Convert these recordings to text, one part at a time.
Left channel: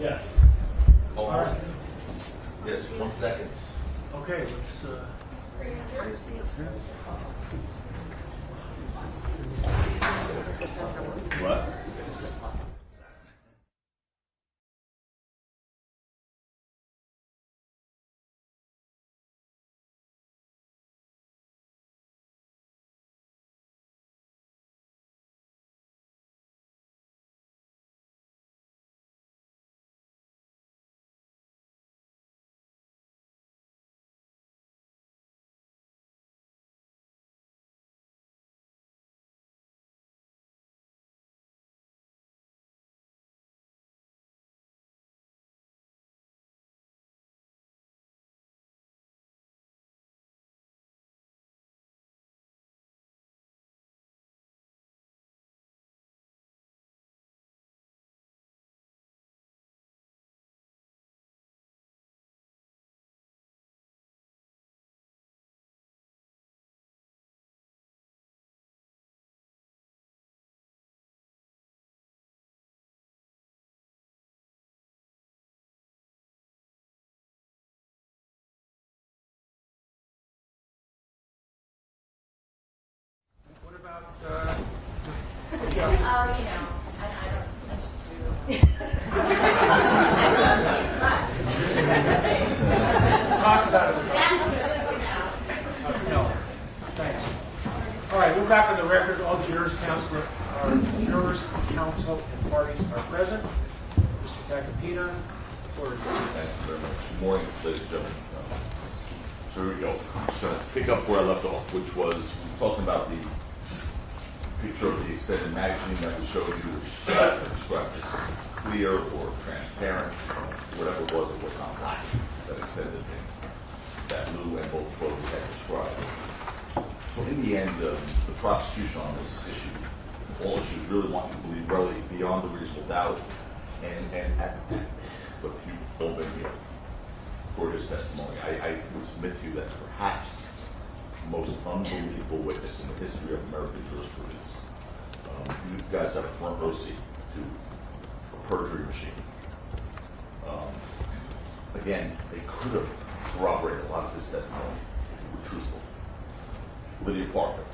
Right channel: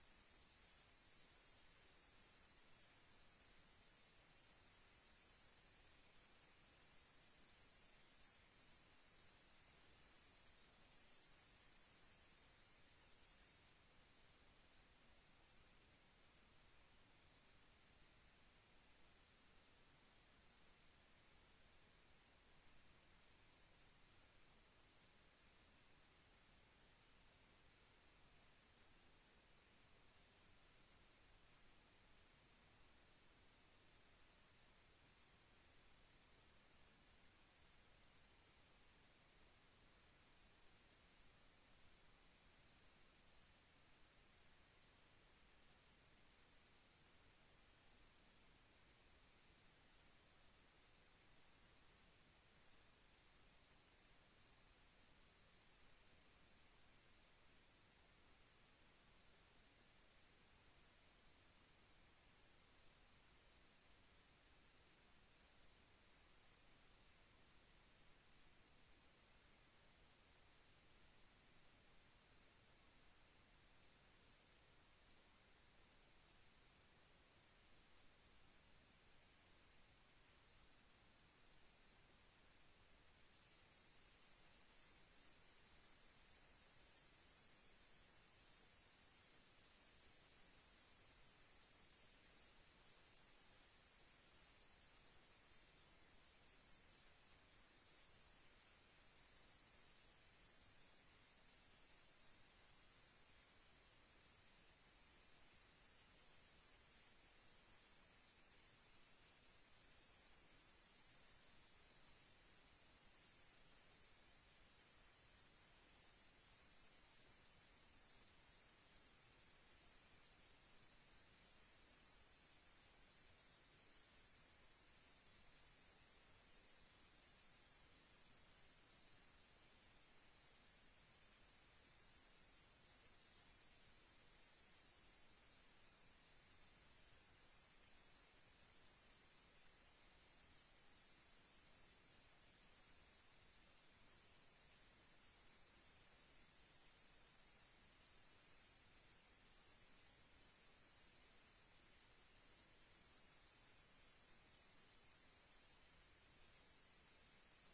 Yeah. Yes, 1 second. Okay, What? what about, talk about it. No, thanks. All right, we're back on the record. All jurors, counsel, and parties are present. Mr. Tacopina, order. Thank you very much. Good morning, ladies and gentlemen. So here we go. I'm just going to pick up where I left off, which was talking about the picture of the extended magazine that we showed you, which described as clear or transparent, whatever it was not black, that extended thing that Lou and both folks had described. So in the end, the prosecution on this issue, all issues really want you to believe really beyond a reasonable doubt, and look, you've all been here for his testimony. I would submit to you that's perhaps the most unbelievable witness in the history of American jurisprudence. You guys have a front row seat to a perjury machine. Again, they could have corroborated a lot of his testimony if he were truthful. Lydia Parker.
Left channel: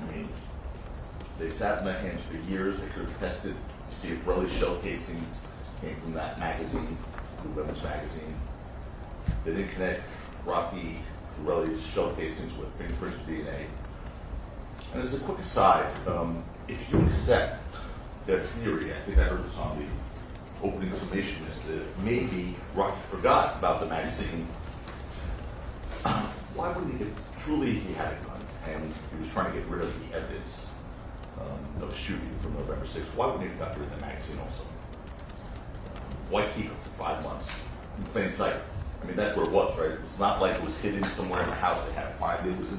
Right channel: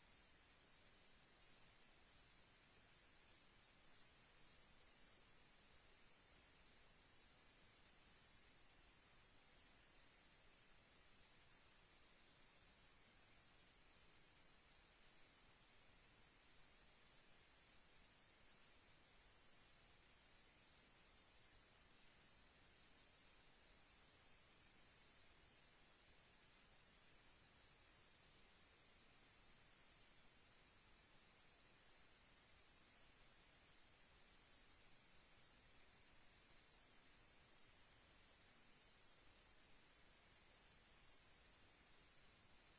I mean, they sat in their hands for years. They could have tested to see if Relly's shell casings came from that magazine, the women's magazine. They didn't connect Rocky Relly's shell casings with fingerprints or DNA. And as a quick aside, if you accept their theory, I think I heard this on the opening summation, is that maybe Rocky forgot about the magazine. Why wouldn't he, if truly he had a gun and he was trying to get rid of the evidence of the shooting from November 6th, why wouldn't he have gotten rid of the magazine also? Why keep it for 5 months in plain sight? I mean, that's where it was, right? It's not like it was hidden somewhere in the house. They had to find it. It was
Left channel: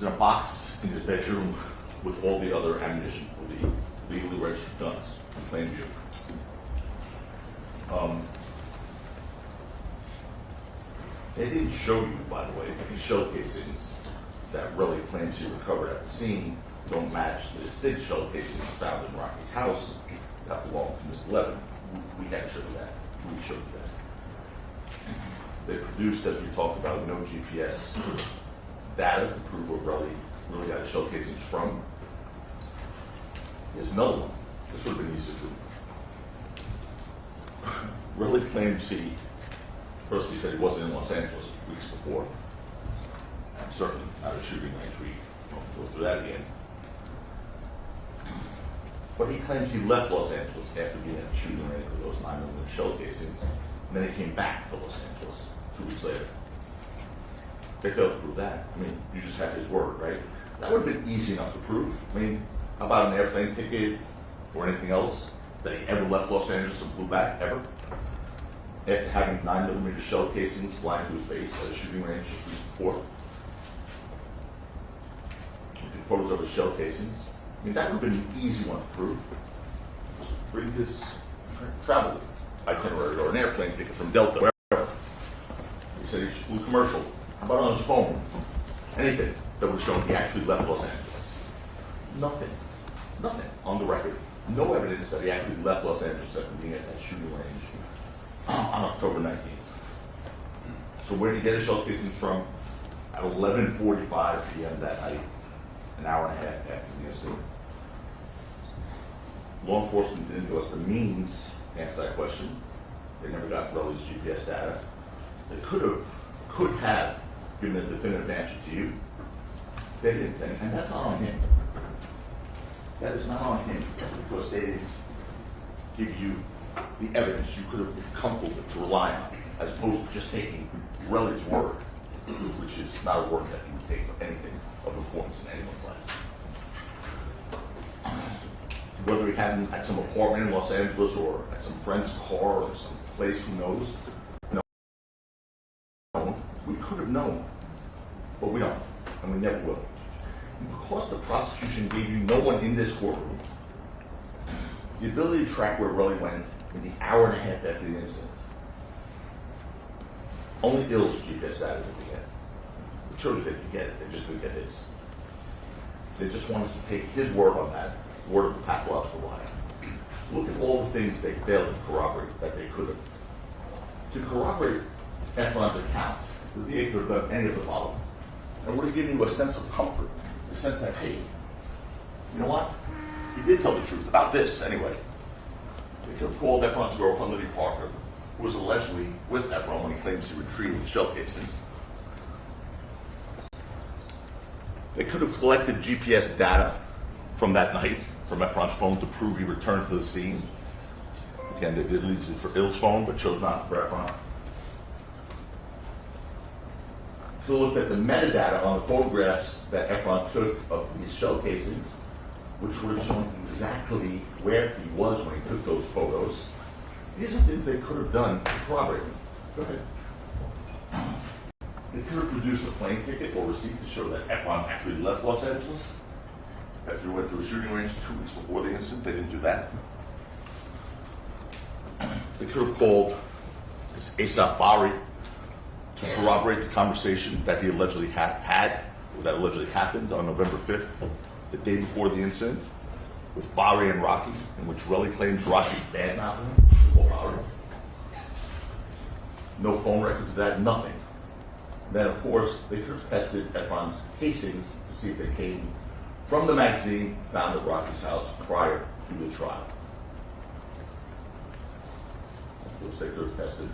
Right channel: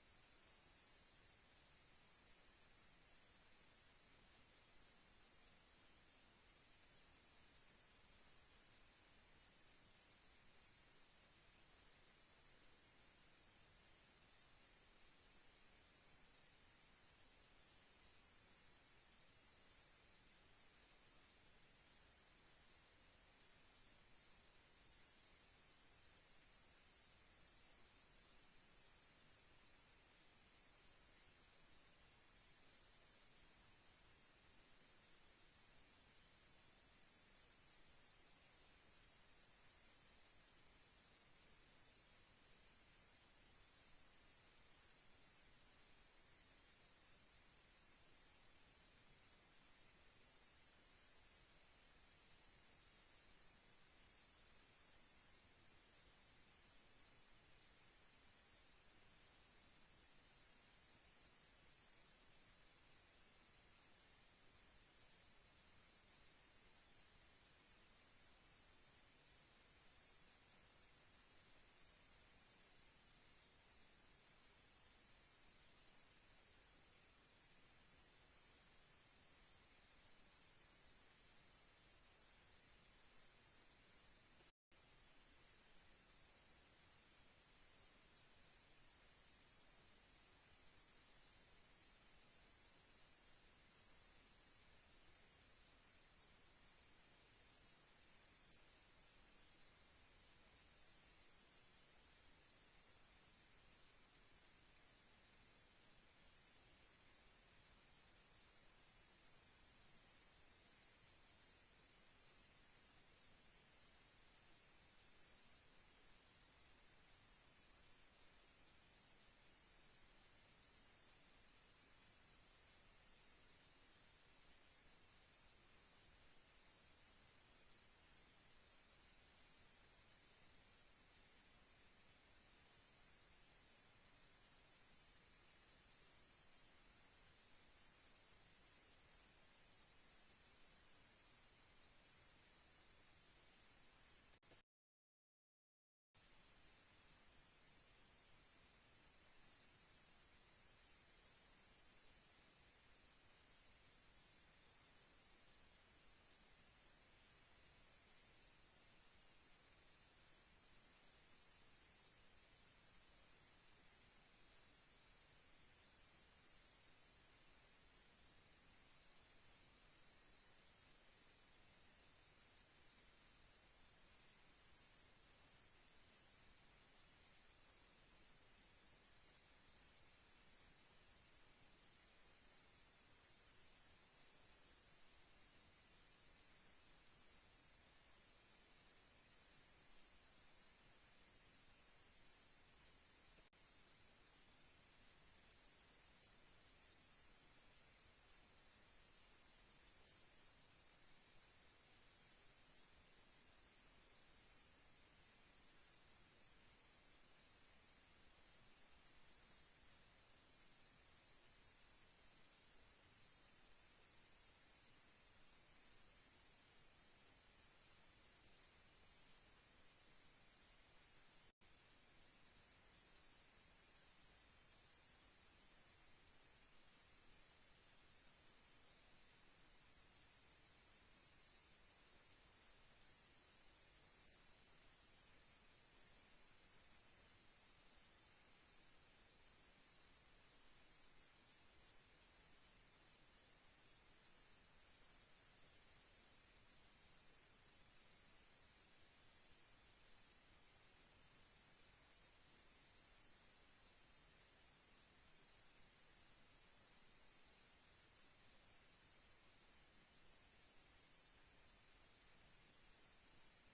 in a box in his bedroom with all the other ammunition, with the legally registered guns in plain view. They didn't show you, by the way, the shell casings that Relly claims he recovered at the scene don't match the SIG shell casings found in Rocky's house that belonged to Mr. Levin. We can't show you that. We showed you that. They produced, as we talked about, no GPS data to prove where Relly really got his shell casings from. Here's another one. This would have been easy to do. Relly claims he, first he said he wasn't in Los Angeles weeks before. Certainly not a shooting range. We won't go through that again. But he claims he left Los Angeles after being at the shooting range with those 9mm shell casings, and then he came back to Los Angeles 2 weeks later. They failed to prove that. I mean, you just have his word, right? That would have been easy enough to prove. I mean, how about an airplane ticket or anything else that he ever left Los Angeles and flew back, ever? After having 9mm shell casings flying to his face at a shooting range just weeks before. You took photos of his shell casings. I mean, that would have been an easy one to prove. Just bring his travel itinerary or an airplane ticket from Delta, wherever. He said he flew commercial. How about on his phone? Anything that would have shown he actually left Los Angeles. Nothing. Nothing on the record no evidence that he actually left Los Angeles after being at that shooting range on October 19th. So where did he get his shell casings from? At 11:45 p.m. that night, an hour and a half after the incident. Law enforcement didn't give us the means to answer that question. They never got Relly's GPS data. They could have given a definitive answer to you. They didn't, and that's not on him. That is not on him, because they didn't give you the evidence you could have been comfortable with to rely on, as opposed to just taking Relly's word, which is not a word that you would take for anything of importance in anyone's life. Whether he had him at some apartment in Los Angeles or at some friend's car or some place, who knows? No, we could have known, but we don't, and we never will. And because the prosecution gave you, no one in this courtroom, the ability to track where Relly went in the hour and a half after the incident. Only Ill's GPS data did we get. It shows they could get it, they just couldn't get his. They just want us to take his word on that, word of the pathological liar. Look at all the things they failed to corroborate that they could have. To corroborate Efron's account, the DA could have done any of the following. And would have given you a sense of comfort, a sense that, hey, you know what? He did tell the truth about this anyway. They could have called Efron's girlfriend, Lydia Parker, who was allegedly with Efron when he claims he retrieved the shell casings. They could have collected GPS data from that night, from Efron's phone, to prove he returned to the scene. Again, they did use it for Ill's phone, but chose not for Efron. Could have looked at the metadata on the photographs that Efron took of these shell casings, which would have shown exactly where he was when he took those photos. These are things they could have done to corroborate him. Go ahead. They could have produced a plane ticket or receipt to show that Efron actually left Los Angeles after he went to a shooting range 2 weeks before the incident. They didn't do that. They could have called this Asap Bari to corroborate the conversation that he allegedly had, or that allegedly happened on November 5th, the day before the incident, with Bari and Rocky, in which Relly claims Rocky badmouthed him. No phone records of that, nothing. Then, of course, they could have tested Efron's casings to see if they came from the magazine found at Rocky's house prior to the trial. Of course, they could have tested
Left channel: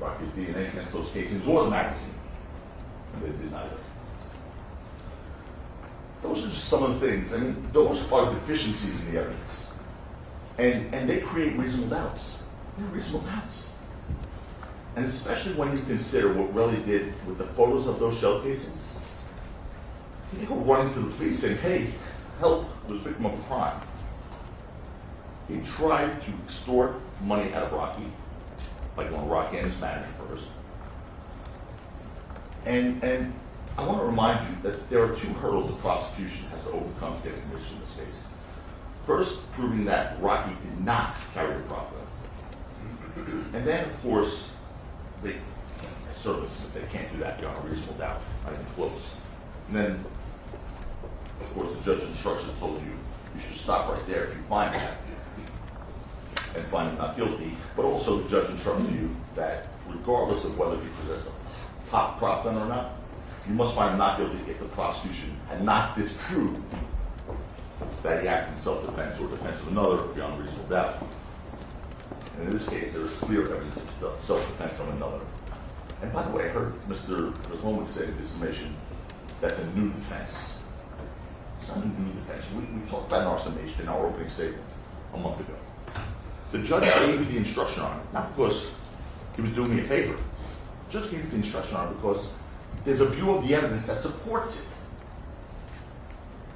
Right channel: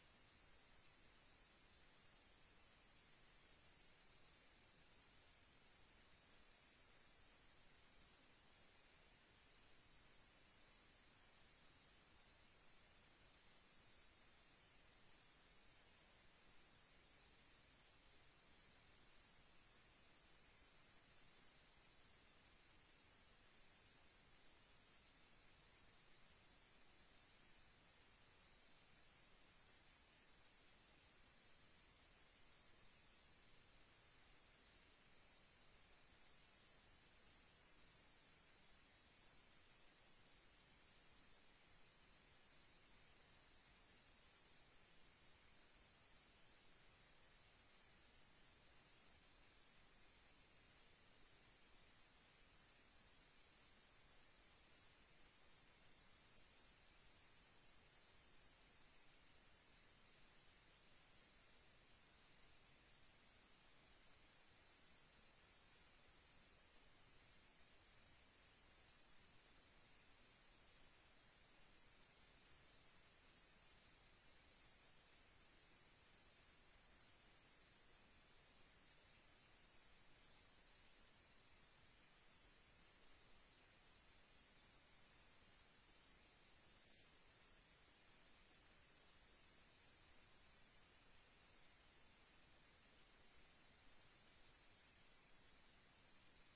Rocky's DNA against those casings or the magazine, and they did neither. Those are just some of the things. I mean, those are deficiencies in the evidence. And they create reasonable doubts. They're reasonable doubts. And especially when you consider what Relly did with the photos of those shell casings. He didn't go running to the police saying, hey, help, I was a victim of a crime. He tried to extort money out of Rocky by going to Rocky and his manager first. And I want to remind you that there are two hurdles the prosecution has to overcome to get a conviction in this case. First, proving that Rocky did not carry the prop gun. And then, of course, they can't do that beyond a reasonable doubt, not even close. And then, of course, the judge's instructions told you you should stop right there if you find that and find him not guilty. But also, the judge instructed you that regardless of whether he possessed a prop gun or not, you must find him not guilty if the prosecution had not disproved that he acted in self-defense or defense of another beyond reasonable doubt. And in this case, there is clear evidence of self-defense of another. And by the way, I heard Mr. Rosloman say in his summation, that's a new defense. It's not a new defense. We talked about in our summation, in our opening statement, a month ago. The judge gave me the instruction on it, not because he was doing me a favor. The judge gave me the instruction on it because there's a view of the evidence that supports it.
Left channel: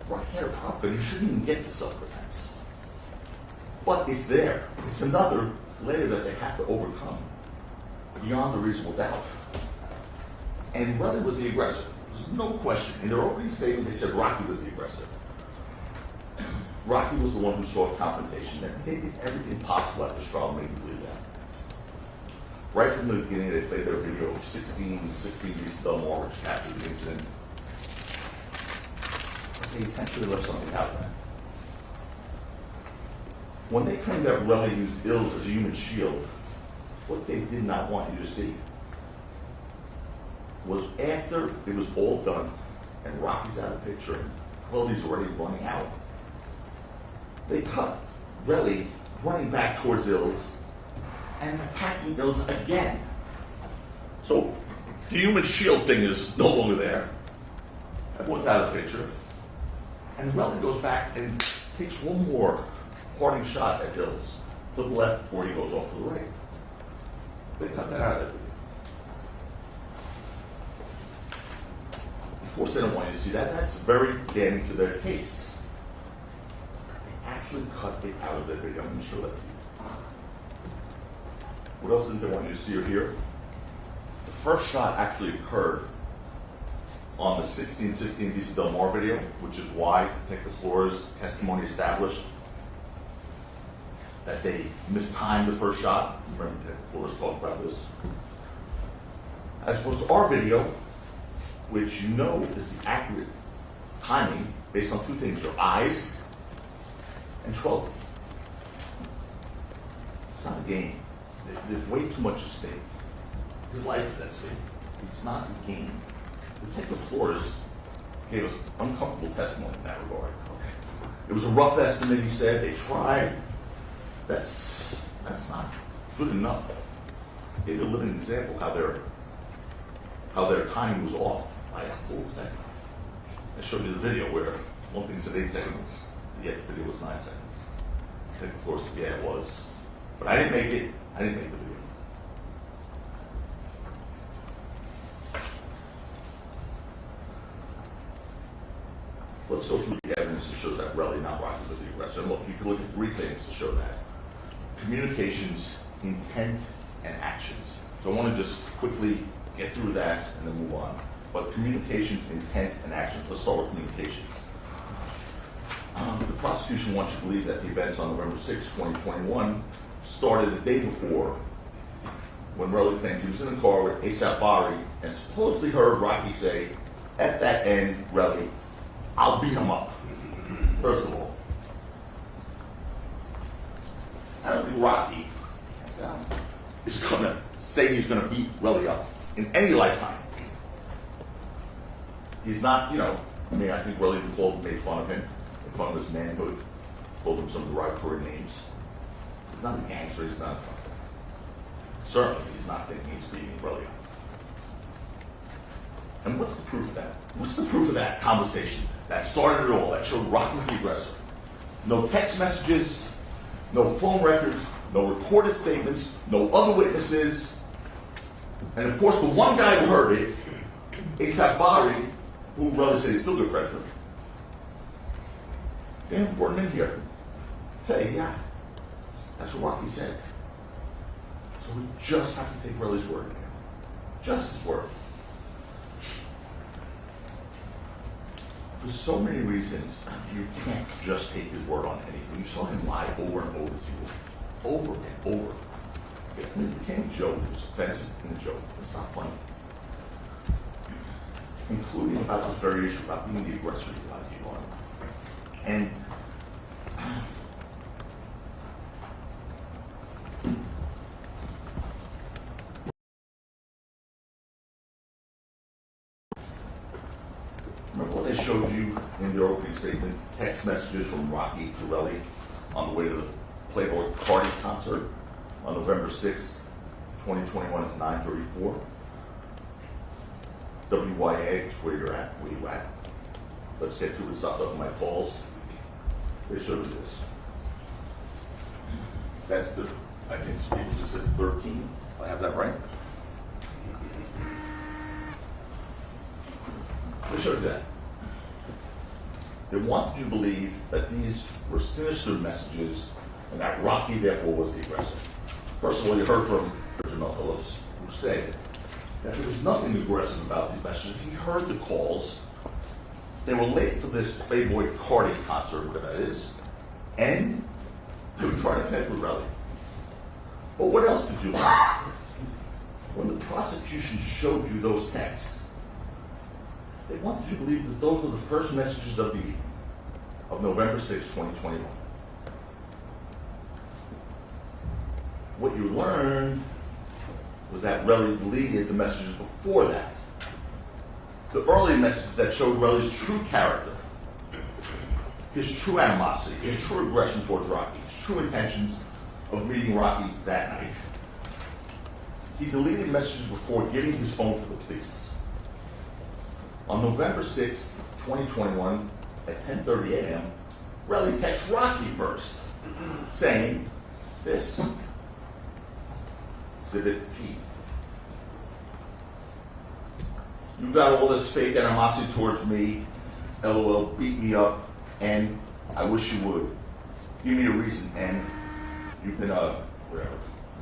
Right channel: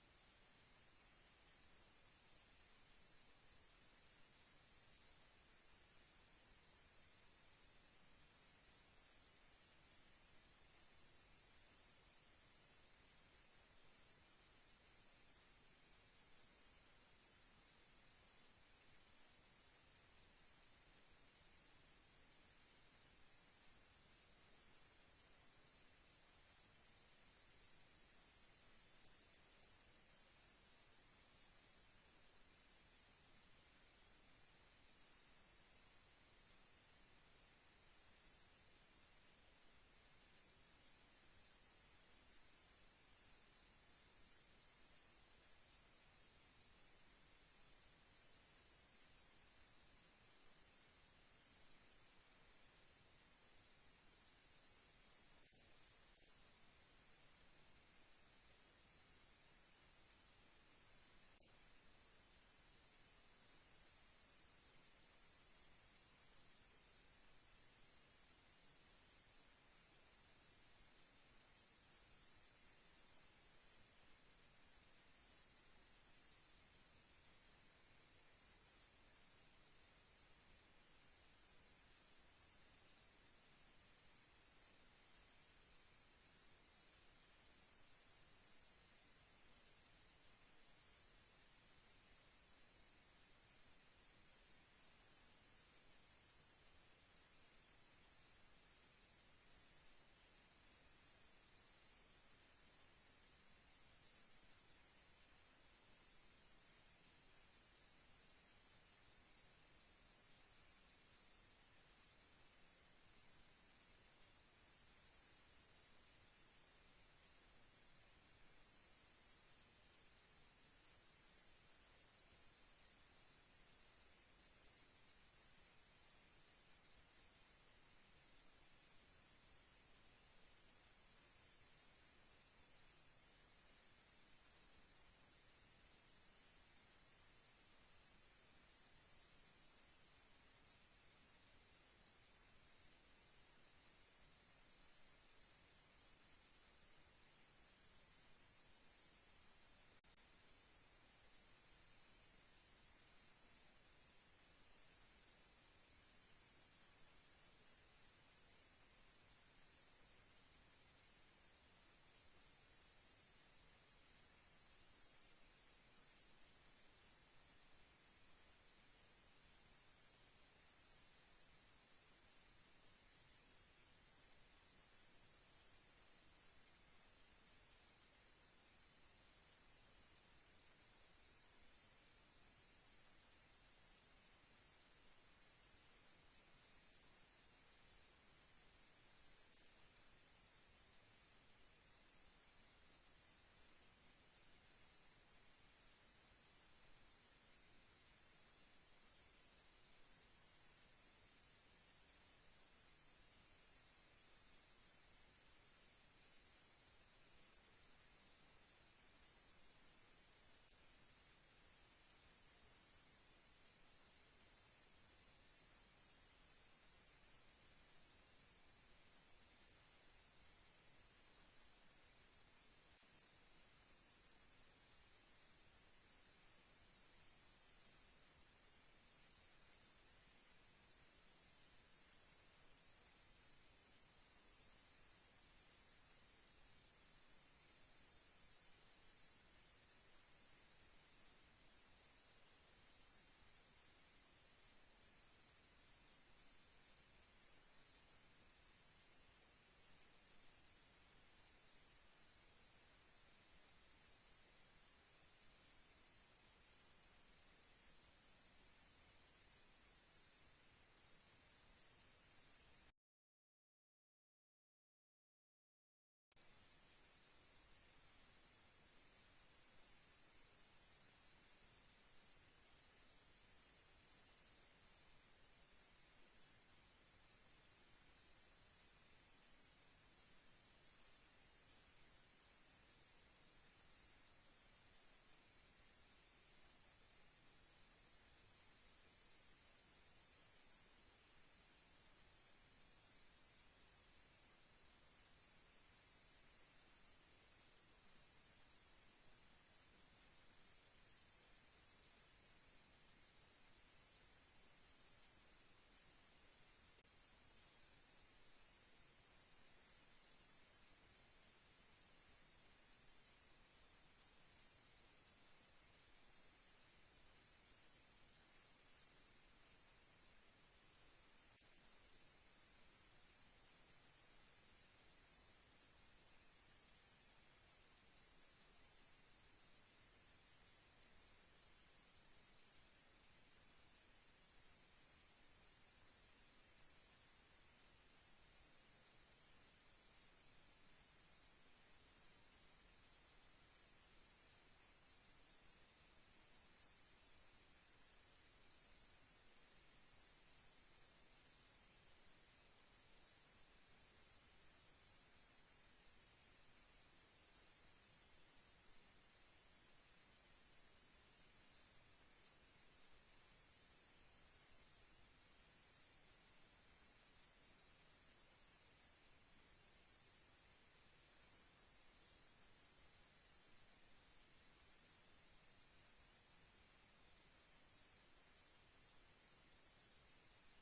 Rocky had a prop gun, you shouldn't even get to self-defense. But it's there. It's another layer that they have to overcome beyond a reasonable doubt. And Relly was the aggressor. There's no question. In their opening statement, they said Rocky was the aggressor. Rocky was the one who sought confrontation. And they did everything possible at this trial to make him believe that. Right from the beginning, they played their video of 16 East Delmore, which captured the incident. But they intentionally left something out there. when they claimed that Relly used ills as a human shield, what they did not want you to see was after it was all done and Rocky's out of the picture and Relly's already running out, they cut Relly running back towards Ills and attacking Ills again. So the human shield thing is no longer there. Everyone's out of the picture. And Relly goes back and takes one more parting shot at Ills to the left before he goes off to the right. They cut that out of it. Of course, they don't want you to see that. That's very damning to their case. They actually cut it out of their video. I'm going to show that to you. What else did they want you to see or hear? The first shot actually occurred on the 1616 DC Del Mar video, which is why Detective Flores' testimony established that they mistimed the first shot. Remember Detective Flores talked about this. As opposed to our video, which you know is the accurate timing based on two things, your eyes and 12. It's not a game. There's way too much at stake. His life is at stake. It's not a game. Detective Flores gave us uncomfortable testimony in that regard. It was a rough estimate, he said. They tried. That's not good enough. Gave you a living example how their timing was off by a whole second. I showed you the video where one thing said 8 seconds, yet the video was 9 seconds. Detective Flores said, yeah, it was. But I didn't make it. I didn't make the video. Let's go through the evidence that shows that Relly, not Rocky, was the aggressor. And look, you can look at 3 things to show that. Communications, intent, and actions. So I want to just quickly get through that and then move on. But communications, intent, and actions. Let's start with communications. The prosecution wants you to believe that the events on November 6, 2021 started the day before when Relly claimed he was in the car with ASAP Bari and supposedly heard Rocky say, at that end, Relly, I'll beat him up. First of all, I don't think Rocky is going to say he's going to beat Relly up in any lifetime. He's not, I think Relly made fun of him, made fun of his manhood, called him some derogatory names. He's not a gangster, he's not. Certainly, he's not thinking he's beating Relly up. And what's the proof of that? What's the proof of that conversation that started it all, that showed Rocky was the aggressor? No text messages, no phone records, no recorded statements, no other witnesses. And of course, the one guy who heard it, ASAP Bari, who Relly said he's still a good friend for him, they haven't brought him in here to say, yeah, that's what Rocky said. So we just have to take Relly's word again. Just his word. For so many reasons, you can't just take his word on anything. You saw him lie over and over to you. Over and over. I mean, it became a joke. It was offensive in a joke. It's not funny. Including about this very issue about being the aggressor you lied to you on. And remember what they showed you in their opening statement? Text messages from Rocky to Relly on the way to the Playboy Cardi concert on November 6th, 2021 at 9:34. WYA is where you're at, where you at. Let's get to it. Stop talking my calls. They showed you this. That's the, I think people just said 13. I have that right? They showed you that. They wanted you to believe that these were sinister messages and that Rocky, therefore, was the aggressor. First of all, you heard from Jamal Phillips, who said that there was nothing aggressive about these messages. He heard the calls. They were late for this Playboy Cardi concert, whatever that is, and they were trying to connect with Relly. But what else did you learn? When the prosecution showed you those texts, they wanted you to believe that those were the first messages of the evening of November 6, 2021. learned was that Relly deleted the messages before that. The early message that showed Relly's true character, his true animosity, his true aggression towards Rocky, his true intentions of meeting Rocky that night. He deleted messages before giving his phone to the police. On November 6, 2021, at 10:30 a.m., Relly texts Rocky first, saying this, Exhibit P. You got all this fake animosity towards me, LOL, beat me up, and I wish you would. Give me a reason, and you've been, whatever.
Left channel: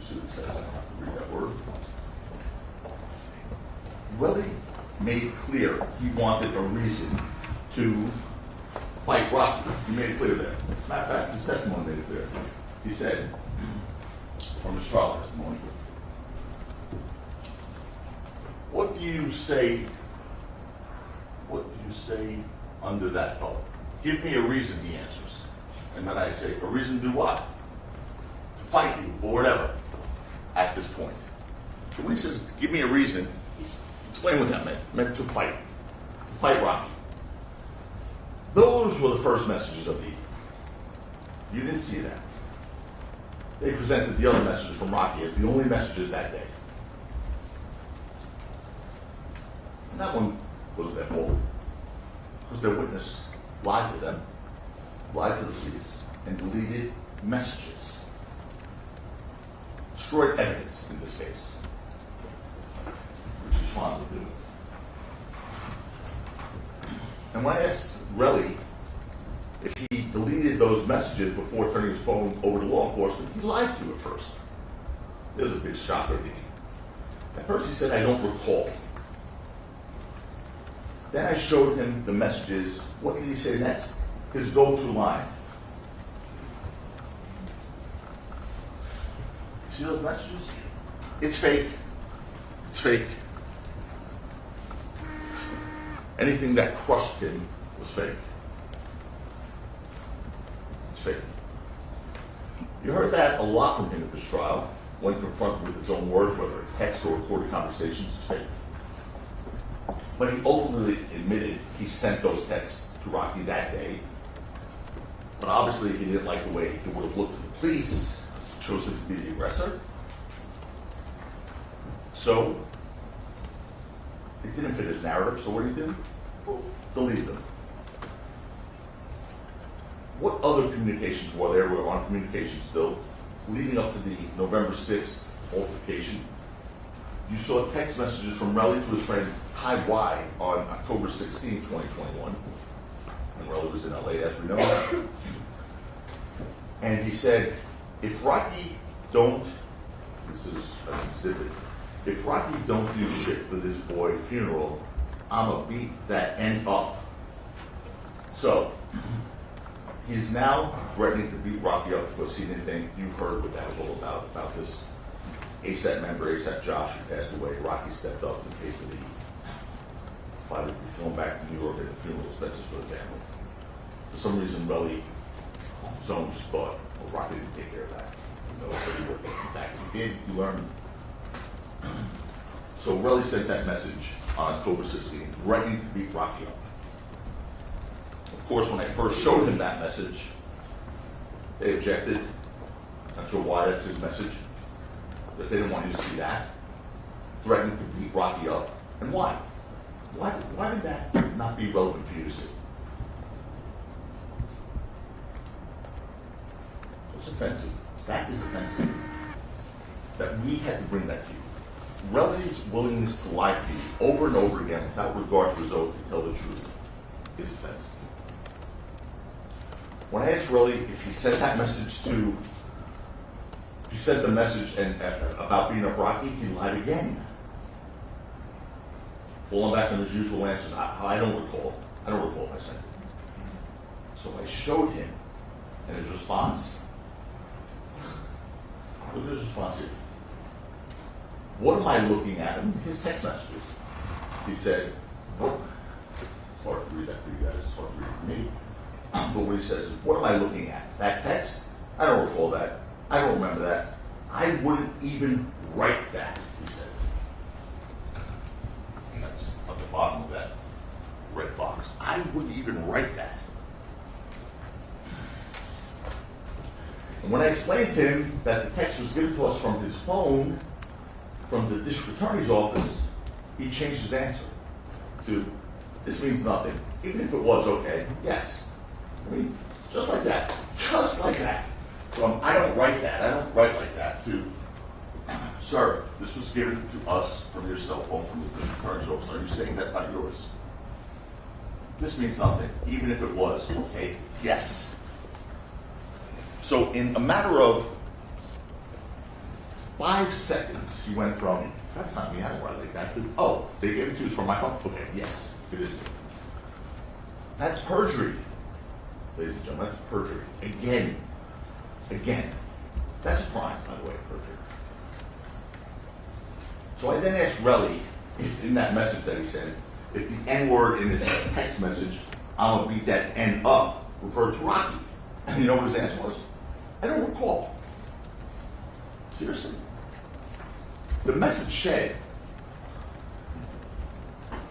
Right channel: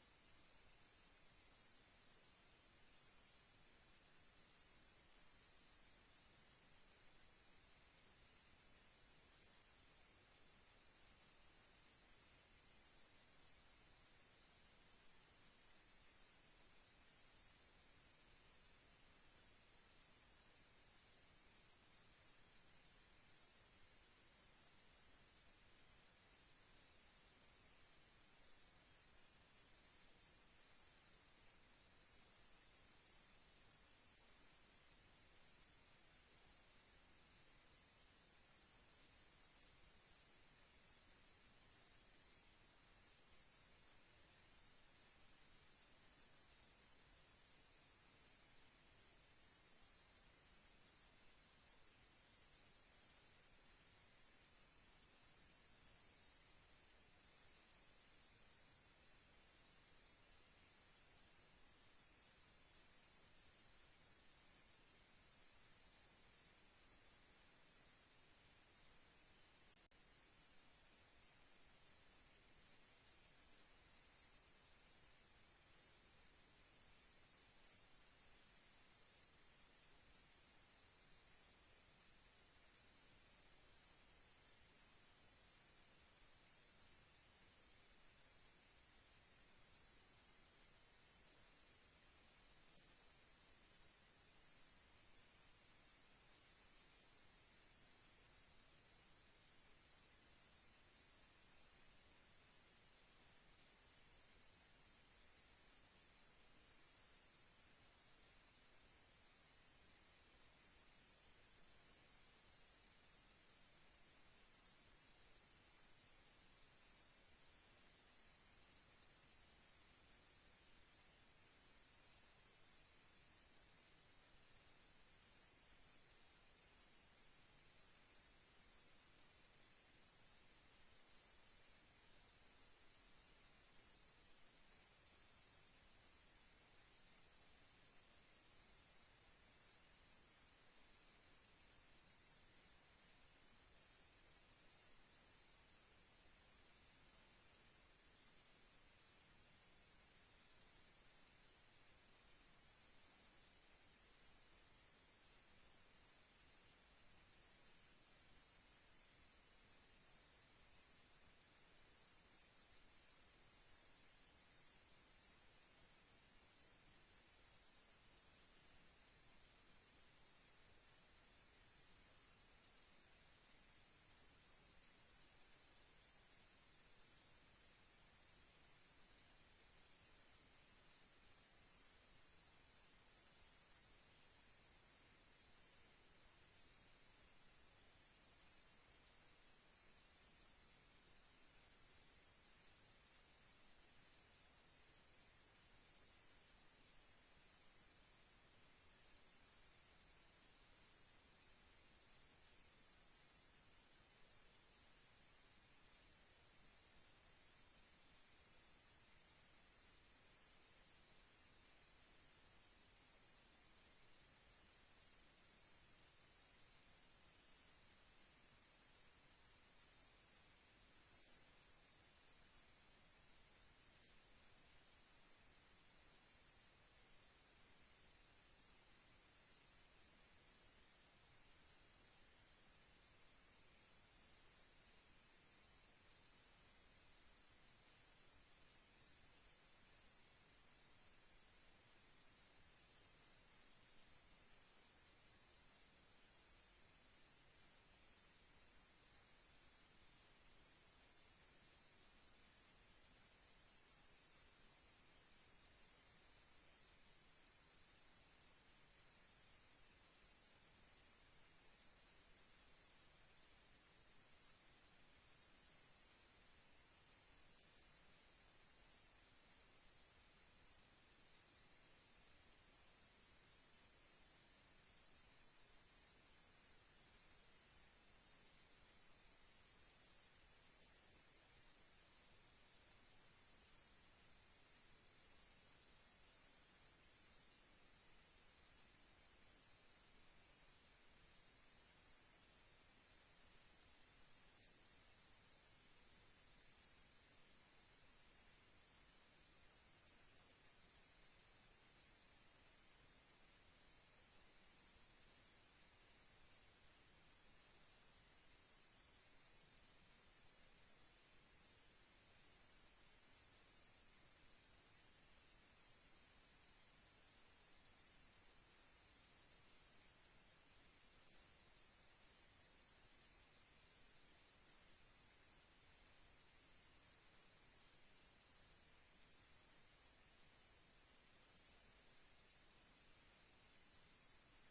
You see what it says, I don't have to read that word. Relly made clear he wanted a reason to fight Rocky. He made it clear there. Matter of fact, his testimony made it clear. He said, from his trial testimony, what do you say under that vote? Give me a reason, he answers. And then I say, a reason to do what? To fight you, or whatever, at this point. So when he says, give me a reason, he's explaining what that meant. It meant to fight Rocky. Those were the first messages of the evening. You didn't see that. They presented the other messages from Rocky as the only messages that day. And that one wasn't their fault, because their witness lied to them, lied to the police, and deleted messages. Destroyed evidence in this case, which he's fond of doing. And when I asked Relly if he deleted those messages before turning his phone over to law enforcement, he lied to you at first. There's a big shocker to me. At first he said, I don't recall. Then I showed him the messages. What did he say next? His go-to line. You see those messages? It's fake. It's fake. Anything that crushed him was fake. It's fake. You heard that a lot from him at this trial when confronted with his own words, whether a text or recorded conversations. It's fake. But he ultimately admitted he sent those texts to Rocky that day. But obviously he didn't like the way it would have looked to the police. He chose him to be the aggressor. So it didn't fit his narrative, so what did he do? Well, delete them. What other communications were there? We're on communication still. Leading up to the November 6th altercation, you saw text messages from Relly to his friend Ty Y on October 16, 2021. And Relly was in LA, as we know. And he said, if Rocky don't, this is an exhibit, if Rocky don't do shit for this boy funeral, I'ma beat that end up. So, he's now threatening to beat Rocky up because he didn't think you heard what that was all about this ASAP member, ASAP Josh, who passed away. Rocky stepped up and paid for the to be flown back to New York and the funeral expenses for the family. For some reason, Relly on his own just thought, well, Rocky didn't take care of that. You know, so he would. In fact, he did. He learned. So Relly sent that message on October 16th, threatening to beat Rocky up. Of course, when I first showed him that message, they objected. Not sure why that's his message, because they didn't want you to see that. Threatening to beat Rocky up. And why? Why did that not be relevant for you to see? It's offensive. That is offensive. That we had to bring that to you. Relly's willingness to lie to you over and over again without regard for his oath to tell the truth is offensive. When I asked Relly if he sent that message to, if he sent the message about beating up Rocky, he lied again. Falling back on his usual answers. I don't recall. I don't recall if I sent it. So I showed him, and his response. Look at his response here. What am I looking at in his text messages? He said, what? It's hard to read that for you guys. It's hard to read it for me. But what he says is, what am I looking at? That text? I don't recall that. I don't remember that. I wouldn't even write that, he said. And that's at the bottom of that red box. I wouldn't even write that. And when I explained to him that the text was given to us from his phone, from the district attorney's office, he changed his answer to, this means nothing. Even if it was okay, yes. I mean, just like that. Just like that. From, I don't write that, I don't write like that, to, sir, this was given to us from your cell phone from the district attorney's office. Are you saying that's not yours? This means nothing. Even if it was, okay, yes. So in a matter of 5 seconds, he went from, that's not me, I don't write like that, to, oh, they gave it to us from my phone? Okay, yes, it is me. That's perjury, ladies and gentlemen, that's perjury. Again, that's a crime, by the way, perjury. So I then asked Relly, if in that message that he sent, if the N-word in his text message, I'm gonna beat that N up, referred to Rocky. And you know what his answer was? I don't recall. Seriously. The message said,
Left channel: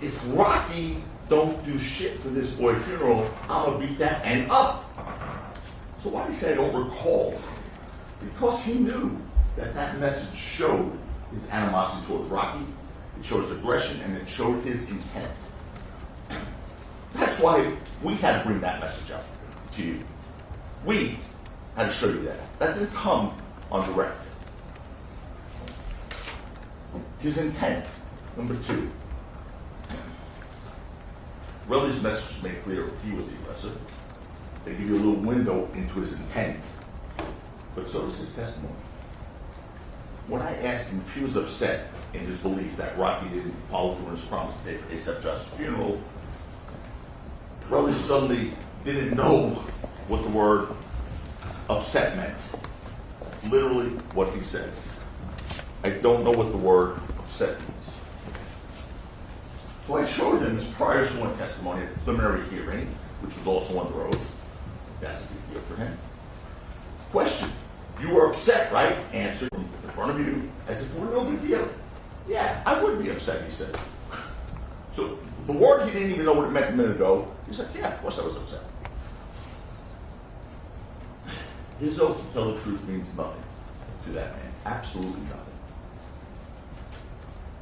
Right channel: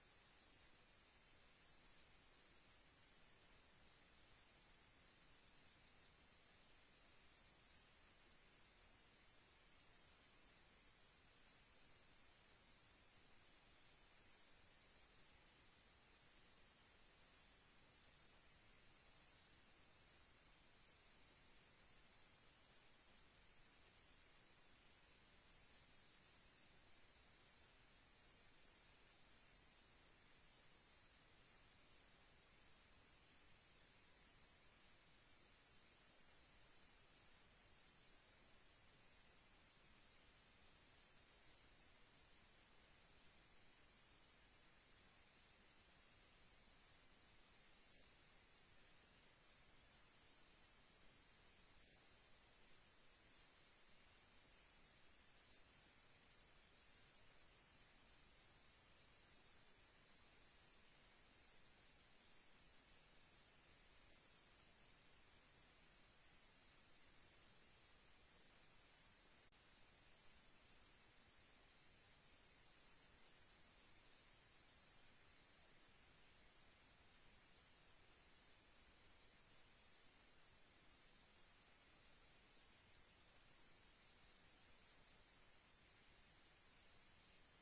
if Rocky don't do shit for this boy funeral, I'm gonna beat that N up. So why did he say I don't recall? Because he knew that that message showed his animosity towards Rocky, it showed his aggression, and it showed his intent. That's why we had to bring that message up to you. We had to show you that. That didn't come on direct. His intent, number 2. Relly's message made clear he was the aggressor. They give you a little window into his intent. But so does his testimony. When I asked him if he was upset in his belief that Rocky didn't follow through on his promise to pay for A$AP Josh's funeral, Relly suddenly didn't know what the word upset meant. That's literally what he said. I don't know what the word upset means. So I showed him his prior sworn testimony at the preliminary hearing, which was also under oath. That's a big deal for him. Question: you were upset, right? Answer in front of you as if it were no big deal. Yeah, I would be upset, he said. So the word he didn't even know what it meant a minute ago, he said, yeah, of course I was upset. His oath to tell the truth means nothing to that man. Absolutely nothing.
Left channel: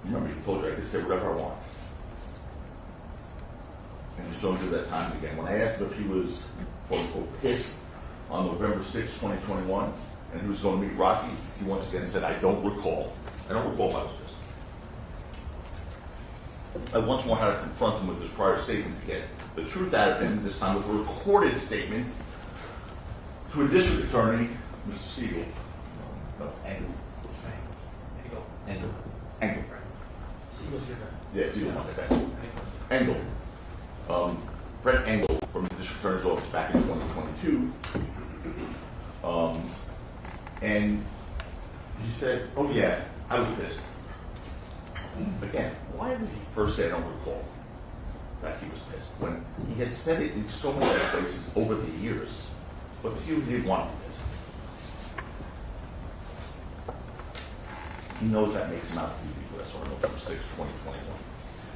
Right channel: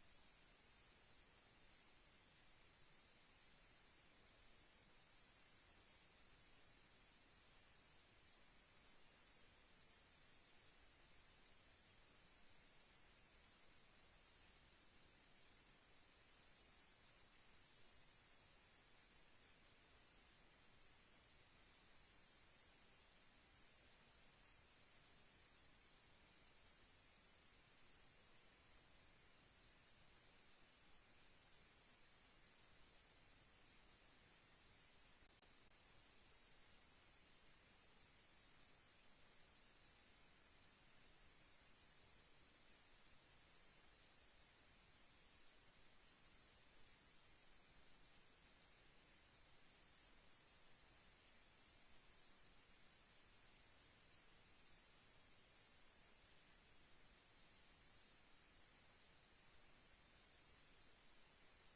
Remember, he told you I could say whatever I want. And he saw him do that time and again. When I asked him if he was, quote unquote, pissed on November 6, 2021, and he was going to meet Rocky, he once again said, I don't recall. I don't recall if I was pissed. I once more had to confront him with his prior statement to get the truth out of him, this time with a recorded statement to a district attorney, Mr. Siegel. No, Engel. What's his name? Engel. Siegel's your guy. Yeah, Siegel, okay, thanks. Engel. Brett Engel from the district attorney's office back in 2022. And he said, oh yeah, I was pissed. Again, why did he first say I don't recall that he was pissed when he had said it in so many other places over the years, but he didn't want to be pissed? He knows that makes him out to be the aggressor on November 6, 2021.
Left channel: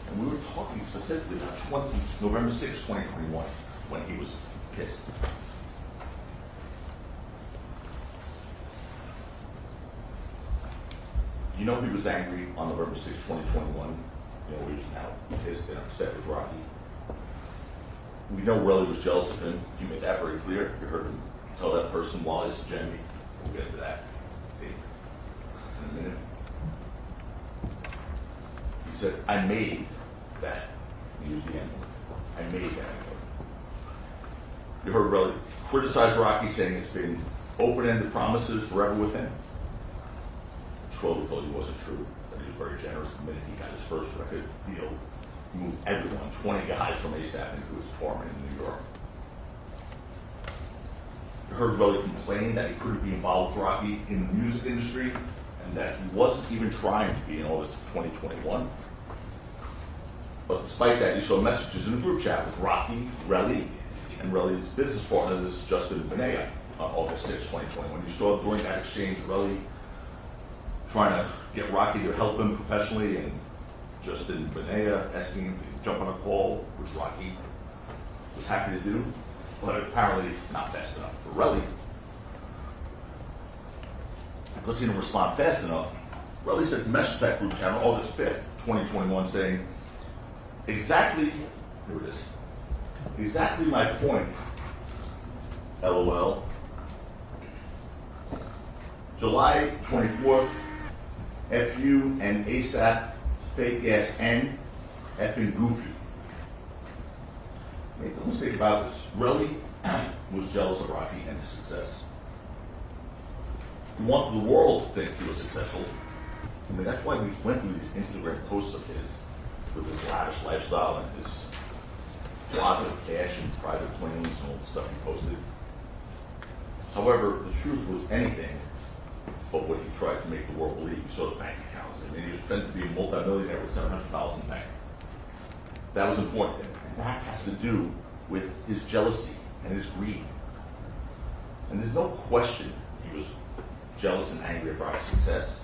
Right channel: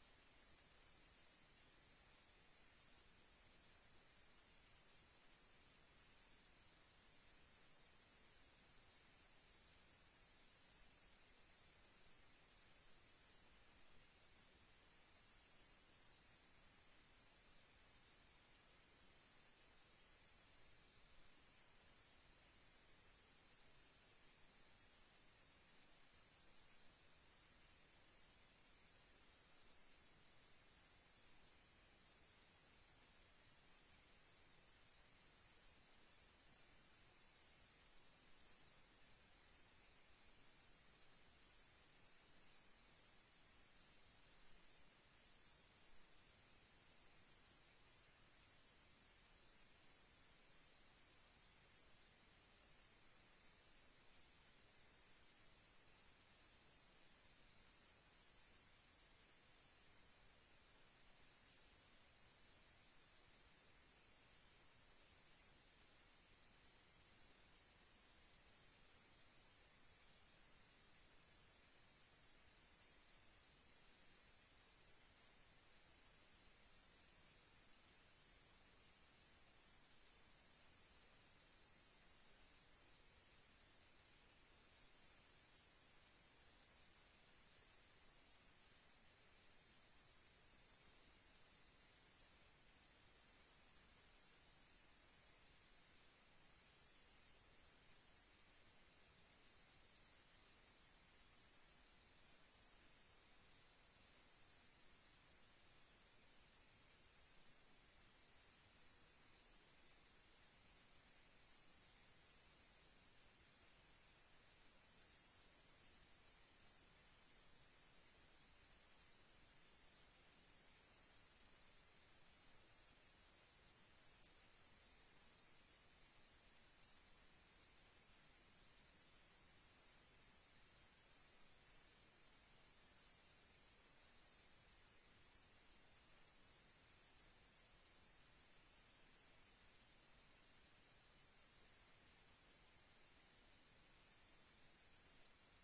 And we were talking specifically about November 6, 2021, when he was pissed. You know he was angry on November 6, 2021. You know, he was now pissed and upset with Rocky. We know Relly was jealous of him. He made that very clear. You heard him tell that person, Wallace Jemmy. We'll get to that in a minute. He said, I made that. He used the N-word. I made that N-word. You heard Relly criticize Rocky, saying it's been open-ended promises forever with him. Schroeder told you it wasn't true, that he was very generous the minute he got his first record deal. He moved everyone, 20 guys from A$AP into his apartment in New York. You heard Relly complain that he couldn't be involved with Rocky in the music industry and that he wasn't even trying to be in August of 2021. But despite that, you saw messages in the group chat with Rocky, Relly, and Relly's business partner, this Justin Benea, on August 6, 2021. You saw during that exchange, Relly trying to get Rocky to help him professionally, and Justin Benea asking him to jump on a call, which Rocky was happy to do, but apparently not fast enough. For Relly, because he didn't respond fast enough, Relly sent a message to that group chat on August 5th, 2021, saying, exactly, here it is, exactly my point, LOL. July 24th, FU and ASAP, fake ass N, effing goofy. Make no mistake about this. Relly was jealous of Rocky and his success. He wanted the world to think he was successful. I mean, that's why we went through these Instagram posts of his with his lavish lifestyle and his closet of cash and private planes and all the stuff he posted. However, the truth was anything but what he tried to make the world believe. You saw his bank accounts. I mean, he was meant to be a multimillionaire with $700,000 in the bank. That was important to him. And that has to do with his jealousy and his greed. And there's no question he was jealous and angry about his success.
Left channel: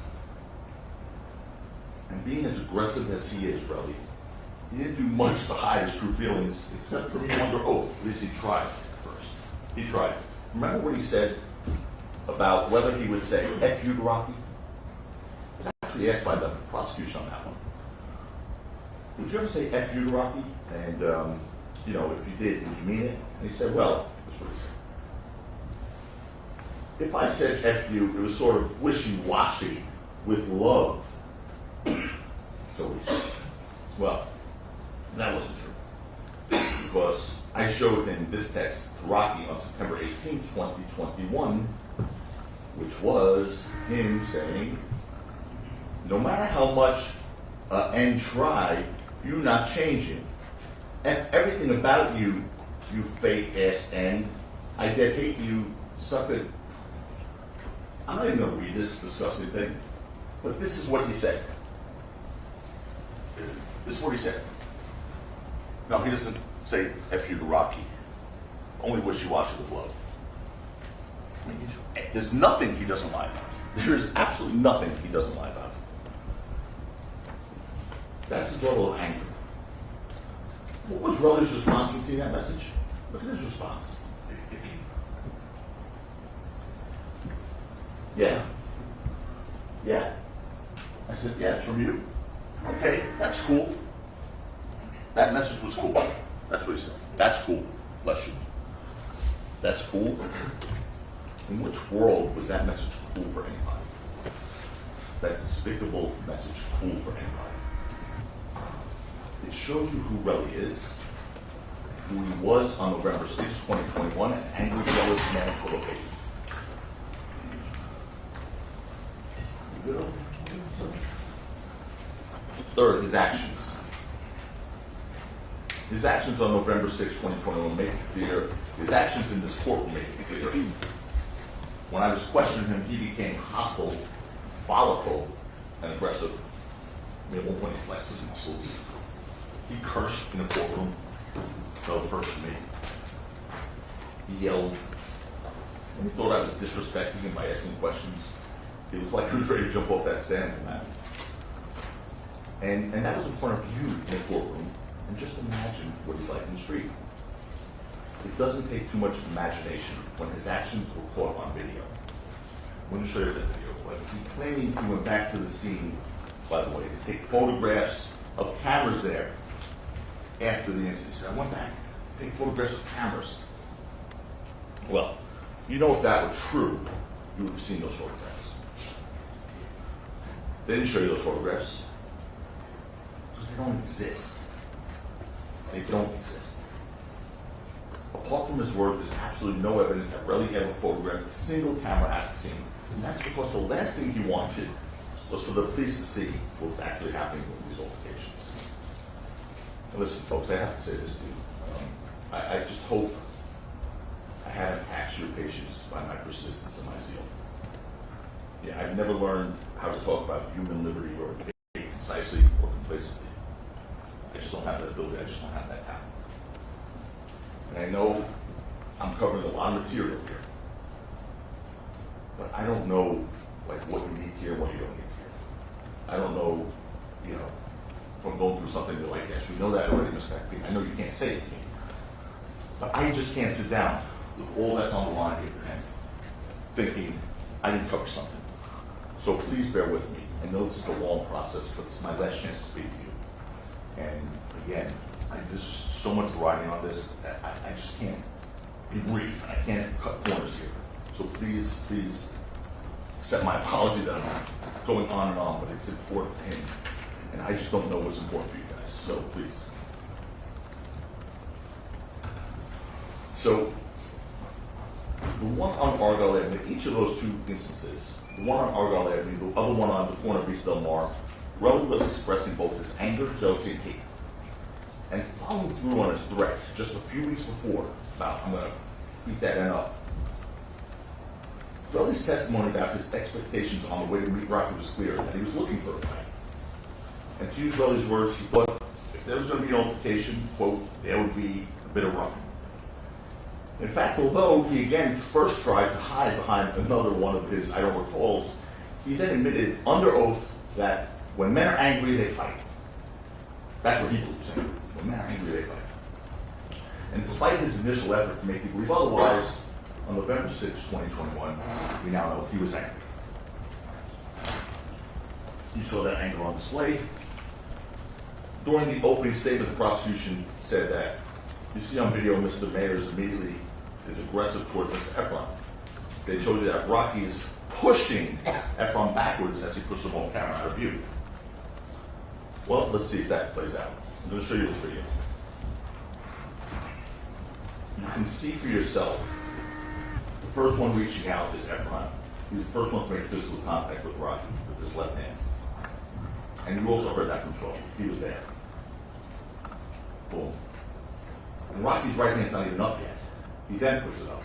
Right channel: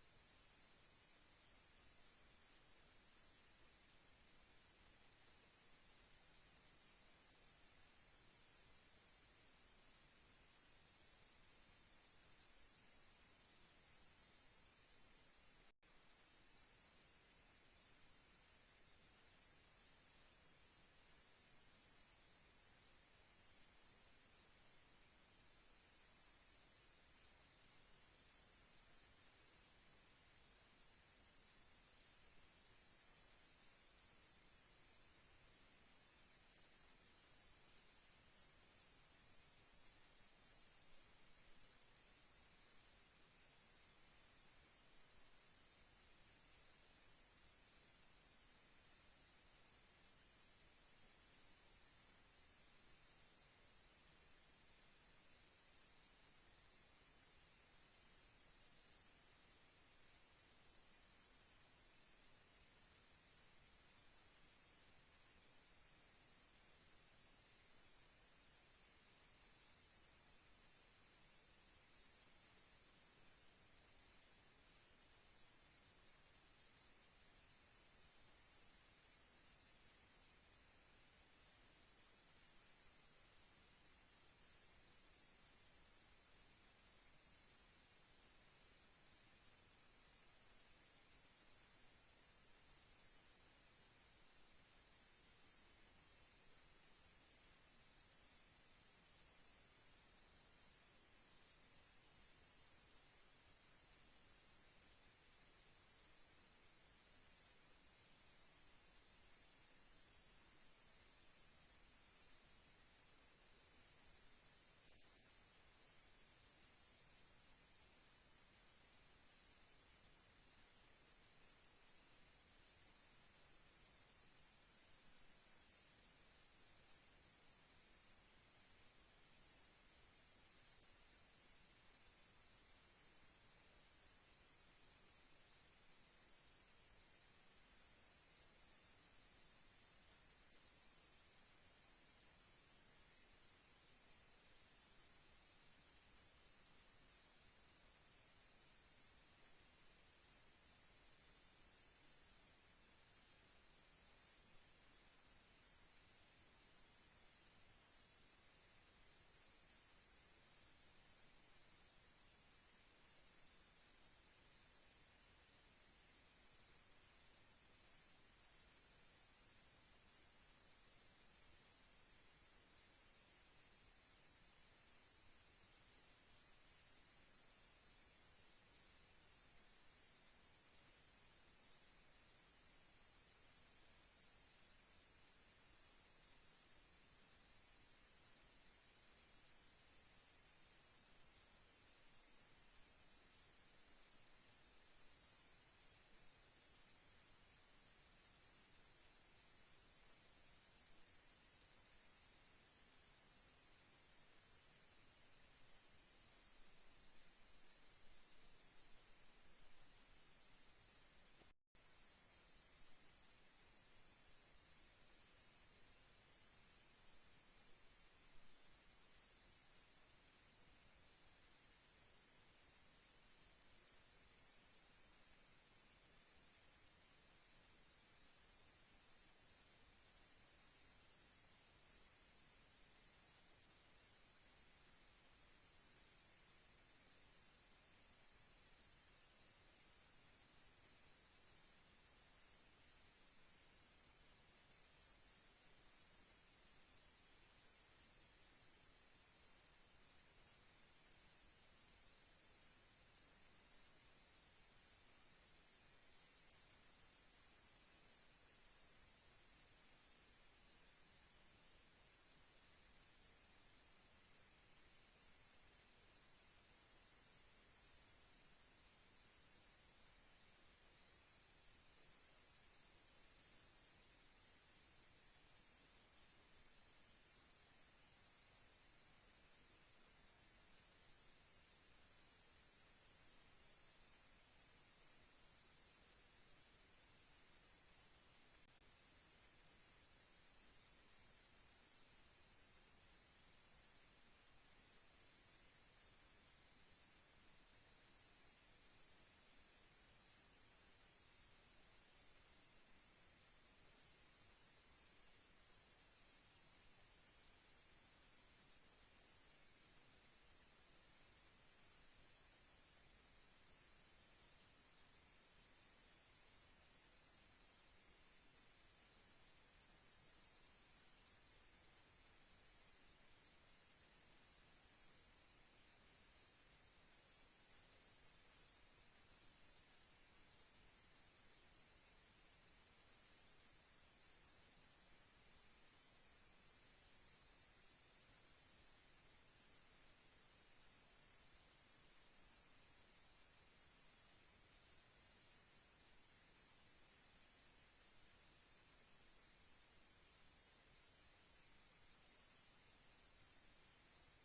And being as aggressive as he is, Relly, he didn't do much to hide his true feelings, except for being under oath. At least he tried first. He tried. Remember what he said about whether he would say F you to Rocky? He was actually asked by the prosecution on that one. Would you ever say F you to Rocky? And, you know, if you did, would you mean it? And he said, well, that's what he said. If I said F you, it was sort of wishy-washy with love. So he said. Well, that wasn't true. Because I showed him this text to Rocky on September 18, 2021, which was him saying, no matter how much N try, you not changing. And everything about you, you fake ass N, I dead hate you, sucker. I'm not even going to read this disgusting thing, but this is what he said. This is what he said. No, he doesn't say F you to Rocky. Only wishy-washy with love. I mean, there's nothing he doesn't lie about. There is absolutely nothing he doesn't lie about. That's his level of anger. What was Relly's response when seeing that message? Look at his response. Yeah. Yeah. I said, yeah, it's from you. Okay, that's cool. That message was cool. That's what he said. That's cool. Bless you. That's cool. In which world was that message cool for anybody? That despicable message cool for anybody? It shows you who Relly is, who he was on November 6, 2021, an angry, jealous man full of hate. Third, his actions. His actions on November 6, 2021 make it clear. His actions in this court will make it clear. When I was questioning him, he became hostile, volatile, and aggressive. I mean, at one point he flexed his muscles. He cursed in the courtroom. Fell first to me. He yelled. And he thought I was disrespecting him by asking questions. He looked like he was ready to jump off that stand. And that was in front of you in the courtroom. And just imagine what he's like in the street. It doesn't take too much imagination when his actions were caught on video. I'm going to show you that video. But he claimed he went back to the scene, by the way, to take photographs of cameras there after the incident. He said, I went back to take photographs of cameras. Well, you know, if that were true, you would have seen those photographs. They didn't show you those photographs because they don't exist. They don't exist. Apart from his word, there's absolutely no evidence that Relly ever photographed a single camera at the scene. And that's because the last thing he wanted was for the police to see what was actually happening with these altercations. And listen, folks, I have to say this to you. I just hope I haven't taxed your patience by my persistence and my zeal. Yeah, I've never learned how to talk about human liberty or faith concisely or complacently. I just don't have that ability. I just don't have that talent. And I know I'm covering a lot of material here, but I don't know like what you need to hear and what you don't need to hear. I don't know, you know, if I'm going through something, you're like, yes, we know that already, Mr. Hackney. I know you can't say it to me. But I just can't sit down with all that's on the line here and thinking I didn't cover something. So please bear with me. I know this is a long process, but it's my last chance to speak to you. And again, there's just so much riding on this that I just can't be brief. I can't cut corners here. So please, please accept my apology that I'm going on and on, but it's important to him. And I just don't know what's important for you guys. So please. So the one on Argyle Avenue, each of those two instances, the one on Argyle Avenue, the other one on the corner of East Del Mar, Relly was expressing both his anger, jealousy, and hate. And following through on his threat just a few weeks before, about, I'm going to beat that end up. Relly's testimony about his expectations on the way to meet Rocky was clear, that he was looking for a fight. And to use Relly's words, he thought if there was going to be an altercation, quote, there would be a bit of roughing. In fact, although he again first tried to hide behind another one of his I don't recalls, he then admitted under oath that when men are angry, they fight. That's what he believes in. When men are angry, they fight. And despite his initial effort to make you believe otherwise, on November 6, 2021, we now know he was angry. You saw that anger on display. During the opening statement, the prosecution said that you see on video Mr. Mayers immediately is aggressive towards Mr. Efron. They showed you that Rocky is pushing Efron backwards as he pushes him off camera out of view. Well, let's see if that plays out. I'm going to show you this video. You can see for yourself, the first one reaching out is Efron. He's the first one to make physical contact with Rocky with his left hand. And you also heard that from Charlie. He was there. Boom. And Rocky's right hand's not even up yet. He then puts it up.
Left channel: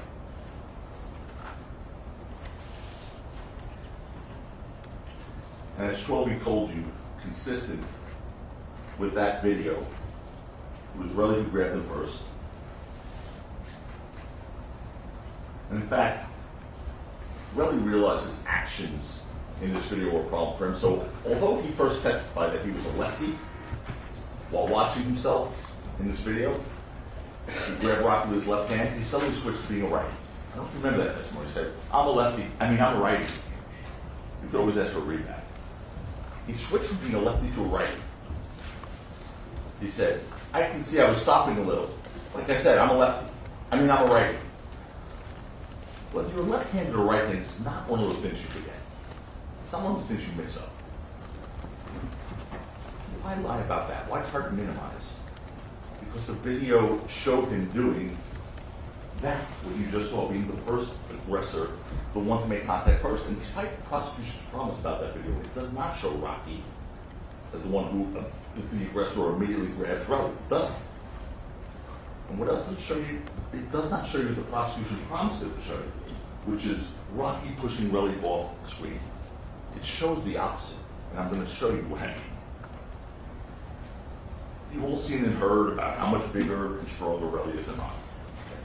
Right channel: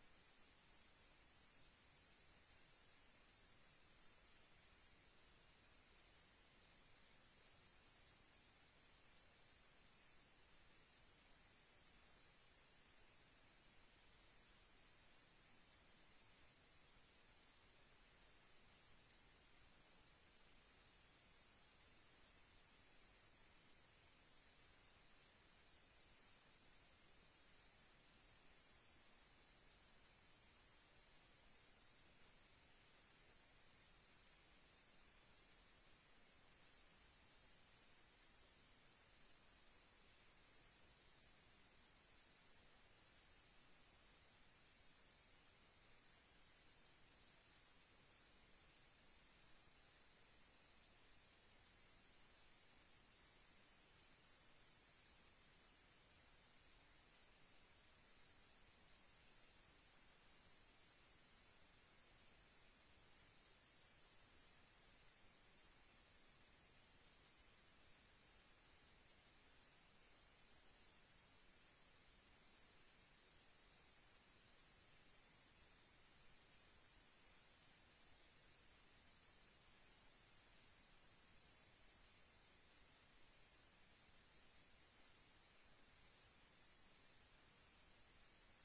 And as Schwelby told you, consistent with that video, it was Relly who grabbed him first. And in fact, Relly realized his actions in this video were a problem for him. So although he first testified that he was a lefty, while watching himself in this video, he grabbed Rocky with his left hand, he suddenly switched to being a righty. I don't remember that testimony. He said, I'm a lefty, I'm a righty. You could always ask for a readback. He switched from being a lefty to a righty. He said, I can see I was stopping a little. Like I said, I'm a lefty. I'm a righty. Whether you're left-handed or right-handed is not one of those things you forget. It's not one of those things you mix up. Why lie about that? Why try to minimize? Because the video showed him doing that, what you just saw, being the first aggressor, the one to make contact first. And despite the prosecution's promise about that video, it does not show Rocky as the one who is the aggressor or immediately grabs Relly. It doesn't. And what else does it show you? It does not show you the prosecution promised it to show you, which is Rocky pushing Relly off the screen. It shows the opposite, and I'm going to show you what I mean. You've all seen and heard about how much bigger and stronger Relly is than Rocky. Okay.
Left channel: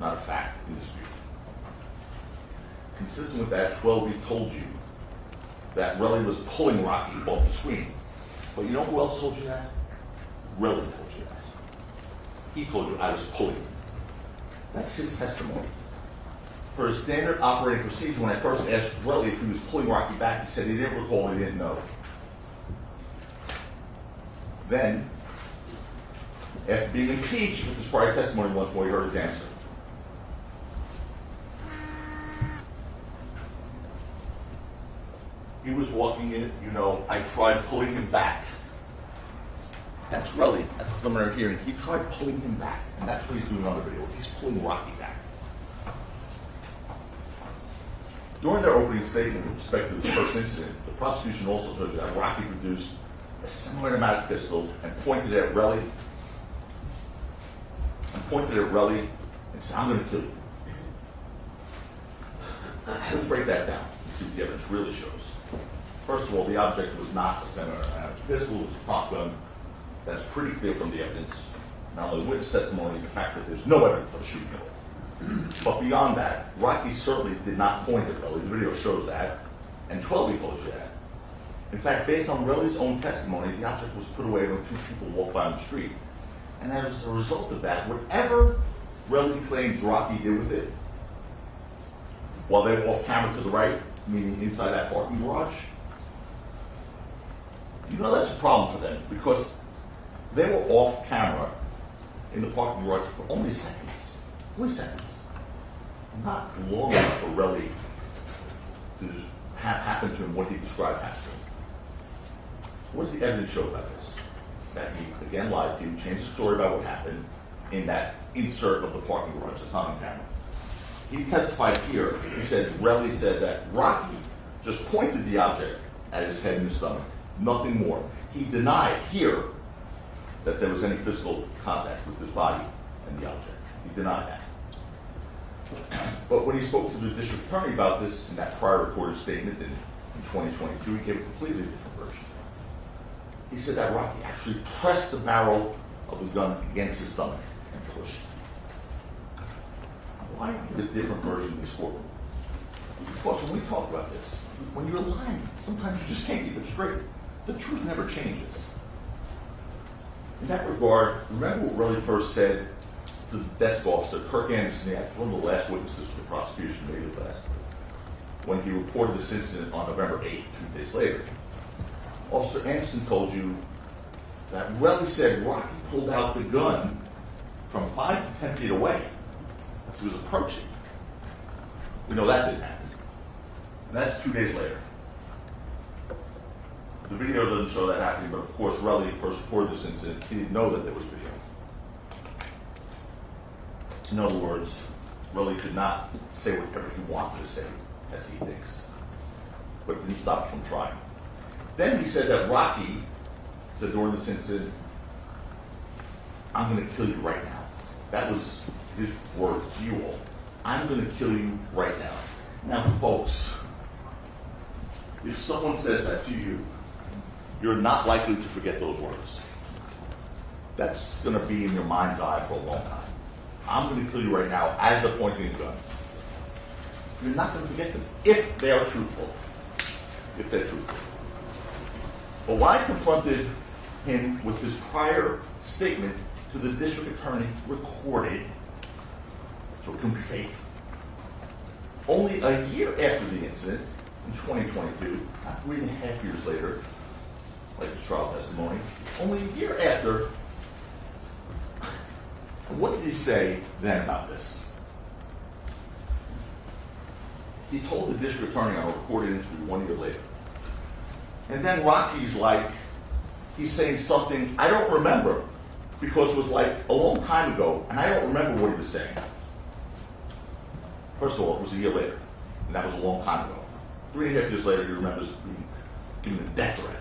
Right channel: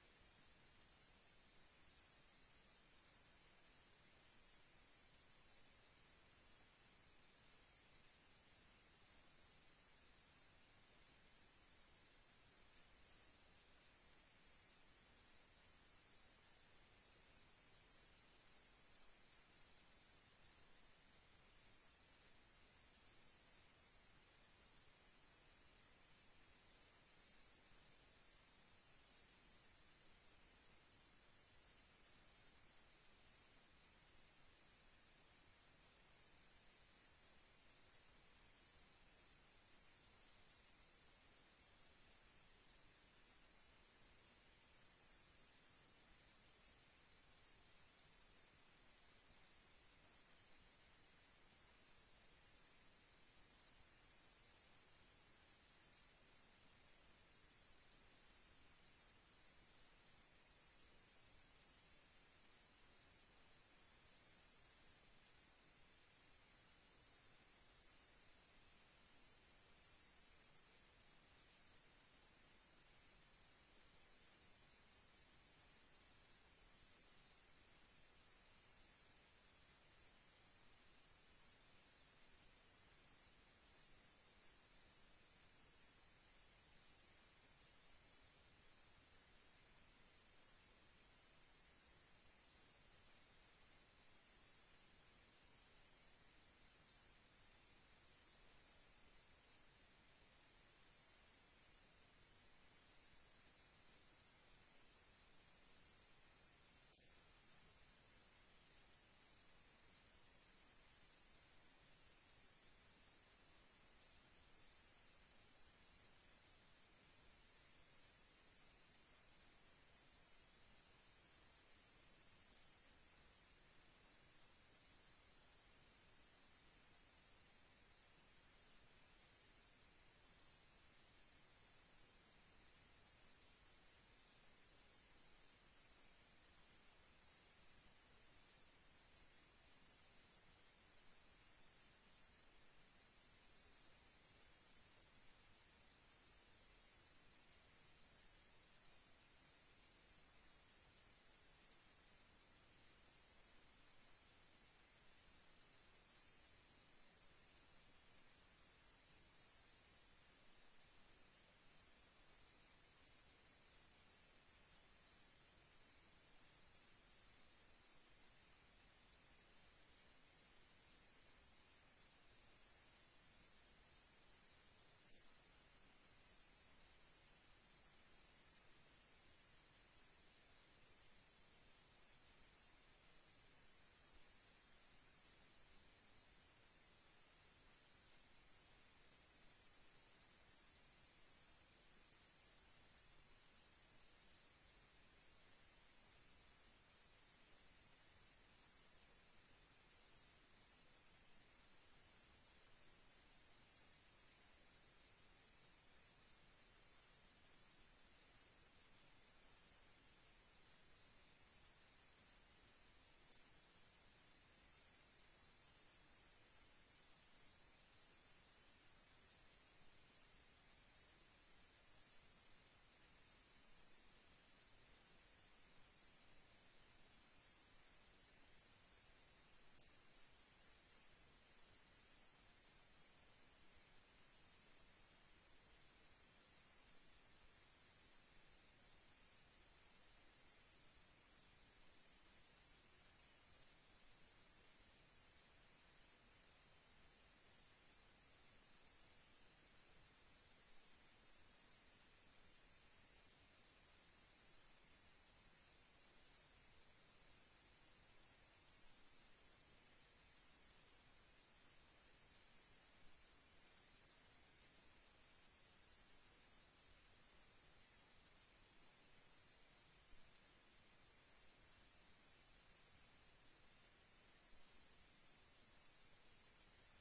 Not a fact in dispute. Consistent with that, Schwelby told you that Relly was pulling Rocky off the screen. But you know who else told you that? Relly told you that. He told you I was pulling him. That's his testimony. For his standard operating procedure, when I first asked Relly if he was pulling Rocky back, he said he didn't recall, he didn't know. Then, after being impeached with his prior testimony once more, he heard his answer. He was walking in, I tried pulling him back. That's Relly at the preliminary hearing. He tried pulling him back, and that's what he's doing on the video. He's pulling Rocky back. During their opening statement with respect to this first incident, the prosecution also told you that Rocky produced a similar amount of pistols and pointed at Relly and said, I'm going to kill you. Let's break that down and see what the evidence really shows. First of all, the object was not a similar amount of pistol, it was a prop gun. That's pretty clear from the evidence. Not only witness testimony, the fact that there's no evidence of shooting it. But beyond that, Rocky certainly did not point at Relly. The video shows that, and Schwelby told you that. In fact, based on Relly's own testimony, the object was put away when two people walked by on the street. And as a result of that, whatever Relly claims Rocky did with it, while they were off camera to the right, meaning inside that parking garage, you know that's a problem for them, because they were off camera in the parking garage for only seconds. Only seconds. Not long enough for Relly to have happen to him what he described happened to him. What does the evidence show about this? That he, again, lied to you, changed the story about what happened in that insert of the parking garage that's on camera. He testified here, he said, Relly said that Rocky just pointed the object at his head and his stomach, nothing more. He denied here that there was any physical contact with his body and the object. He denied that. But when he spoke to the district attorney about this in that prior recorded statement in 2022, he gave a completely different version. He said that Rocky actually pressed the barrel of the gun against his stomach and pushed. Why give a different version in this courtroom? Because when we talk about this, when you're lying, sometimes you just can't keep it straight. The truth never changes. In that regard, remember what Relly first said to the desk officer, Kirk Anderson, one of the last witnesses for the prosecution, maybe the last, when he reported this incident on November 8th, 2 days later. Officer Anderson told you that Relly said Rocky pulled out the gun from 5 to 10 feet away as he was approaching. We know that didn't happen. And that's 2 days later. The video doesn't show that happening, but of course, Relly first reported this incident. He didn't know that there was video. In other words, Relly could not say whatever he wanted to say, as he thinks, but it didn't stop him from trying. Then he said that Rocky said during this incident, I'm going to kill you right now. That was his word to you all. I'm going to kill you right now. Now, folks, if someone says that to you, you're not likely to forget those words. That's going to be in your mind's eye for a long time. I'm going to kill you right now as they're pointing a gun. You're not going to forget them if they are truthful. If they're truthful. But when I confronted him with his prior statement to the district attorney, recorded, so it couldn't be fake, only a year after the incident, in 2022, not 3.5 years later, like the trial testimony, only a year after, what did he say then about this? He told the district attorney on a recorded interview 1 year later. And then Rocky's like, he's saying something I don't remember because it was like a long time ago, and I don't remember what he was saying. First of all, it was a year later, and that was a long time ago. 3.5 years later, he remembers giving a death threat.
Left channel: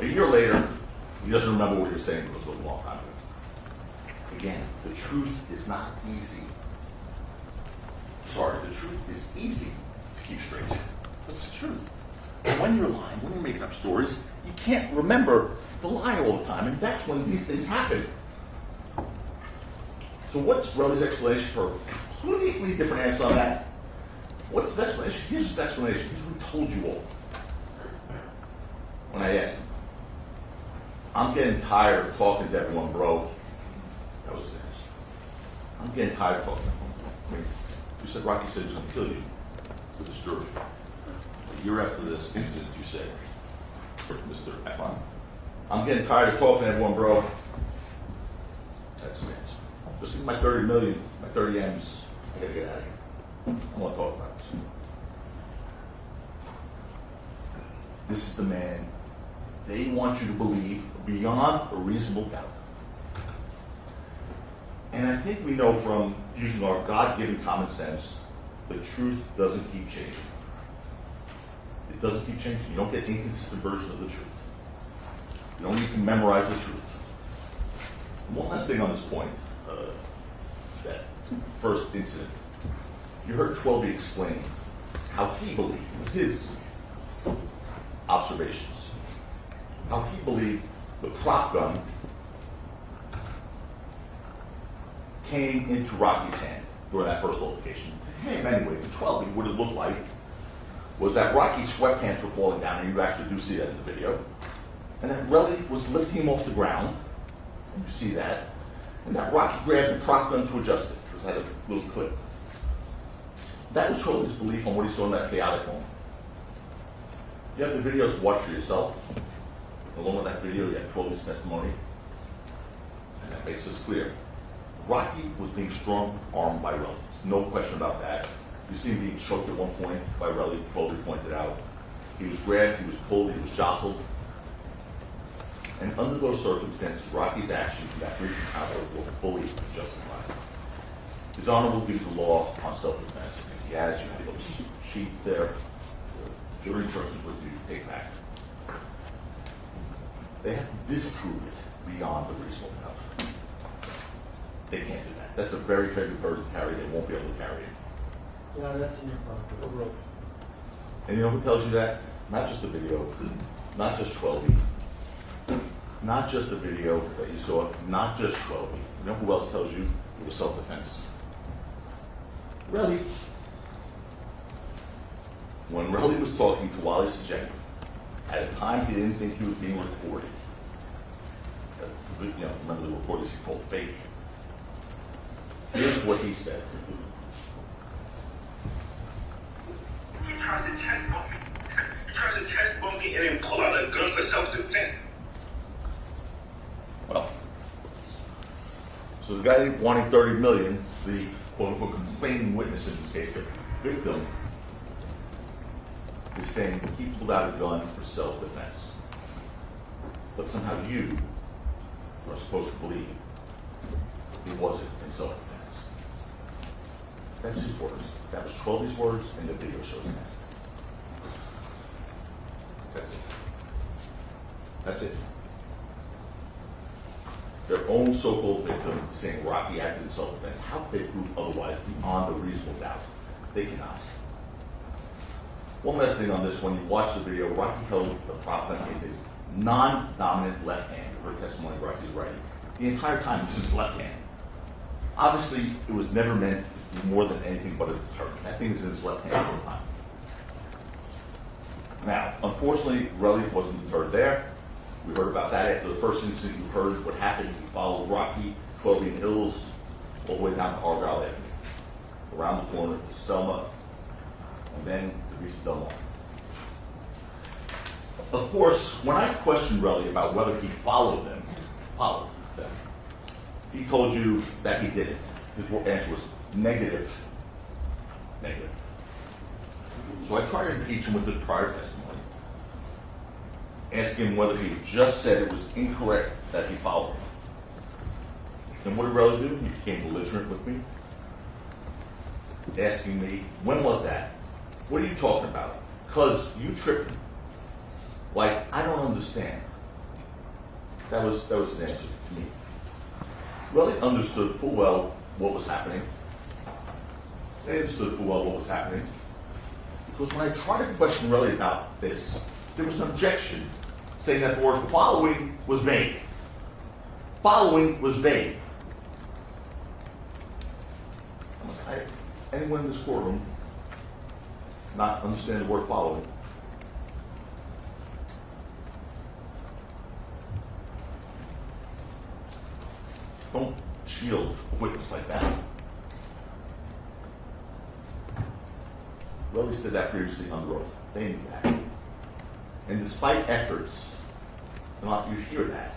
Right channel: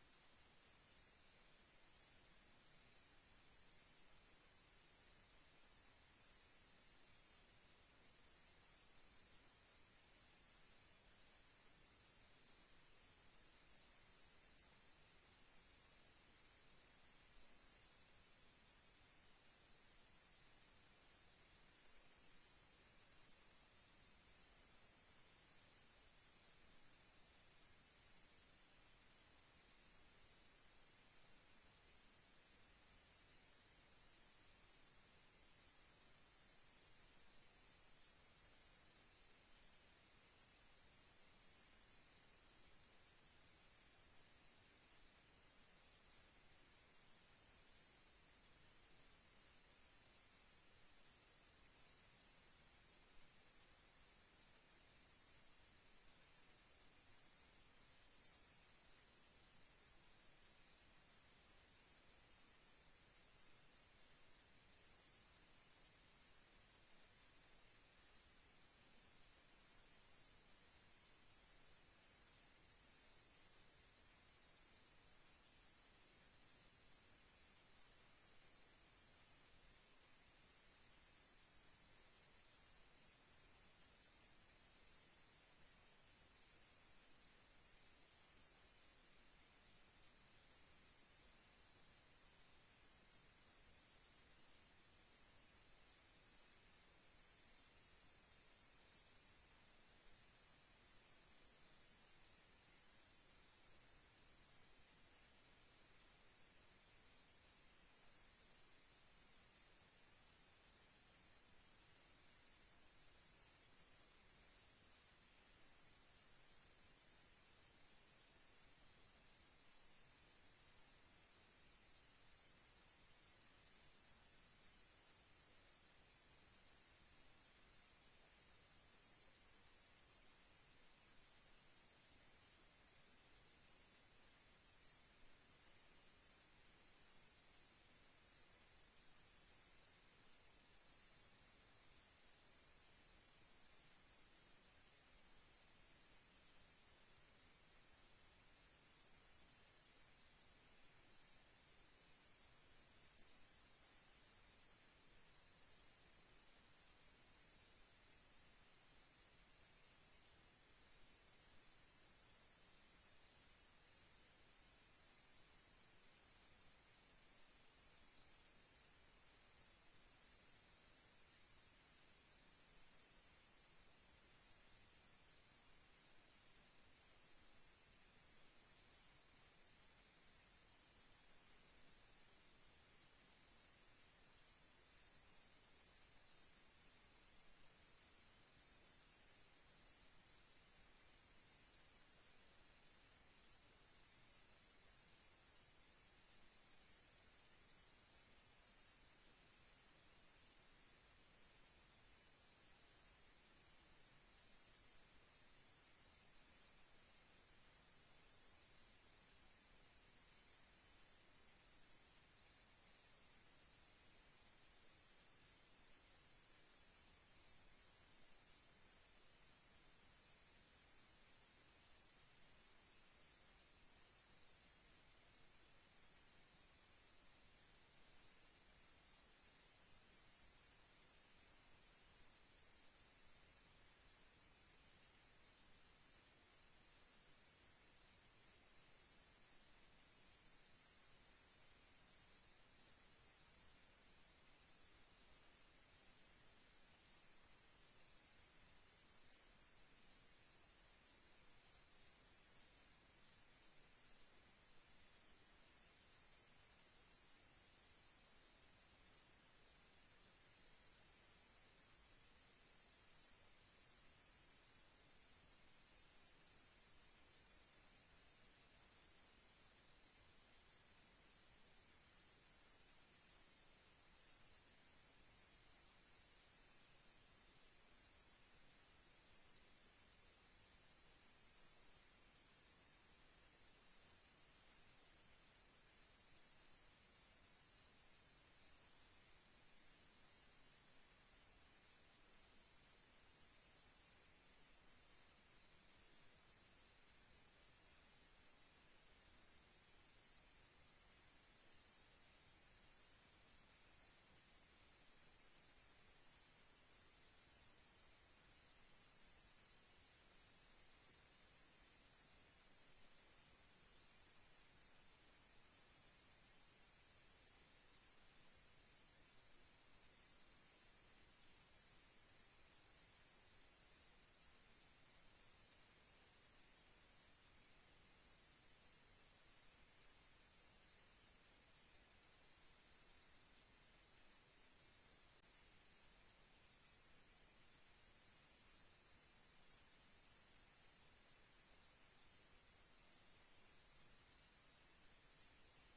A year later, he doesn't remember what he was saying because it was a long time ago. Again, the truth is not easy. Sorry, the truth is easy to keep straight. That's the truth. But when you're lying, when you're making up stories, you can't remember the lie all the time, and that's when these things happen. So what's Relly's explanation for a completely different answer on that? What's his explanation? Here's his explanation. Here's what he told you all. When I asked him, I'm getting tired of talking to everyone, bro. That was his answer. I'm getting tired of talking to everyone. I mean, you said Rocky said he was going to kill you to this jury. A year after this incident, you said, Mr. Efron, I'm getting tired of talking to everyone, bro. That's the answer. Just give me my 30 million, my 30 M's. I gotta get out of here. I want to talk about this. This is the man they want you to believe beyond a reasonable doubt. And I think we know from using our God-given common sense, the truth doesn't keep changing. It doesn't keep changing. You don't get inconsistent versions of the truth. You don't need to memorize the truth. And one last thing on this point, that first incident. You heard Twelby explain how he believed, it was his observations, how he believed the prop gun came into Rocky's hand during that first altercation. To him, anyway, to Twelby, what it looked like was that Rocky's sweatpants were falling down, and you actually do see that in the video, and that Relly was lifting him off the ground, and you see that, and that Rocky grabbed the prop gun to adjust it, because it had a little clip. That was Trolley's belief on what he saw in that chaotic moment. You have the video to watch for yourself. Along with that video, you have Trolley's testimony, and that makes this clear. Rocky was being strong-armed by Relly. No question about that. You see him being choked at one point by Relly, Trolley pointed out. He was grabbed, he was pulled, he was jostled. And under those circumstances, Rocky's actions in that brief encounter were fully justified. His Honor will give the law on self-defense. If he has, you have those sheets there, the jury instructions with you to take back. They have to disprove it beyond the reasonable doubt. They can't do that. That's a very heavy burden to carry. They won't be able to carry it. Yeah, that's in your property. And you know who tells you that? Not just the video, not just 12. Not just the video that you saw, not just 12. You know who else tells you it was self-defense? Relly. When Relly was talking to Wally Sajek, at a time he didn't think he was being recorded. You know, remember the recordings he called fake. Here's what he said. He tries to chest bump me. He tries to chest bump me and then pull out a gun for self-defense. Well, so the guy wanting 30 million, the quote-unquote complaining witness in this case, the victim, is saying he pulled out a gun for self-defense. But somehow you are supposed to believe he wasn't in self-defense. That's his words. That was Trolley's words, and the video shows that. That's it. That's it. Their own so-called victim is saying Rocky acted in self-defense. How could they prove otherwise beyond a reasonable doubt? They cannot. One last thing on this, when you watch the video, Rocky held the prop gun in his non-dominant left hand. You heard testimony of Rocky's right. The entire time, this is his left hand. Obviously, it was never meant to be more than anything but a deterrent. That thing is in his left hand all the time. Now, unfortunately, Relly wasn't deterred there. We heard about that after the first incident. You heard what happened. He followed Rocky, 12 in Hills, all the way down to Argyle Avenue, around the corner to Selma, and then to Vista Del Mar. Of course, when I questioned Relly about whether he followed them, he told you that he didn't. His answer was negative. Negative. So I tried to impeach him with his prior testimony, asking him whether he just said it was incorrect that he followed him. And what did Relly do? He became belligerent with me, asking me, when was that? What are you talking about? Because you tripped me. Like, I don't understand. That was his answer to me. Relly understood full well what was happening. They understood full well what was happening. Because when I tried to question Relly about this, there was an objection saying that the word following was vague. Following was vague. Anyone in this courtroom not understand the word following? Don't shield a witness like that. Relly said that previously under oath. They knew that. And despite efforts, and you hear that,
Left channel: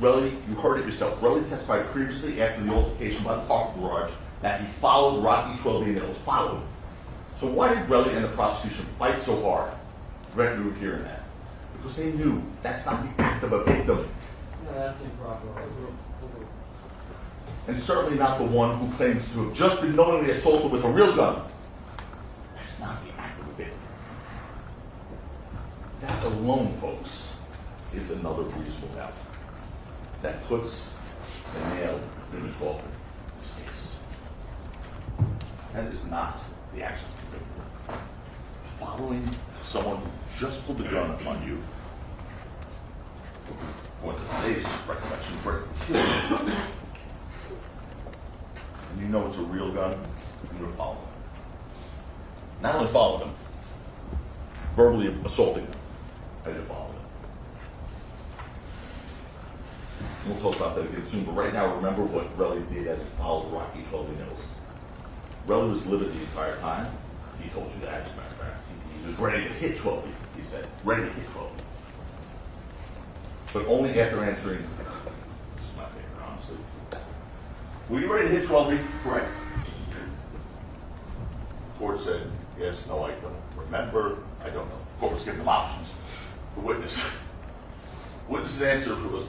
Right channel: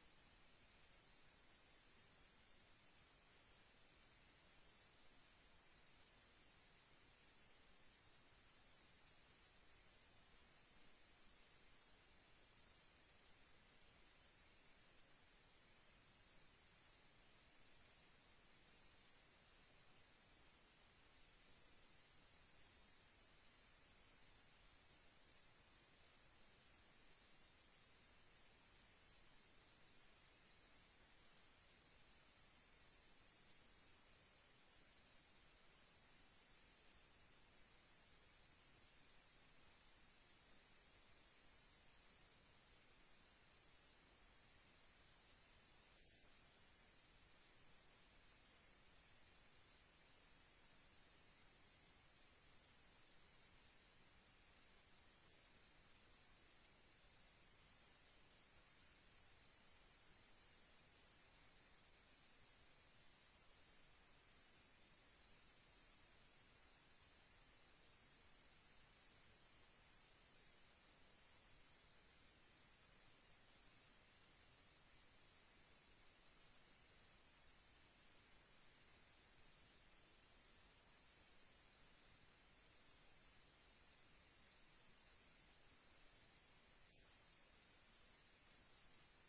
Relly, you heard it yourself. Relly testified previously after the altercation by the parking garage that he followed Rocky Twelby and it was followed. So why did Relly and the prosecution fight so hard? Brett, you were hearing that. Because they knew that's not the act of a victim. No, that's improper. And certainly not the one who claims to have just been knowingly assaulted with a real gun. That's not the act of a victim. That alone, folks, is another reasonable doubt. That puts the nail in the coffin in this case. That is not the action of the victim. Following someone who just pulled the gun upon you, according to today's recollection, killed you. And you know it's a real gun, and you're following them. Not only following them, verbally assaulting them as you follow it. We'll talk about that again soon, but right now remember what Relly did as he followed Rocky 12 Mills. Relly was livid the entire time. He told you that, as a matter of fact. He was ready to hit 12, he said. Ready to hit 12. But only after answering, this is my favorite, honestly. Were you ready to hit 12? Correct. Court said, yes, no, I don't remember, I don't know. Court was giving them options. The witness's answer was,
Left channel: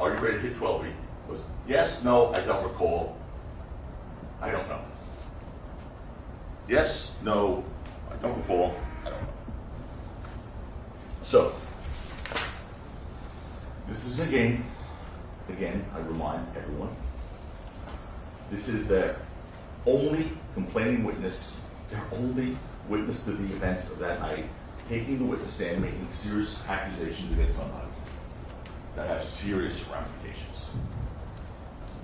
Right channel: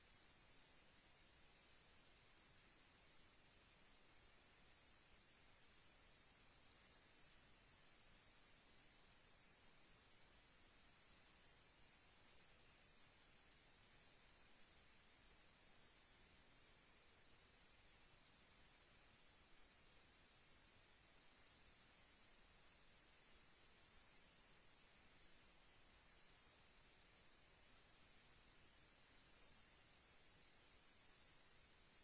are you ready to hit 12? Was, yes, no, I don't recall, I don't know. Yes, no, I don't recall, I don't know. So, this is a game. Again, I remind everyone, this is their only complaining witness, their only witness to the events of that night, taking the witness stand, making serious accusations against somebody that have serious ramifications.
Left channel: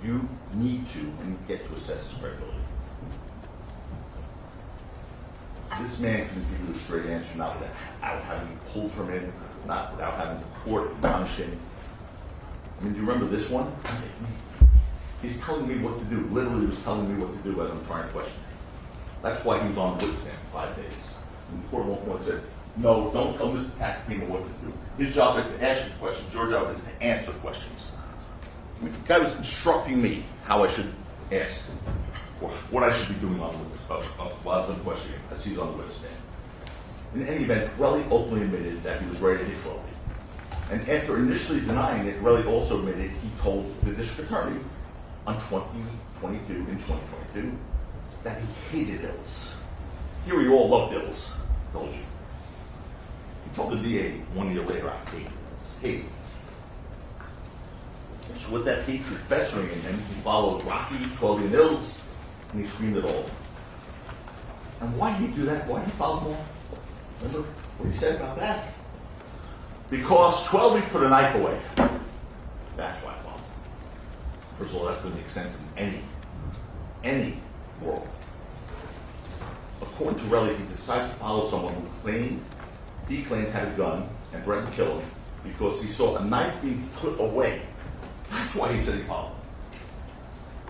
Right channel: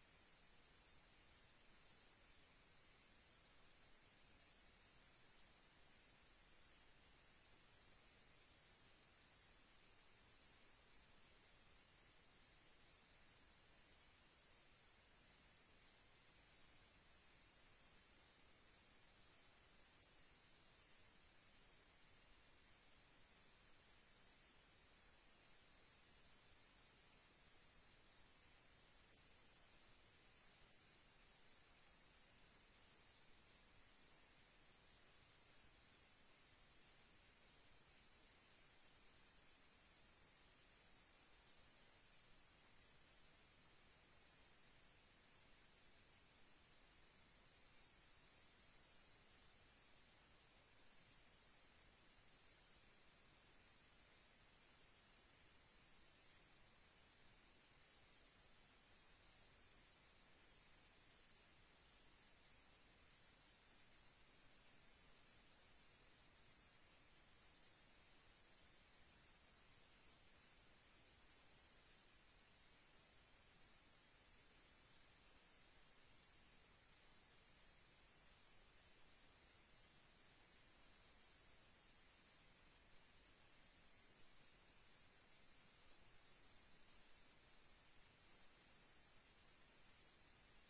You need to and get to assess his credibility. This man can give you a straight answer, not without having pulled from him, not without having the court admonish him. I mean, do you remember this one? He's telling me what to do. Literally, he was telling me what to do as I'm trying to question him. That's why he was on the witness stand for 5 days. And the court at one point said, no, don't tell Mr. Pacino what to do. His job is to ask you questions. Your job is to answer questions. I mean, the guy was instructing me how I should ask, or what I should be doing on the witness, while I was questioning him, as he's on the witness stand. In any event, Relly openly admitted that he was ready to hit 12. And after initially denying it, Relly also admitted he told the district attorney on 2022 that he hated ills. Here we all loved ills, told you. He told the DA 1 year later, I hate ills. Hate. So with that hatred festering in him, he followed Rocky, 12 and ills, and he screamed it all. And why did he do that? Why did he follow them all? Remember what he said about that? Because 12 put a knife away. That's why I followed. First of all, that doesn't make sense in any world. According to Relly, he decided to follow someone who he claimed had a gun and threatened to kill him because he saw a knife being put away. That's why he said he followed him.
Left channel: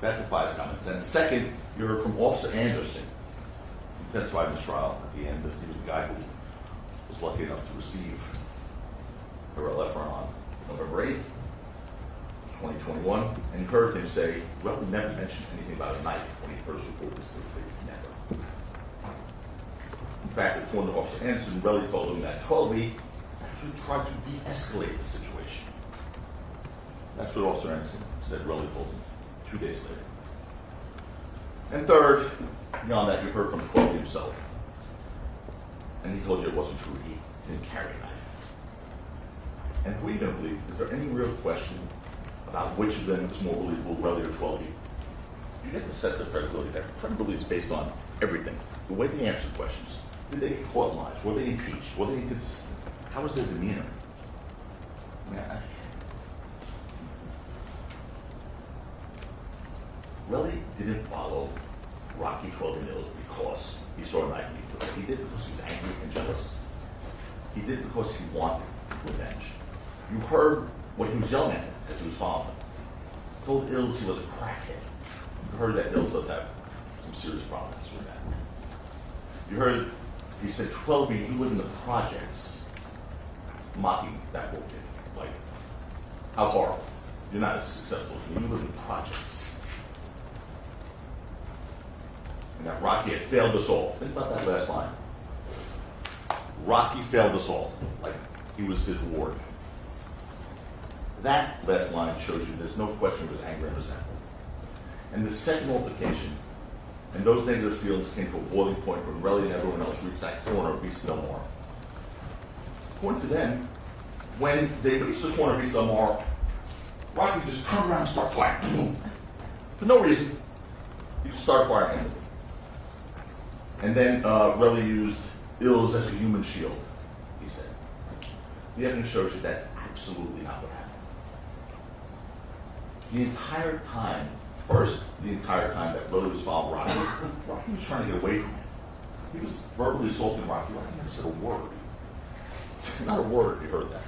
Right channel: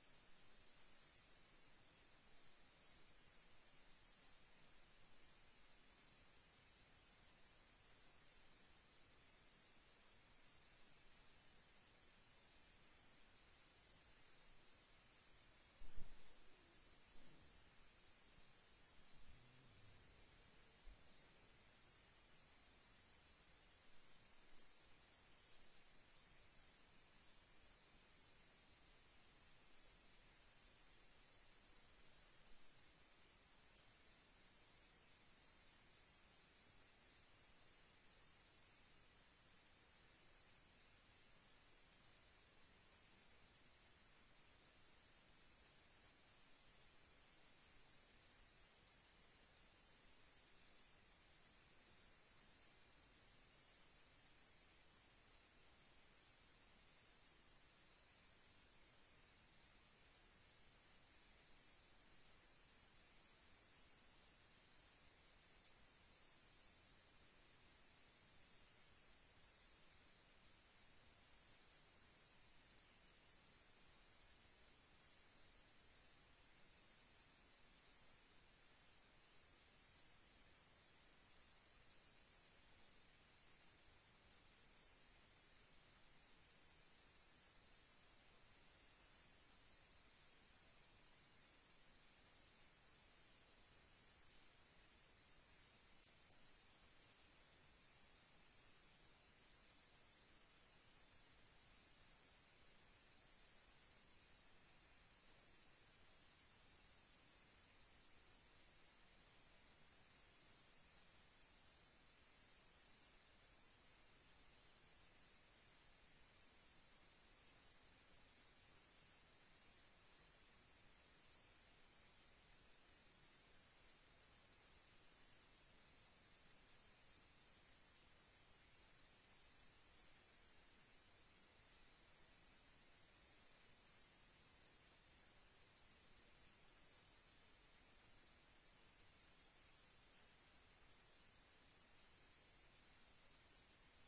That defies common sense. Second, you heard from Officer Anderson. He testified in this trial at the end that he was the guy who was lucky enough to receive a LF on November 8th, 2021, and you heard him say, well, we never mentioned anything about a knife when he first reported this to the police. Never. In fact, according to Officer Anderson, Relly told him that 12 actually tried to de-escalate the situation. That's what Officer Anderson said Relly told him 2 days later. And third, beyond that, you heard from 12 himself. And he told you it wasn't true. He didn't carry a knife. And if we don't believe, is there any real question about which of them is more believable, Relly or 12? You get to assess their credibility. Their credibility is based on everything. The way they answered questions. Did they get caught lies? Were they impeached? Were they inconsistent? How was their demeanor? Relly didn't follow Rocky 12 because he saw a knife and he took it. He did it because he was angry and jealous. He did it because he wanted revenge. You heard what he was yelling at them as he was following them. He told Ills he was a crackhead. You heard that Ills does have some serious problems with that. You heard he said, 12, you live in the projects, mocking that whole kid. Like, how horrible. You're not as successful as me. You live in the projects. And that Rocky had failed us all. Think about that last line. Rocky failed us all. Like, he was his ward. That last line shows you there's no question of his anger and resentment. And the second altercation, and those negative feelings came to a boiling point when Relly and everyone else reached that corner of Beast Del Mar. According to them, when they reached the corner of Beast Del Mar, Rocky just turned around and started firing. For no reason. He just started firing. And then Relly used Ills as a human shield, he said. The evidence shows you that's absolutely not what happened. The entire time, the entire time that Relly was following Rocky, Rocky was trying to get away from him. He was verbally assaulting Rocky. Rocky never said a word. Not a word you heard that.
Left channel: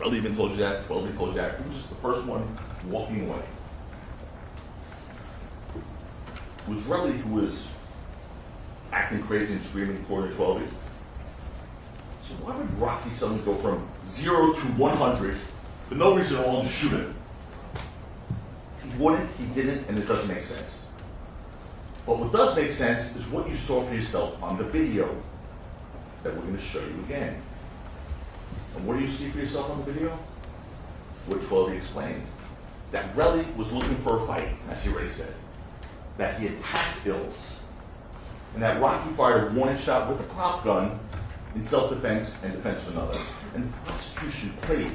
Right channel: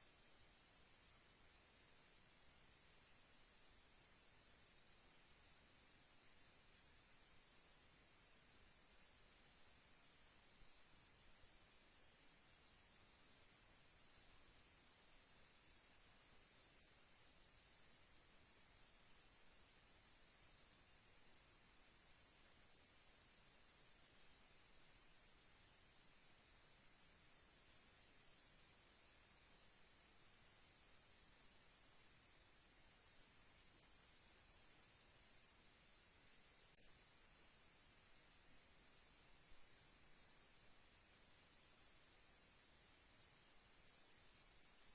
Relly even told you that, 12 even told you that. He was just the first one walking away. It was Relly who was acting crazy and screaming according to 12. So why would Rocky suddenly go from 0 to 100 for no reason at all, just shoot him? He wouldn't, he didn't, and it doesn't make sense. But what does make sense is what you saw for yourself on the video that we're going to show you again. And what do you see for yourself on the video? What 12 explained. That Relly was looking for a fight, as he already said. That he attacked Ills. And that Rocky fired a warning shot with a prop gun in self-defense and defense of another. And the prosecution played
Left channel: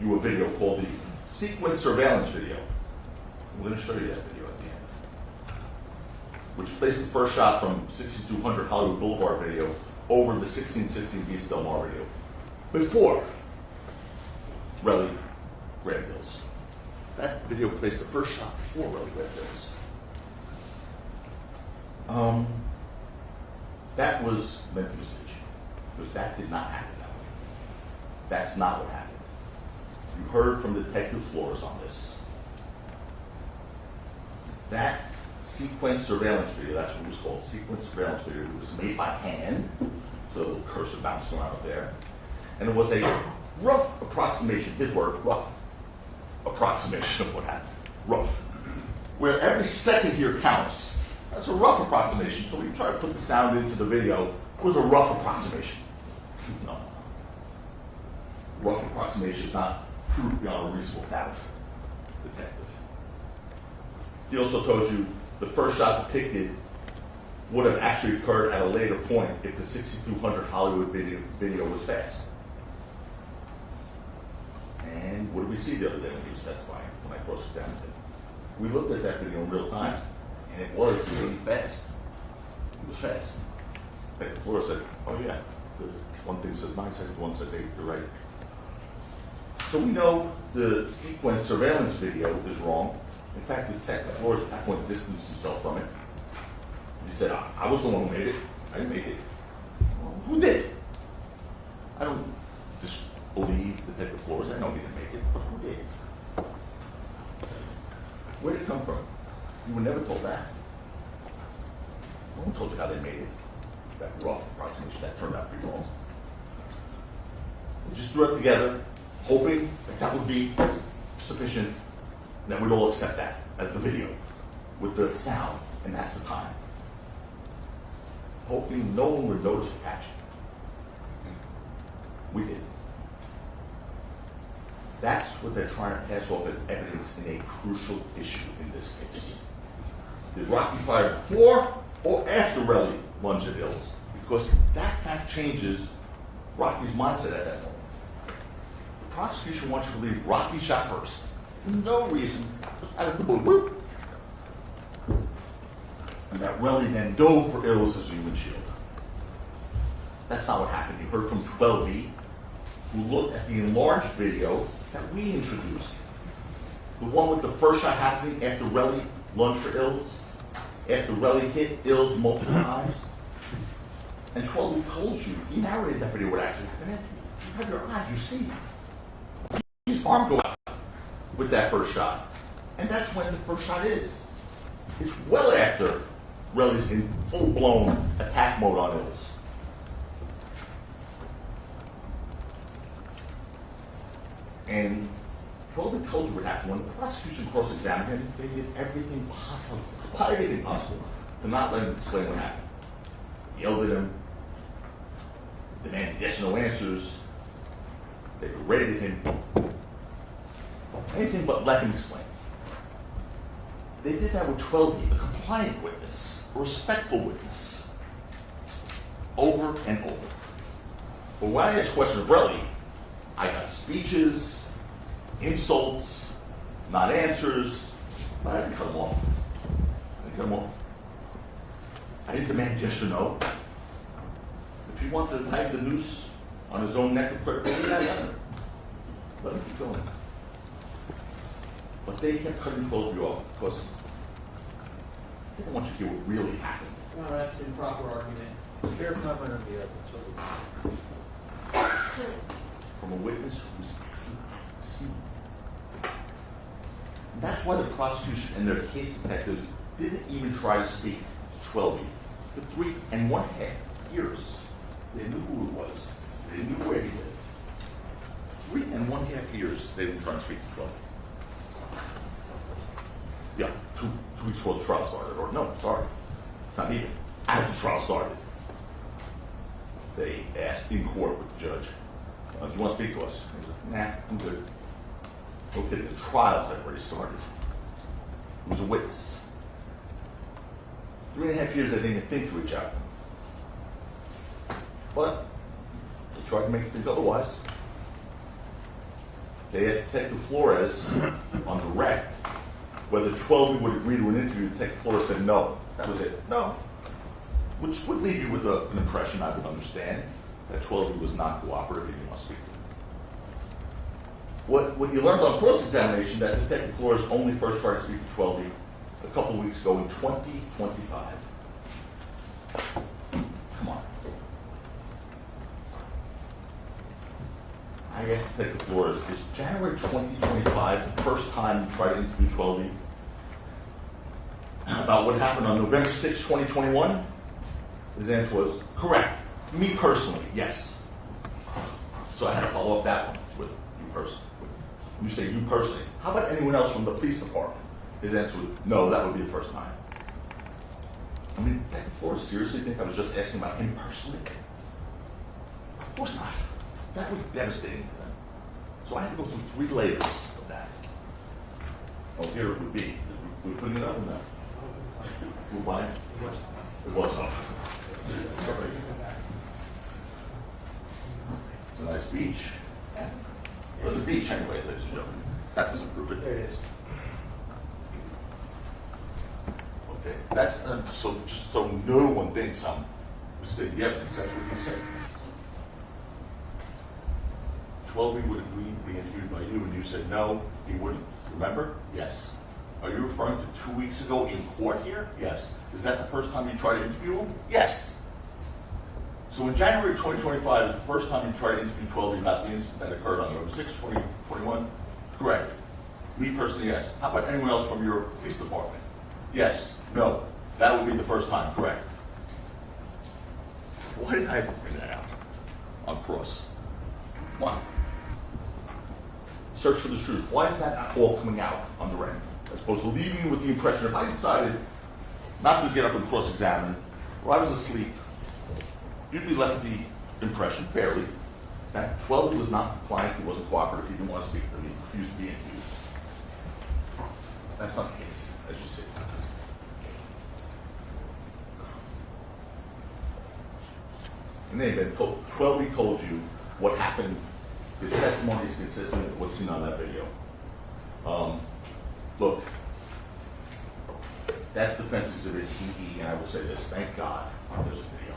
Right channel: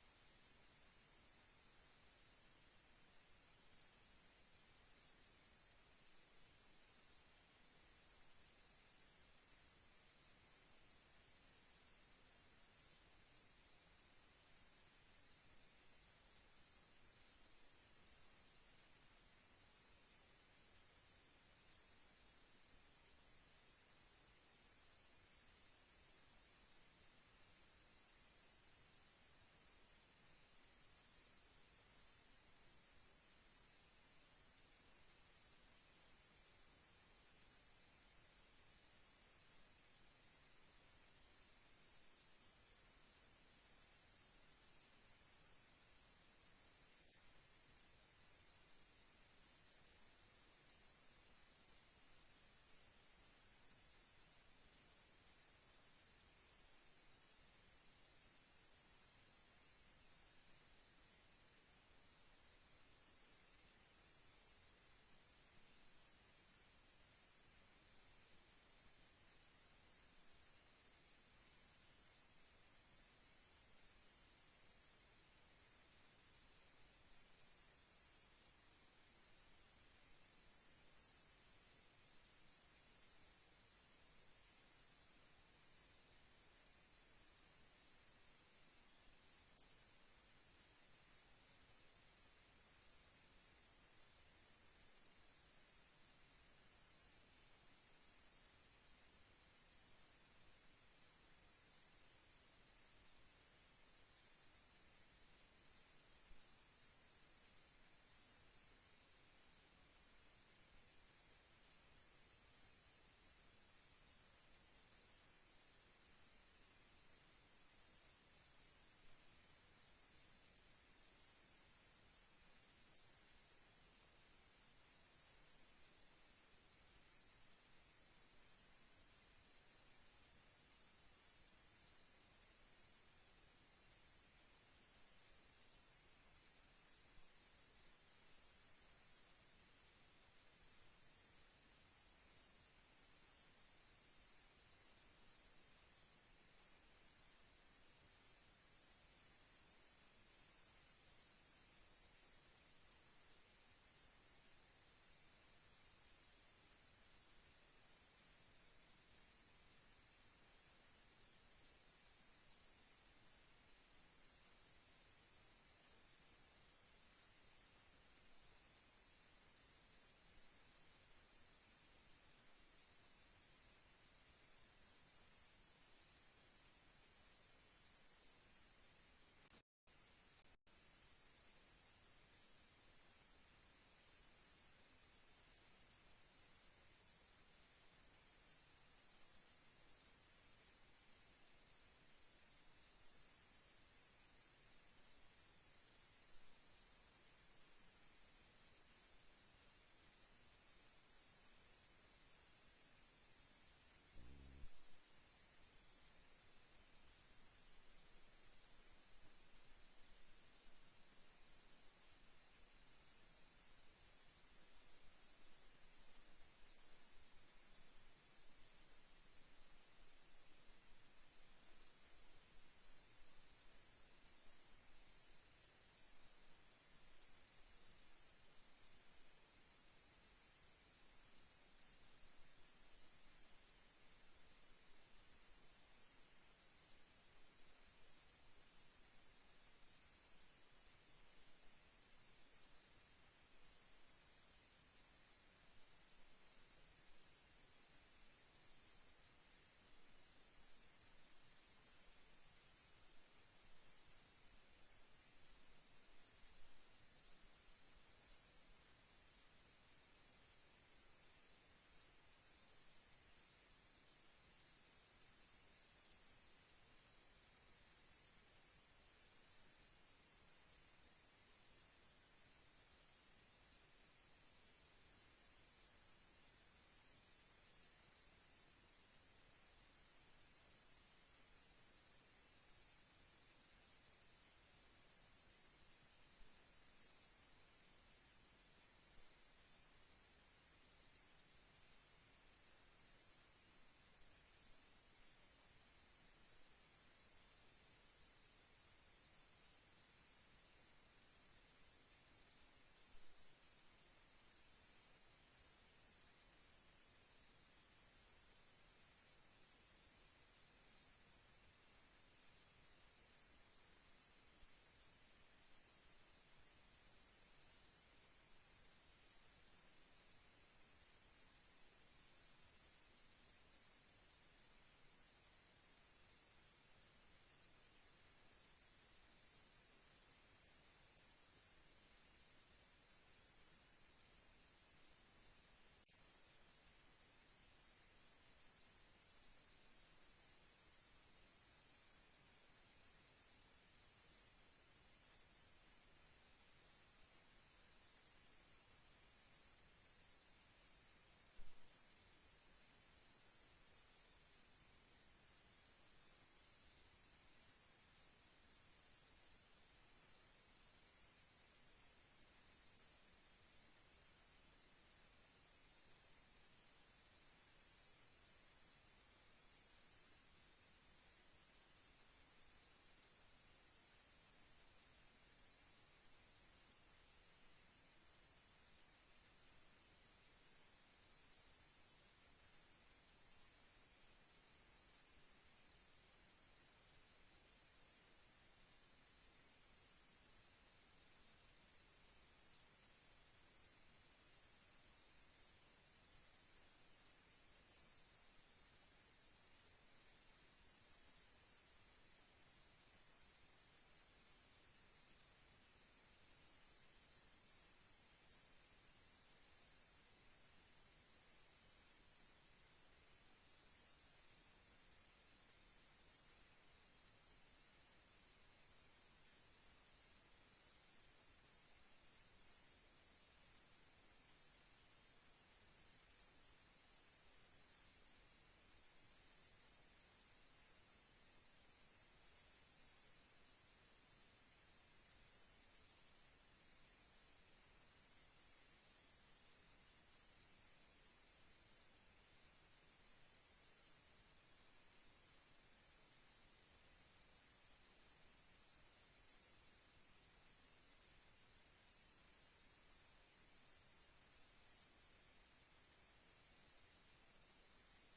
you a video called the sequence surveillance video. We're going to show you that video at the end. Which placed the first shot from 6200 Hollywood Boulevard video over the 1616 Vista Del Mar video. Before Relly grabbed Ills. That video placed the first shot before Relly grabbed Ills. That was meant to be staged. Because that did not happen that way. That's not what happened. You heard from Detective Flores on this. That sequence surveillance video, that's what it was called, sequence surveillance video, it was made by hand, so a little cursor bouncing around up there. And it was a rough approximation, his word, rough approximation of what happened. Rough. Where every second here counts. That's a rough approximation. So when you try to put the sound into the video, it was a rough approximation. No. Rough approximation is not proof beyond a reasonable doubt. Detective. He also told you the first shot depicted would have actually occurred at a later point if the 6200 Hollywood video was fast. And what did we see the other day when he was testifying, when I cross-examined him? We looked at that video in real time, and it was really fast. It was fast. Like the floor said, oh yeah, one thing says 9 seconds, one says 8, you're right. So we know the sequence surveillance video is wrong. In fact, the detective Flores at that point distanced himself from it. He said, I was the one who made it. I didn't make it. Well, who did? I don't disbelieve Detective Flores. I know he didn't make it, but who did? Where did it come from? You were never told that. No one told you how they made it. That rough approximation, that turned out pretty wrong. They just threw it together, hoping that that would be sufficient, and that we'd all accept that as the video with the sound, and that's the time. Hoping no one would notice or catch it. We did. That's what they're trying to pass off as evidence in a crucial issue in this case. Did Rocky fire before or after Relly lunged at Ills? Because that fact changes Rocky's mindset at that moment. The prosecution wants you to believe Rocky shot first. For no reason, just out of the blue. And that Relly then dove for Ills as a human shield. That's not what happened. You heard from 12B, who looked at the enlarged video that we introduced. The one with the first shot happening after Relly lunged for Ills, after Relly hit Ills multiple times. And 12B told you, he narrated that video what actually happened. You have your eyes, you see. His arm go out with that first shot. And that's when the first shot is. It's well after Relly's in full-blown attack mode on Ills. And 12B told you what happened. When the prosecution cross-examined him, they did everything possible to not let him explain what happened. They yelled at him, demanded yes or no answers, they berated him, anything but let him explain. They did that with 12B, a compliant witness, a respectful witness, over and over. But when I asked questions of Relly, I got speeches, insults, not answers, but I didn't cut him off. I didn't demand yes or no. If he wanted to tie the noose on his own neck of credibility, I let him. Let him keep going. But they kept cutting 12B off because they didn't want you to hear what really happened. No, that's an improper argument. Fair comment on the evidence. from a witness who was actually at the scene. And that's why the prosecution and their case detectives didn't even try to speak to 12 for 3.5 years. They knew who it was. They knew where he lived. 3.5 years they didn't try to speak to 12. Yeah, two weeks before the trial started, or no, sorry, not even. As the trial started, they asked in court with the judge, do you want to speak to us? He said, nah, I'm good. Okay, the trial had already started. He was a witness. 3.5 years they didn't even think to reach out. But they tried to make it think otherwise. They asked Detective Flores on direct whether 12 would agree to an interview. Detective Flores said no. That was it. No. Which would leave you with an impression, I would understand, that 12 was not cooperative and you must speak to him. What you learned on cross-examination, that Detective Flores only first tried to speak to 12 a couple of weeks ago in 2025. Come on. I asked Detective Flores, is January 2025 the first time you tried to interview 12 about what happened on November 6, 2021? His answer was, correct. Me personally, yes. So I had to follow up that one with you personally. When you say you personally, how about anyone else from the police department? His answer was, no, that would be the first time. I mean, Detective Flores seriously think I was just asking about him personally? Of course not. That was devastating to them. So I had to go through 3 layers of that. Oh, here it would be. We're putting it up in there. We're buying it. It was up. It's a nice beach. Well, it's a beach anyway, ladies and gentlemen. That doesn't prove it. There it is. Okay, that's so just so no one thinks I'm mistaken. Yeah, that's what he said. 12 would agree to be interviewed by you, and you said no, he wouldn't. Remember? Yes. Are you referring to 2 weeks ago in court here? Yes. Is that the first time you tried to interview him? Yes. So in January 2025 is the first time you tried to interview 12 about the incident that occurred on November 6, 2021? Correct. Me personally, yes. How about anyone else from your police department? Yes. No. That would be the first time, correct. Why did I bring that out on cross? Why? Search for the truth. Why is that not all coming out on the end? As opposed to leaving you with the impression, if I decided not to get up and cross-examine, or I was asleep, you'd be left with the impression, fairly, that 12 was not compliant, he wasn't cooperative, he didn't want to speak to me, he refused to be interviewed. That's not the case, as you see. In any event, 12 told you what happened. His testimony is consistent with what's seen on that video. Look, that's defense exhibit EE, and I will say this, thank God there's a video.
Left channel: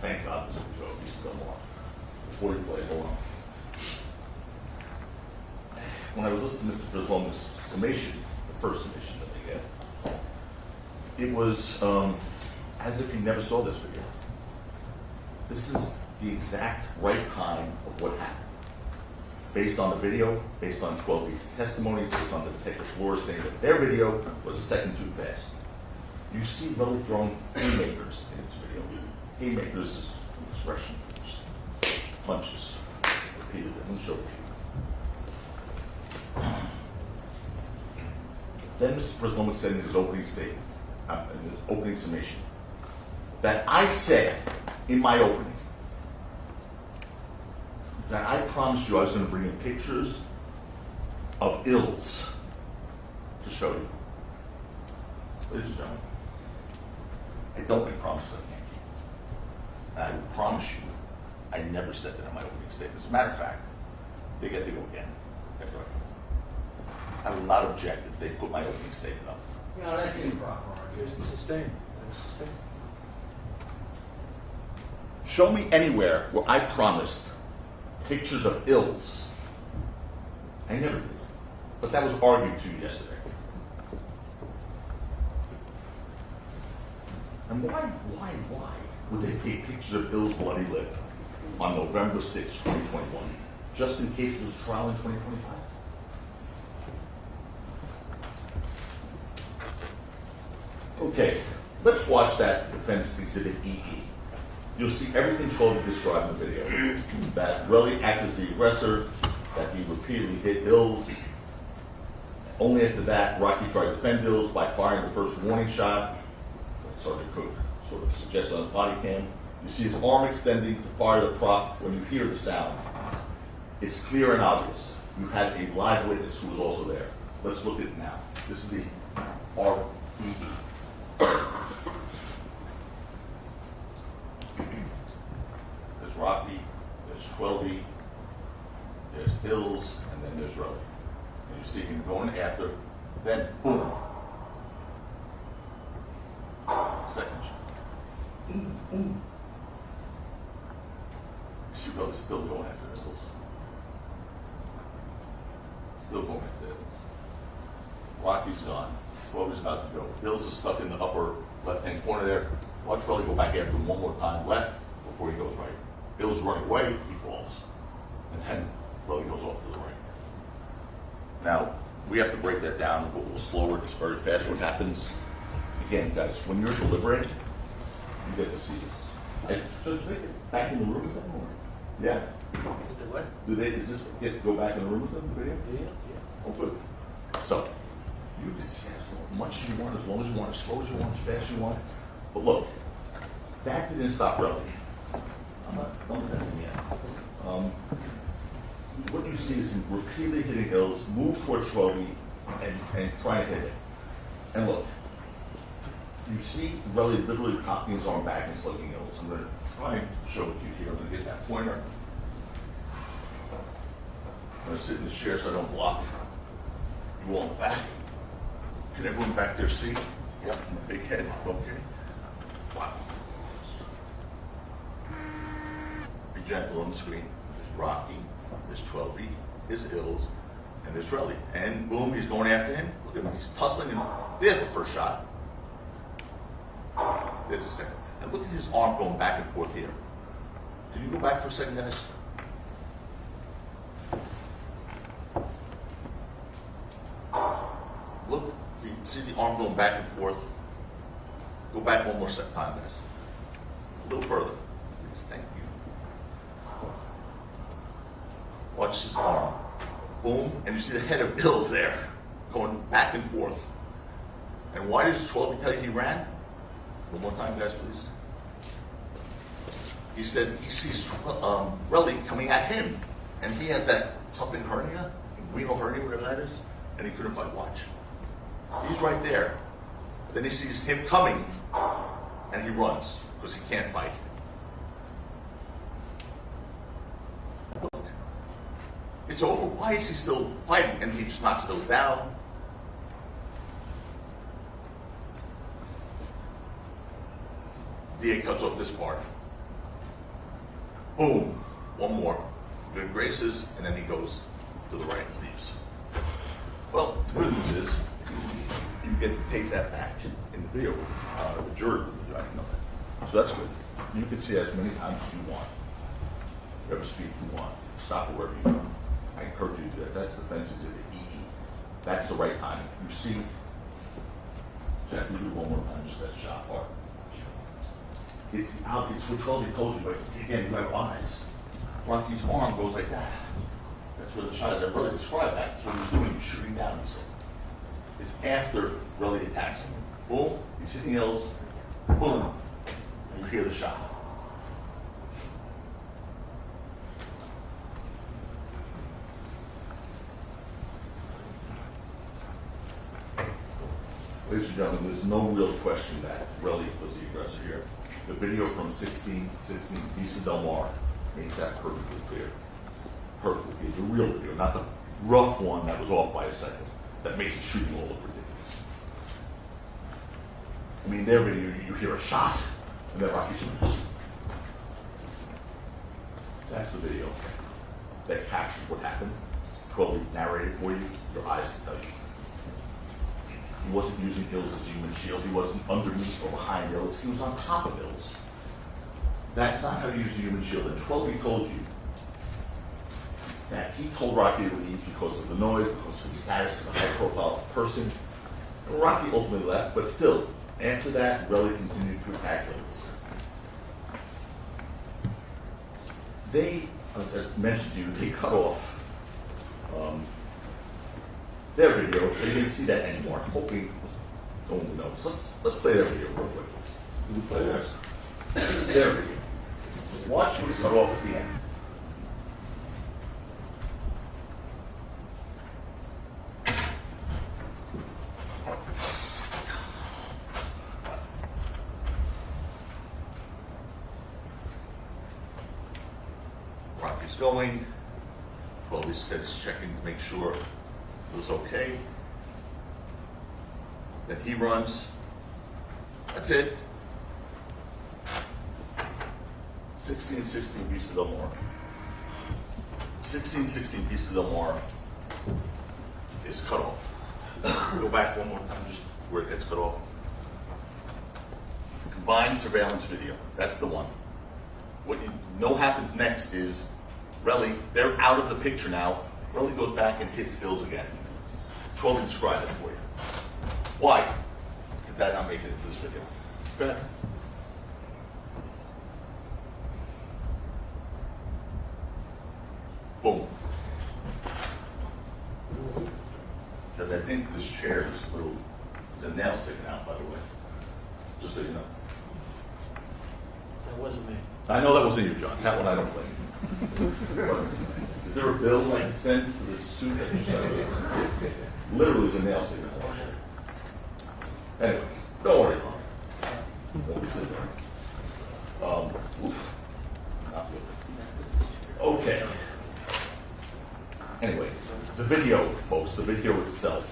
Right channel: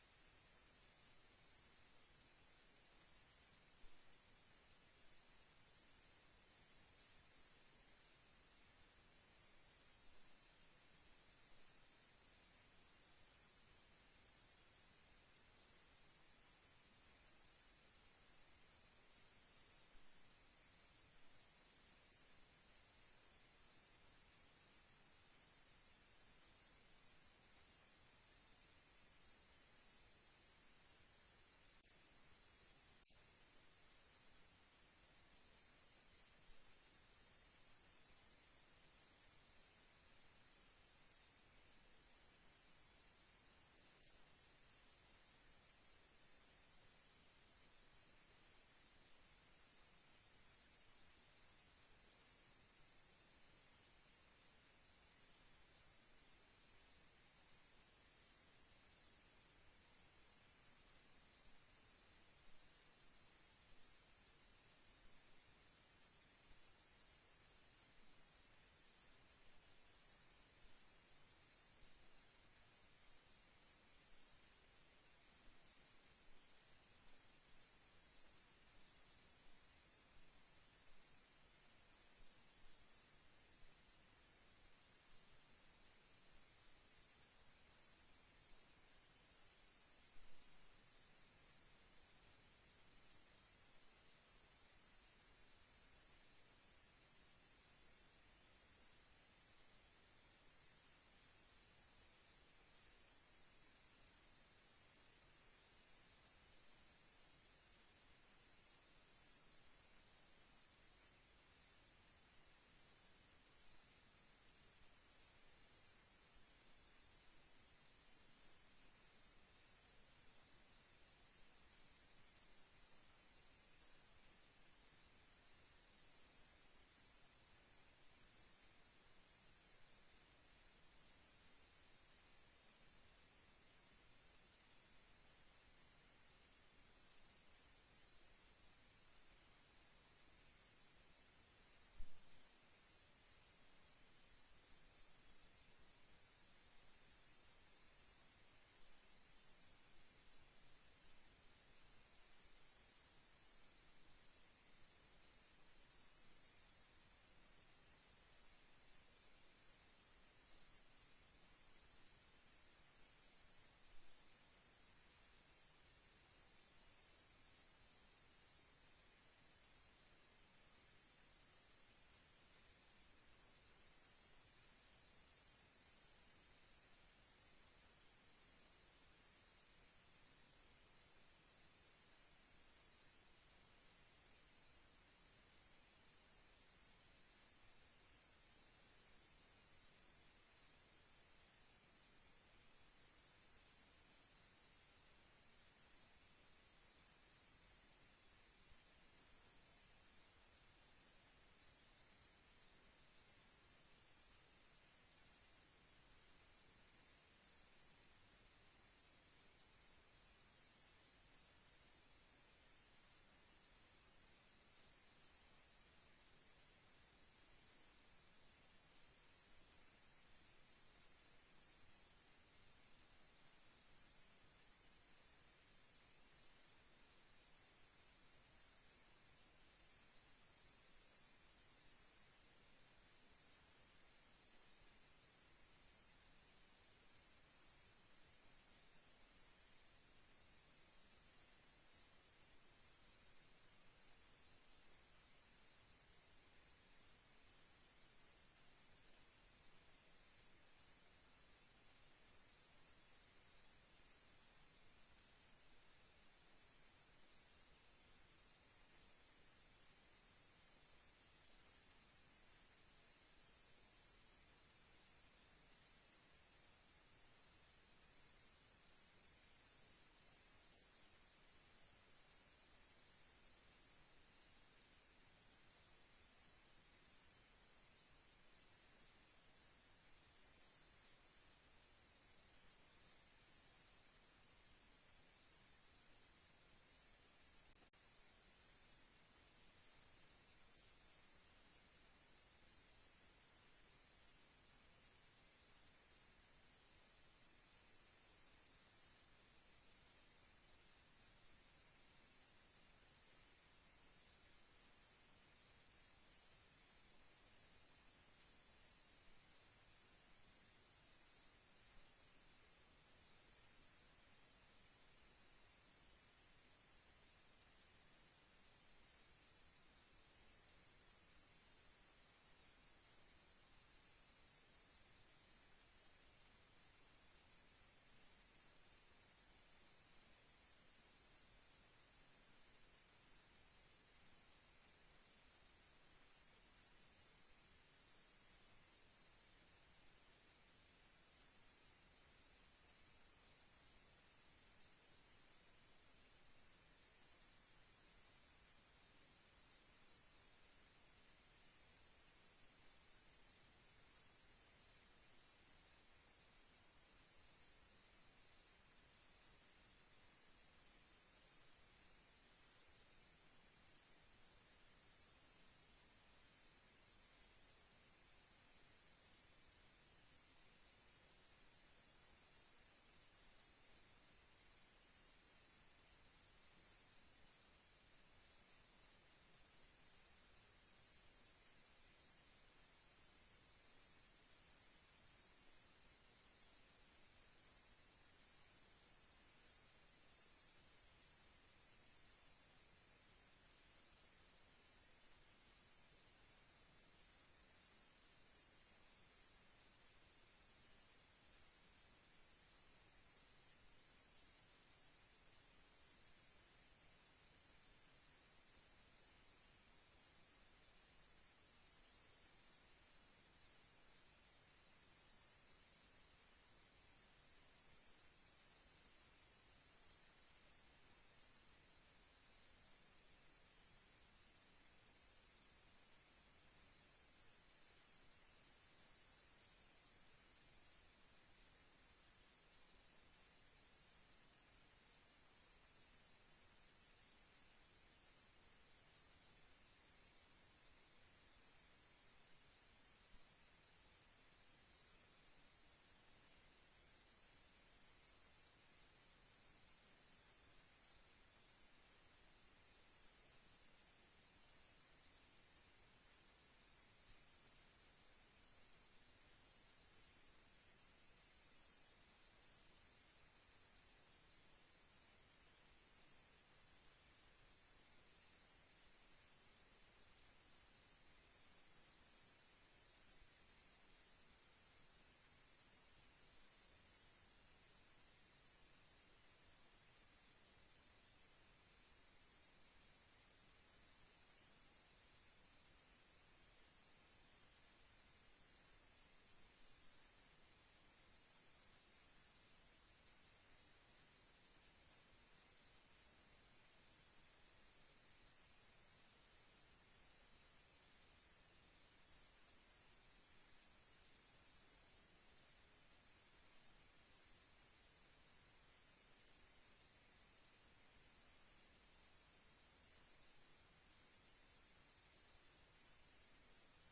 Thank God there's a video, at least still more. Before you play it, hold on. When I was listening to Mr. Brisloma's summation, the first summation that they get, it was as if he never saw this video. This is the exact right time of what happened. Based on the video, based on 12's testimony, based on the Detective Flores saying that their video was a second too fast. You see really throwing haymakers in this video. Haymakers is an expression, just punches, repeatedly. Let me show it to you. Then Mr. Brisloma said in his opening statement, in his opening summation, that I said in my opening, that I promised you I was going to bring in pictures of ills to show you. Ladies and gentlemen, I don't make promises I can't keep. And I will promise you, I never said that in my opening statement. As a matter of fact, they get to go again after I will not object if they put my opening statement up. No, that's improper. Sustained. Sustained. Show me anywhere where I promised pictures of ills. I never did. But that was argued to you yesterday. And why would they take pictures of Ill's bloody lip? on November 6, 2021, just in case there's a trial in 2025. Okay, let's watch that defense exhibit EE. You'll see everything Trolley described in the video. That Relly acted as the aggressor, that he repeatedly hit Bills. Only after that, Rocky tried to defend Bills by firing the first warning shot. Sergeant Cook sort of suggested on the body cam. You see his arm extending to fire the props when you hear the sound. It's clear and obvious. You had a live witness who was also there. Let's look at it now. This is the REE. There's Rocky, there's Twelby, there's Hills, and then there's Relly. And you see him going after, then boom. Second shot. You see Relly still going after Hills. Still going after Hills. Rocky's gone. Twelby's about to go. Hills is stuck in the upper left-hand corner there. Watch Relly go back after him one more time left before he goes right. Bill's running away, he falls. And then Relly goes off to the right. Now, we have to break that down a little slower. It's very fast what happens. Again, guys, when you're deliberating, you get to see this. Judge, they get back in the room with them? Or? Yeah? What? Does this get to go back in the room with them, the video? Yeah. Oh, good. So, you can see as much as you want, as long as you want, as slow as you want, as fast as you want. But look, that didn't stop Relly. I'm not done with that yet. What you see is him repeatedly hitting Hills, move toward Twelby, and trying to hit it. And look, you see Relly literally cocking his arm back and slugging Hills. I'm going to try and show it to you here. I'm going to get that pointer. I'm going to sit in this chair so I don't block you all in the back. Can everyone back there see? Yep, big head, okay. Wow. Be gentle on the screen. There's Rocky, there's Twelby, there's Hills, and there's Relly. And boom, he's going after him. Look at him, he's tussling, and there's the first shot. There's the second. And look at his arm going back and forth here. Can you go back for a second, guys? Look, you see the arm going back and forth. Go back one more time, guys. A little further. Please, thank you. Watch his arm. Boom, and you see the head of Bills there, going back and forth. And why does Twelby tell you he ran? One more time, guys, please. He said he sees Relly coming at him, and he has that something hernia, renal hernia, whatever that is, and he couldn't fight. Watch. He's right there. Then he sees him coming, and he runs because he can't fight. Look, it's over. Why is he still fighting? And he just knocks those down. DA cuts off this part. Boom. One more. Good graces, and then he goes to the right and leaves. Well, the good news is you get to take that back in the video. The jury will know that. So that's good. You can see as many times as you want. Whatever speed you want. Stop it wherever you want. I encourage you to do that. That's the fence exhibit EE. That's the right time. You see, Jack, you do one more time, just that shot part. It's what Twelby told you, but again, you have eyes. Rocky's arm goes like that. That's where the shot is. I really described that. That's what he's doing. He's shooting down, he said. It's after Relly attacks him. Boom, he's hitting Hills. Boom, and you hear the shot. Ladies and gentlemen, there's no real question that Relly was the aggressor here. The video from 16 Lisa Del Mar makes that perfectly clear. Perfectly clear. The real video, not the rough one that was off by a second, that makes the shooting all look ridiculous. I mean, their video, you hear a shot, and then Rocky swings. That's the video that captures what happened. Twelby narrated for you, your eyes can tell you. He wasn't using Hills as human shield. He wasn't underneath or behind Hills. He was on top of Hills. That's not how you use the human shield. And 12, he told you that he told Rocky to leave because of the noise, because of his status as a high-profile person. And Rocky ultimately left, but still, after that, Relly continued to attack Hills. They, as mentioned to you, they cut off their video, so you didn't see that anymore. Hoping no one knows. Let's play their video real quick. Do we play theirs? This is their video. Watch what was cut off at the end. Rocky's going. Well, he said he's checking to make sure it was okay. Then he runs. That's it. 16 pieces of more. 16 pieces of more is cut off. Go back one more time, just where it gets cut off. Combined surveillance video. That's the one. What you know happens next is Relly, they're out of the picture now. Relly goes back and hits Hills again. 12 can describe it for you. Why did that not make it into this video? Go ahead. Boom. Because I think this chair is a little, there's a nail sticking out, by the way. Just so you know. That wasn't me. I know that wasn't you, John. That one I don't blame you. Is there a bill I can send for this suit that you sent? Literally, is a nail sticking out. Anyway, don't worry. Won't be sitting there. Not good. Okay. Anyway, the video, folks, the video itself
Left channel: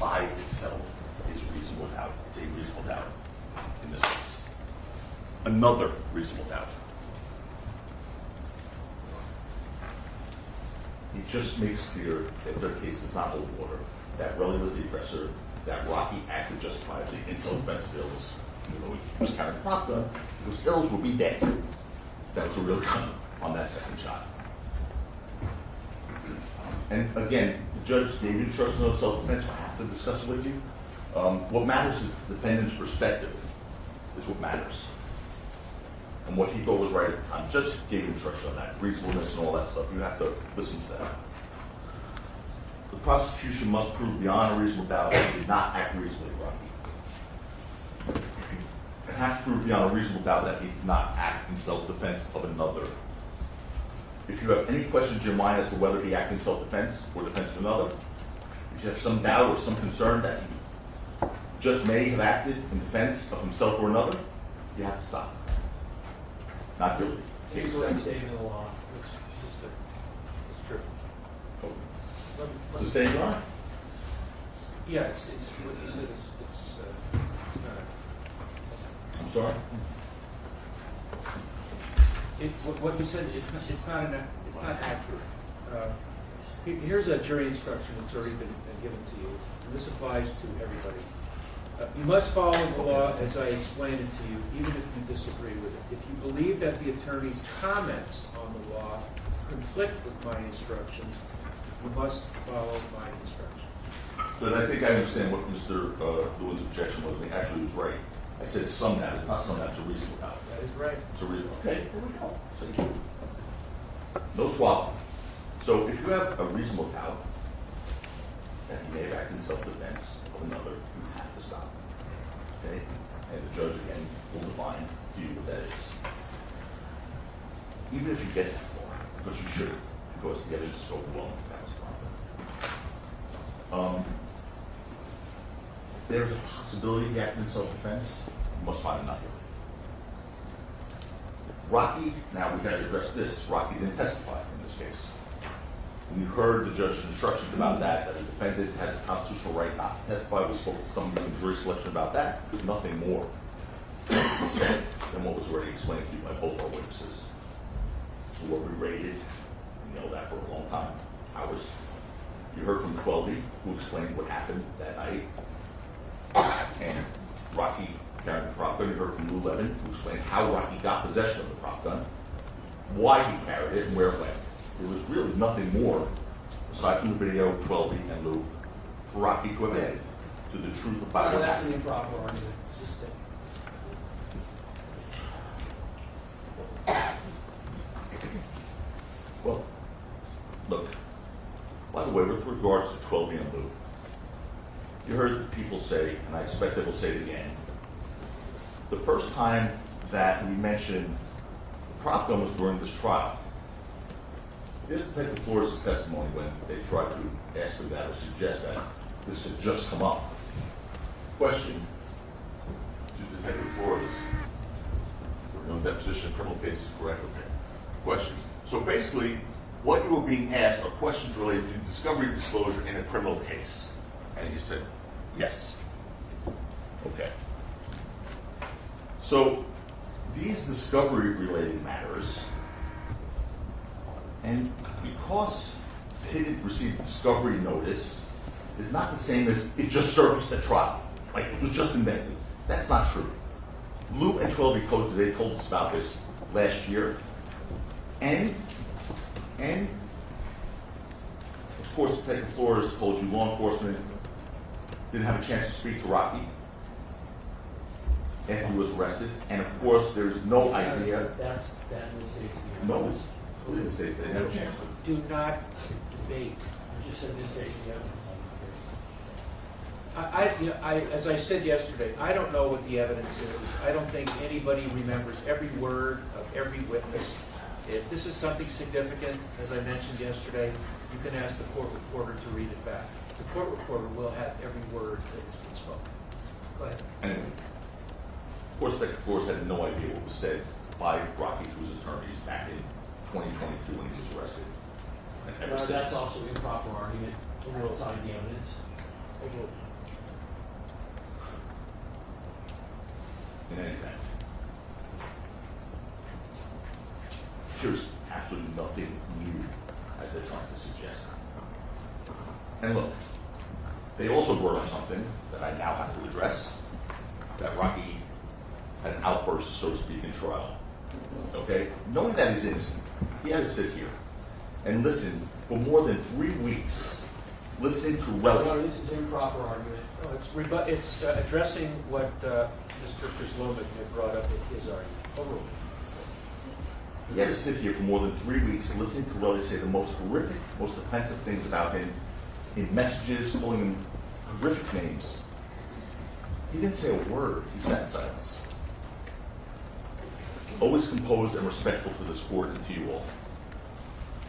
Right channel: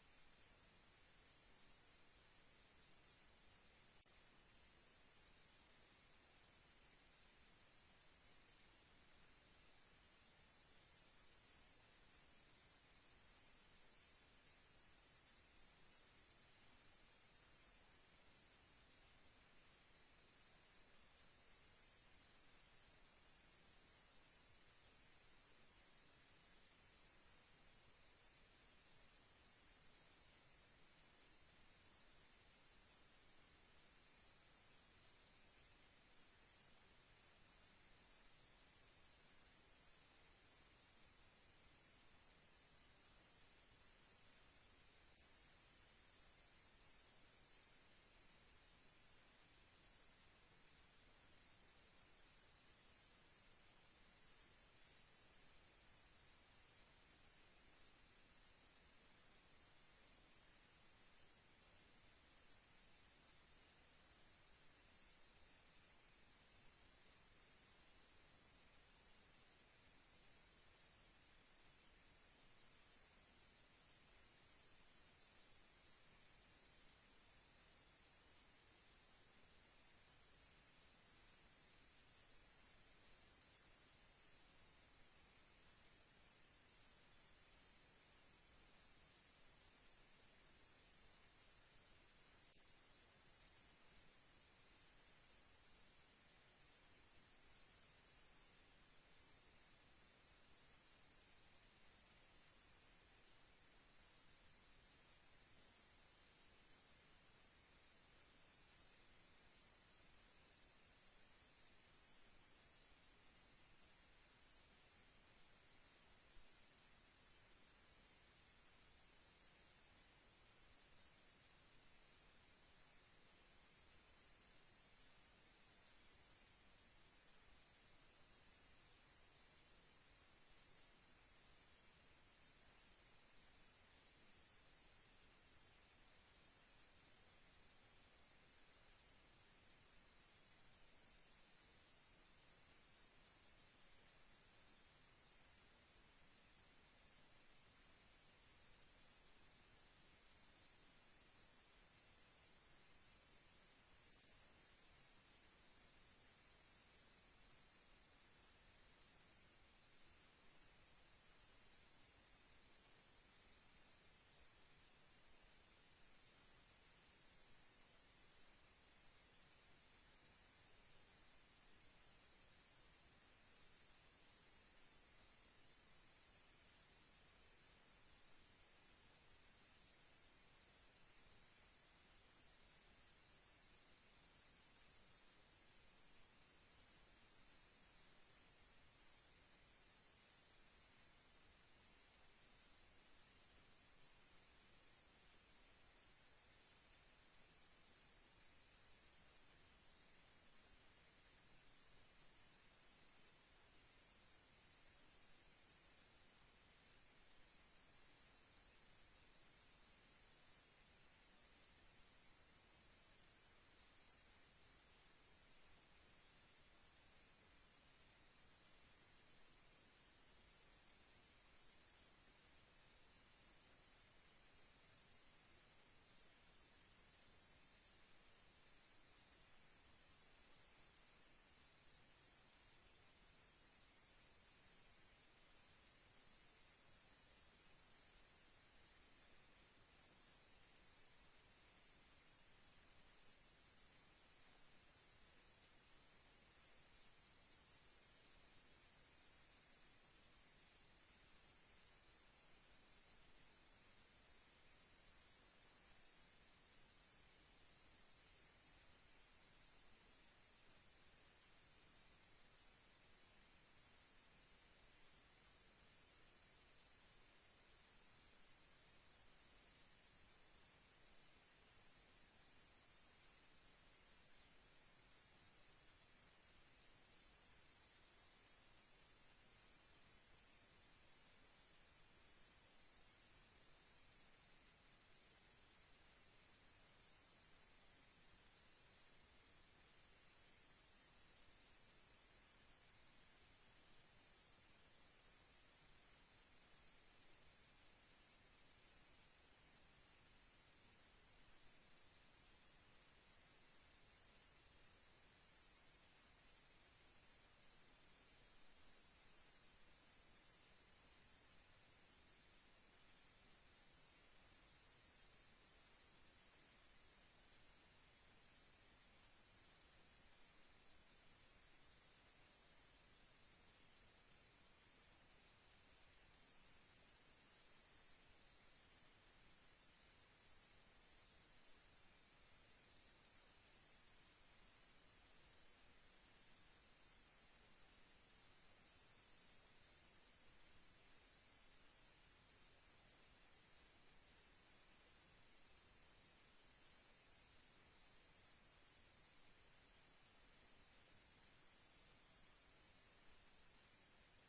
by itself is reasonable doubt. It's a reasonable doubt in this case. Another reasonable doubt. It just makes clear that their case does not hold water, that Relly was the aggressor, that Rocky acted justifiably in self-defense bills, even though he was carrying a prop gun, because Hills will be dead. That was a real gun on that second shot. And again, the judge gave you instructions on self-defense. I have to discuss it with you. What matters is the defendant's perspective is what matters. And what he thought was right at the time. Judge gave you instruction on that, reasonableness and all that stuff. You have to listen to that. The prosecution must prove beyond a reasonable doubt that he did not act reasonably, Rocky. It has to prove beyond a reasonable doubt that he did not act in self-defense of another. If you have any questions in your mind as to whether he acted in self-defense or defense of another, if you have some doubt or some concern that he just may have acted in defense of himself or another, you have to stop. Not guilty. It's what I'm stating in the law. It's just it's true. Does it say in law? Yeah, it's what you said. It's not. I'm sorry? What you said. It's not accurate. Here's a jury instruction that's already been given to you, and this applies to everybody. You must follow the law as I explained it to you, even if you disagree with it. If you believe that the attorney's comments on the law conflict with my instructions, you must follow my instructions. But I think I understand what Mr. Lewin's objection was. He actually was right. I said some doubt. It's not some doubt. It's a reasonable doubt. That is right. It's a reasonable. Okay, there we go. See? No swap. So if you have a reasonable doubt that he may have acted in self-defense of another, you have to stop. Okay? And the judge, again, will define to you what that is. Even if you get that far, because you should, because the evidence is overwhelming, that was the problem. There's a possibility he acted in self-defense. You must find him not guilty. Rocky, now we've got to address this. Rocky didn't testify in this case. When you heard the judge's instructions about that the defendant has a constitutional right not to testify, we spoke to some jury selection about that. There's nothing more said than what was already explained to you by both our witnesses, who were berated. You know that for a long time. You heard from 12E, who explained what happened that night, and Rocky carrying the prop gun. You heard from Lou Levin to explain how Rocky got possession of the prop gun, why he carried it, and where it went. There was really nothing more, aside from the video, 12 and Lou, for Rocky to have added to the truth about what That's happened. an improper argument. It's just that. Well, look, by the way, with regards to 12 and Lou, you heard the people say, and I expect they will say it again, the first time that we mentioned the prop gun was during this trial. Here's Detective Flores' testimony when they tried to ask him that or suggest that this had just come up. Question to Detective Flores. We're doing deposition criminal cases, correct? Okay. Question. So basically, what you were being asked are questions related to discovery disclosure in a criminal case. And you said, yes. Okay. So these discovery-related matters, and because they didn't receive discovery notice, is not the same as it just surfaced at trial. Like it was just invented. That's not true. Lou and 12 Code today told us about this last year. And of course, Detective Flores told you law enforcement didn't have a chance to speak to Rocky after he was arrested. And of course, there's no idea. That mistakes the No, evidence. who didn't say they had a chance to. Do not debate. You just said mistakes the evidence. As I said yesterday, I don't know what the evidence is. I don't think anybody remembers every word of every witness. If this is something significant, as I mentioned yesterday, you can ask the court reporter to read it back. The court reporter will have every word that has been spoken. Go ahead. Anyway, of course, Detective Flores had no idea what was said by Rocky to his attorneys back in 2022 when he was arrested. And ever since. That's also improper argument. The world's on the evidence. In any event, there's absolutely nothing new, as they're trying to suggest. And look, they also brought up something that I now have to address, that Rocky had an outburst, so to speak, in trial. Okay? Knowing that he's innocent, he had to sit here and listen for more than 3 weeks, listening to relevant. No, this is improper argument. No, it's addressing what Mr. Krislovic had brought up in his argument. Overruled. He had to sit here for more than 3 weeks listening to Relly say the most horrific, most offensive things about him in messages, calling him horrific names. He didn't say a word. He sat in silence. Always composed and respectful to this court and to you all.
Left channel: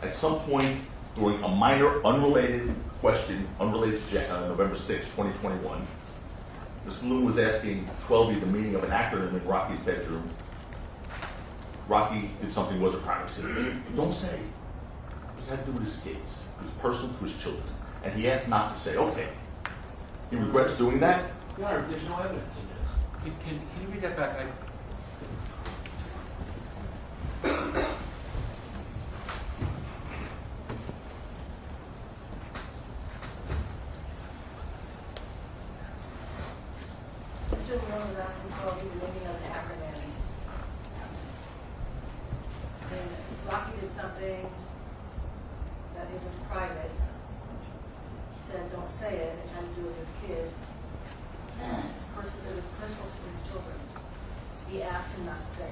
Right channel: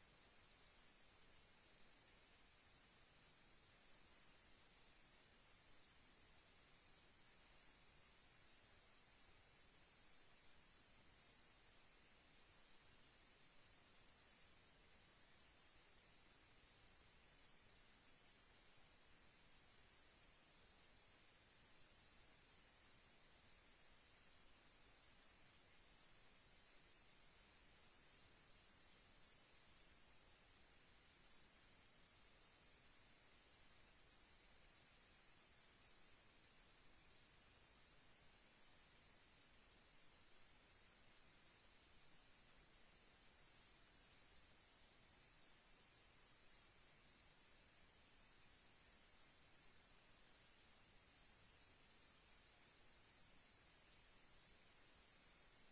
At some point during a minor, unrelated question, unrelated to November 6, 2021, Mr. Lou was asking 12 the meaning of an acronym in Rocky's bedroom. Rocky did something wasn't privacy. Don't say. It had to do with his kids. It was personal to his children. And he asked not to say, okay. He regrets doing that. Your Honor, there's no evidence in this. Can you read that back? Mr. Lewin was asking for the meaning of the acronym. And Rocky did something that it was private. Said, don't say it. It had to do with his kid. It was personal to his children. He asked him not to say.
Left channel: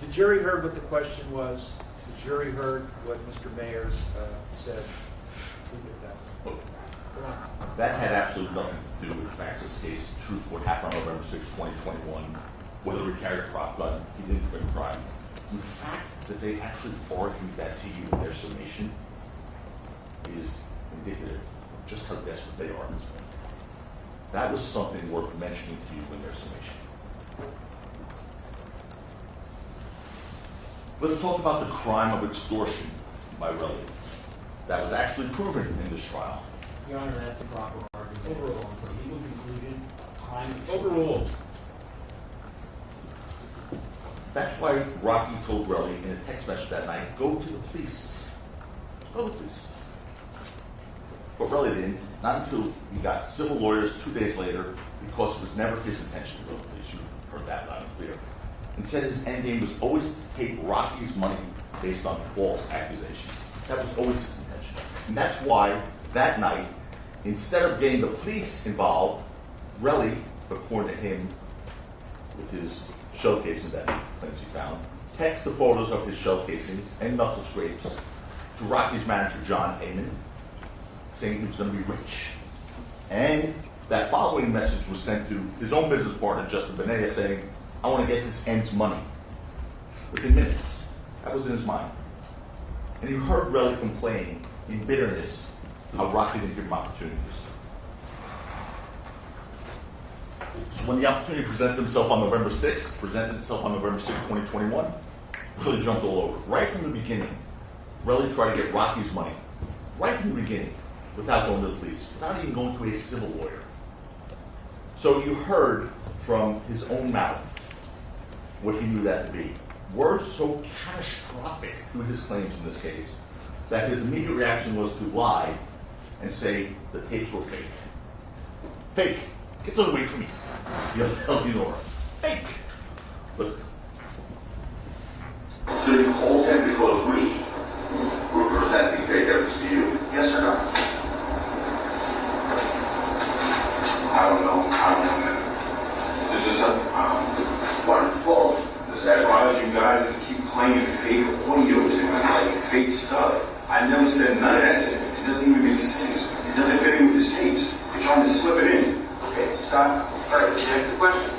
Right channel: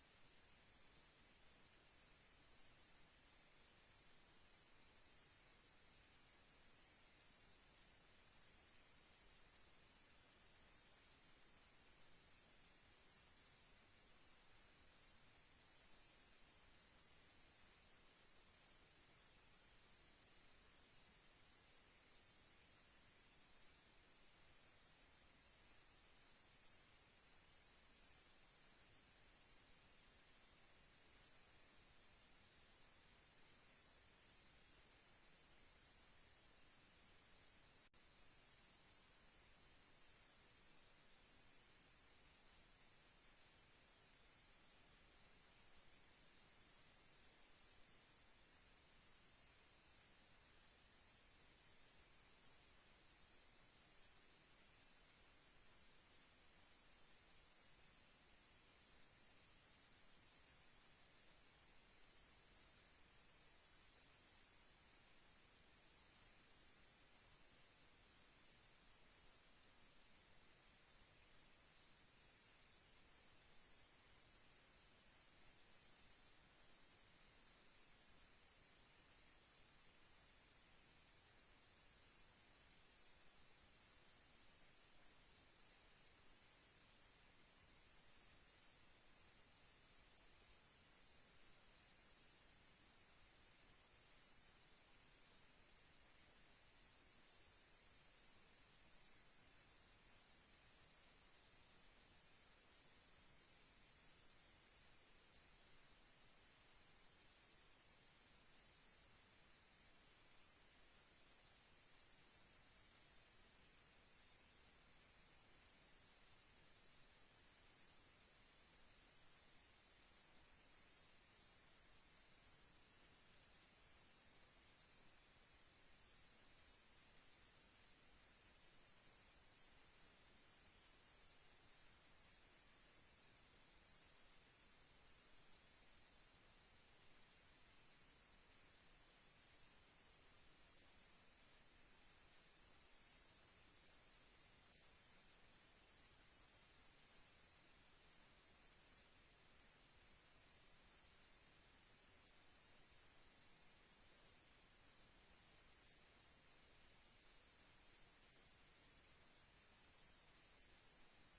The jury heard what the question was. The jury heard what Mr. Mayers said. Leave it at that. Look, Go on. that had absolutely nothing to do with the facts of this case. The truth, what happened on November 6, 2021, whether he carried a prop gun, he didn't commit a crime. The fact that they actually argued that to you in their summation is indicative of just how desperate they are at this point. That was something worth mentioning to you in their summation. Let's talk about the crime of extortion by Relly. That was actually proven in this trial. Your Honor, that's improper argument. Overruled. For legal conclusion, crime. Overruled. That's why Rocky told Relly in a text message that night, go to the police. Go to the police. But Relly didn't, not until he got civil lawyers 2 days later, because it was never his intention to go to the police. You heard that loud and clear. Instead, his end game was always to take Rocky's money based on false accusations. That was always his intention. And that's why that night, instead of getting the police involved, Relly, according to him, with his shell casing that he claims he found, texted the photos of his shell casings and knuckle scrapes to Rocky's manager, John Heyman, saying he was going to be rich. And that following message was sent to his own business partner, Justin Benea, saying, I want to get this end's money. Within minutes. That was in his mind. And he heard Relly complain in bitterness how Rocky didn't give him opportunities. So when the opportunity presented itself on November 6th, 2021, Relly jumped all over it. Right from the beginning, Relly tried to get Rocky's money. Right from the beginning, without going to the police, without even going to a civil lawyer. So you heard from his own mouth what he knew that to be. Words so catastrophic to his claims in this case that his immediate reaction was to lie and say the tapes were fake. Fake. Get those away from me. You'll tell you Nora. Fake. Look. So you called him because we were presenting fake evidence to you? Yes or no? I don't know, man. This is wonderful. Why would you guys just keep playing fake audio to me, like fake stuff? I never said none of that to him. It doesn't even make sense. It doesn't fit in with his tapes. You're trying to slip it in. Okay, stop. All right, let's check the question.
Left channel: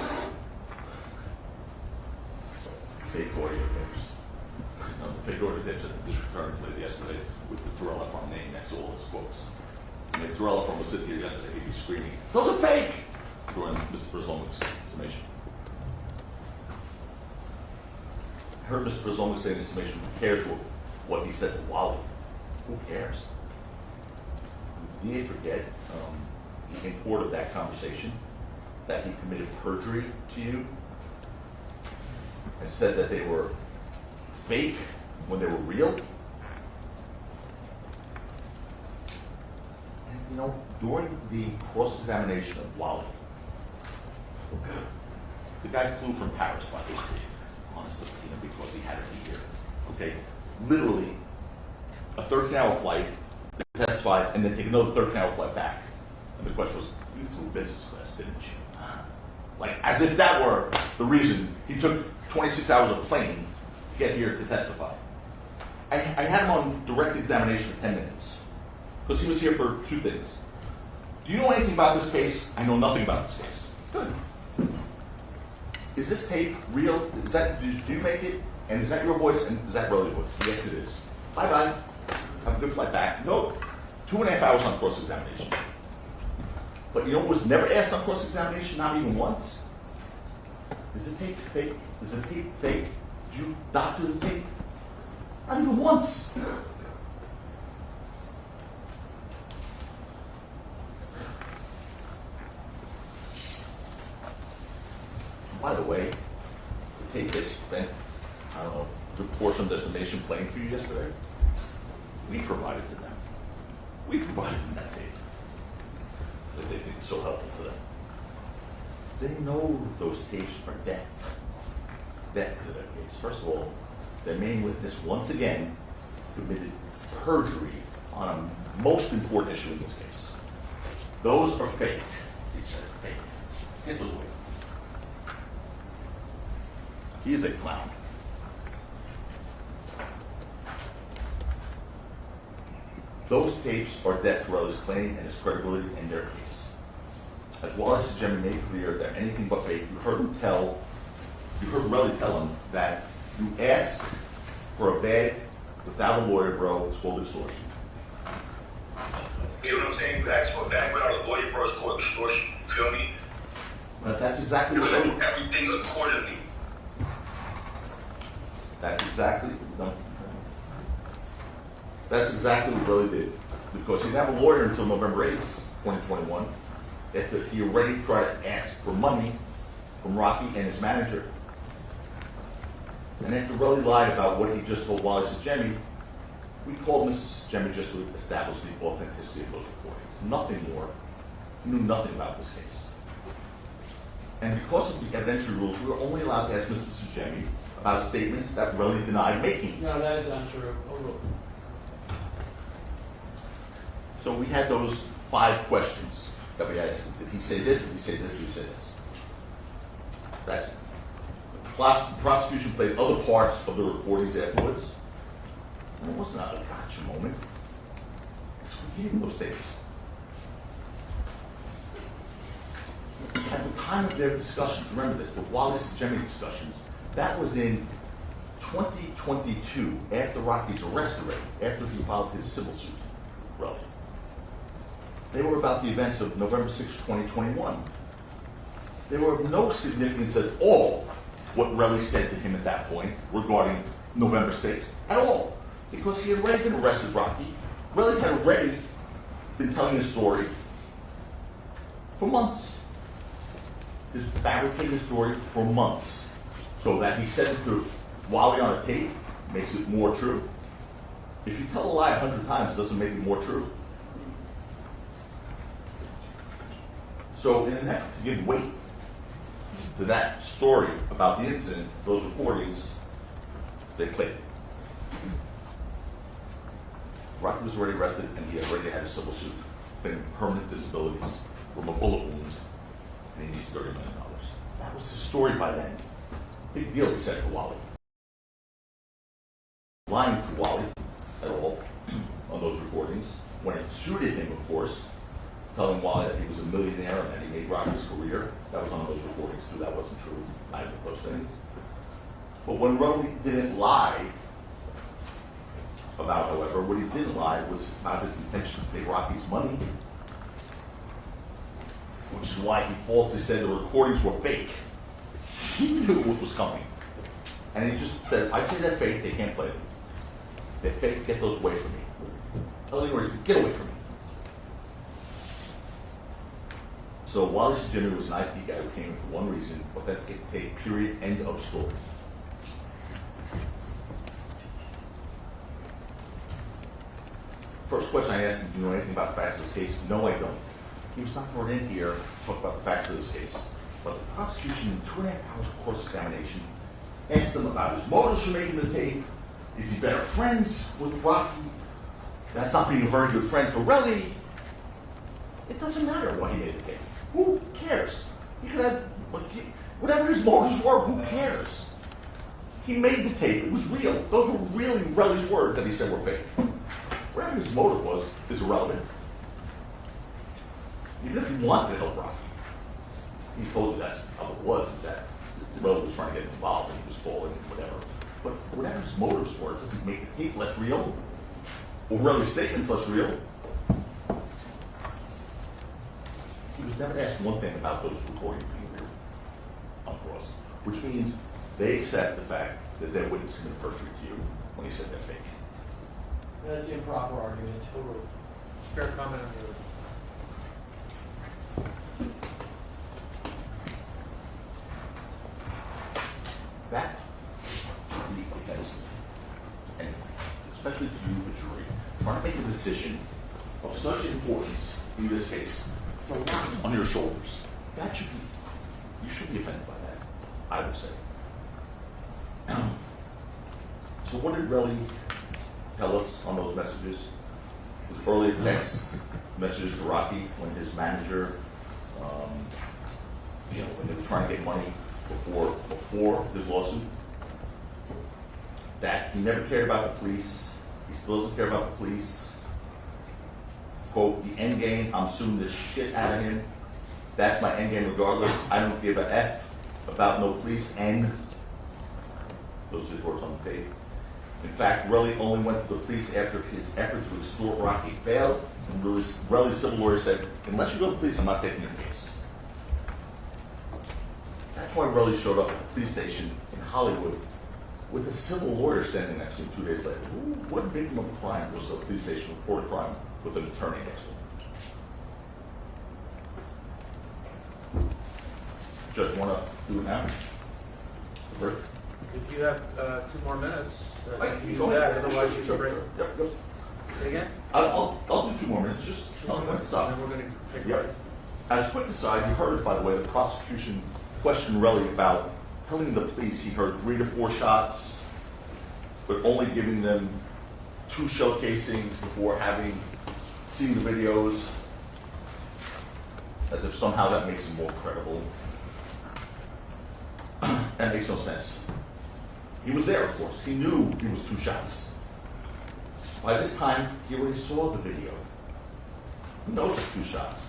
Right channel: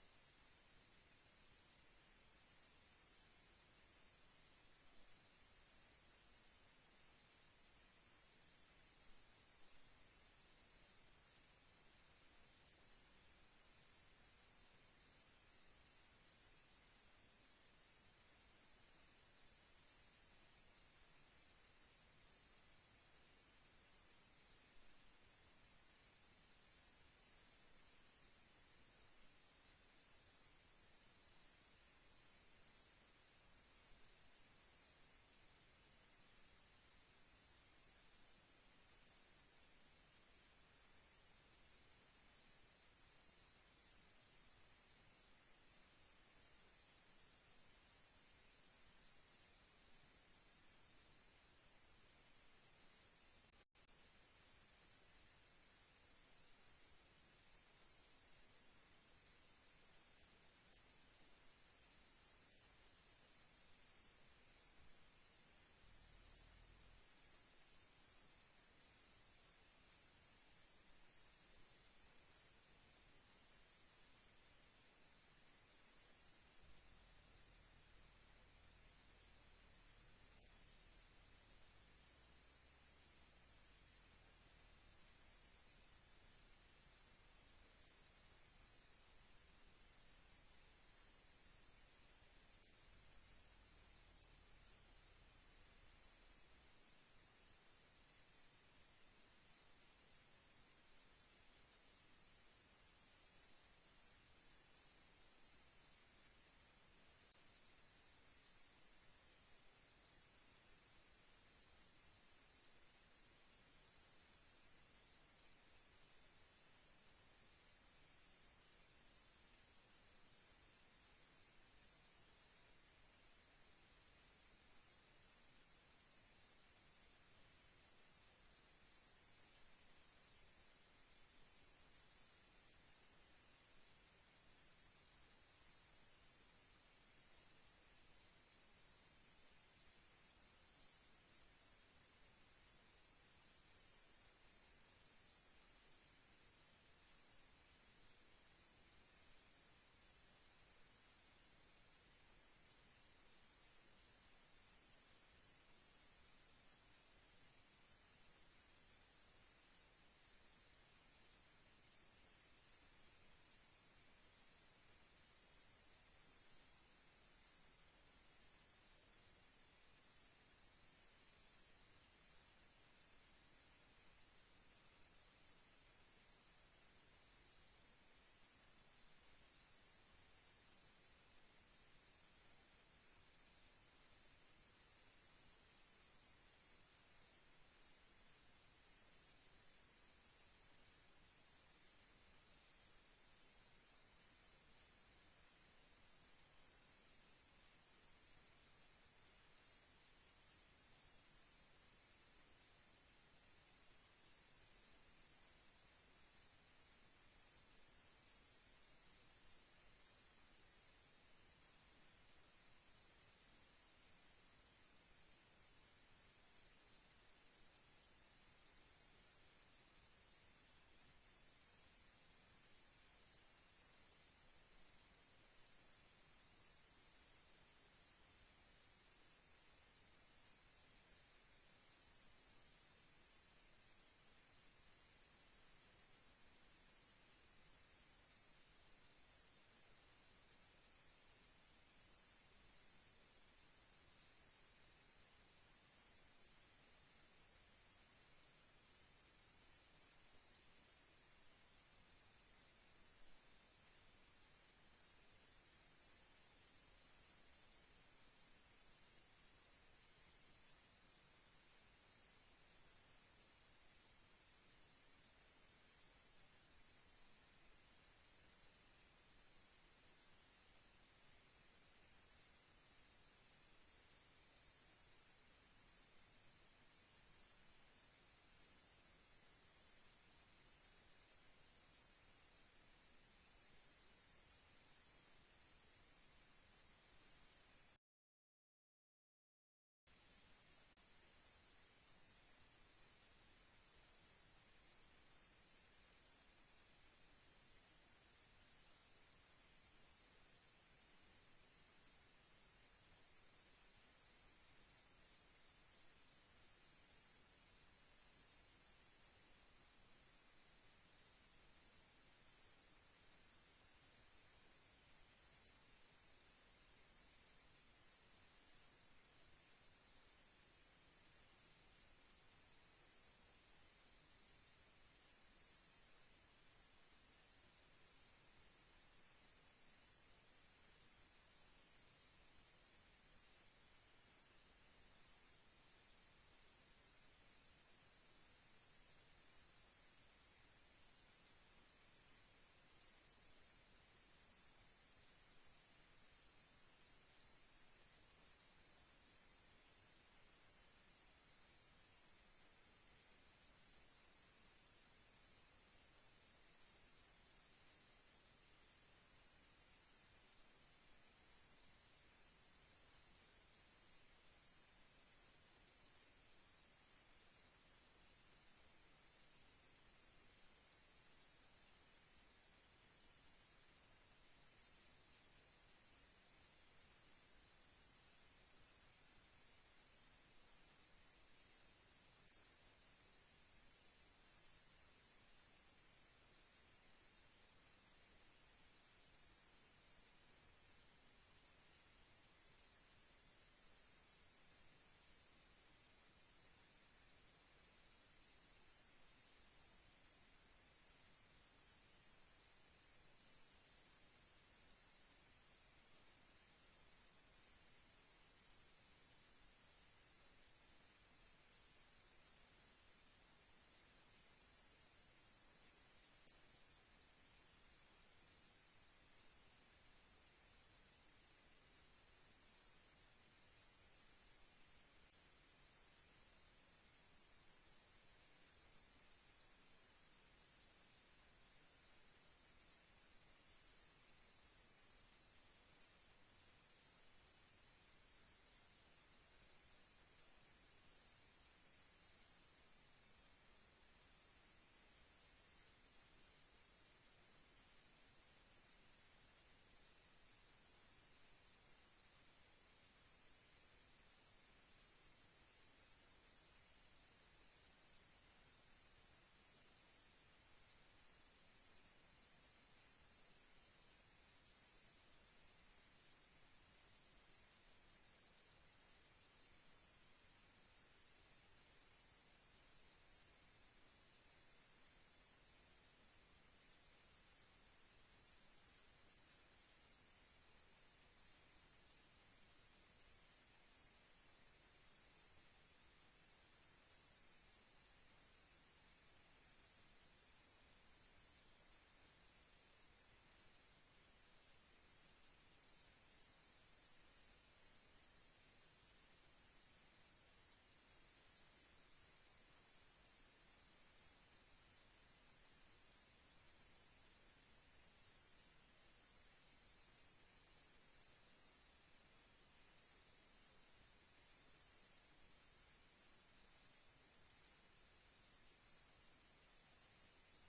Fake audio tapes. Fake audio tapes that the district attorney played yesterday with the Terrell Farm name next to all his quotes. And if Terrell Farm was sitting here yesterday, he'd be screaming, those are fake! During Mr. Brzomik's summation. I heard Mr. Brzomik say in his summation, who cares what he said to Wally? Who cares? Did the DA forget the import of that conversation? That he committed perjury to you? And said that they were fake when they were real? And you know, during the cross-examination of Wally, the guy flew from Paris, by the way, on a subpoena because he had to be here. Okay? Literally, a 13-hour flight, they testified, and then take another 13-hour flight back. And the question was, you flew business class, didn't you? Like, as if that were the reason he took 26 hours of plane to get here to testify. I had him on direct examination for 10 minutes. Because he was here for two things. Do you know anything about this case? I know nothing about this case. Good. Is this tape real? Is that, do you make it? And is that your voice? And is that Relly's voice? Yes, it is. Bye-bye. Have a good flight back. No. 2.5 hours on cross-examination. But you know what was never asked on cross-examination? Not even once? Is the tape fake? Is the tape fake? Did you doctor the tape? Not even once. By the way, the tape they spent, I don't know, the portion of the summation playing for you yesterday, we provided to them. We provided them that tape. That they think is so helpful to them. They know those tapes are death. Death to their case. First of all, their main witness once again committed perjury on a most important issue in this case. Those are fake. He said fake. Get those away. He is a clown. Those tapes are death to Relly's claim and his credibility in their case. As Wallace and Jimmy made clear, they're anything but fake. You heard Relly tell him that you ask for a bag without a lawyer, bro, it's called extortion. You know what I'm saying? You ask for a bag without a lawyer, bro, it's called extortion. You feel me? But that's exactly You what do Relly. everything accordingly. That's exactly what Relly did. Because he didn't have a lawyer until November 8th, 2021. After he already tried to ask for money from Rocky and his manager. And after Relly lied about what he just told Wally Sajemi, we called Mrs. Sajemi just to establish the authenticity of those recordings. Nothing more. He knew nothing about this case. And because of the evidentiary rules, we were only allowed to ask Mrs. Sajemi about statements that Relly denied making. No, that is untrue. Overruled. So we had those 5 questions that we had asked him. Did he say this? Did he say this? Did he say this? That's it. The prosecution played other parts of the recordings afterwards. And it wasn't a gotcha moment. So we gave him those statements. At the time of their discussions, remember this, the Wallace and Jemmy discussions, that was in 2022, after Rocky's arrest already, after he filed his civil suit, really. They were about the events of November 6, 2021. They were of no significance at all what Relly said to him at that point regarding November 6th, at all. Because he had already been arrested, Rocky. Relly had already been telling his story for months. His fabricated story for months. So that he said it to Wally on a tape makes it more true. If you tell a lie 100 times, it doesn't make it more true. So in an effort to give weight to that story about the incident, those recordings, they played. Rocky was already arrested and he already had a civil suit, claiming permanent disabilities from a bullet wound, and he needs $30 million. That was his story by then. Big deal, he said to Wally. Lying to Wally at all on those recordings, when it suited him, of course, telling Wally that he was a millionaire and that he made Rocky's career. That was on those recordings too. That wasn't true. Neither of those things. But when Relly didn't lie about, however, what he didn't lie was about his intentions to take Rocky's money, which is why he falsely said the recordings were fake. He knew what was coming. And he just said, if I say they're fake, they can't play them. They're fake, get those away from me. In other words, get away from me. So Wallace Jimmy was an IT guy who came in for one reason, authenticate tape, period, end of story. First question I asked him, do you know anything about the facts of this case? No, I don't. He was not brought in here to talk about the facts of this case. But the prosecution, in 2.5 hours of cross-examination, asked him about his motives for making the tape. Is he better friends with Rocky? That's not being a very good friend for Relly. It doesn't matter why he made the tape. Who cares? He could have, whatever his motives were, who cares? He made the tape. It was real. Those were really Relly's words that he said were fake. Whatever his motive was is irrelevant. Even if he wanted to help Rocky, he told you that's how it was, is that Relly was trying to get involved and he was falling, whatever. But whatever his motives were, it doesn't make the tape less real, or Relly's statements less real. He was never asked one thing about those recordings being real on cross, which means they accept the fact that their witness committed perjury to you when he said they're fake. That's improper argument. Overruled. Fair comment on your. That should be offensive, and especially to you, the jury, trying to make a decision of such importance in this case. It's a lot on your shoulders. That should be, you should be offended by that, I would say. So what did Relly tell us on those messages? It was early text messages to Rocky when his manager, when they were trying to get money before his lawsuit, that he never cared about the police. He still doesn't care about the police. Quote, the end game, I'm suing the shit out of him. That's my end game regardless. I don't give a F about no police, and those are his words on the tape. In fact, Relly only went to the police after his effort to extort Rocky failed, and Relly's civil lawyer said, unless you go to the police, I'm not taking your case. That's why Relly showed up at the police station in Hollywood with a civil lawyer standing next to him 2 days later. What victim of a crime was the police station report a crime with an attorney next to him? Judge, want to do it now? Rick? If you have 2 more minutes, I you can can use go that, ahead. otherwise Sure, you sure, can break. sure. Yep, yep. Say again? I'll do 2 more minutes, just tell me when to stop. And then we're going to take a Yep. break. As a quick aside, you heard, by the way, the prosecution questioned Relly about telling the police he heard 3 to 4 shots, but only giving them 2 shell casings before having seen the videos, as if somehow that makes him more credible. That makes no sense. He was there, of course. He knew it was 2 shots. By this time, he already saw the video. He knows it's 2 shots.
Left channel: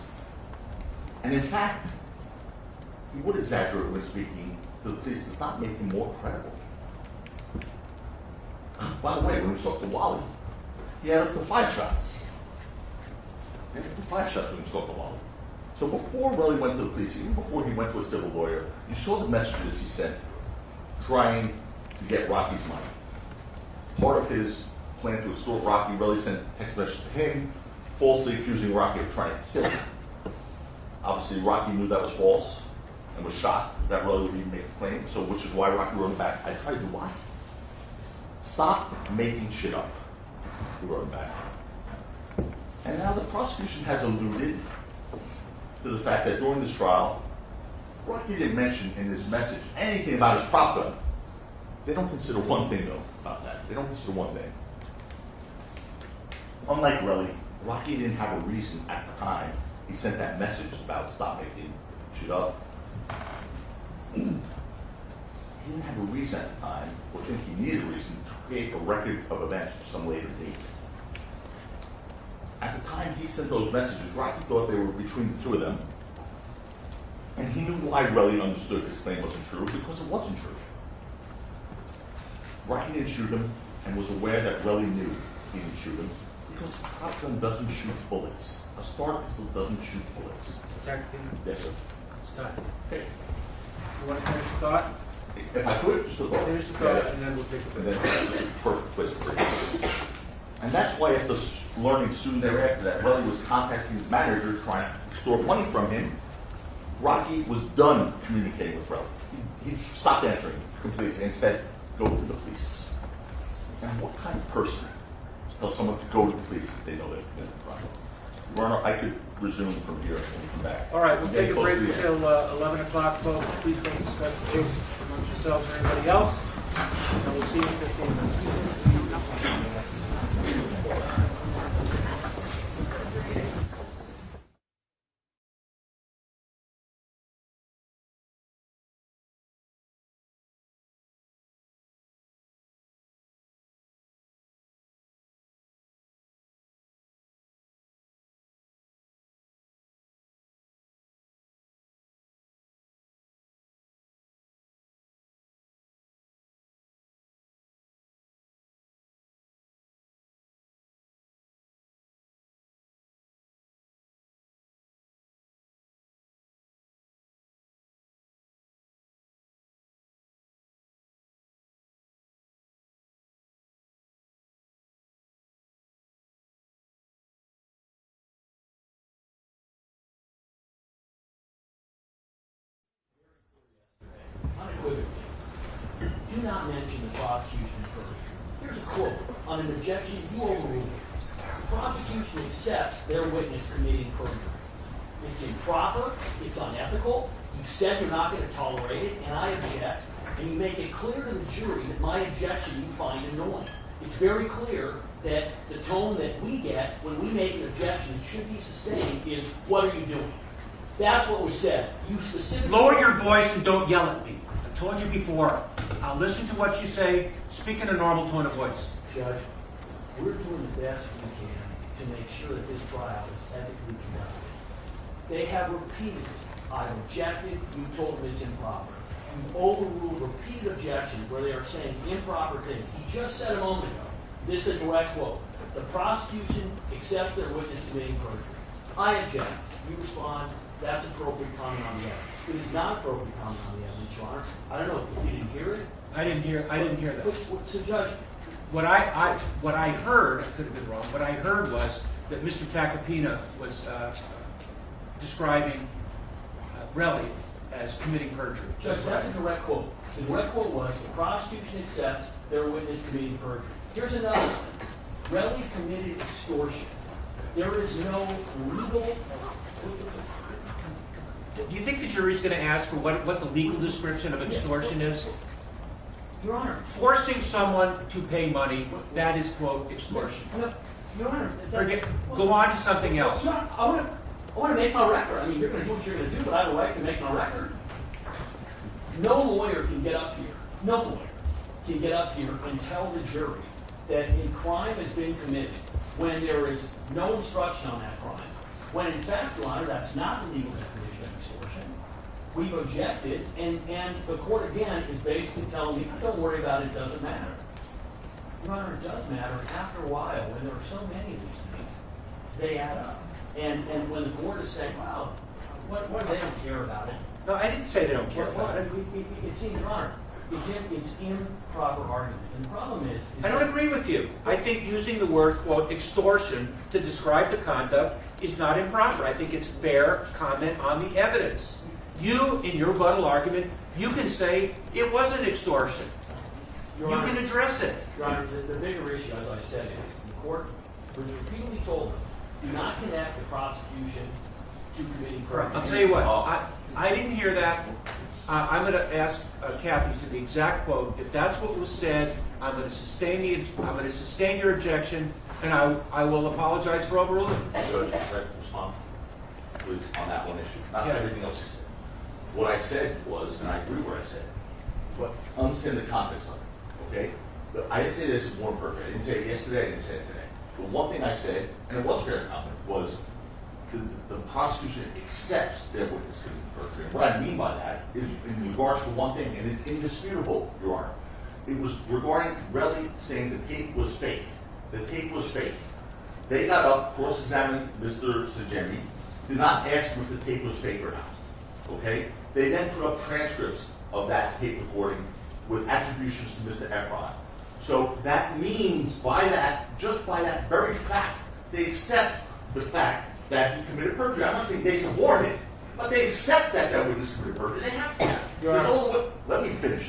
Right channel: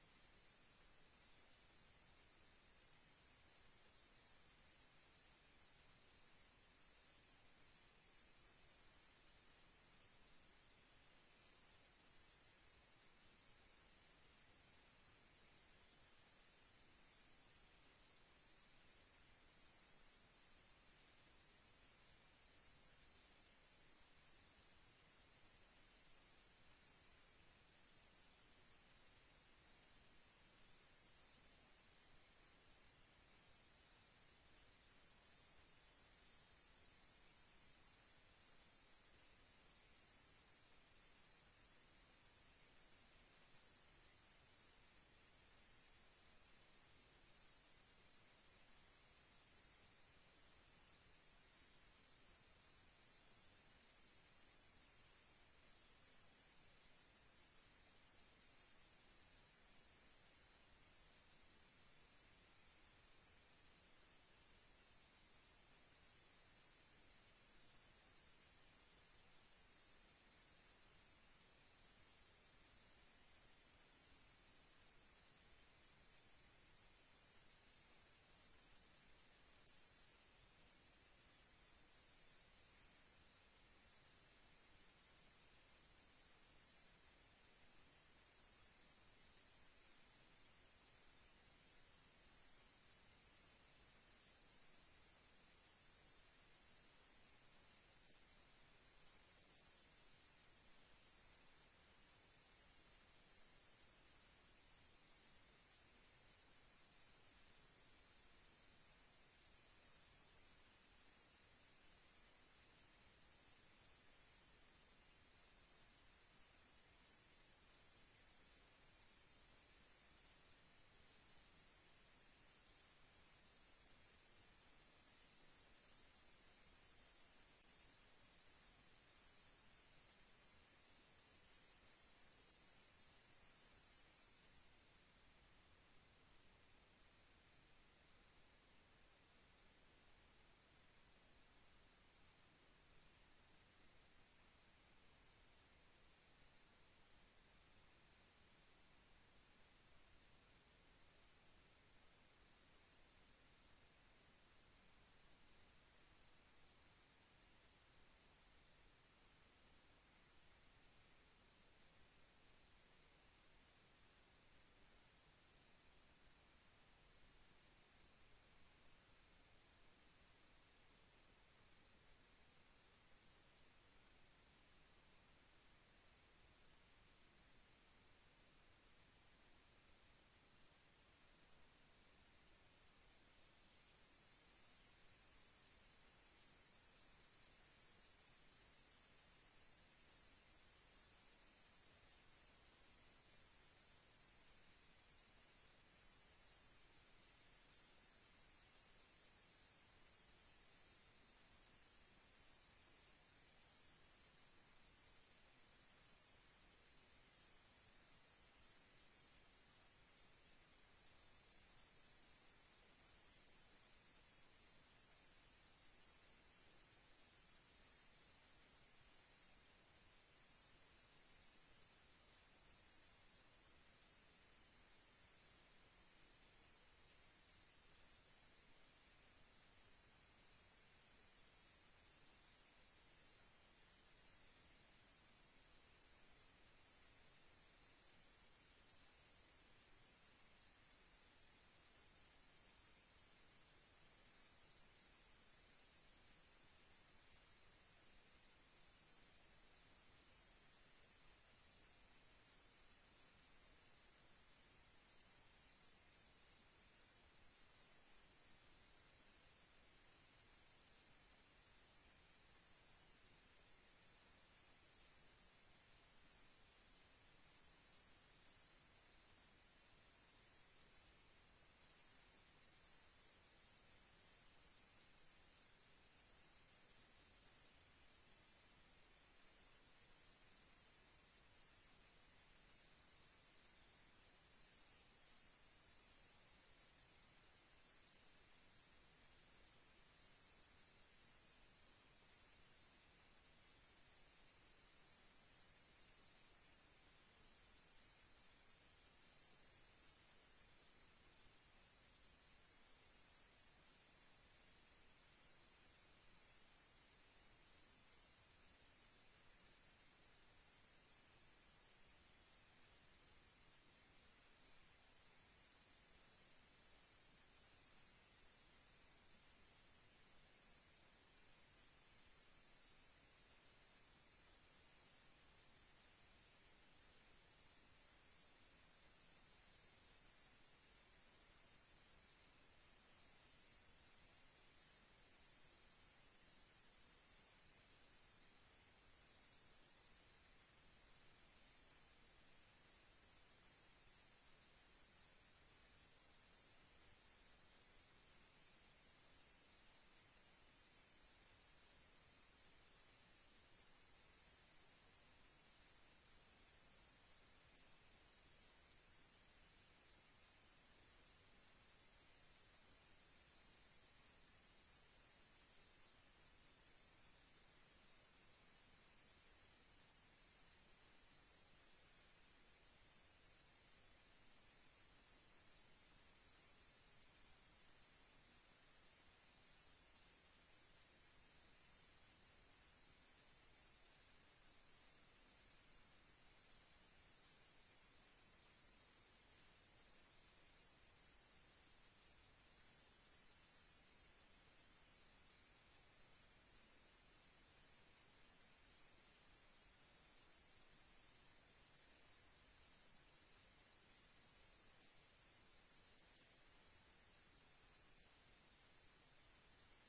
And in fact, he would exaggerate when speaking to the police. Does not make him more credible. By the way, when we spoke to Wally, he had up to 5 shots. He had up to 5 shots when we spoke to Wally. So before Relly went to the police, even before he went to a civil lawyer, you saw the messages he sent trying to get Rocky's money. Part of his plan to extort Rocky, Relly sent text messages to him, falsely accusing Rocky of trying to kill him. Obviously, Rocky knew that was false and was shocked that Relly would even make a claim, so which is why Rocky wrote him back. I tried to lie. Stop making shit up, he wrote him back. And now the prosecution has alluded to the fact that during this trial, Rocky didn't mention in his message anything about his prop gun. They don't consider one thing, though, about that. They don't consider one thing. Unlike Relly, Rocky didn't have a reason at the time he sent that message about stop making shit up. He didn't have a reason at the time, or think he needed a reason, to create a record of events for some later date. At the time he sent those messages, Rocky thought they were between the 2 of them. And he knew why Relly understood his claim wasn't true, because it wasn't true. Rocky didn't shoot him, and was aware that Relly knew he didn't shoot him, because a prop gun doesn't shoot bullets. A Star pistol doesn't shoot bullets. Yes, sir. It's time. Okay. You want to finish the thought? If I could, just a thought. Finish the thought, and then we'll take a And break. then this is a perfect place to break. And that's why after learning soon thereafter that Relly was contacting his manager trying to extort money from him, Rocky was done communicating with Relly. He stopped answering completely and said, go to the police. And what kind of person tells someone to go to the police if they know they're committing a crime? Your Honor, I could resume from here and come back. All right, we'll Getting take a close break to the end. until 11 o'clock, folks. Please don't discuss the case amongst yourselves or anybody else. And we'll see you in 15 minutes. Unequivocally, do not mention the prosecution first. Here's a quote. On an objection, you overrule it. The prosecution accepts their witness committing perjury. It's improper, it's unethical, you said you're not going to tolerate it, and I object, and you make it clear to the jury that my objection you find annoying. It's very clear that the tone that we get when we make an objection that should be sustained is, what are you doing? That's what was said. You specifically... Lower your voice and don't yell at me. I told you before. I'll listen to what you say. Speak in a normal tone of voice. Judge, we're doing the best we can to make sure that this trial is ethically conducted. They have repeatedly, I've objected, you told them it's improper. You've overruled repeated objections where they are saying improper things. He just said a moment ago, this is a direct quote, the prosecution accepts their witness committing perjury. I object. You respond, that's appropriate comment on the evidence. It is not appropriate comment on the evidence, Your Honor. I don't know if you didn't hear it. I didn't hear that. So, Judge, What I heard, I could have been wrong, what I heard was that Mr. Tacopina was describing Relly as committing perjury. Judge, that's a direct quote. The direct quote was, the prosecution accepts their witness committing perjury. Here's another one. Relly committed extortion. There is no legal... Do you think the jury's going to ask for what the legal description of extortion is? Your Honor. Forcing someone to pay money, that is, quote, extortion. No, Your Honor. Go on to something else. No, I want to make my record. I mean, you're going to do what you're going to do, but I have a right to make my record. No lawyer can get up here, no lawyer can get up here and tell the jury that a crime has been committed when there is no instruction on that crime. When in fact, Your Honor, that's not the legal definition of extortion. We've objected, and the court again is basically telling me, don't worry about it, it doesn't matter. Your Honor, it does matter. After a while, when there are so many of these things, they add up. And when the court is saying, well, what they don't care about it. No, I didn't say they don't care about it. It seems, Your Honor, it's improper argument. And the problem is I don't agree with you. I think using the word, quote, extortion to describe the conduct is not improper. I think it's fair comment on the evidence. You, in your rebuttal argument, you can say it wasn't extortion. Your You Honor, can address it. Your Honor, the bigger issue, as I said, is the court was repeatedly told them, do not connect the prosecution to committing crime. I'll tell you what, I didn't hear that. I'm going to ask Kathy for the exact quote. If that's what was said, I'm going to sustain your objection, and I will apologize for overruling. Judge, can I respond, please, on that one issue? Not Yeah. everything else you said. What I said was, and I agree with what I said, but understand the context of it, okay? I didn't say this is more perfect. I didn't say it yesterday, I didn't say it today. But one thing I said, and it was fair comment, was the prosecution accepts their witness committing perjury. What I mean by that is in regards to one thing, and it's indisputable, Your Honor. It was regarding Relly saying the tape was fake. The tape was fake. They got up, cross-examined Mr. Sajemi, did not ask him if the tape was fake or not. Okay? They then put up transcripts of that tape recording with attributions to Mr. Efron. So that means by that, just by that very fact, they accept the fact that he committed perjury. I'm not saying they support it, but they accept that that witness committed perjury. They have to. There's no other way. Let me finish.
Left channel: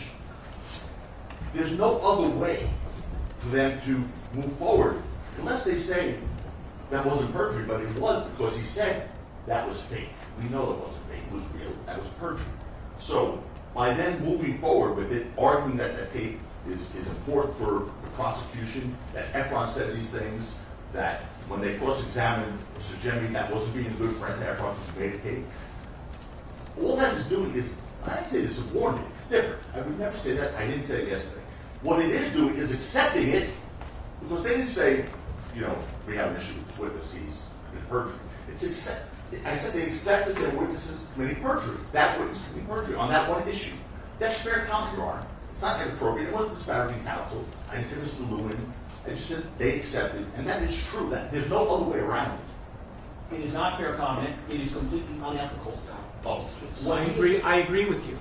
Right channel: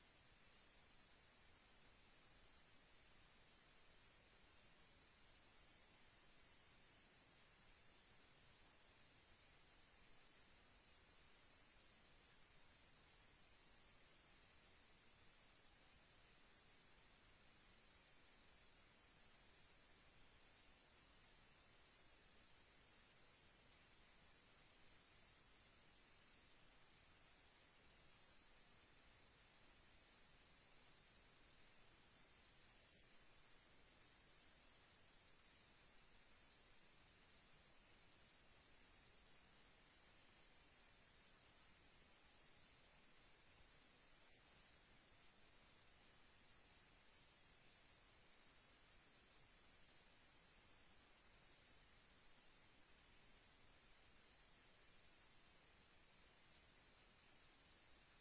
There's no other way for them to move forward unless they say that wasn't perjury, but it was because he said that was fake. We know it wasn't fake. It was real. That was perjury. So by them moving forward with it, arguing that that tape is important for the prosecution, that Efron said these things, that when they cross-examined Sajemi, that wasn't being a good friend to Efron who made a tape. All that is doing is, I didn't say this is warning, it's different. I would never say that. I didn't say it yesterday. What it is doing is accepting it, because they didn't say, you know, we have an issue with this witness, he's committed perjury. I said they accepted their witnesses committing perjury. That witness committing perjury on that one issue. That's fair comment, Your Honor. It's not inappropriate. It wasn't disparaging counsel. I didn't say Mr. Lewin. I just said they accepted, and that is true. That there's no other way around it. It is not fair comment. It is completely unethical. Oh, I agree with you.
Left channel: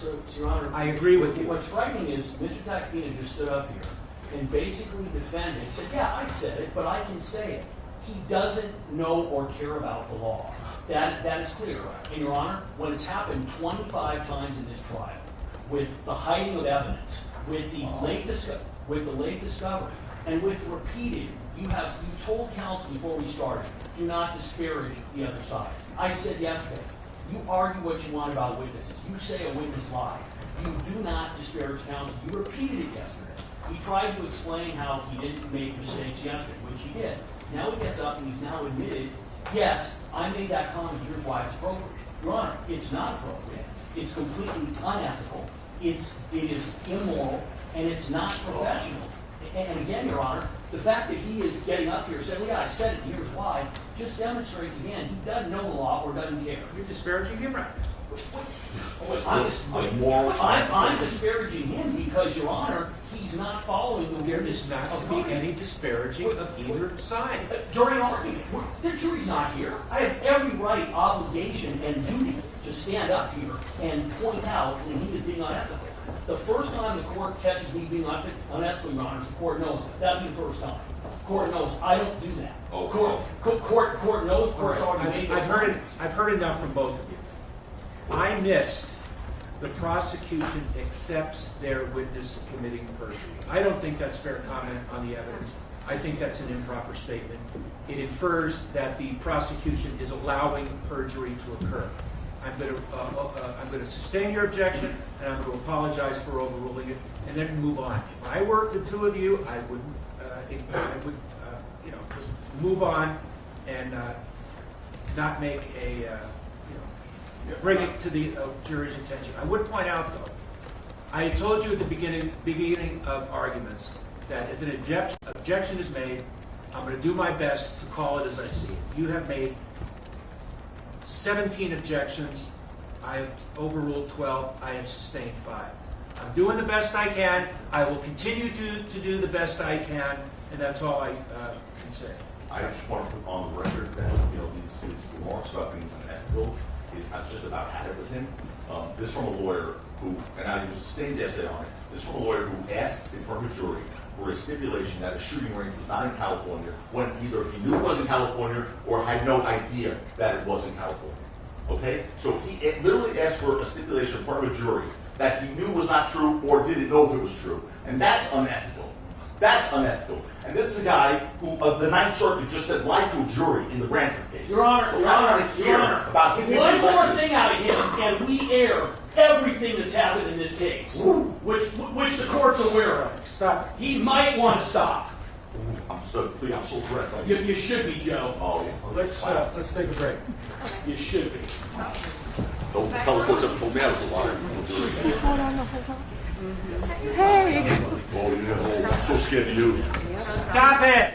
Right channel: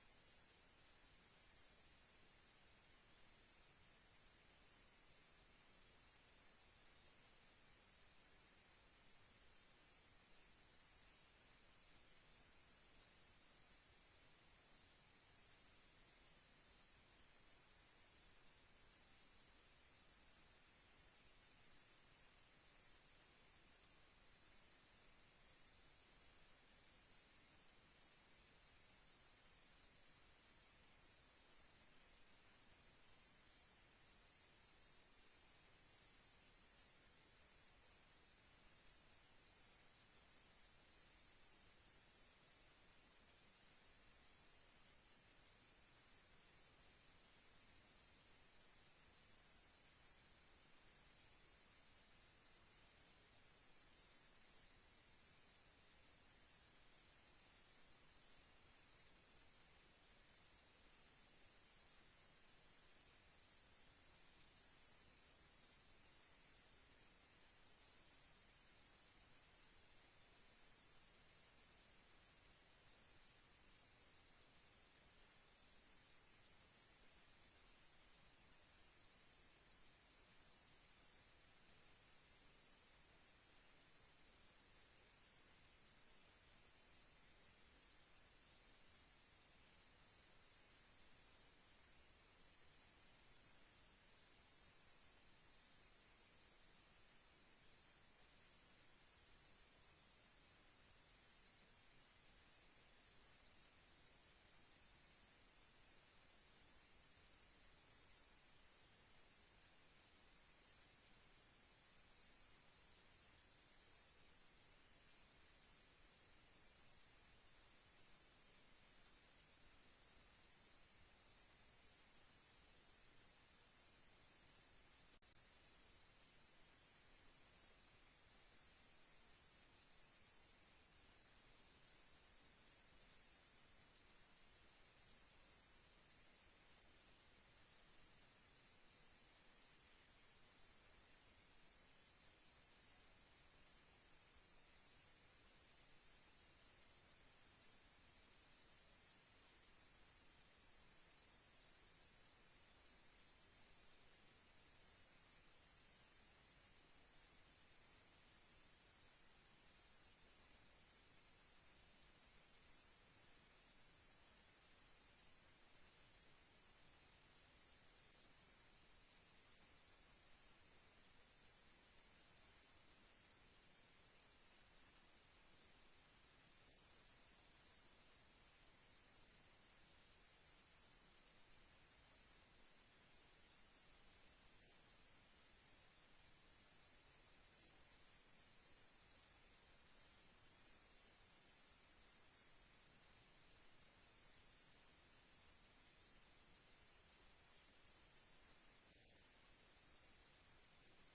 So, Your Honor, I agree with you. What's frightening is Mr. Tacopina just stood up here and basically defended, said, yeah, I said it, but I can say it. He doesn't know or care about the law. That is clear. And Your Honor, when it's happened 25 times in this trial, with the hiding of evidence, with the late discovery, and with repeated, you told counsel before we started, do not disparage the other side. I said yesterday, you argue what you want about witnesses. You say a witness lied. You do not disparage counsel. You repeated it yesterday. He tried to explain how he didn't make mistakes yesterday, which he did. Now he gets up and he's now admitted, yes, I made that comment, here's why it's appropriate. Your Honor, it's not appropriate. It's completely unethical. It is immoral, and it's not professional. And again, Your Honor, the fact that he is getting up here saying, well, yeah, I said it, here's why, just demonstrates again, he doesn't know the law or doesn't care. You're disparaging him, right? I'm disparaging him because, Your Honor, he's not following the There witness does not to be any disparaging of either side. during argument. The jury's not here. I have every right, obligation, and duty to stand up here and point out when he is being unethical. The first time the court catches me being unethical, Your Honor, the court knows that'll be the first time. Court knows I don't do that. Oh, Court knows. Court's already made. I've heard enough from both of you. I missed the prosecution accepts their witness committing perjury. I don't think that's fair comment on the evidence. I think that's an improper statement. It infers that the prosecution is allowing perjury to occur. I'm going to sustain your objection, and I'm going to apologize for overruling it, and then move on. If I were the two of you, I would just move on and not make bring it to the jury's attention. I would point out, though, I told you at the beginning of arguments that if an objection is made, I'm going to do my best to call it as I see it. You have made 17 objections. I have overruled 12. I have sustained 5. I'm doing the best I can. I will continue to do the best I can, and that's all I can say. I just want to put on the record that these remarks about being unethical is not just about had it with him. This from a lawyer who, and I was sustained yesterday on it. This from a lawyer who asked in front of a jury for a stipulation that a shooting range was not in California when either he knew it was in California or had no idea that it was in California. Okay? So he literally asked for a stipulation in front of a jury that he knew was not true or didn't know if it was true. And that's unethical. That's unethical. And this is a guy who, the Ninth Circuit just said lie to a jury in the Brantford case. Your Honor, so Your I Honor, want to Your hear Honor, about him. one more thing out of him, and we air everything that's happened in this case, which the court's aware of. Stop. He might want to stop. I'm so threatened. You should be, Joe. Oh, Let's take a break. You should be. Don't tell the courts ever told me I was a liar. Hold on. Hey. Oh, yeah, I'm so scared of you. Stop it!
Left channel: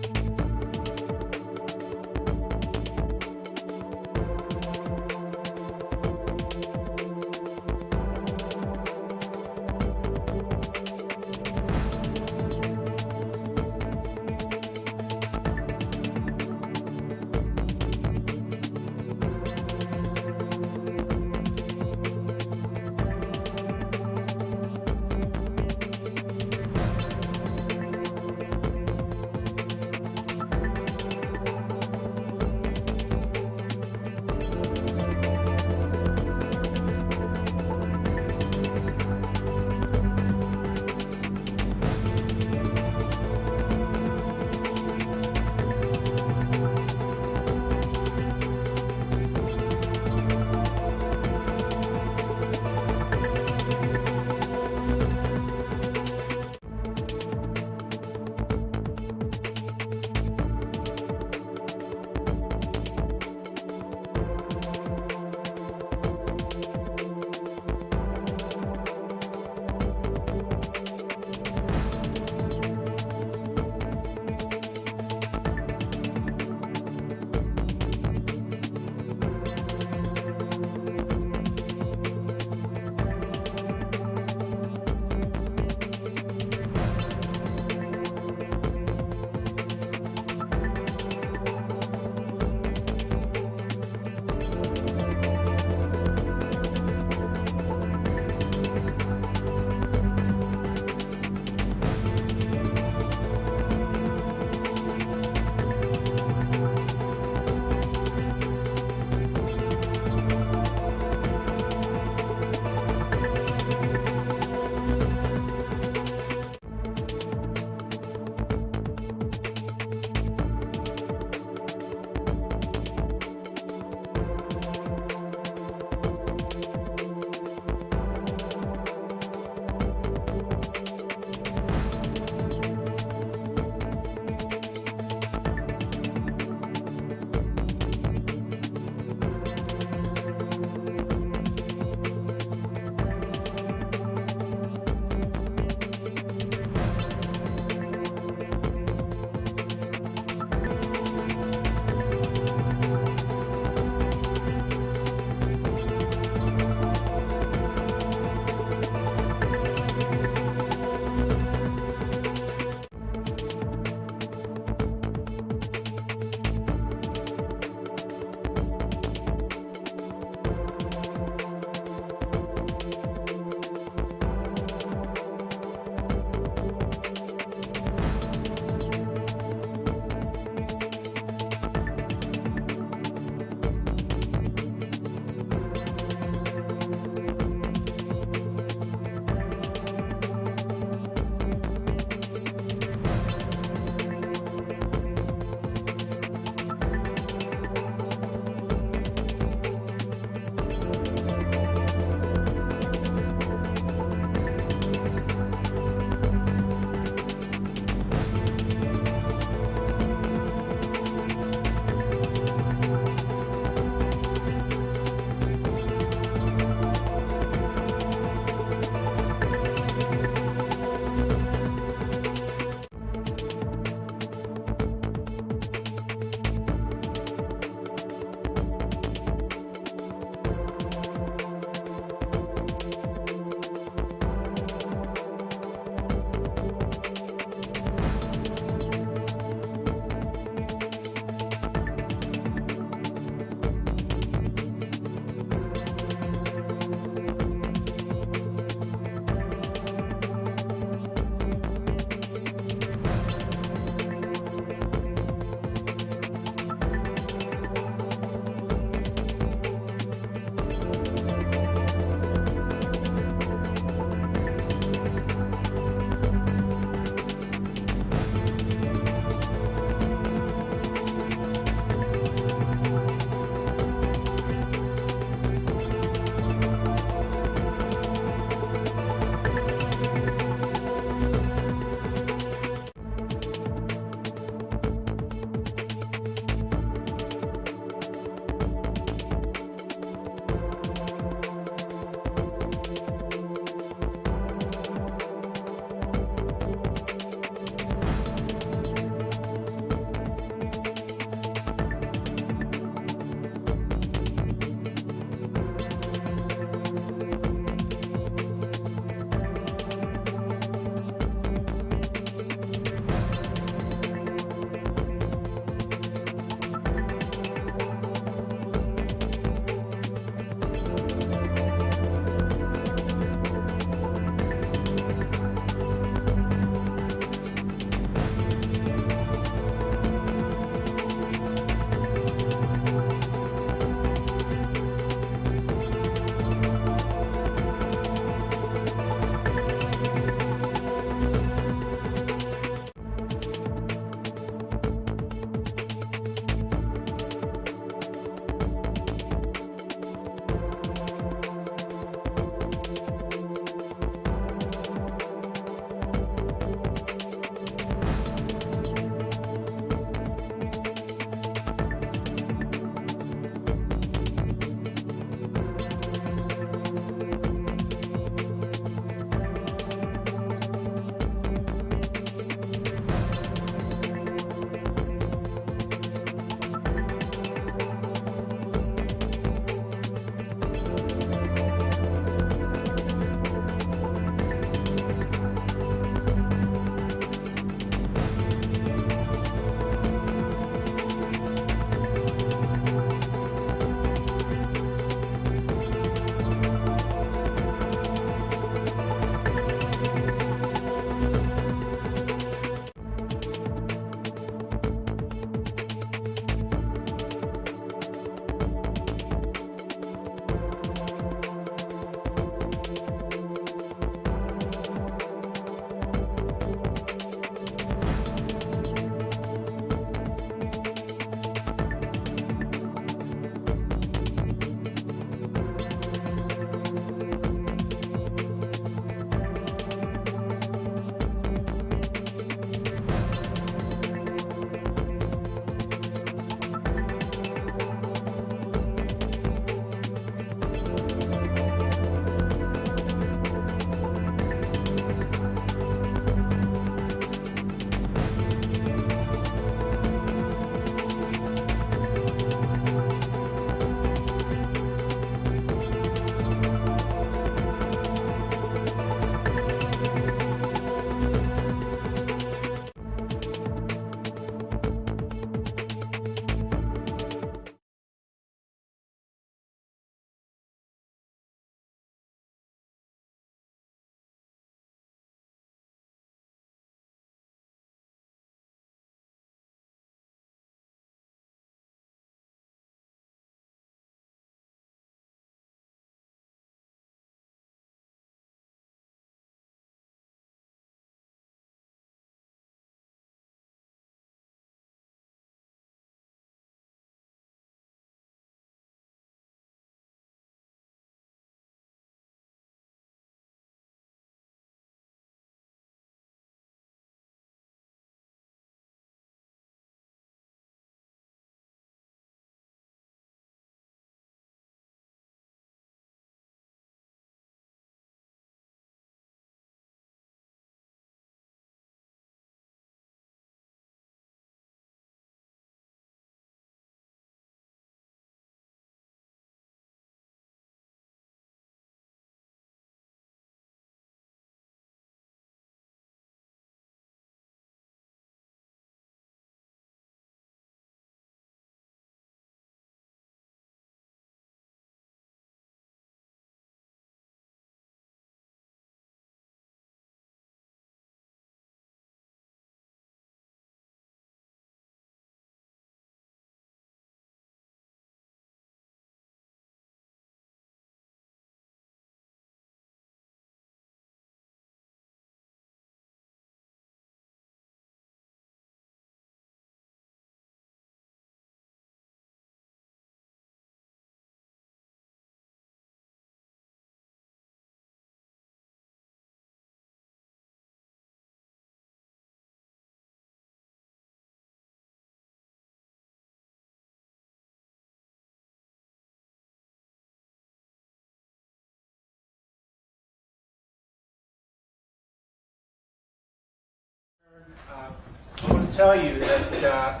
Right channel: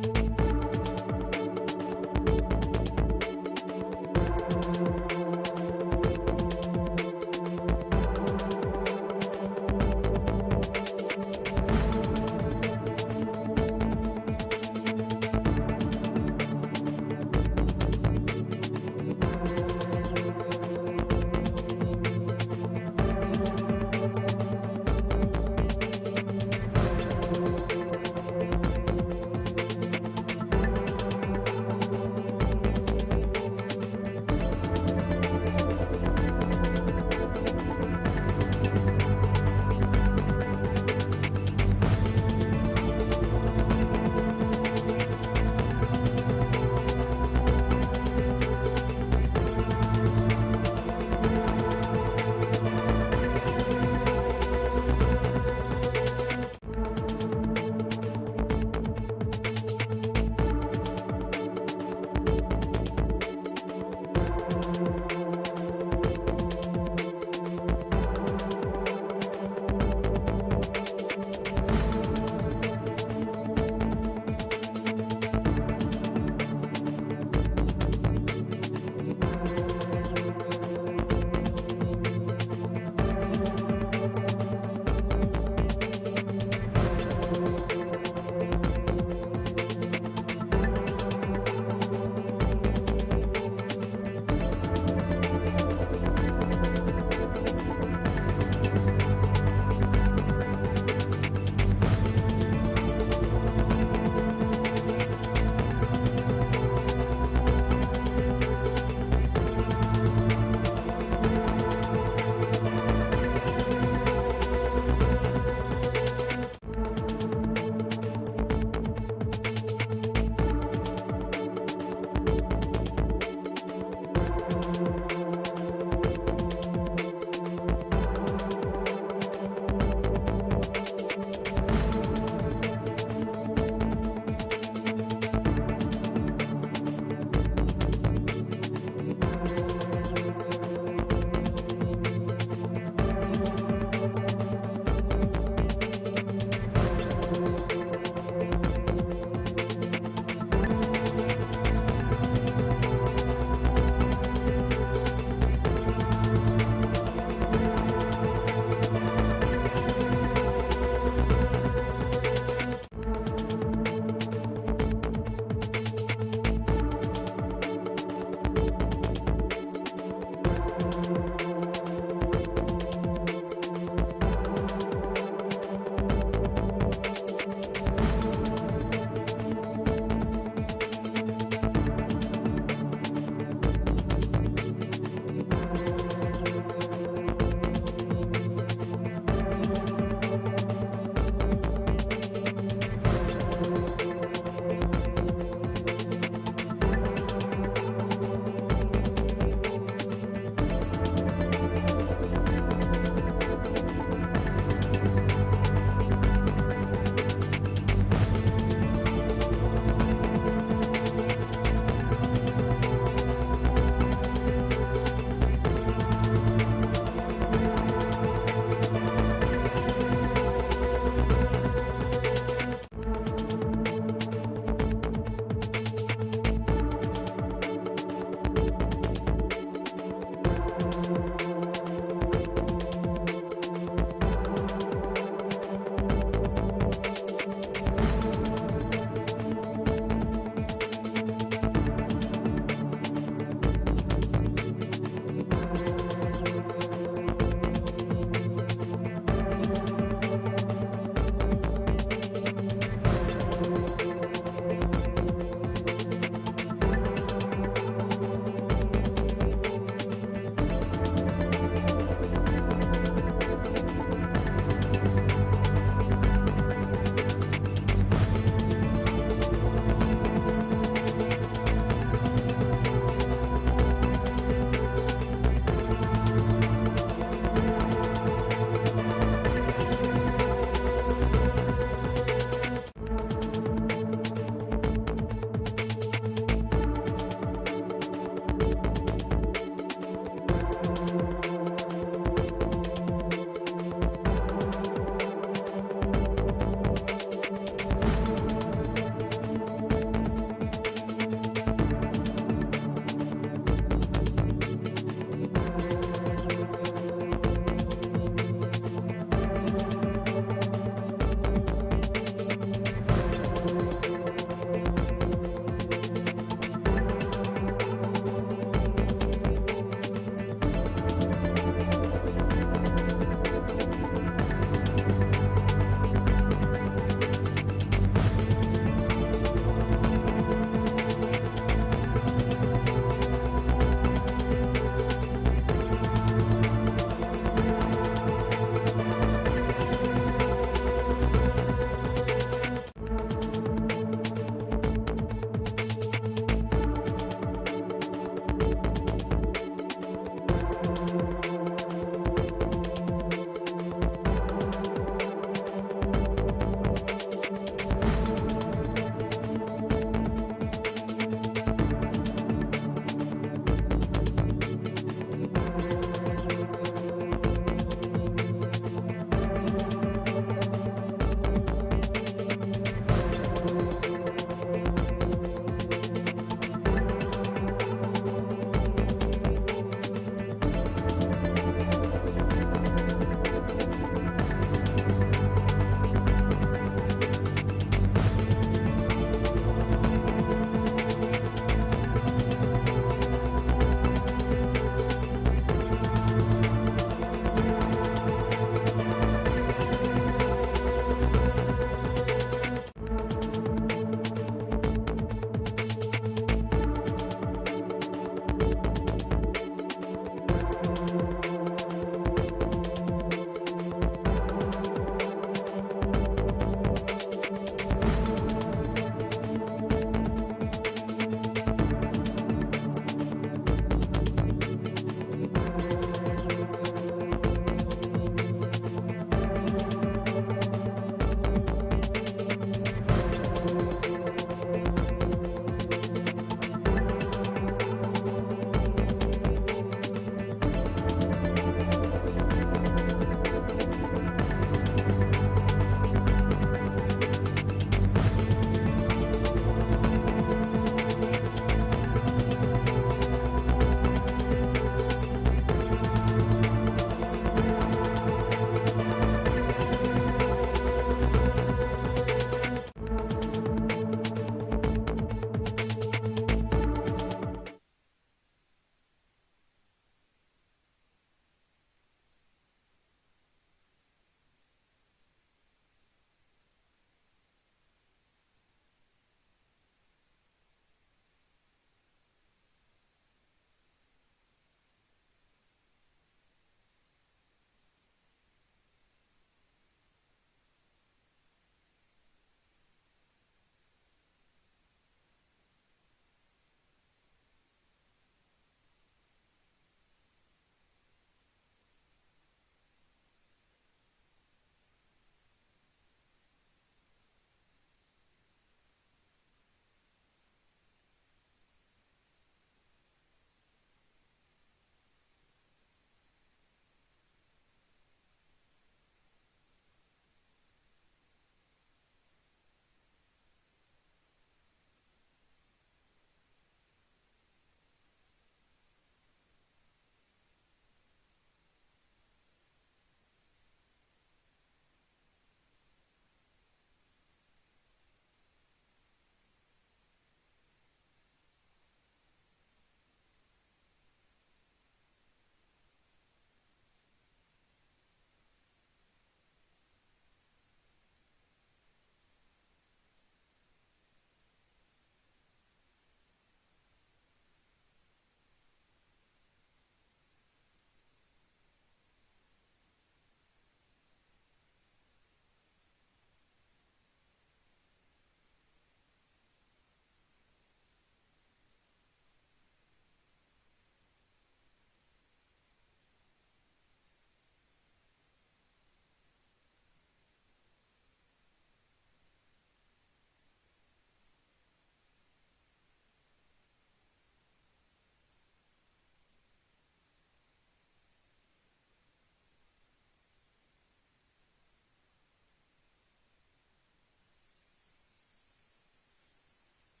tell you that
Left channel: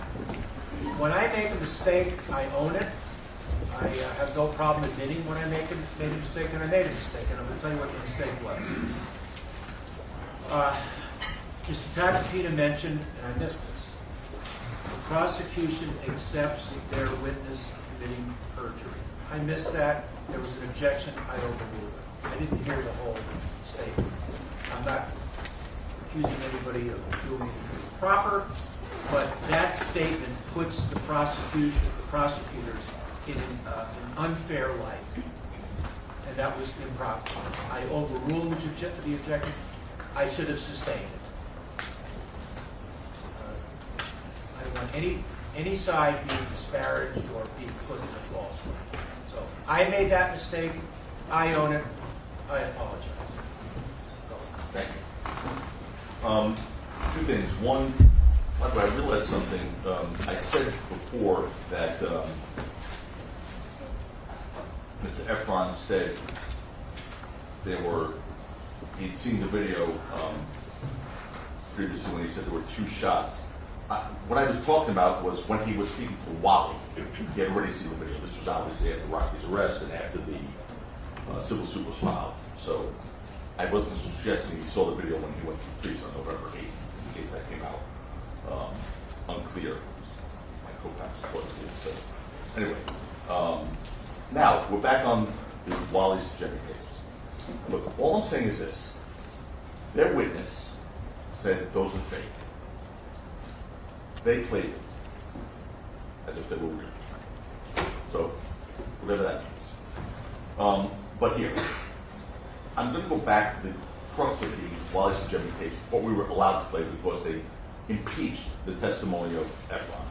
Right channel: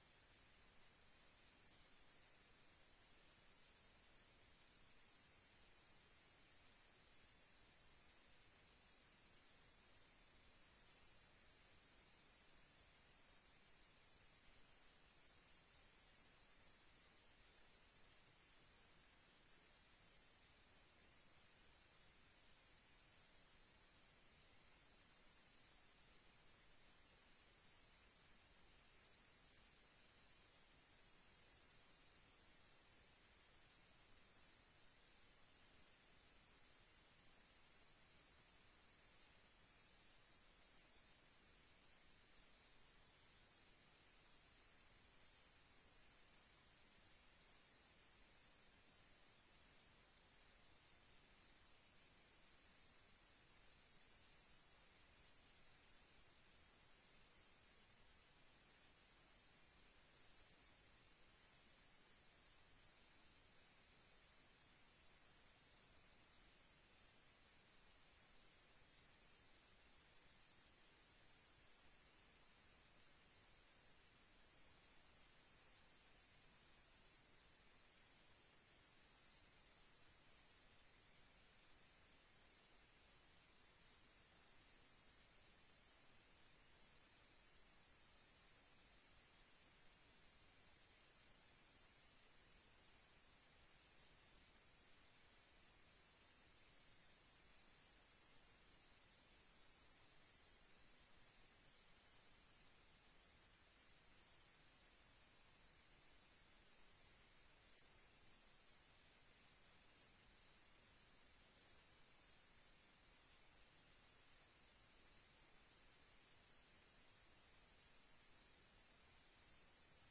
when I make a mistake, I own it. I have no problem admitting when I made a mistake, and I made a mistake, and I'm going to tell you what the mistake was. Mr. Tappatina mentioned, and I missed this, the prosecution accepts their witness committing perjury. I missed that. There was an objection. I overruled it. I didn't hear the whole statement. I'm not accusing anybody of doing anything improper, but that statement puts the prosecutors in an unfair light, and that was improper. I overruled the objection. I should have sustained it. I don't want any side being disparaged or being put in a false light. So I made that mistake. I own it. I apologize. Thank you. Two things. One, by the way, I realized something. I said before that Mr. Efron said he'd seen the video previously when he said there were 2 shots. What I was talking about was when he was speaking to Wally. He had already seen the video. This was obviously after Rocky's arrest and after the civil suit was filed. So I wasn't suggesting he saw the video when he went to the police on November 8th, in case that came out unclear. My co-counsel supported it. So anyway, now we're back on the Wally's Jimmy case. Look, all I'm saying is this. Their witness said those are fake. They played it as if they were real. So, whatever that means. But here, I'm going to go back to the crux of the Wallace and Jimmy case, what we were allowed to play because they impeached the testimony of Efron.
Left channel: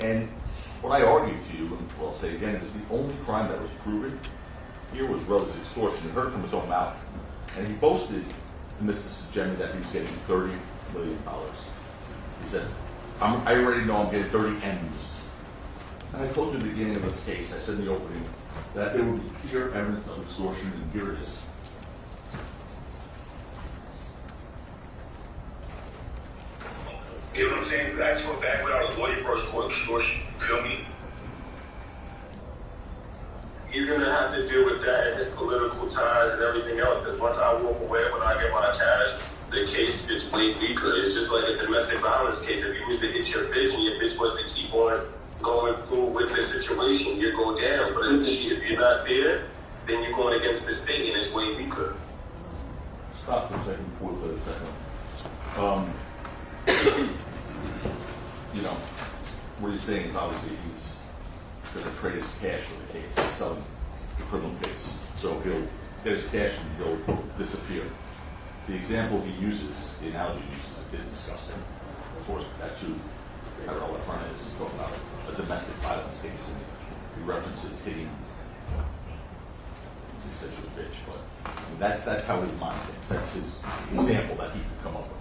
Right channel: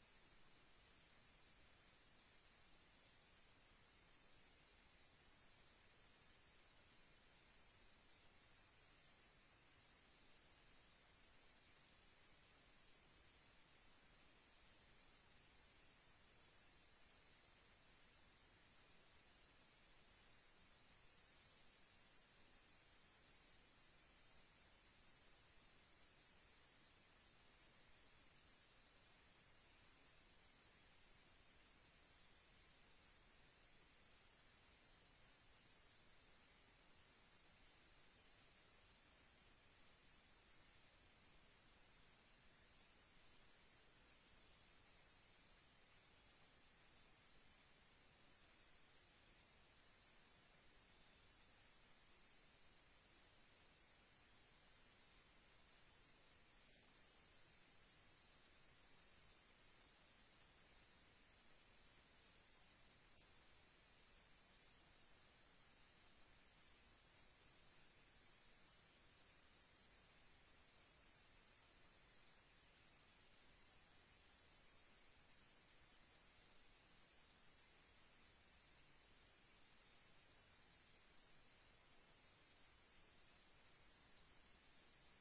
And what I argued to you, and what I'll say again, is the only crime that was proven here was Rel's extortion. He heard from his own mouth. And he boasted to Mrs. Jimmy that he was getting $30 million. He said, I already know I'm getting 30 M's. And I told you at the beginning of this case, I said in the opening, that there would be clear evidence of extortion, and here it is. You know what I'm saying? That's what back when I was a lawyer first for extortion. You feel me? He's gonna have to deal with that and his political ties and everything else. Because once I walk away, when I get my cash, the case gets way weaker. It's just like a domestic violence case. If you was to hit your bitch and your bitch was to keep on going through with this situation, you go down. But if you're not there, then you're going against the state and it's way weaker. Stop for a second before we play the second one. You know, what he's saying is obviously he's going to trade his cash for the case. He's selling the criminal case. So he'll get his cash and he'll disappear. The example he uses, the analogy he uses, is disgusting. Of course, that's who Federal Efron is. He's talking about a domestic violence case, and he references hitting. He said she's a bitch, but I mean, that's how his mind thinks. That's his example that he could come up with.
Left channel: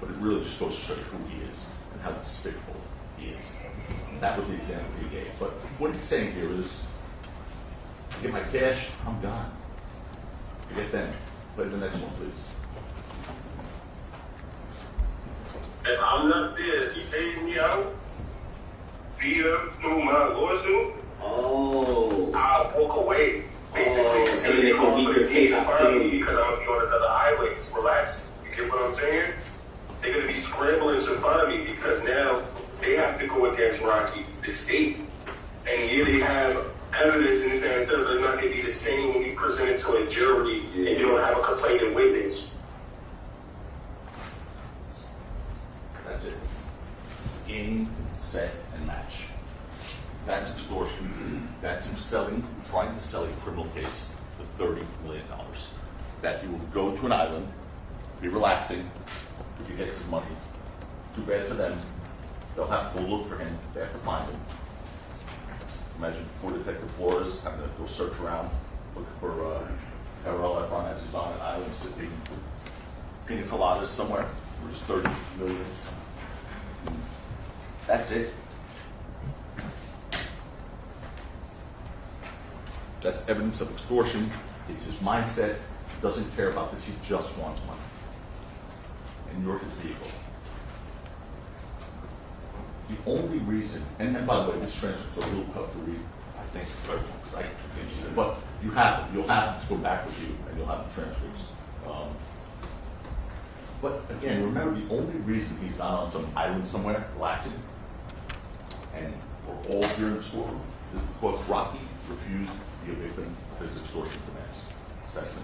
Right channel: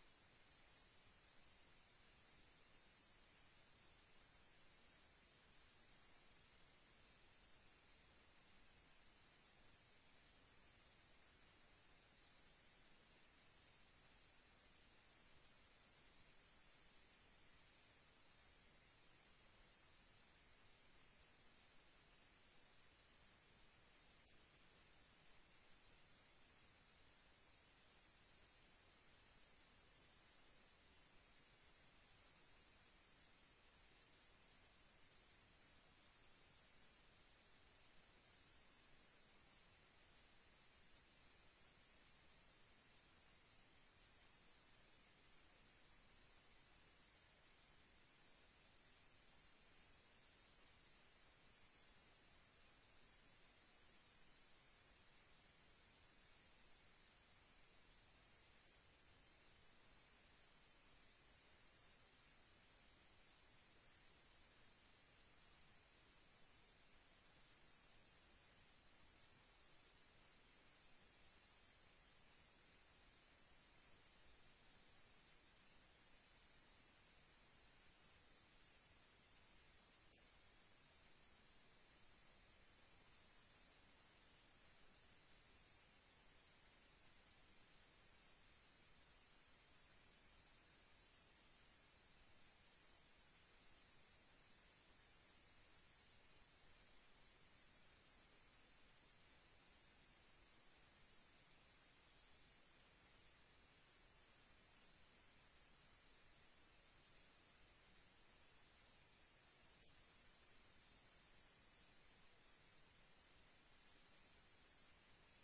But it really just goes to show you who he is and how despicable he is. And that was the example he gave. But what he's saying here is, I get my cash, I'm gone. I get them. Play the next one, please. If I'm not there, he pays me out through my lawsuit. Oh. I'll walk away. Basically, it's and then it's a weaker case. find me because I'm gonna be on another island. Just relax. You get what I'm saying? They're gonna be scrambling to find me because now they have to go against Rocky, the state, and yeah, they have evidence in this and that, but it's not gonna be the same when you present it to a jury and you don't have a complaining witness. That's it. Game, set, and match. That's extortion. That's him trying to sell a criminal case for $30 million. That he will go to an island, be relaxing, if he gets his money. Too bad for them. They'll have to go look for him. They have to find him. Imagine poor Detective Flores having to go search around, looking for Federal Efron as he's on an island sipping pina coladas somewhere. For just $30 million. That's it. That's evidence of extortion. It's his mindset. He doesn't care about this. He just wants money. And you're his vehicle. only reason, and by the way, this transcript's a little tough to read, I think, for everyone, because I can't see it, but you'll have to go back with you, and you'll have the transcripts. But again, remember, the only reason he's not on some island somewhere relaxing, and we're all here in the schoolroom, is because Rocky refused to be a victim of his extortion demands. It's that simple.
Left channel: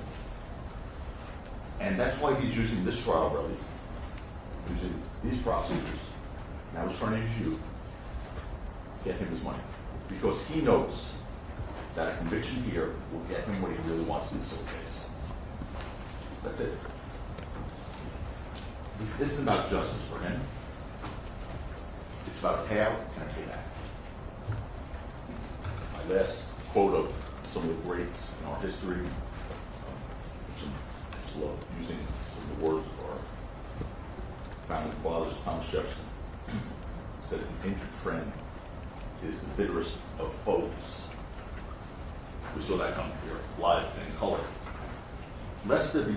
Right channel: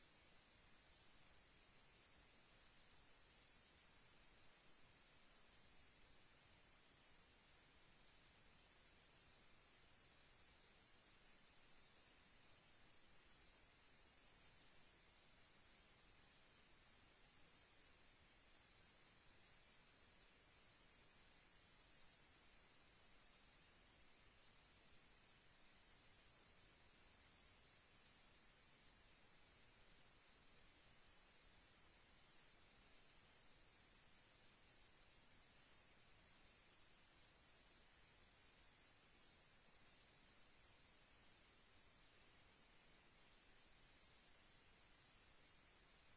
And that's why he's using this trial, really, using these prosecutors. Now he's trying to use you to get him his money. Because he knows that a conviction here will get him what he really wants in this civil case. That's it. This isn't about justice for him. It's about a payout and a payback. My last quote of some of the greats in our history, I just love using some of the words of our founding fathers, Thomas Jefferson, said an injured friend is the bitterest of foes. We saw that coming here, live and in color. Lest there be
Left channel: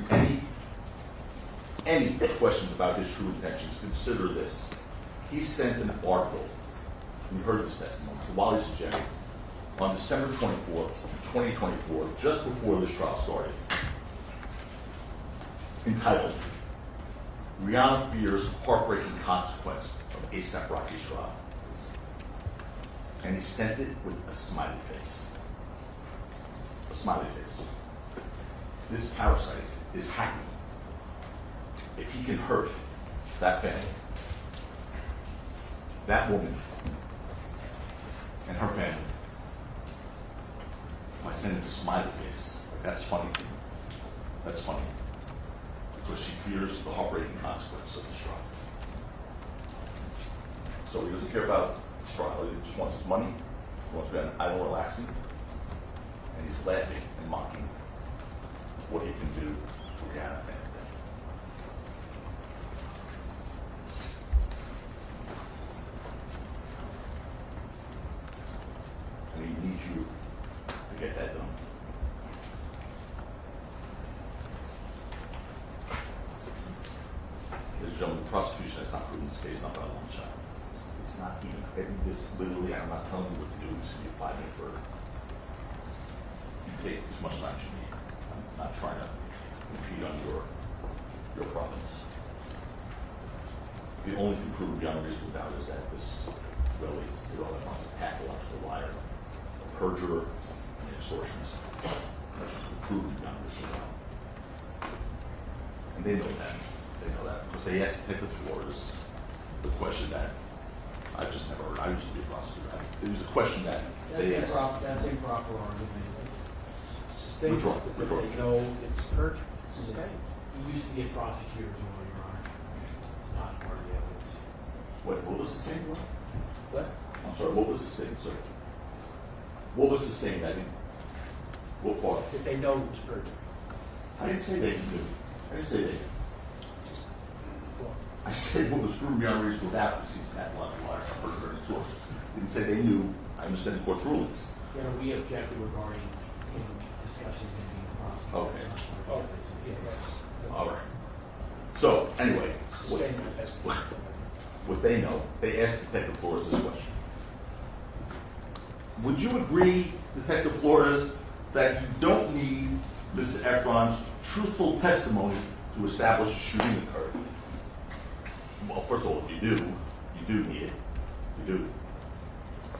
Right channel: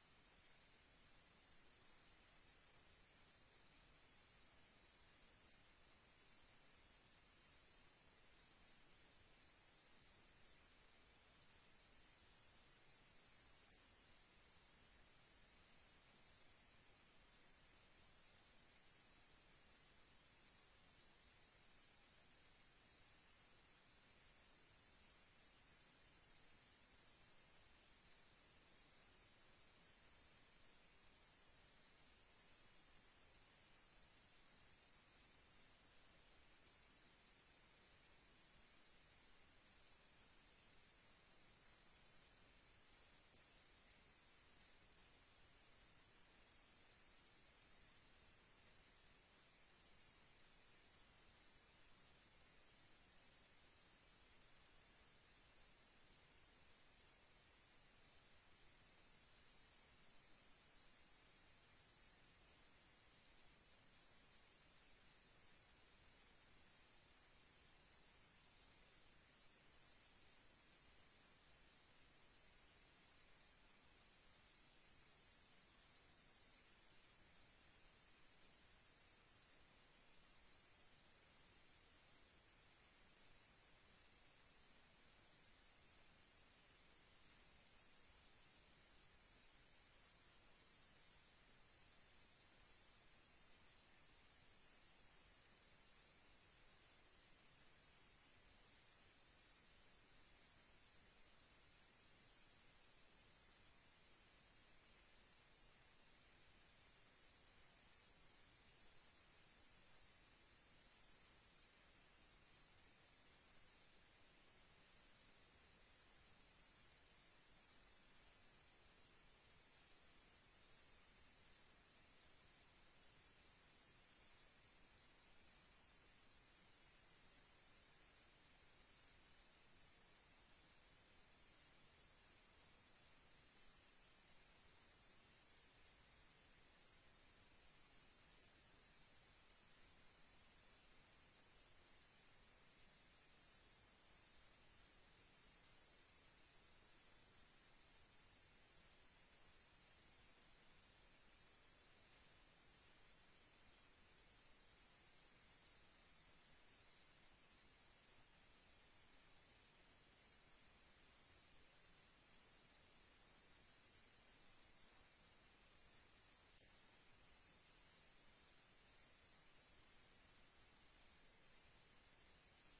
any questions about his true intentions, consider this. He sent an article, you heard this testimony, to Wally Sajak on December 24th, 2024, just before this trial started, entitled, Rihanna Fears Heartbreaking Consequence of ASAP Rocky's Trial. And he sent it with a smiley face. A smiley face. This parasite is happy if he can hurt that family, that woman, and her family by sending a smiley face. That's funny. That's funny. Because she fears the heartbreaking consequence of this trial. So he doesn't care about this trial. He just wants his money. He wants to be on an island relaxing. And he's laughing and mocking what he can do to Rihanna. And he needs you to get that done. Ladies and gentlemen, the prosecution has not proven this case not by a long shot. It's not even, this literally, I'm not telling you what to do, this is a 5-minute verdict. You take as much time as you need. I'm not trying to impede on your province. The only thing proven beyond a reasonable doubt is that this relates to all that wants a pathological liar, a perjurer, and extortionist. That's proven beyond a reasonable doubt. And they know that. They know that because they asked Detective Flores the question that I've just never heard. I used to be a prosecutor. It was a question that they asked. That's improper argument. Sustain Withdraw. that they know it's perjury. Sustain. He used to be a prosecutor as well, Your Honor. It's not part of the evidence. What was the saying? What? I'm sorry, what was the saying, sir? What was the saying that what part? That they know it's perjury. I didn't say they knew. I didn't say they knew. Well, I said what was proven beyond a reasonable doubt because he's a pathological liar, a perjurer, and extortionist. Didn't say they knew. I understand the court's rulings. You know, we objected regarding him discussing him being a prosecutor. Okay. It's not part of the evidence. yeah, that's. All right. So, anyway, Sustain the testimony. what they know, they asked Detective Flores this question. Would you agree, Detective Flores, that you don't need Mr. Efron's truthful testimony to establish a shooting occurred? Well, first of all, you do need it. You do.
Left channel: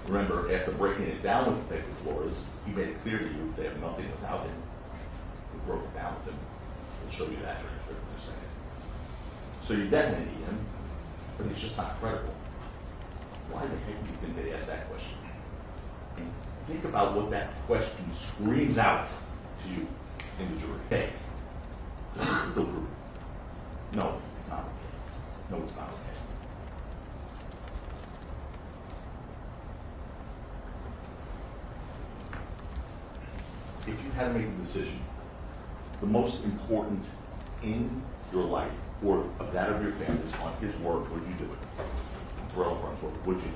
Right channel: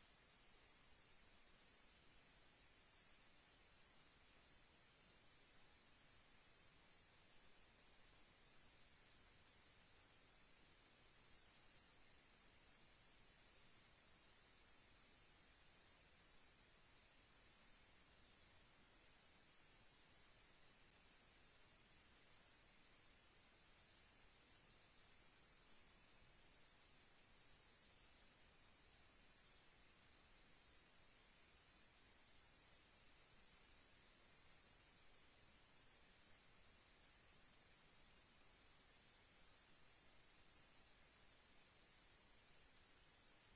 Remember, after breaking it down with Detective Flores, he made it clear to you they have nothing without him. We broke it down with him. We'll show you that transcript in a second. So you definitely need him, but he's just not credible. Why the heck do you think they asked that question? And think about what that question screams out to you in the jury. Hey, this is still true. No, it's not okay. No, it's not okay. If you had to make a decision, the most important in your life or of that of your family is on his word, would you do it? Terrell Farms, would you do it?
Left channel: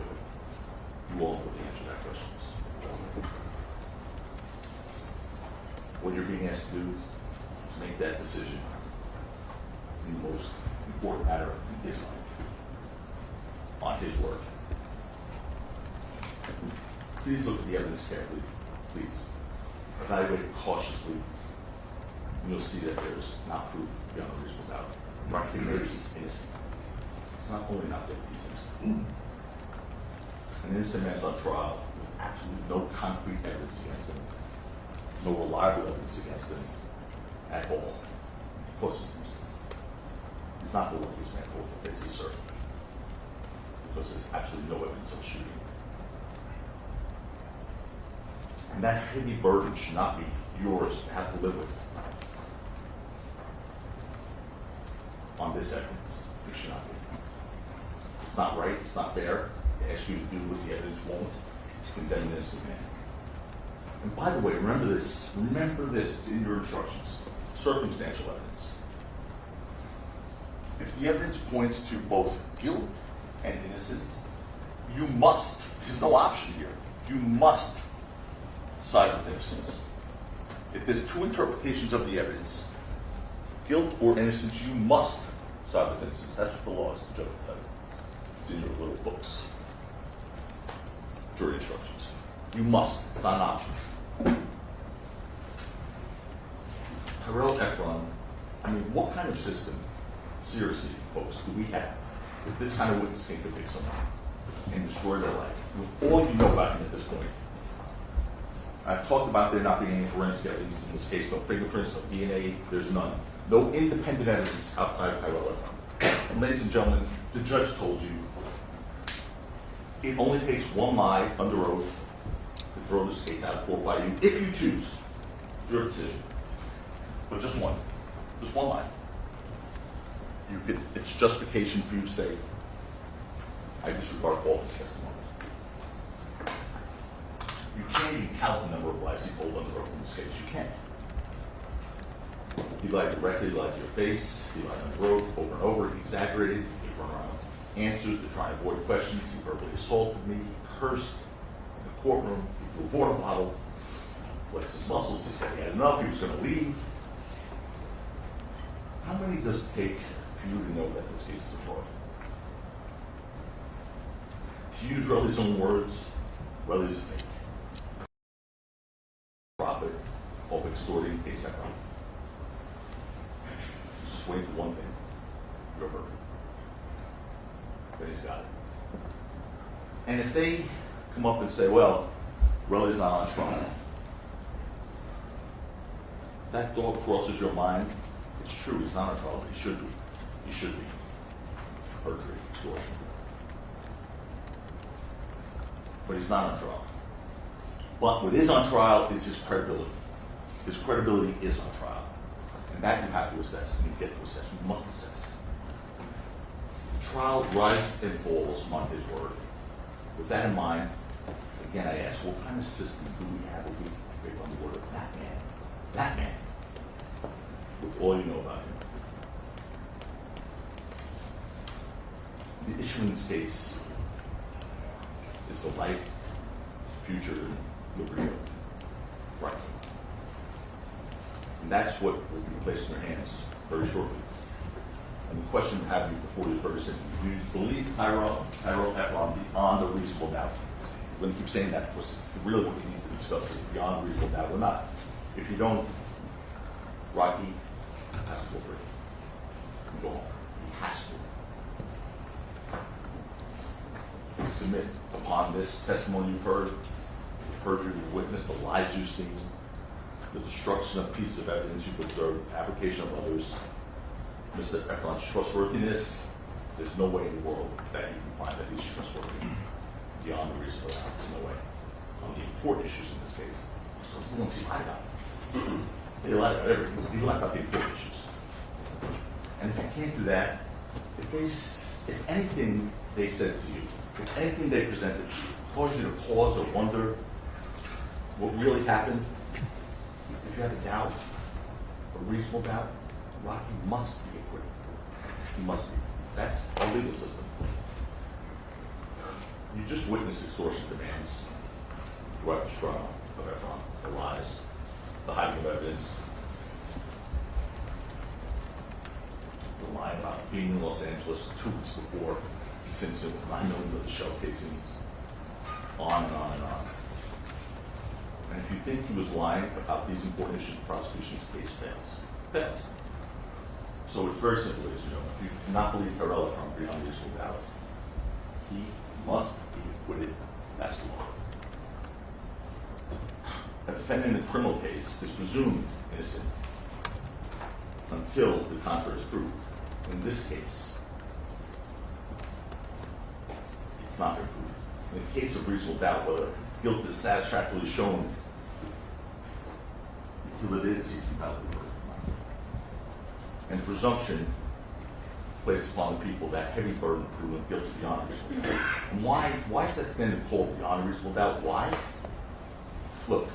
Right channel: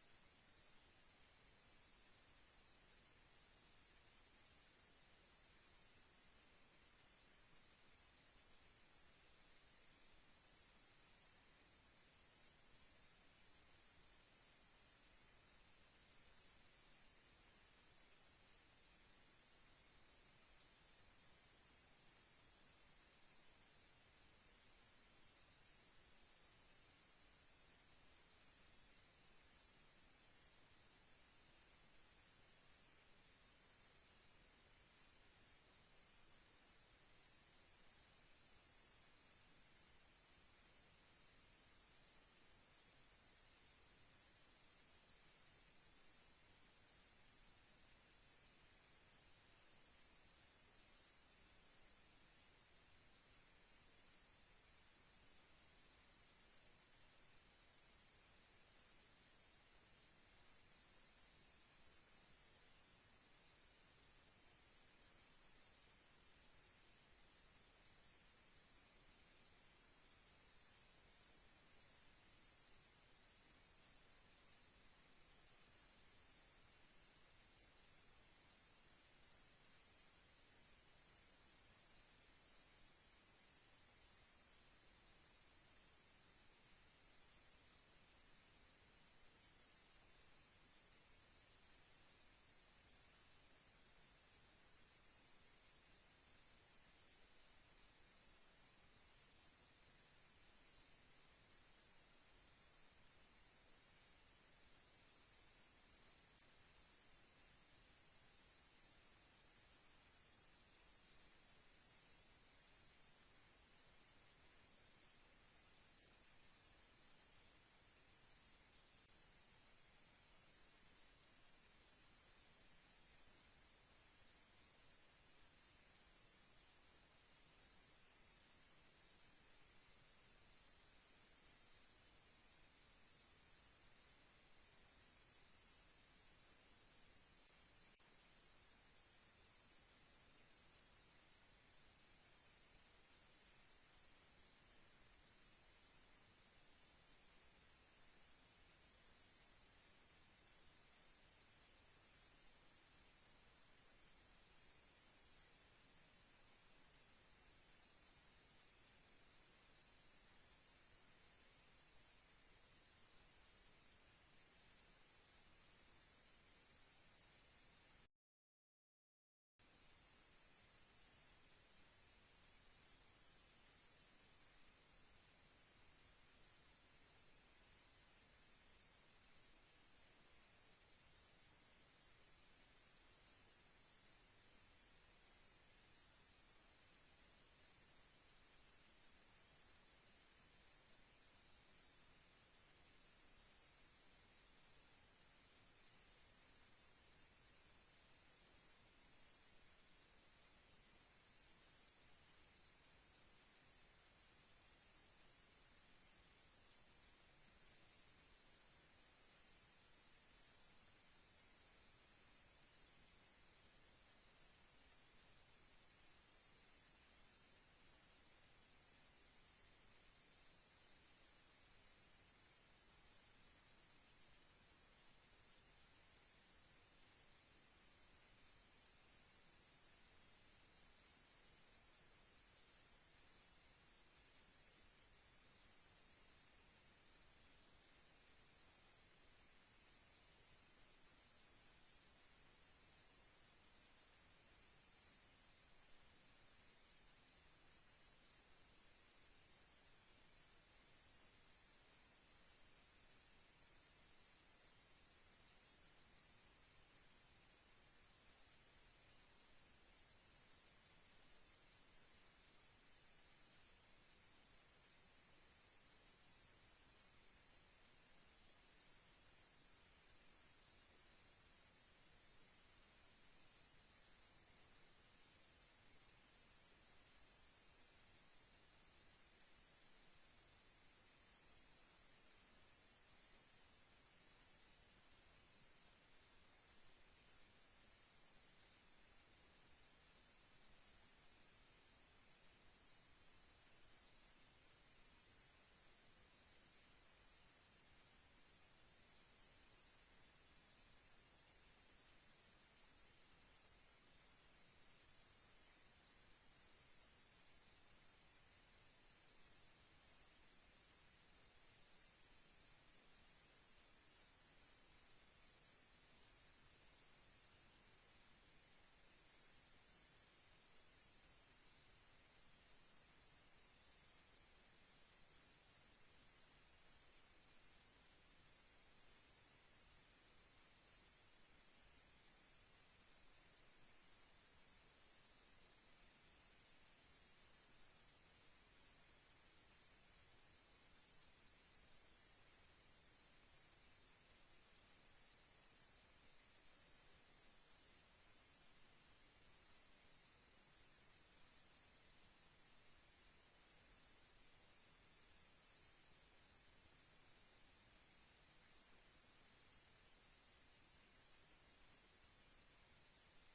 You all know what the answer to that question is. What you're being asked to do is make that decision in the most important matter in his life, on his word. please look at the evidence carefully. Please. Evaluate it cautiously. And you'll see that there's not proof beyond a reasonable doubt. Rocky knows he's innocent. It's not only not guilty, he's innocent. An innocent man's on trial with absolutely no concrete evidence against him, no reliable evidence against him at all. Of course he's innocent. He's not the luckiest man for the face, sir. Because there's absolutely no evidence of shooting. And that heavy burden should not be yours to have to live with. On this evidence, it should not be. It's not right, it's not fair to ask you to do what the evidence won't to condemn an innocent man. And by the way, remember this, it's in your instructions, circumstantial evidence. If the evidence points to both guilt and innocence, you must, there's no option here, you must side with innocence. If there's two interpretations of the evidence, guilt or innocence, you must side with innocence. That's what the law is, the judge will tell you. It's in your little books. Jury instructions. You must. It's not an option. Tyrell Efron, I mean, what kind of system, seriously, folks, do we have if this kind of witness can convict someone and destroy their life? With all you know about him at this point. I've talked about there not being any forensic evidence in this case, no fingerprints, no DNA, there's none. No independent evidence outside of Tyrell Efron. And ladies and gentlemen, the judge told you it only takes one lie under oath to throw this case out of court by you, if you choose. Your decision. But just one. Just one lie. It's justification for you to say, I disregard all his testimony. You can't even count the number of lies he told under oath in this case. You can't. He lied directly, he lied to your face, he lied under oath over and over, he exaggerated, he gave runaround answers to try and avoid questions, he verbally assaulted me, he cursed in the courtroom, he threw a water bottle, flexed his muscles, he said he had enough, he was going to leave. How many does it take for you to know that this case is a fraud? To use Relly's own words, Relly's a fake. Profit of extorting a separate. Just wait for one thing, your verdict. Then he's got it. And if they come up and say, well, Relly's not on trial, that thought crosses your mind. It's true, he's not on trial, but he should be. He should be. Perjury, extortion. But he's not on trial. But what is on trial is his credibility. His credibility is on trial. And that you have to assess, and you get to assess, you must assess. The trial rises and falls on his word. With that in mind, again I ask, what kind of system do we have if we pick on the word of that man? That man. With all you know about him. The issue in this case is the life, future, and liberty of Rocky. And that's what will be placed in your hands very shortly. And the question I have you before you is very simple. Do you believe Tyrell Efron beyond a reasonable doubt? We're going to keep saying that because it's really what you need to discuss is beyond a reasonable doubt or not. If you don't, Rocky has to go free. And go home. He has to. You submit upon this testimony you've heard, the perjury you've witnessed, the lies you've seen, the destruction of pieces of evidence you've observed, the fabrication of others, Mr. Efron's trustworthiness. There's no way in the world that you can find that he's trustworthy beyond a reasonable doubt. There's no way. On the important issues in this case, so once he lied about it. He lied about everything. He lied about the important issues. And if you can't do that, if anything they said to you, if anything they presented caused you to pause or wonder what really happened, if you have a doubt, a reasonable doubt, Rocky must be acquitted. He must be. That's our legal system. You just witnessed extortion demands throughout the trial of Efron, the lies, the hiding of evidence, the lie about being in Los Angeles 2 weeks before this incident with 9 million of the shell casings, on and on and on. think he was lying about these important issues, the prosecution's case fails. Fails. So it's very simple, ladies and gentlemen. If you do not believe Harrell from beyond reasonable doubt, he must be acquitted. That's the law. A defendant in a criminal case is presumed innocent until the contrary is proved. In this case, it's not been proved. In the case of reasonable doubt, whether guilt is satisfactorily shown, until it is, he's entitled to verdict. And presumption placed upon the people that heavy burden of proving guilt beyond reasonable doubt. And why is that standard called beyond reasonable doubt? Why? Look,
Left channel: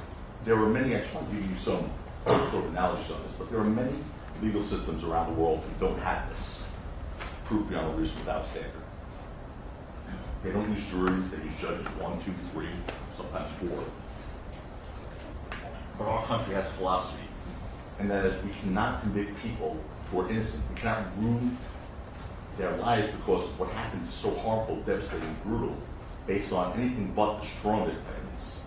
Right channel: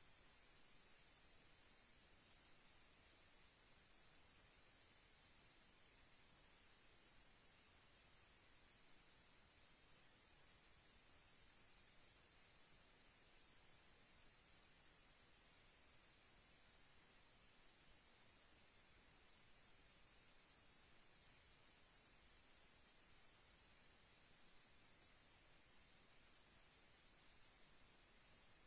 there are many, I just want to give you some sort of analogies on this, but there are many legal systems around the world who don't have this proof beyond a reasonable doubt standard. They don't use juries, they use judges 1, 2, 3, sometimes 4. But our country has a philosophy, and that is we cannot convict people who are innocent. We cannot ruin their lives because what happens is so harmful, devastating, brutal, based on anything but the strongest evidence.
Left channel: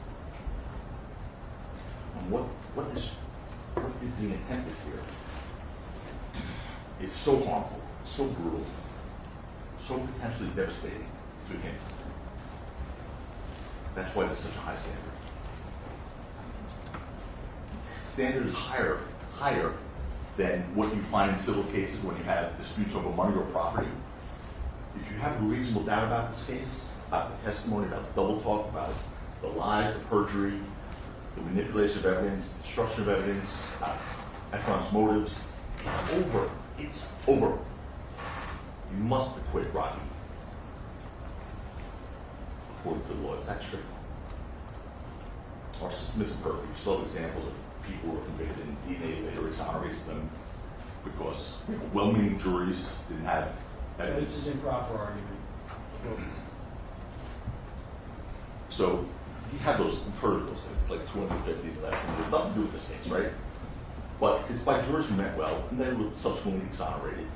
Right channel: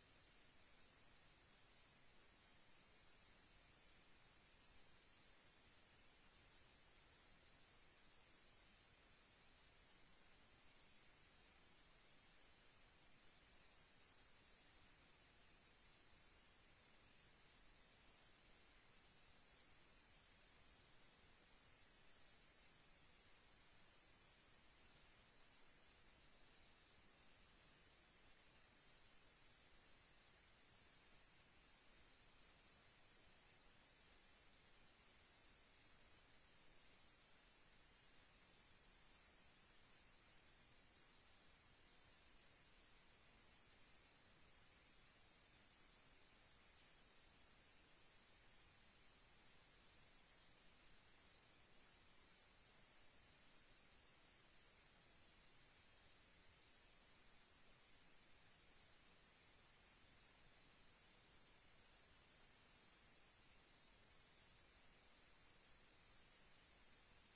And what is being attempted here? It's so harmful, so brutal, so potentially devastating to him. That's why there's such a high standard. Standard is higher than what you find in civil cases when you have disputes over money or property. If you have a reasonable doubt about this case, about the testimony, about the double talk, about the lies, the perjury, the manipulation of evidence, the destruction of evidence, Efron's motives, it's over. It's over. You must acquit Rocky. According to the law, it's that strict. Our system isn't perfect. You saw examples of people who were convicted and DNA later exonerates them because well-meaning juries didn't have evidence. This is improper argument. So you have those, you've heard of those things, like 250 less, and there's nothing to do with this case, right? But it's by jurors who meant well, and they were subsequently exonerated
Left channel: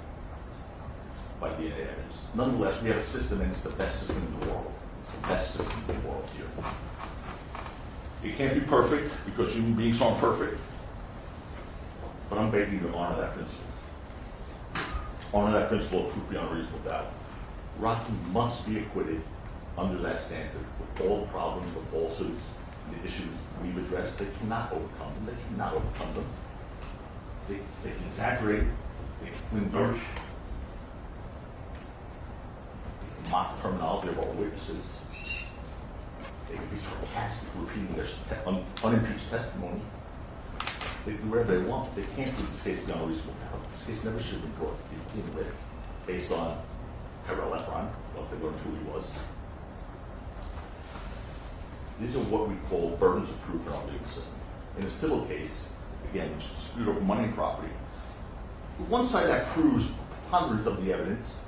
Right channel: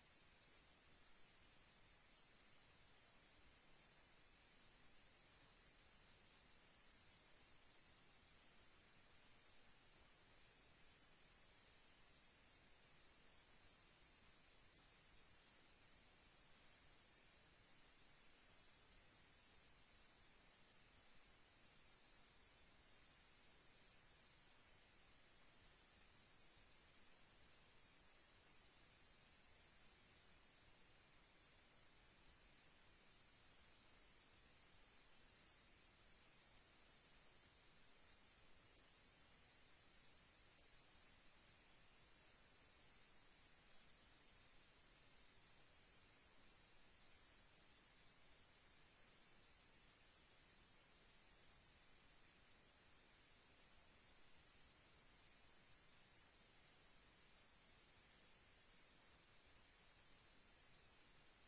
by DNA evidence. Nonetheless, we have a system, and it's the best system in the world. It's the best system in the world here. It can't be perfect because human beings aren't perfect, but I'm begging you to honor that principle. Honor that principle of proof beyond reasonable doubt. Rocky must be acquitted under that standard with all the problems, the falsehoods, the issues we've addressed. They cannot overcome them. They cannot overcome them. They can exaggerate. They can win dirt. They can mock the terminology of our witnesses. They can be sarcastic, repeating their unimpeached testimony. They can do whatever they want. They can't prove this case beyond a reasonable doubt. This case never should have been brought to begin with, based on Harrell Efron, once they learned who he was. These are what we call burdens of proof in our legal system. In a civil case, again, which is a dispute over money and property, the one side that proves preponderance of the evidence,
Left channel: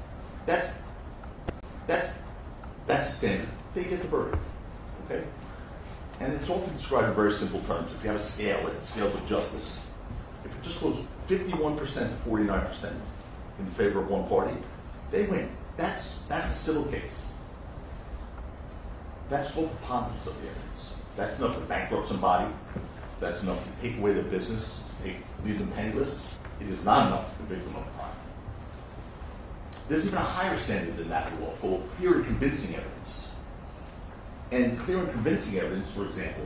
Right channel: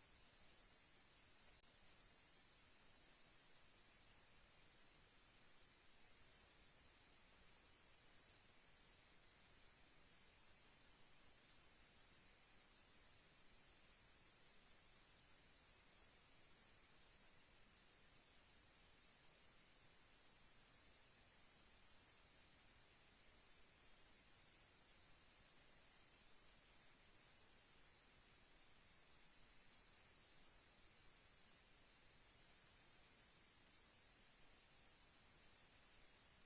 that's the standard. They get the verdict. Okay? And it's often described in very simple terms. If you have a scale, like the scales of justice, if it just goes 51% to 49% in favor of one party, they win. That's a civil case. That's called preponderance of the evidence. That's enough to bankrupt somebody. That's enough to take away their business, leave them penniless. It is not enough to convict them of a crime. There's even a higher standard than that in law called clear and convincing evidence. And clear and convincing evidence, for example,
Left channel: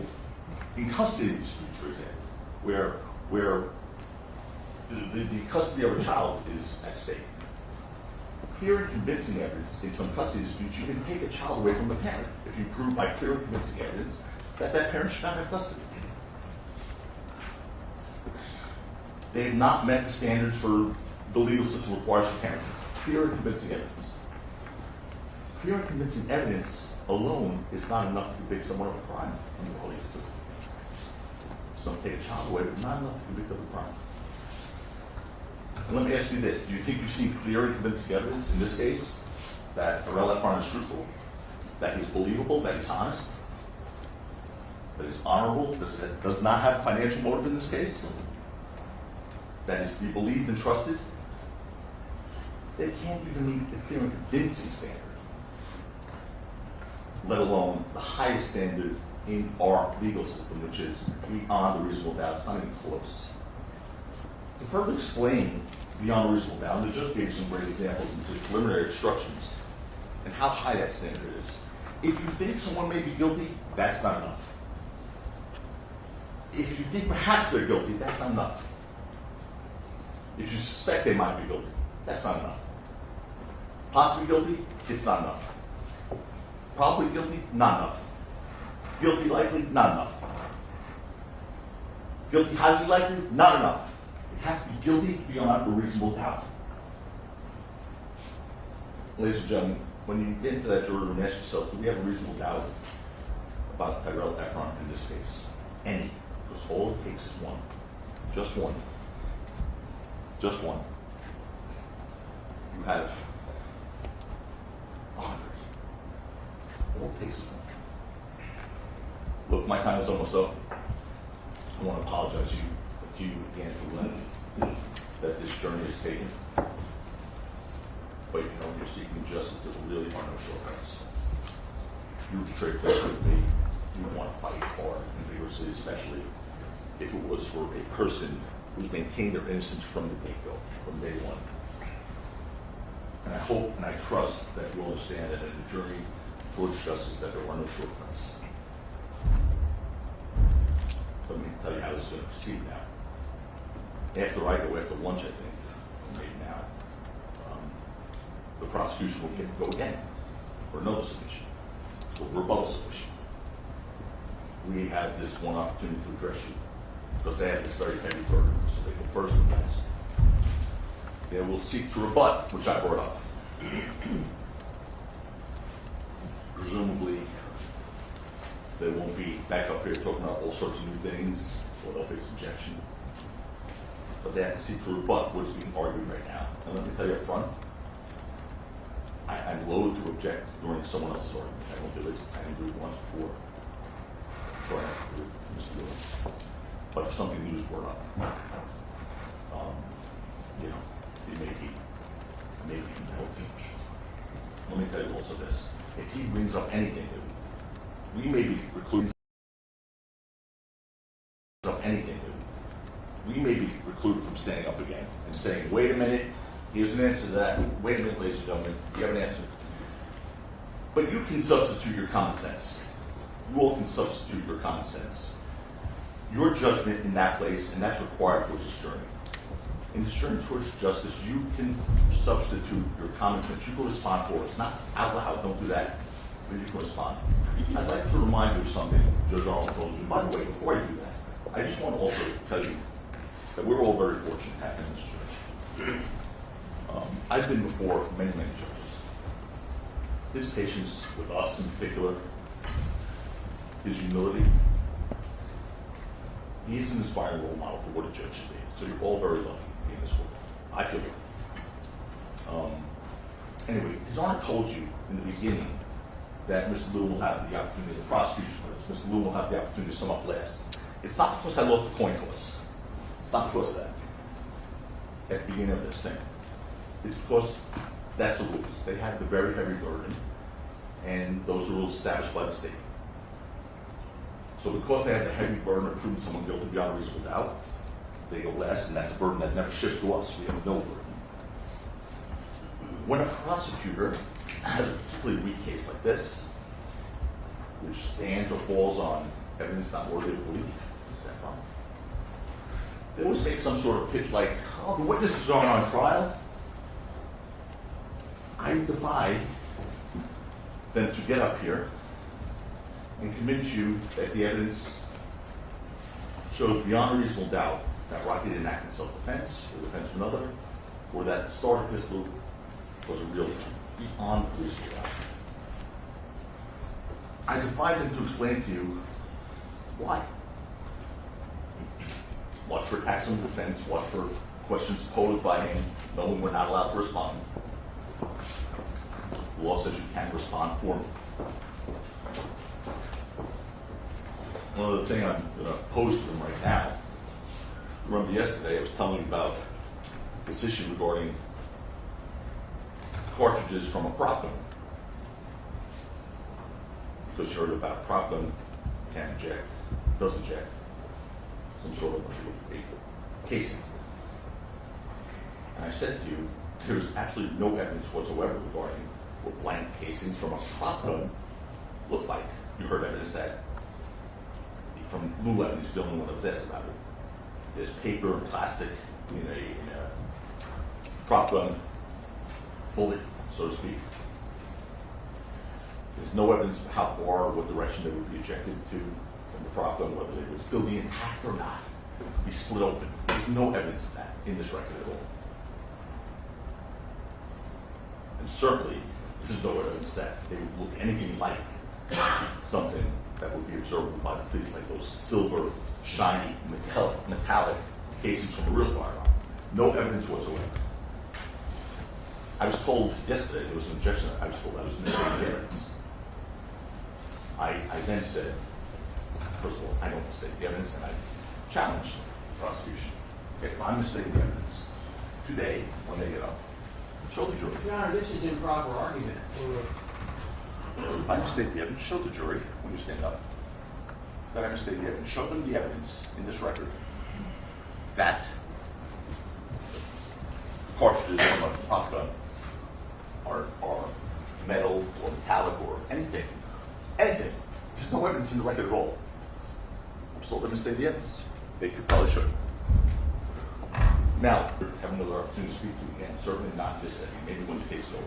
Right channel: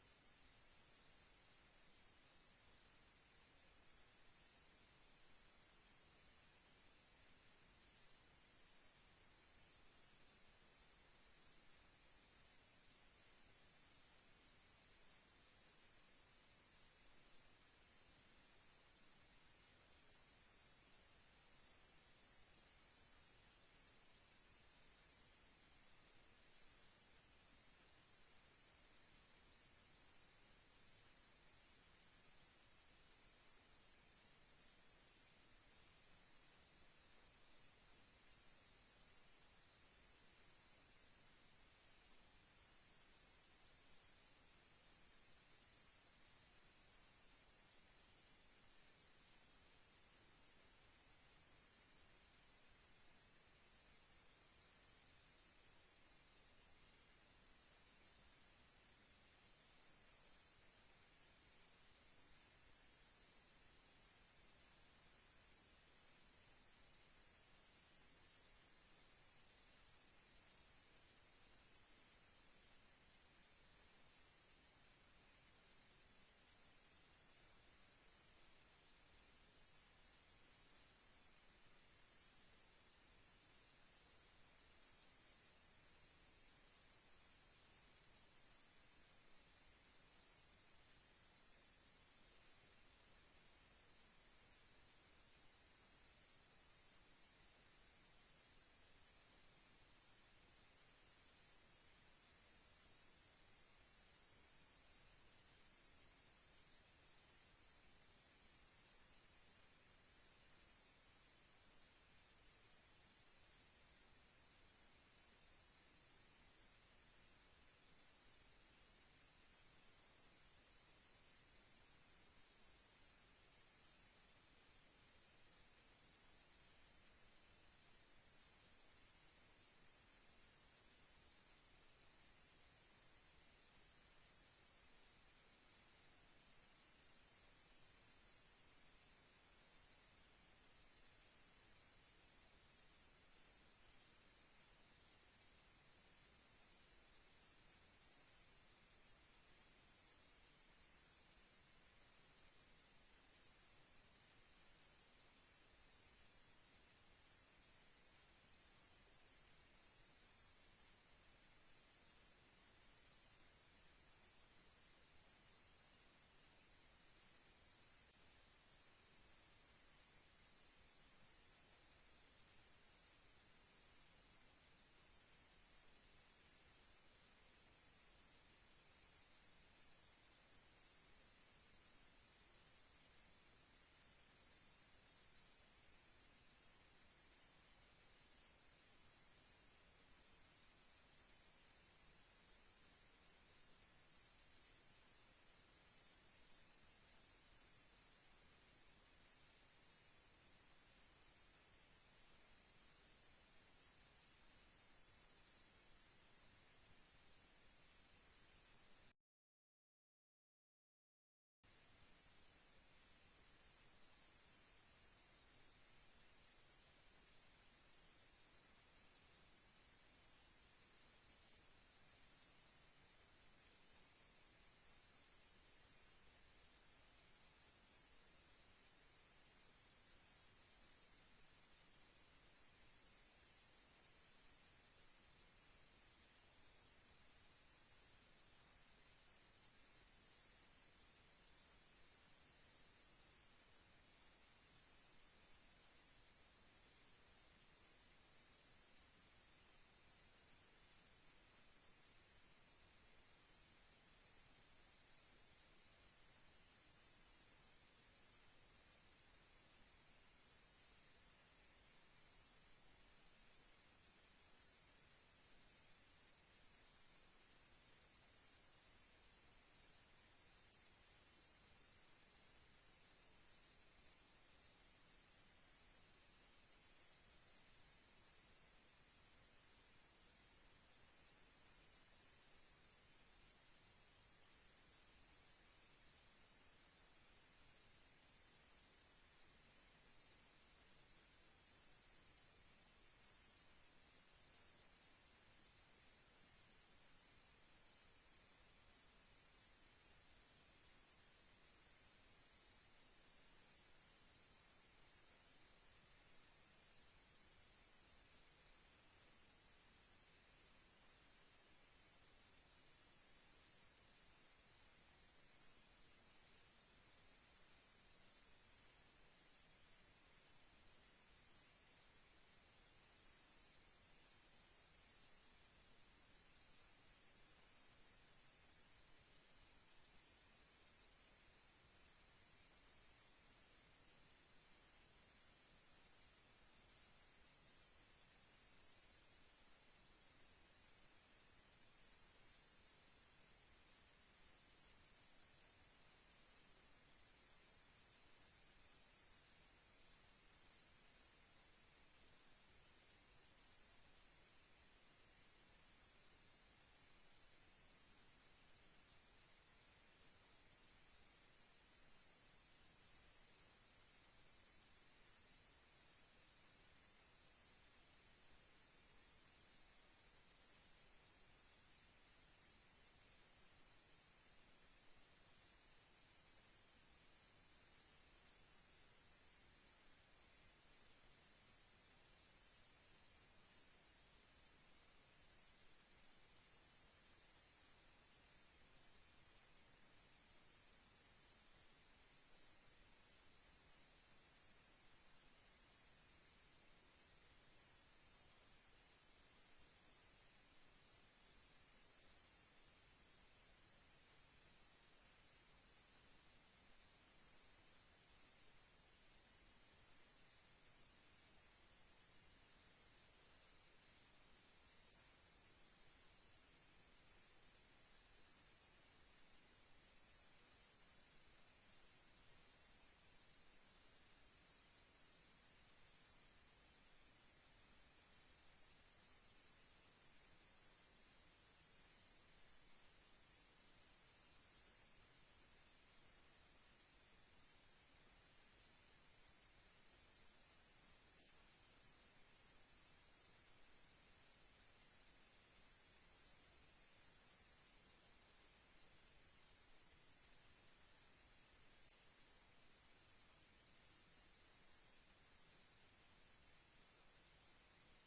in custody disputes, for example, where the custody of a child is at stake. Clear and convincing evidence in some custody disputes, you can take a child away from the parent if you prove by clear and convincing evidence that that parent should not have custody. They have not met the standards for the legal system requires for parenting. Clear and convincing evidence. Clear and convincing evidence alone is not enough to convict someone of a crime in the legal system. So take a child away, but not enough to convict of a crime. And let me ask you this. Do you think you've seen clear and convincing evidence in this case that Harrell Efron is truthful, that he's believable, that he's honest, that he's honorable, does not have financial motive in this case, that is to be believed and trusted? They can't even meet the clear and convincing standard, let alone the highest standard in our legal system, which is beyond a reasonable doubt. It's not even close. To further explain beyond a reasonable doubt, and the judge gave some great examples in his preliminary instructions and how high that standard is. If you think someone may be guilty, that's not enough. If you think perhaps they're guilty, that's not enough. If you suspect they might be guilty, that's not enough. Possibly guilty, it's not enough. Probably guilty, not enough. Guilty likely, not enough. Guilty highly likely, not enough. It has to be guilty beyond a reasonable doubt. Ladies and gentlemen, when you get into that jury room, ask yourself, do we have a reasonable doubt about Tyrell Efron in this case? Any. Because all it takes is one. Just one. Just one. You have 100. All it takes is one. Look, my time is almost up. I want to apologize to you again for letting that this journey is taken. But you know, when you're seeking justice, there really are no shortcuts. You trade place with me. You want to fight hard and vigorously, especially if it was for a person who's maintained their innocence from the get-go, from day one. And I hope and I trust that you understand that in the journey towards justice, that there are no shortcuts. Let me tell you how this is going to proceed now. After I go, after lunch, I think, maybe now, the prosecution will get to go again for another submission, for rebuttal submission. We have this one opportunity to address you because they have this very heavy burden, so they go first and last. They will seek to rebut, which I brought up. Presumably, they won't be back up here talking about all sorts of new things, or they'll face objection. But they have to seek to rebut what is being argued right now. And let me tell you up front, I'm loath to object during someone else's argument. I don't do it. I didn't do it once before. I'm sure I have to do it, Mr. Lewis. But if something new is brought up, you know, it may be guilty. Let me tell you also this. If he brings up anything new, we may be precluded from standing up again and saying, wait a minute, here's an answer to that. Wait a minute, ladies and gentlemen, you have an answer. But you can substitute your common sense. You all can substitute your common sense. Your judgment in that place, and that's required for this journey. In this journey towards justice, you can substitute your common sense. You can respond for us, not out loud, don't do that, but you can respond. I'd like to remind you of something Judge Arnold told you. By the way, before I do that, I just want to also tell you that we're all very fortunate to have in this judge. I've been before many, many judges. His patience with us in particular, his humility, he's an inspiring role model for what a judge should be. So you're all very lucky in this world. I feel lucky. Anyway, his Honor told you in the beginning that Mr. Lew will have the opportunity, the prosecution does, Mr. Lew will have the opportunity to sum up last. It's not because I lost the coin toss. It's not because of that at the beginning of this thing. It's because that's the rules. They have the very heavy burden, and those are rules established by the state. So because they have the heavy burden of proving someone guilty beyond a reasonable doubt, they go last, and that's a burden that never shifts to us. We have no burden. When a prosecutor has a particularly weak case like this, which stands or falls on evidence not worthy of belief, they always make some sort of pitch like, oh, the witnesses aren't on trial. I defy them to get up here and convince you that the evidence shows beyond a reasonable doubt that Rocky didn't act in self-defense or defense of another, or that the start of this loop was a real thing, beyond a reasonable doubt. I defy them to explain to you why. Watch for attacks on defense, watch for questions posed by him, knowing we're not allowed to respond. The law says you can't respond for me. One other thing I'm going to pose to them right now. Remember yesterday I was telling you about this issue regarding cartridges from a prop gun. Because you heard about prop gun can eject, does eject some sort of a casing. And I said to you, there's absolutely no evidence whatsoever regarding what blank casings from a prop gun look like. You heard evidence that from Lou Evans, the only one that was asked about it. There's paper and plastic in a prop gun bullet, so to speak. There's no evidence of how far or what direction they would be ejected to from the prop gun, whether they would still be intact or not, be split open. There's no evidence of that in this record at all. And certainly, there's no evidence that they would look anything like something that would be observable by the police, like those silver, shiny, metallic casings from a real firearm. No evidence whatsoever. I was told yesterday, there was an objection, I was told I was misstating the evidence. I then said, first of all, I don't mistake the evidence, and I challenged the prosecution. Okay, if I'm mistaking the evidence, today, when they get up, show the jury. Your Honor, this is improper argument. If I mistake the evidence, show the jury when you stand up that I mistake the evidence. Show them the evidence in this record that cartridges from a pop gun are metal or metallic or anything. Anything. There's no evidence in the record at all. I'm still going to mistake the evidence. They could probably show. Now, have another opportunity to speak to you again. Certainly not this setting. Maybe when the case is over.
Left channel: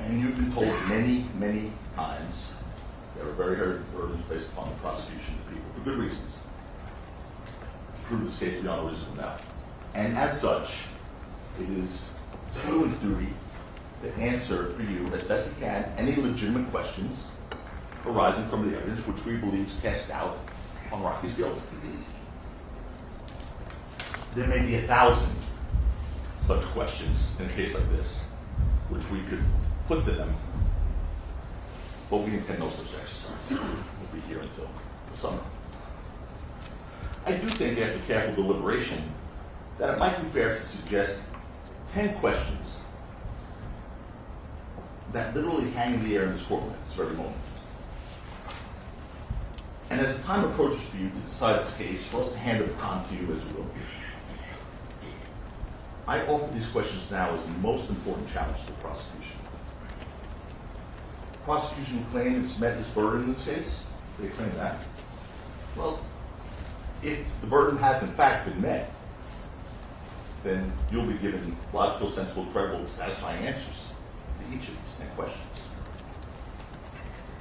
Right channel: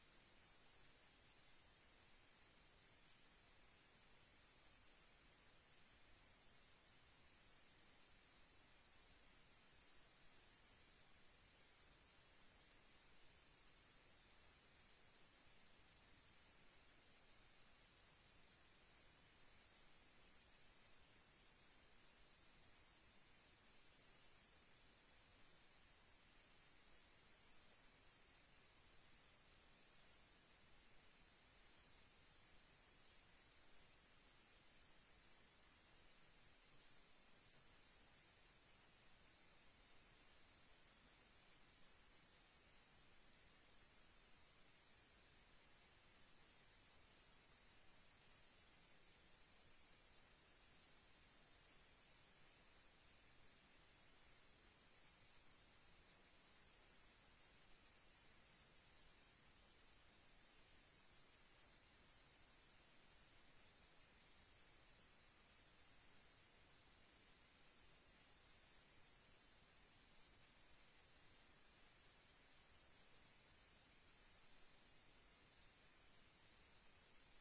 And you've been told many, many times there are very heavy burdens based upon the prosecution of people for good reasons. Prove this case beyond a reasonable doubt. And as such, it is Steward's duty to answer for you as best it can any legitimate questions arising from the evidence which we believe is cast doubt on Rocky's guilt. There may be 1,000 such questions in a case like this, which we could put to them, but we intend no such exercise. We'll be here until the summer. I do think, after careful deliberation, that it might be fair to suggest 10 questions that literally hang in the air in this courtroom at this very moment. And as the time approaches for you to decide this case, for us to hand the baton to you as you will, I offer these questions now as the most important challenge to the prosecution. The prosecution claims it's met its burden in this case. They claim that. Well, if the burden has in fact been met, then you'll be given logical, sensible, credible, satisfying answers to each of these 10 questions.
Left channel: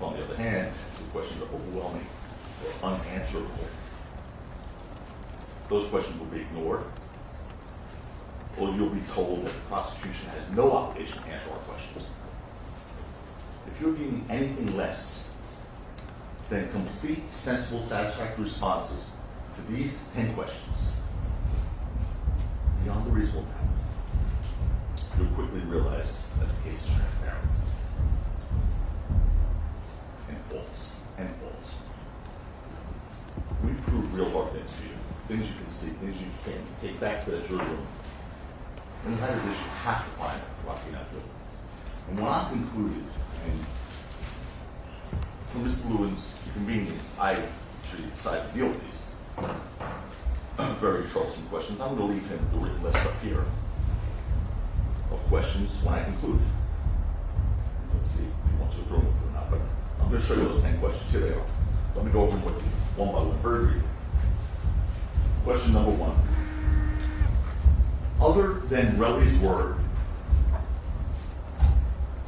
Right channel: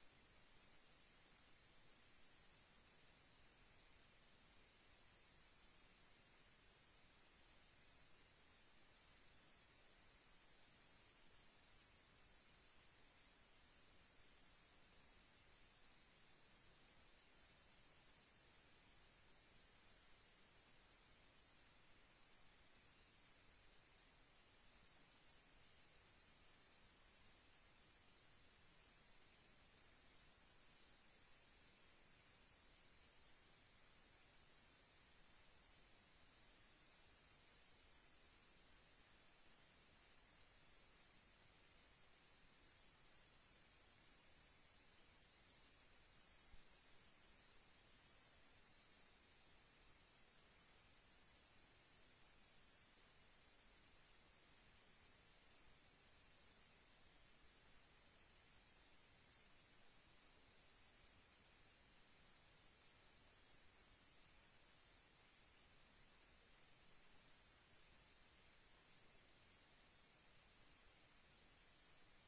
On the other hand, the questions are overwhelming or unanswerable. Those questions will be ignored, or you'll be told that the prosecution has no obligation to answer our questions. If you're giving anything less than complete, sensible, satisfactory responses to these 10 questions, beyond the reasonable doubt, you'll quickly realize that the case is transparent and false, and false. We prove real hard things for you, things you can see, things you can take back to that jury room. When you have this, you have to find Rocky not guilty. And when I'm concluded, and for Mr. Lewin's convenience, I should decide to deal with these very troublesome questions. I'm going to leave him the written list up here of questions when I conclude. Let's see if he wants to go through them or not, but I'm going to show you those 10 questions. Here they are. Let me go over them with you, one by one, very briefly. Question number 1. Other than Relly's word,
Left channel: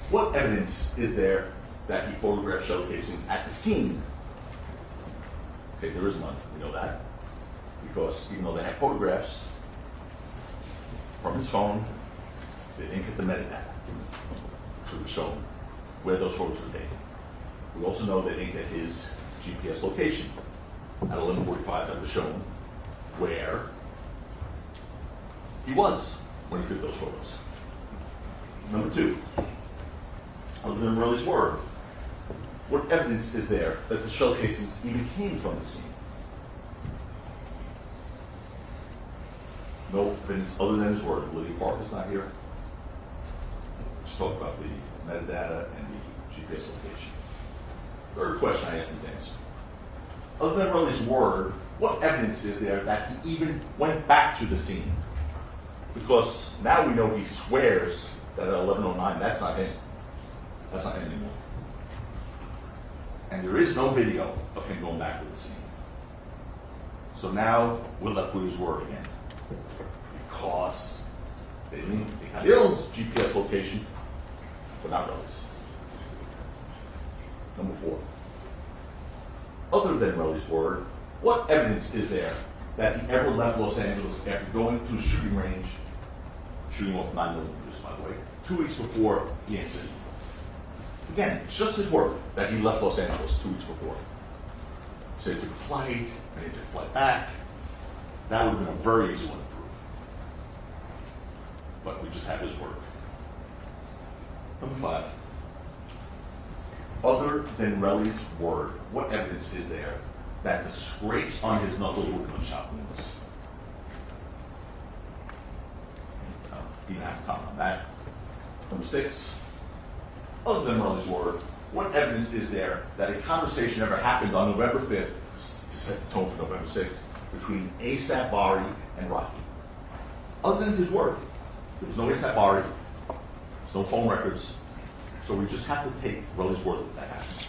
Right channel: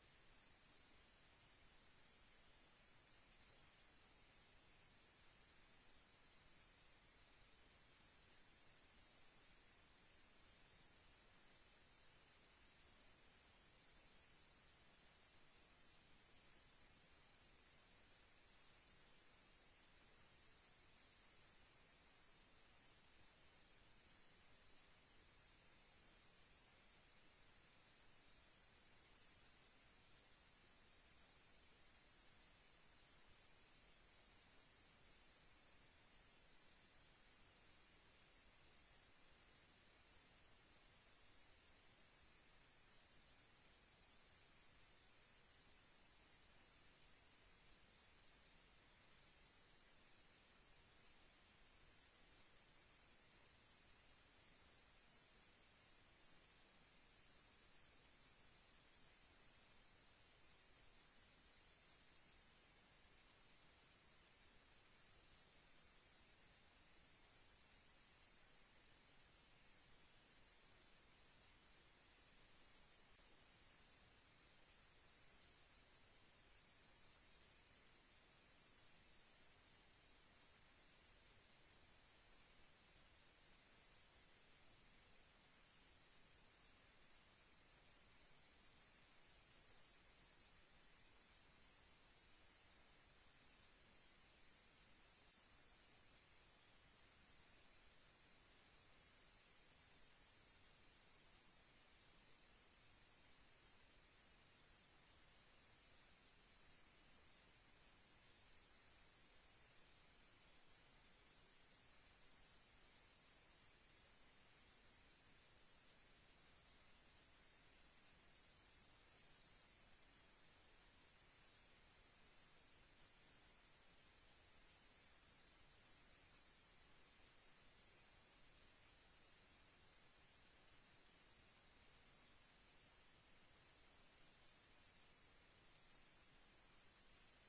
what evidence is there that he photographed shell casings at the scene? Okay, there is none. We know that. Because even though they have photographs from his phone, they didn't get the metadata to show where those photos were taken. We also know they didn't get his GPS location at 11:45 that was shown where he was when he took those photos. Number 2, other than Relly's word, what evidence is there that the shell casings even came from the scene? No evidence other than his word. Lydia Parker's not here. Just talk about the metadata and the GPS location. third question I asked him to answer. Other than Relly's word, what evidence is there that he even went back to the scene? Because now we know he swears that at 11:09, that's not him. That's not him anymore. And there is no video of him going back to the scene. So now we're left with his word again. Because they got Ill's GPS location, but not Relly's. Number 4. Other than Relly's word, what evidence is there that he ever left Los Angeles after going to a shooting range, shooting off 9mm, by the way, 2 weeks before the incident? Again, it's just his word that he left Los Angeles 2 weeks before. So he took a flight, and he took a flight back. That would have been a very easy one to prove. But we just have his word. Number 5. Other than Relly's word, what evidence is there that the scrapes on his knuckles were gunshot wounds? He didn't have to comment on that. Number 6. Other than Relly's word, what evidence is there that a conversation ever happened on November 5th, to set the tone for November 6th, between ASAP Bari and Rocky? Other than his word, there was no ASAP Bari, there's no phone records, so we just have to take Relly's word that that happened.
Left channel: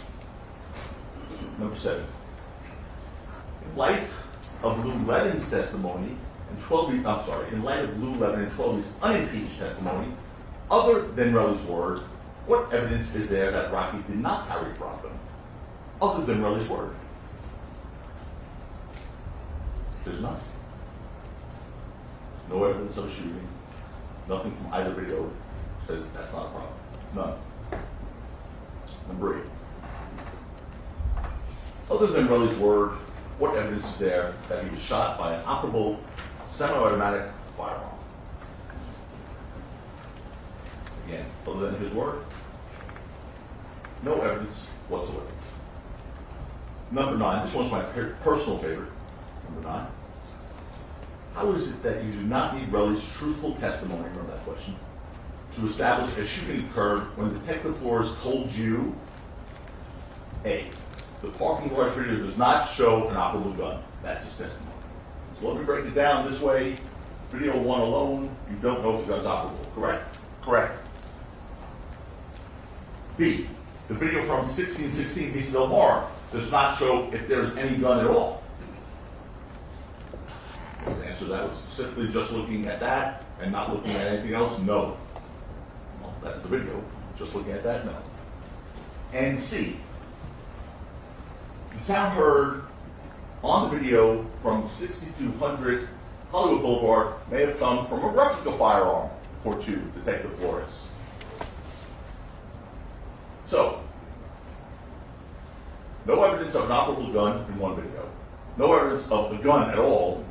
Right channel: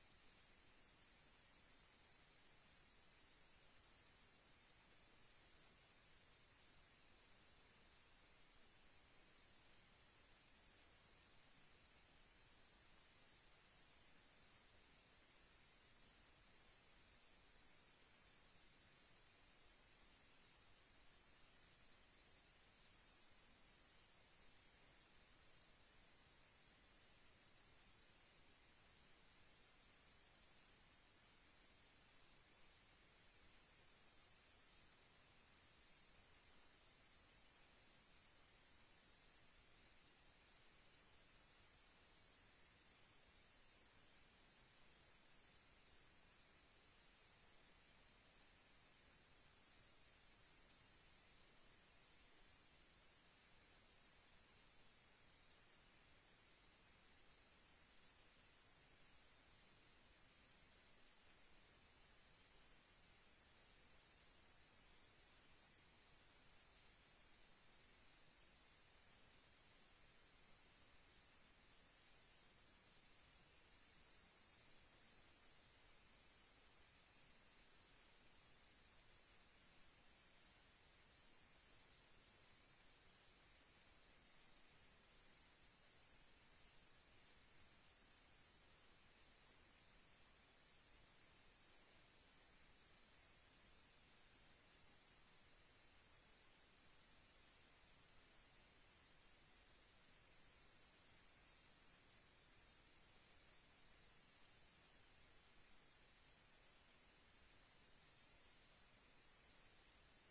Number 7. In light of Lou Levin's testimony and in light of Lou Levin and 12B's unimpeached testimony, other than Relly's word, what evidence is there that Rocky did not carry a problem? Other than Relly's word? There's none. No evidence of a shooting. Nothing from either video says that's not a problem. None. Number 8. Other than Relly's word, what evidence is there that he was shot by an operable semi-automatic firearm? Again, other than his word, no evidence whatsoever. Number 9, this one's my personal favorite. Number 9. How is it that you do not need Relly's truthful testimony, remember that question, to establish a shooting occurred when Detective Flores told you, A, the parking garage video does not show an operable gun. That's his testimony. So let me break it down this way. Video 1 alone, you don't know if the gun's operable, correct? Correct. B, the video from 1616 Beasts Del Mar does not show if there's any gun at all. The answer to that was specifically just looking at that and not looking at anything else? No. Well, that's the video. Just looking at that? No. And C, the sound heard on the video from 6200 Hollywood Boulevard may have come from a replica firearm, according to Detective Flores. So, no evidence of an operable gun in one video. No evidence of the gun at all,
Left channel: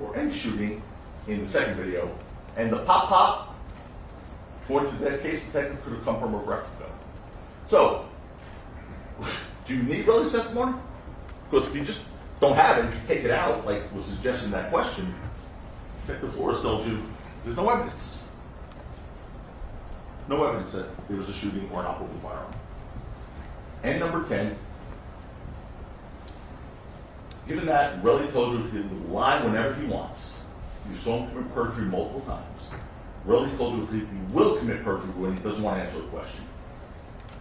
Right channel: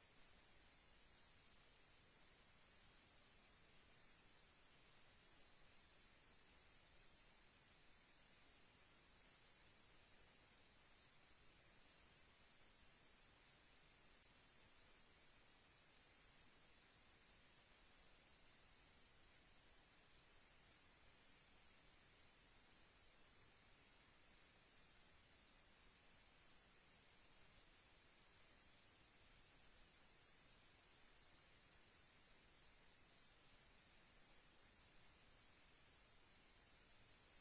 or any shooting in the second video. And the pop-pop, according to that case, detective could have come from a replica. So, do you need Relly's testimony? Because if you just don't have it, if you take it out, like was suggested in that question, Detective Flores told you there's no evidence. No evidence that there was a shooting or an operable firearm. And number 10, given that Relly told you he would lie whenever he wants, you saw him commit perjury multiple times. Relly told you he will commit perjury when he doesn't want to answer a question.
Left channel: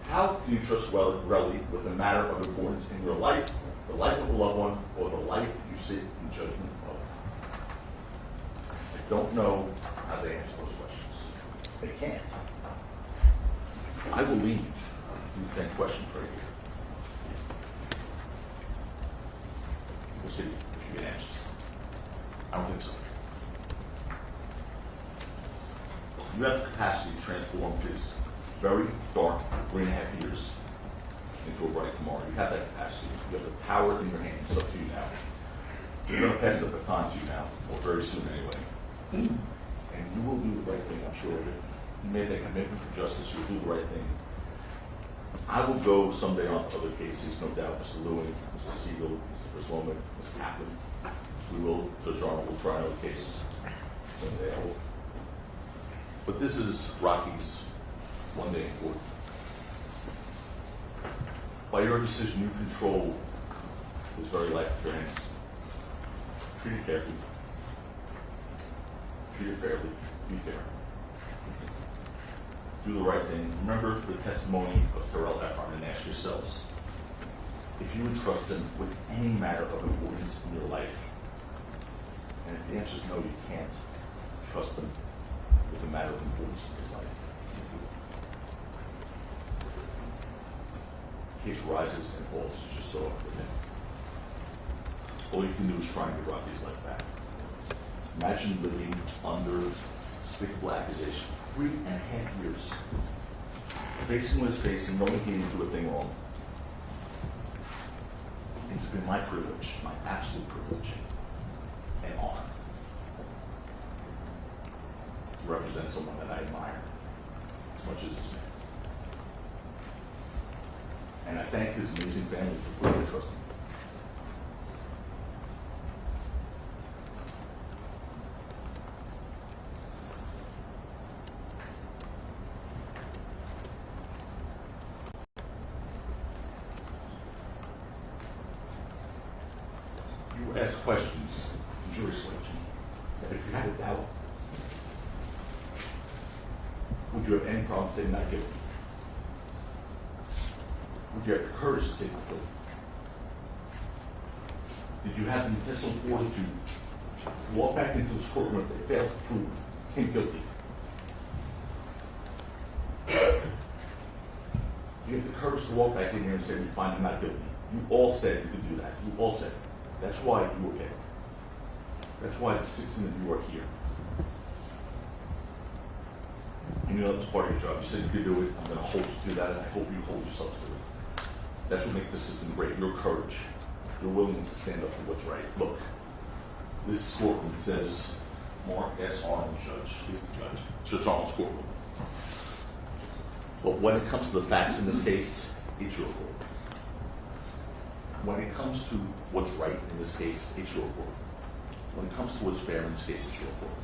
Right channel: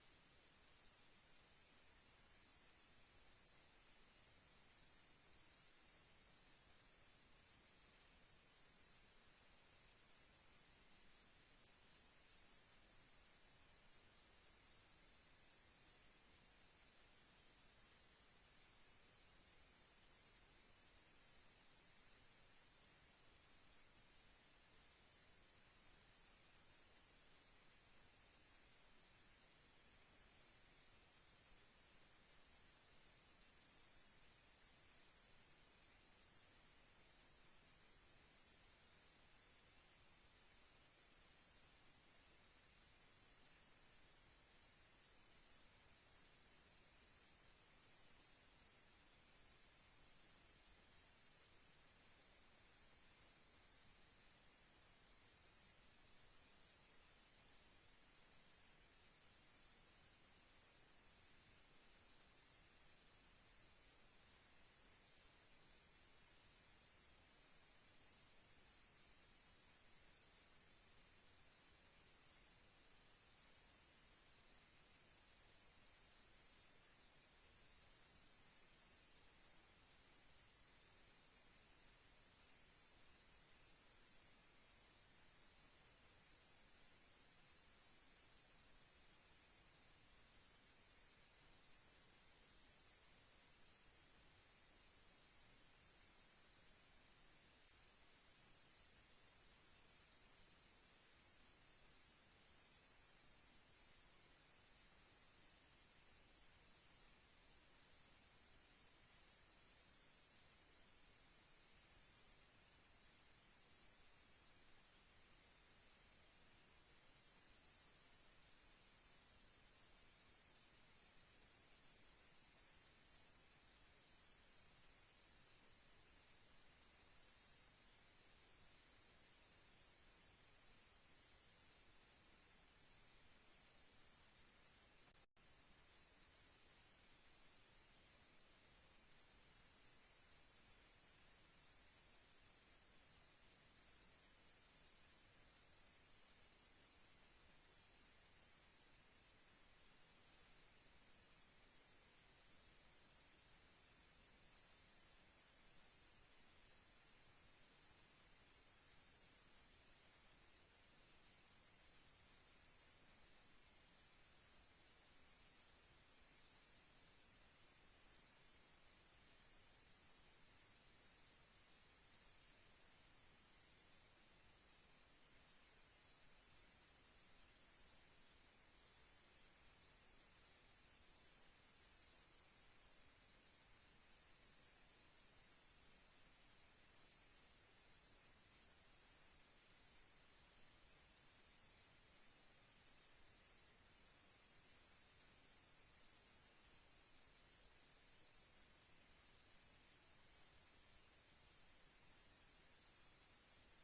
How can you trust Relly with a matter of importance in your life, the life of a loved one, or the life you sit in judgment of? I don't know how they answer those questions. They can't. I will leave these 10 questions right here. We'll see if you get answers. I don't think so. You have the capacity to transform his very dark 3.5 years into a bright tomorrow. You have that capacity. You have the power in your hands. It's up to you now. We're going to pass the baton to you now, or very soon anyway. And you will do the right thing, I'm sure of it. You made that commitment for justice. You'll do the right thing. I will go someday on to other cases, no doubt. Mr. Lewin, Mr. Siegel, Mr. Brisloman, Mr. Kaplan. We will, Judge Arnold will try another case someday, I hope. But this is Rocky's one day in court. By your decision, you control his very life in your hands. Treat it carefully. Treat it fairly. Be fair. Do the right thing. Remember the testimony of Terrell Efron and ask yourselves if you would trust him with any matter of importance in your life. And if the answer is no, you can't trust him with a matter of importance in his life. Case rises and falls as you saw with him. All you can do is try and get Rocky's life back. Imagine living under despicable accusation 3.5 years, facing what he's facing, knowing he didn't do a thing wrong. It's been my privilege, my absolute privilege, and honor to represent someone that I admire as much as this man. And I thank his amazing family for putting their trust in me. You ask questions in jury selection that if you had a doubt, would you have any problem saying not guilty? Would you have the courage to say not guilty? Did you have the mental fortitude to walk back into this courtroom if they failed to prove him guilty? You have the courage to walk back in here and say, we find him not guilty. You all said you could do that. You all said it. That's why you were picked. That's why the 6 of you are here. And you know that was part of your job. You said you could do it. I'm going to hold you to that, and I hope you hold yourselves to it. That's what makes this system great. Your courage. Your willingness to stand up for what's right. Look, this courtroom says Mark S. Arnold, Judge, is the judge. Judge Arnold's courtroom. But when it comes to the facts in this case, it's your court. When it comes to what's right in this case, it's your court. When it comes to what's fair in this case, it's your court.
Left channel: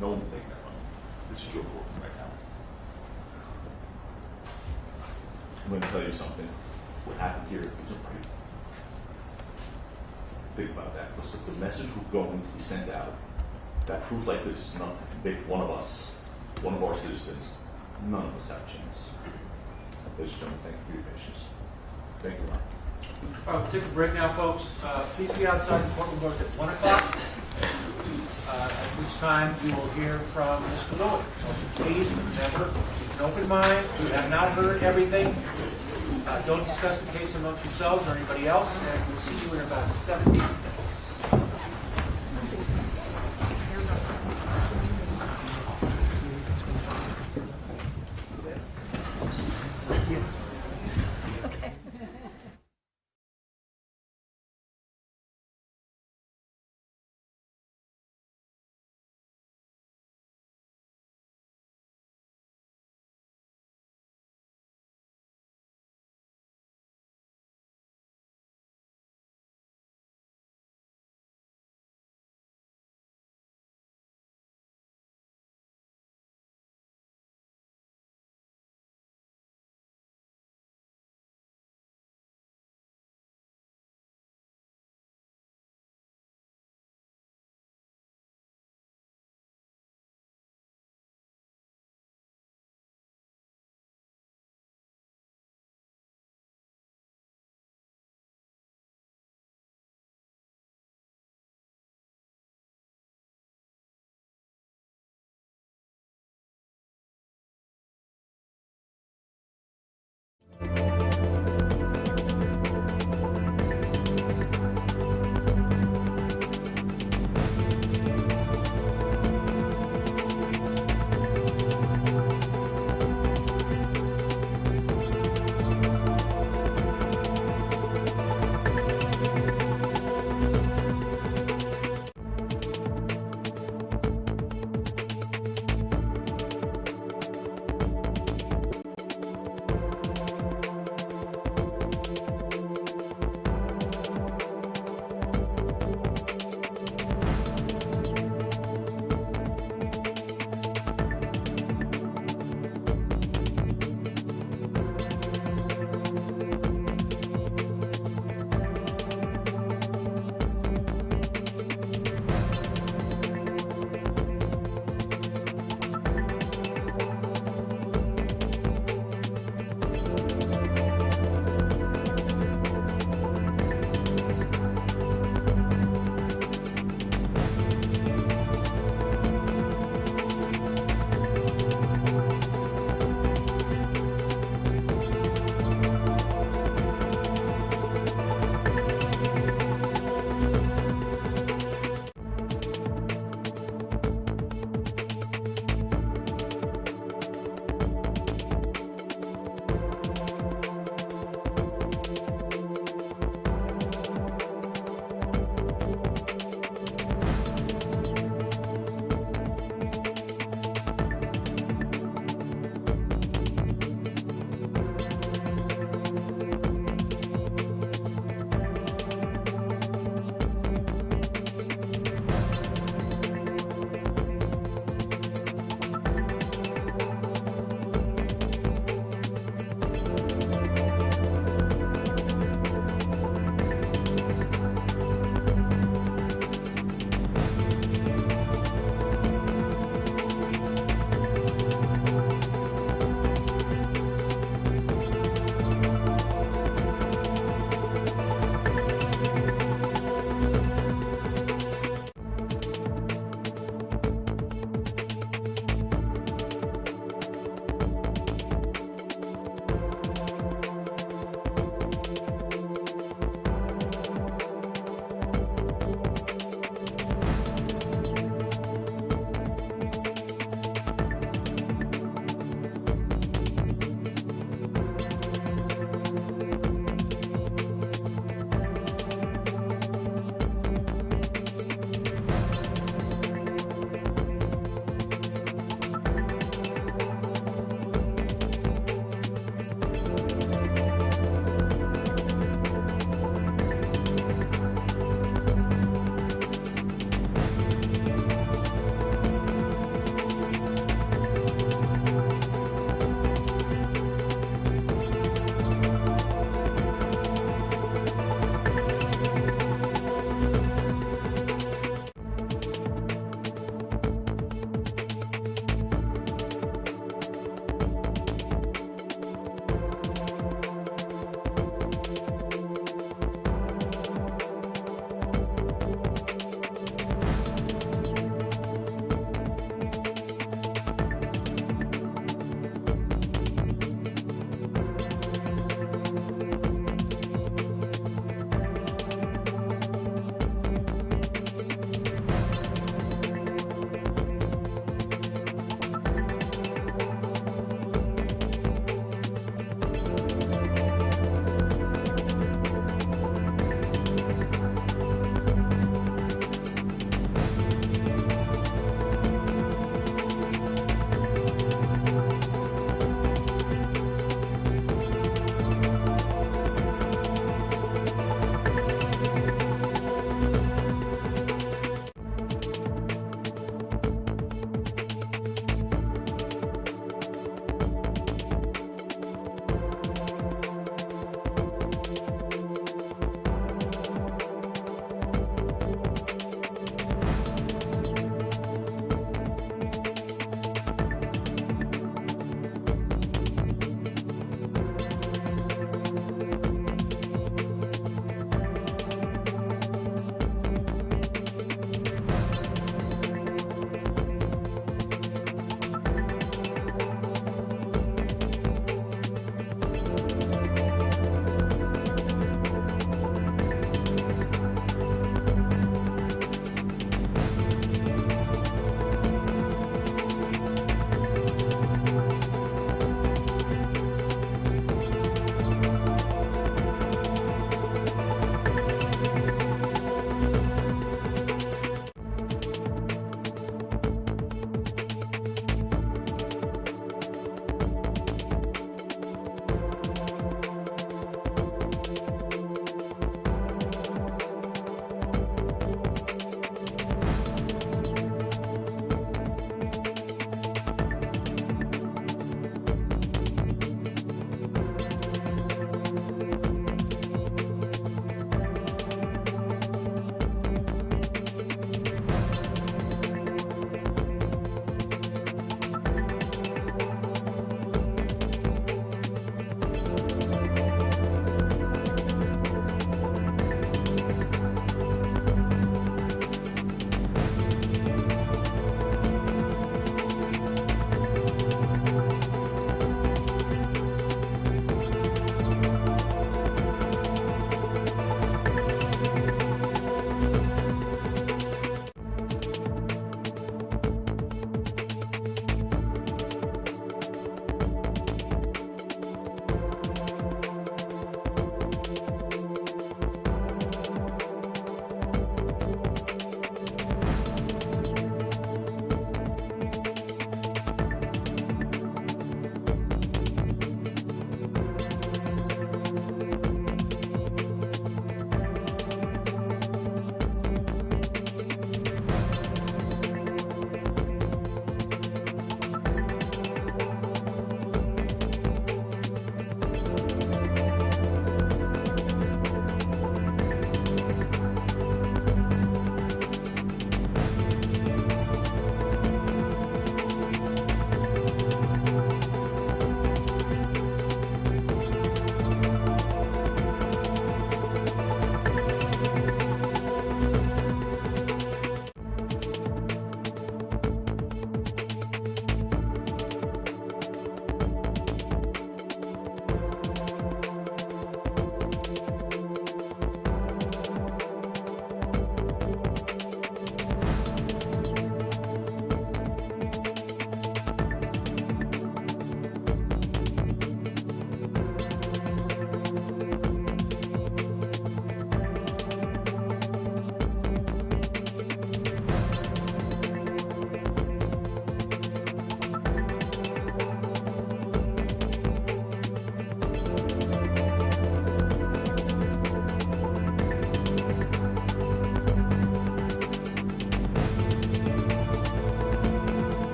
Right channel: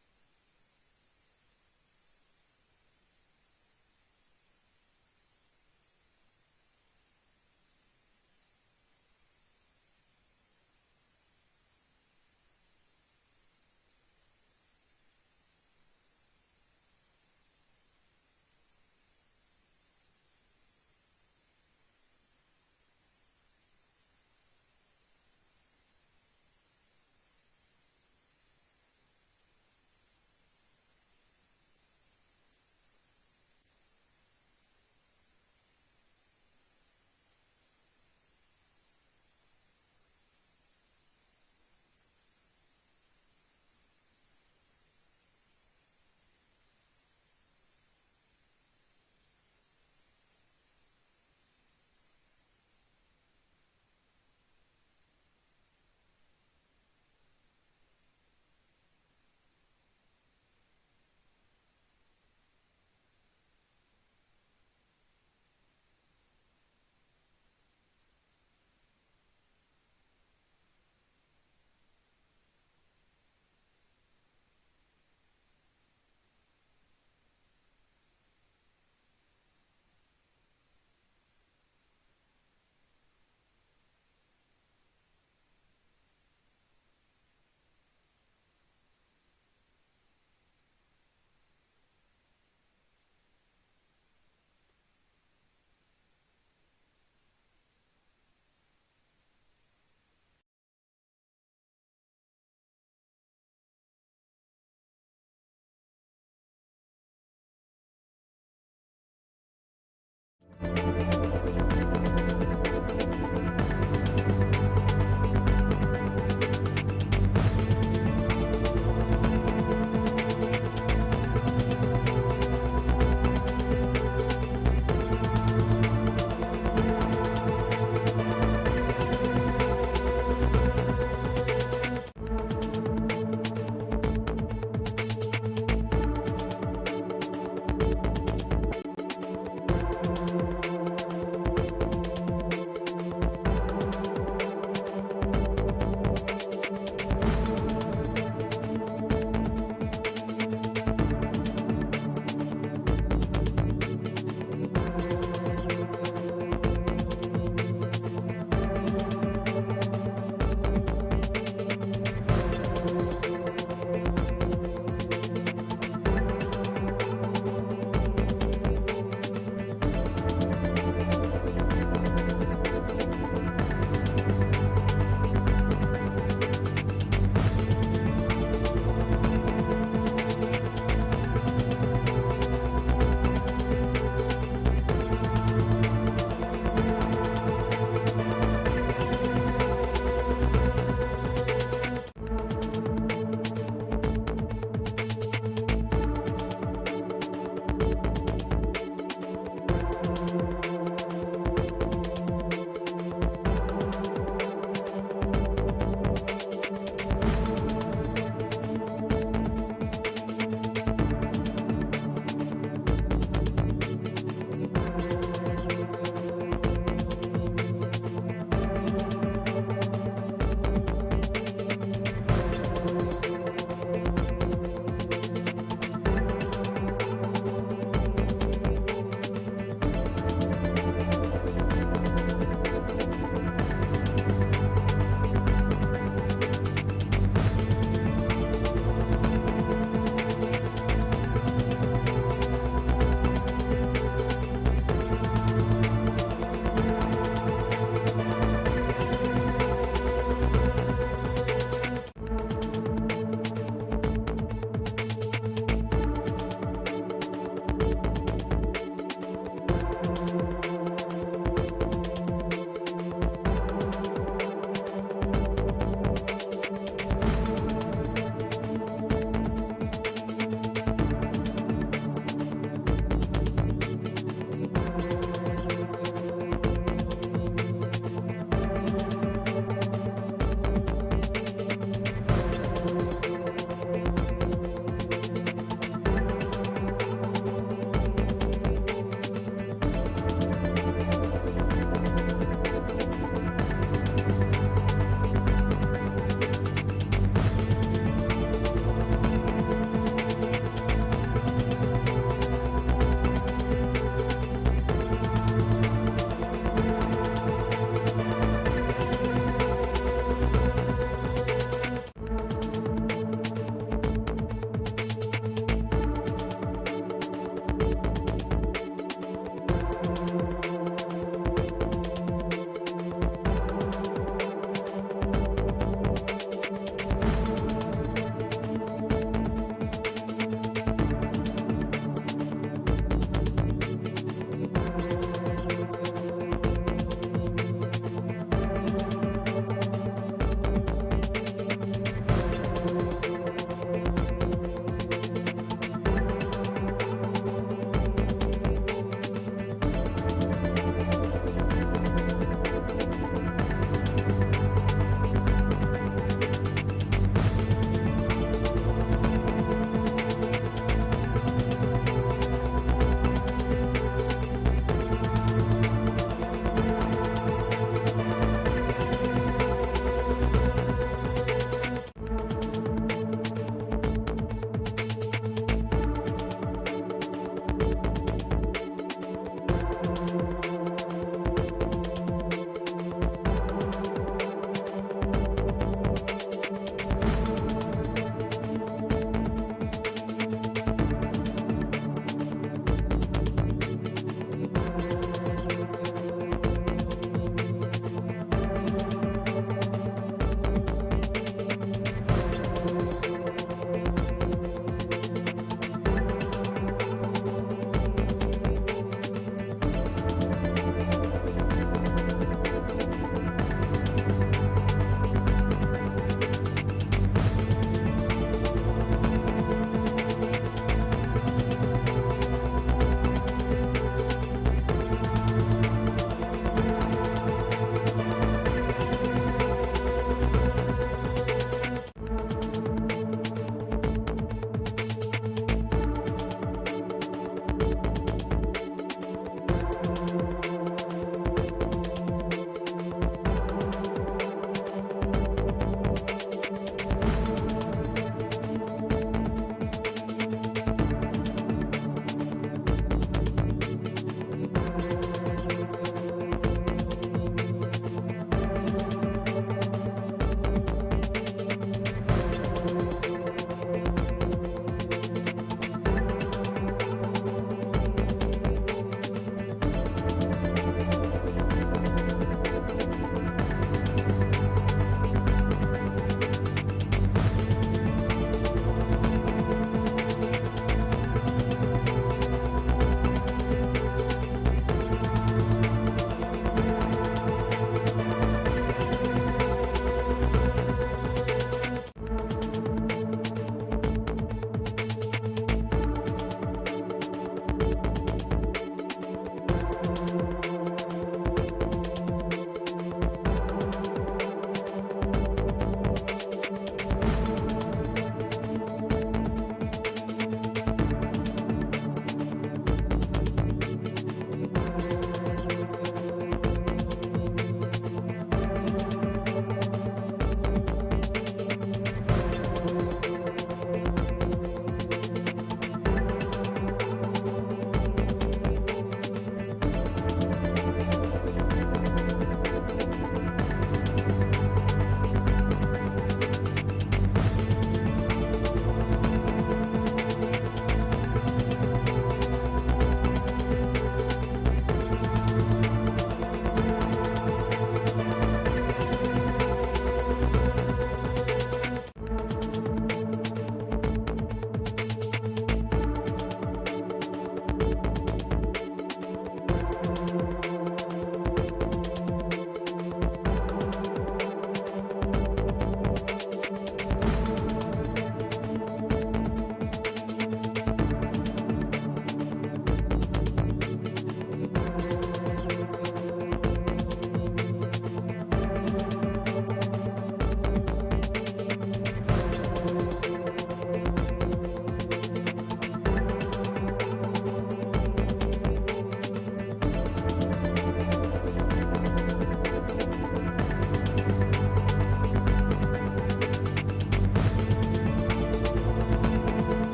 No one will take that from you. This is your court right now. I'm going to tell you something. What happened here isn't right. Think about that. Because if the message was going to be sent out, that proof like this is enough to convict one of us, one of our citizens, none of us have a chance. Ladies and gentlemen, thank you for your patience. Thank you, Ron. We'll take a break now, folks. Please be outside the courtroom doors at 1 o'clock, at which time you will hear from Mr. Lewis. So please remember, keep an open mind. You have not heard everything. Don't discuss the case amongst yourselves or anybody else, and we'll see you in about 17 minutes.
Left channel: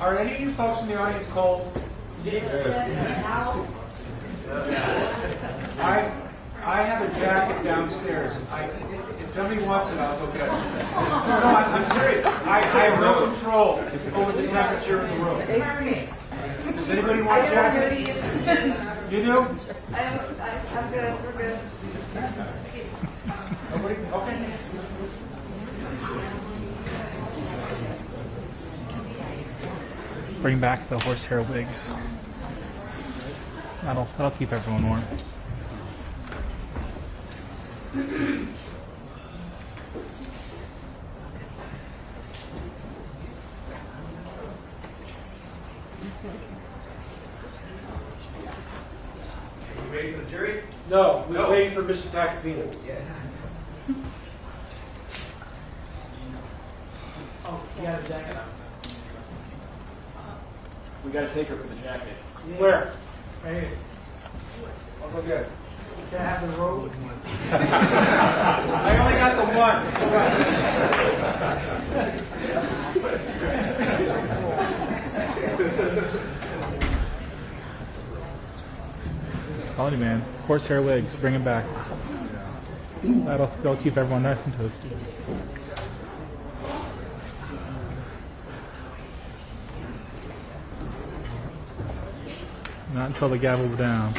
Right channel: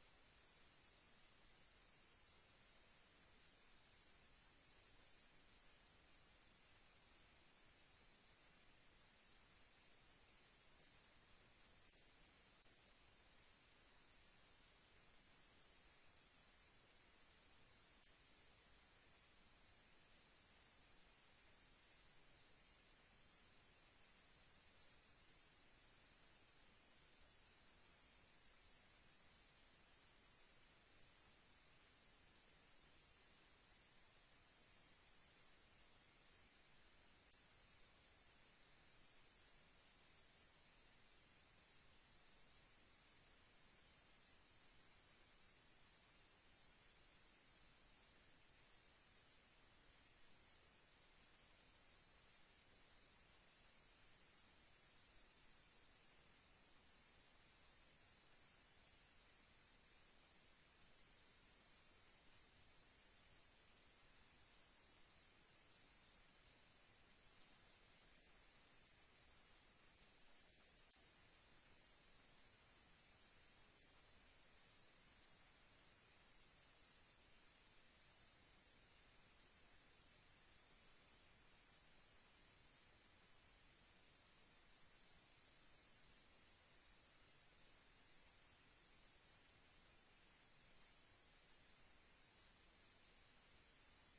Are any of you folks in the audience cold? I have a jacket downstairs. If somebody wants it, I'll go get it. No, I'm serious. I have no control over the temperature of the room. Does anybody want a jacket? You do? I'm good, we're good. Nobody? Okay. Bring back the horsehair wigs. That'll keep everyone warm. You ready for the jury? No, we're waiting for Mr. Tacopina. Yes. Oh, you got a jacket on. We gotta take her for the jacket. Where? Right here. I'll go get it. Can I have the robe? I only got the one. Quality man. Horsehair wigs. Bring them back. That'll keep everyone nice and toasty. Not until the gavel's down.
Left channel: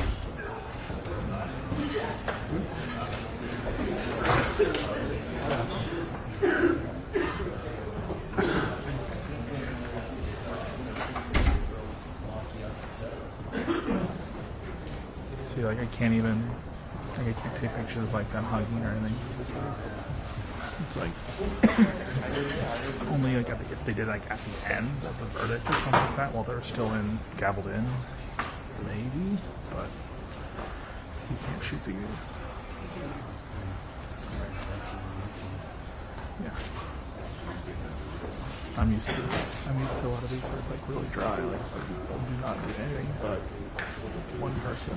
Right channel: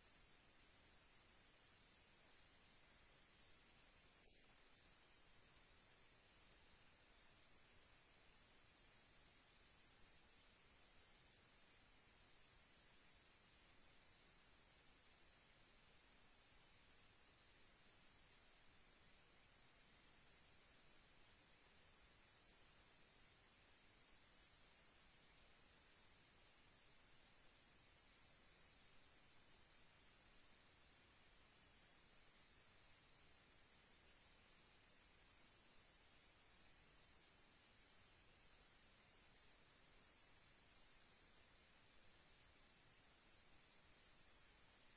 See, like I can't take pictures of like them hugging or anything. It's like only like if they did like at the end of the verdict or something like that while they're still gavelled in. Maybe, but you can't shoot the yeah. I'm used to a lot of these where it's like really dry, like do not do anything, but one person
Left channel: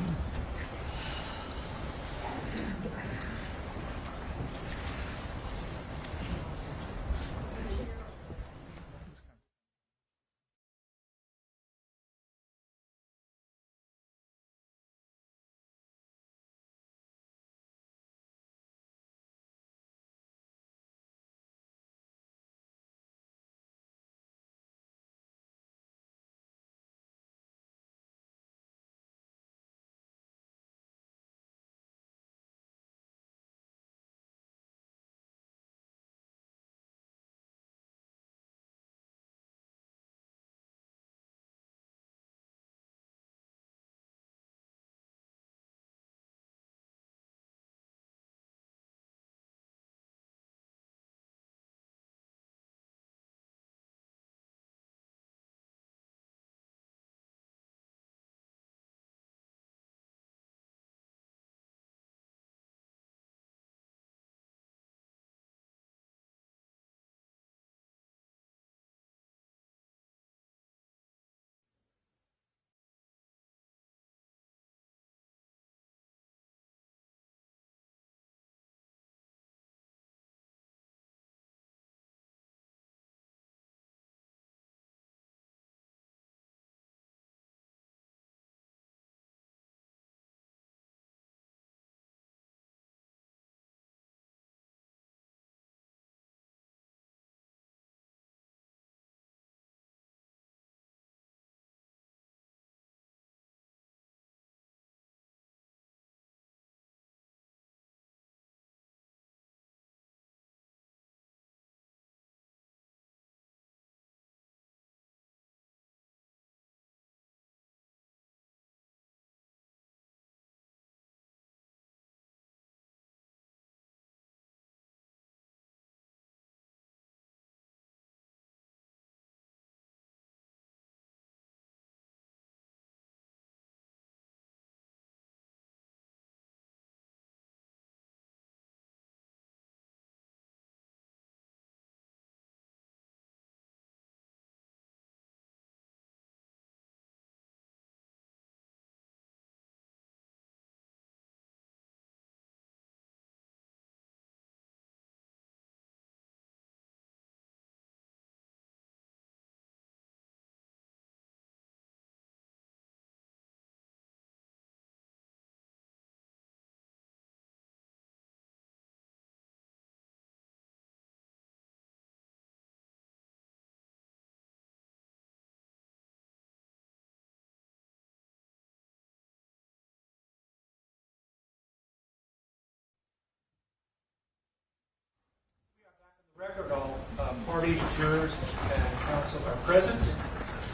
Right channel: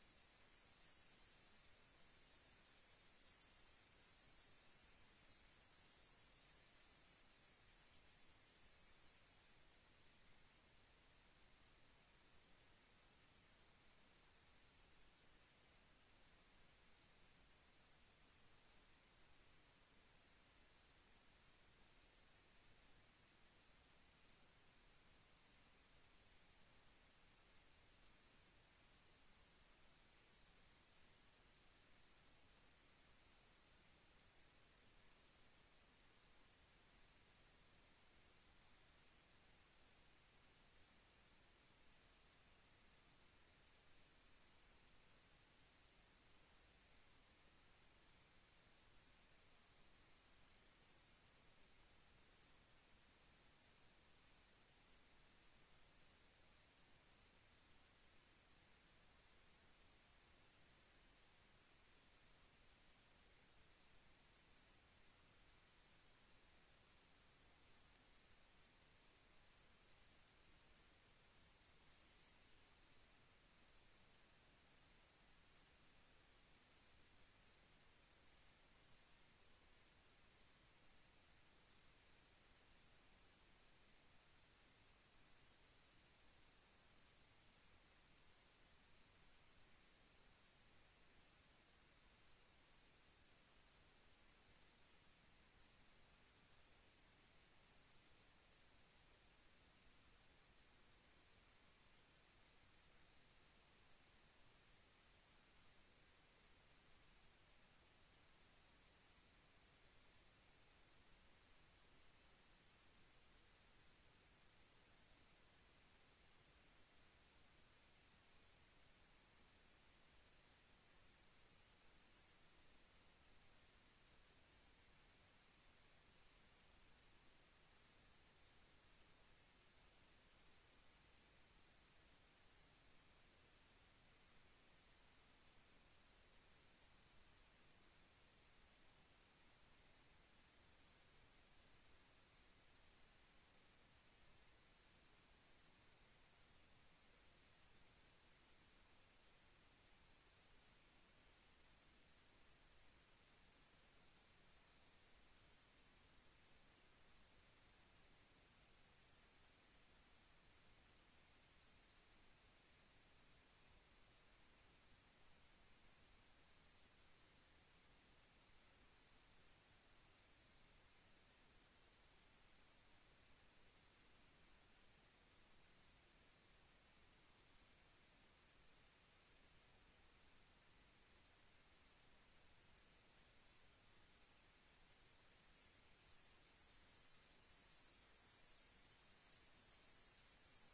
jurors and counsel are present.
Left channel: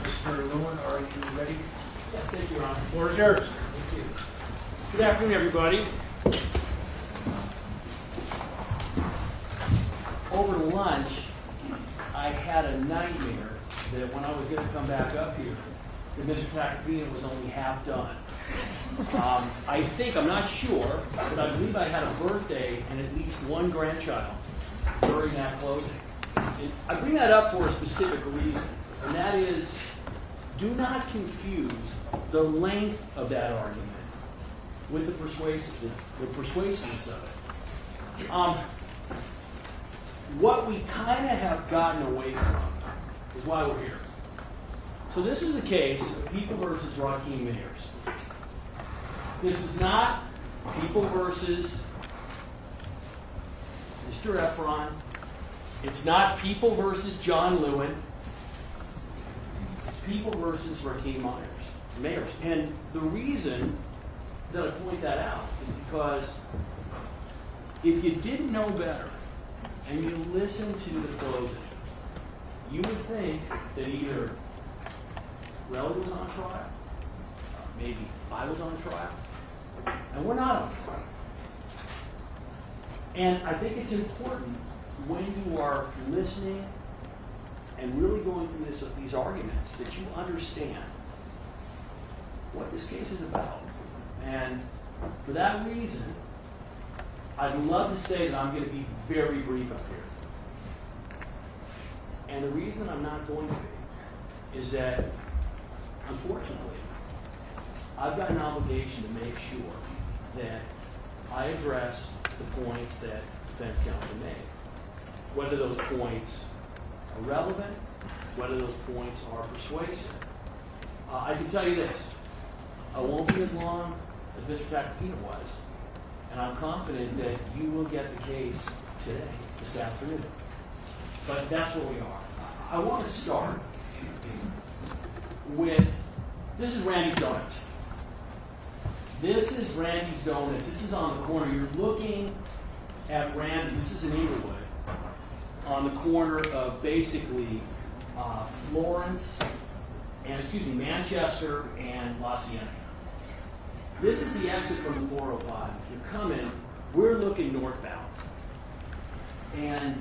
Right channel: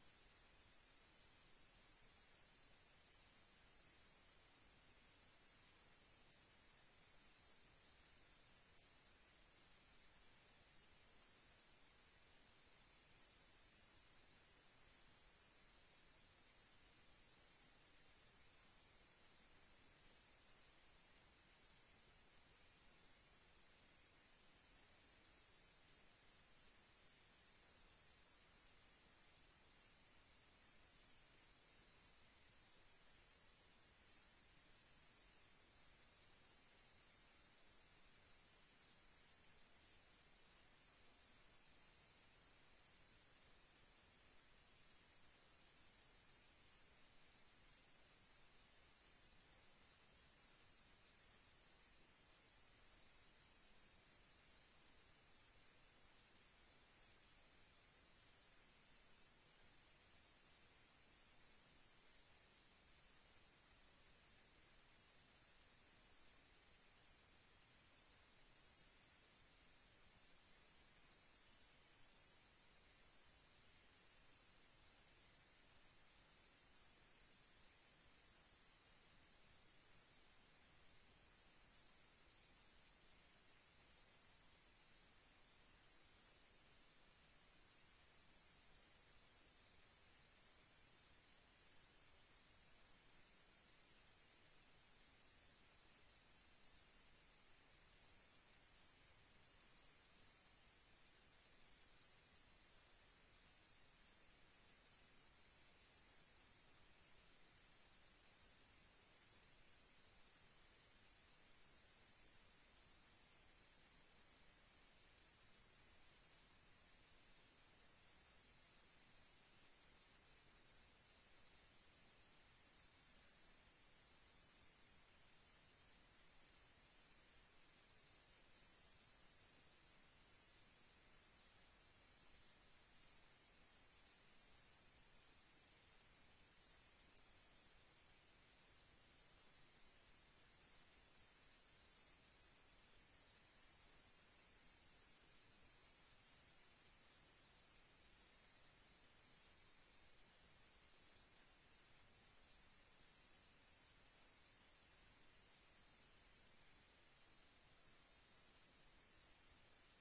Mr. Lewin, are you ready? Yes, thank you, Your Honor. The floor is yours. Thank you. Good afternoon, everybody. Over lunch, I had a nightmare that when I was going to come back up here, that Mr. Tacopina was only half done. I think, I'm not sure, but I believe I had a birthday and at least one grandchild during that closing. I bring that up for a specific reason, and that is, do not confuse the length of that argument with the persuasiveness of it. What we kind of have gotten away from is why we're here. So this is the case of People versus Rakeem Mayers. This is not People versus Mr. Efron. It's not People versus John Lewin. It's People versus Rakeem Mayers. And the reason that I point that out is because if you didn't know better and you listened to the closing, you would think that either Relly was on trial, maybe I was on trial, and we're not on trial. And I think it's important when you are listening and really going through these arguments that you understand what this case is about. And for that reason, I'd love to say that I'm going to be very brief up here. And the reason I'm not going to be is that, unfortunately, I've got an obligation to make sure that I address the points that defense counsel made. Whether those points are relevant, whether those points are persuasive. I can tell you this, I won't be as long as Mr. Tacopina was, and I'm confident that you will get the case today, this afternoon. But that's where we are. I want to start with, this is Randy's Donuts. This is Randy's Donuts. This is on the corner. You're looking at Randy's. This is in Inglewood, on the corner of basically Manchester and La Cienega. This is the exit from the 405. If you're coming, we're looking northbound. And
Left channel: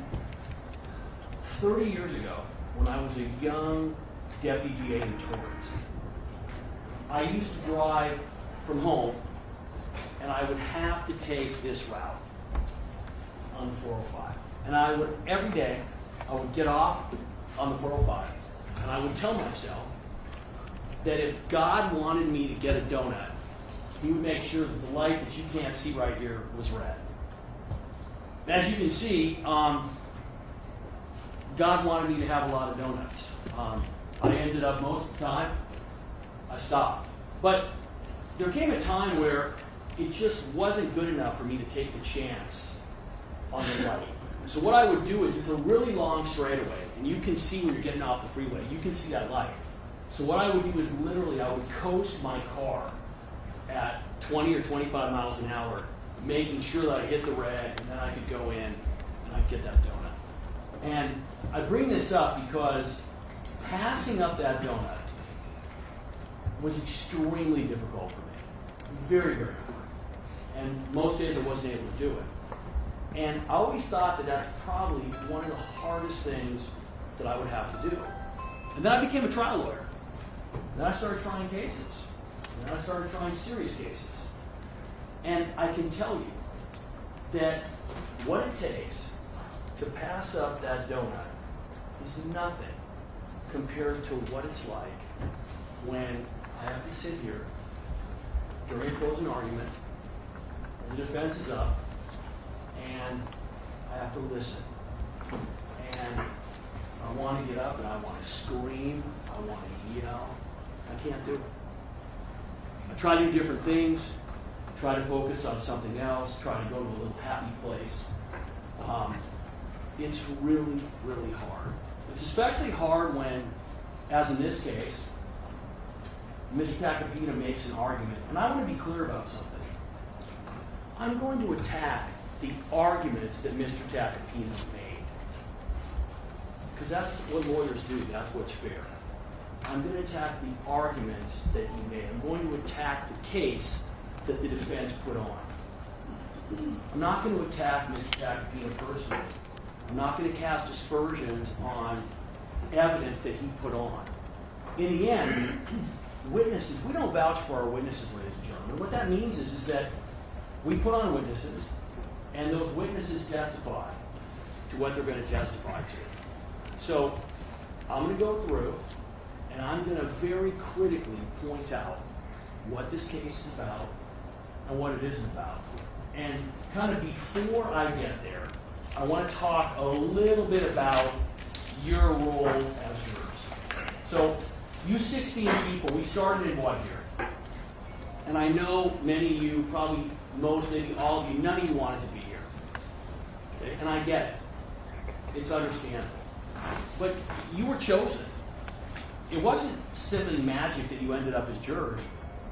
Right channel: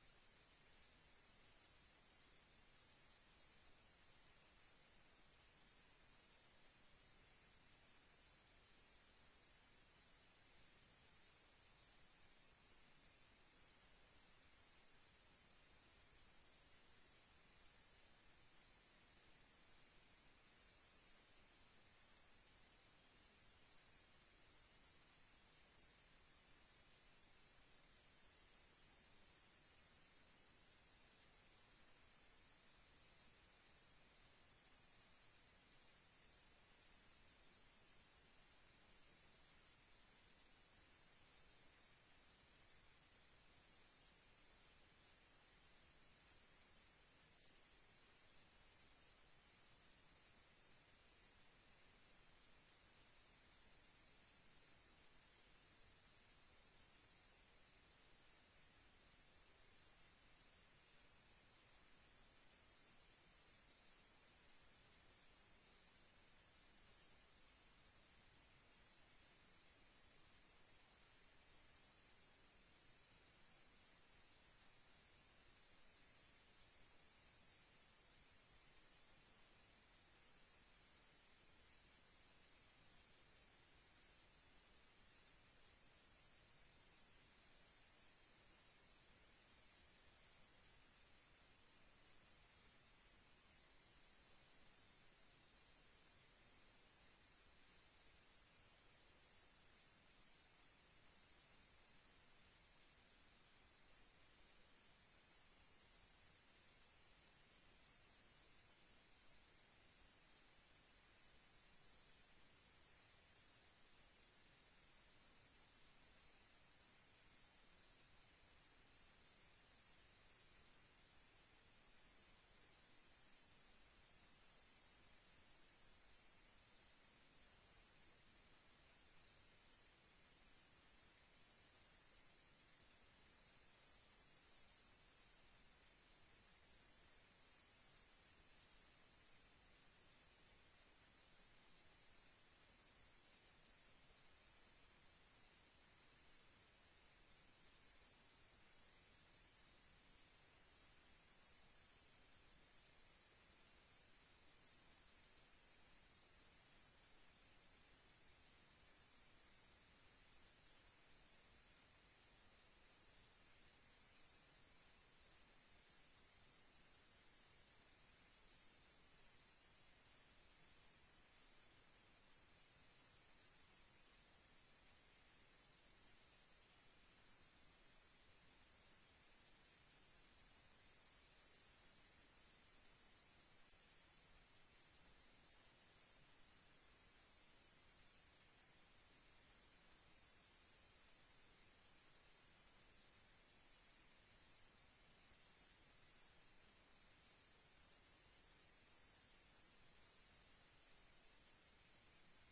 30 years ago, when I was a young deputy DA in Torrance, I used to drive from home, and I would have to take this route on the 405. And I would, every day, I would get off on the 405, and I would tell myself that if God wanted me to get a donut, He would make sure that the light that you can't see right here was red. As you can see, God wanted me to have a lot of donuts. I ended up, most of the time, I stopped. But there came a time where it just wasn't good enough for me to take the chance on the light. So what I would do is, it's a really long straightaway, and you can see when you're getting off the freeway, you can see that light. So what I would do is literally, I would coast my car at 20 or 25 miles an hour, making sure that I hit the red, and then I could go in and I'd get that donut. And I bring this up because passing up that donut was extremely difficult for me. Very, very hard. And most days I wasn't able to do it. And I always thought that that's probably one of the hardest things that I would have to do. And then I became a trial lawyer. Then I started trying cases. And then I started trying serious cases. And I can tell you that what it takes to pass up that donut is nothing compared to what it's like when I have to sit here during a closing argument, and the defense is up, and I have to listen. And I want to get up and I want to scream, I want to yell. I can't do it. I try to do different things, try to focus on something else, try to go to a little happy place. It's really, really hard. It's especially hard when, as in this case, Mr. Tacopina makes an argument. And I want to be clear about something. I'm going to attack the arguments that Mr. Tacopina made. Because that's what lawyers do. That's what's fair. I'm going to attack the arguments that he made. I'm going to attack the case that the defense put on. I'm not going to attack Mr. Tacopina personally. I'm not going to cast aspersions on evidence that he put on. In the end, witnesses, we don't vouch for our witnesses, ladies and gentlemen. What that means is that we put on witnesses, and those witnesses testify to what they're going to testify to. So I'm going to go through, and I'm going to very critically point out what this case is about and what it isn't about. And kind of before I get there, I want to talk a little bit about your role as jurors. So you 16 people, we started in what here? And I know many of you, probably most, maybe all of you, none of you wanted to be here. Okay? And I get it. It's understandable. But you were chosen. It wasn't simply magic that you ended up as jurors.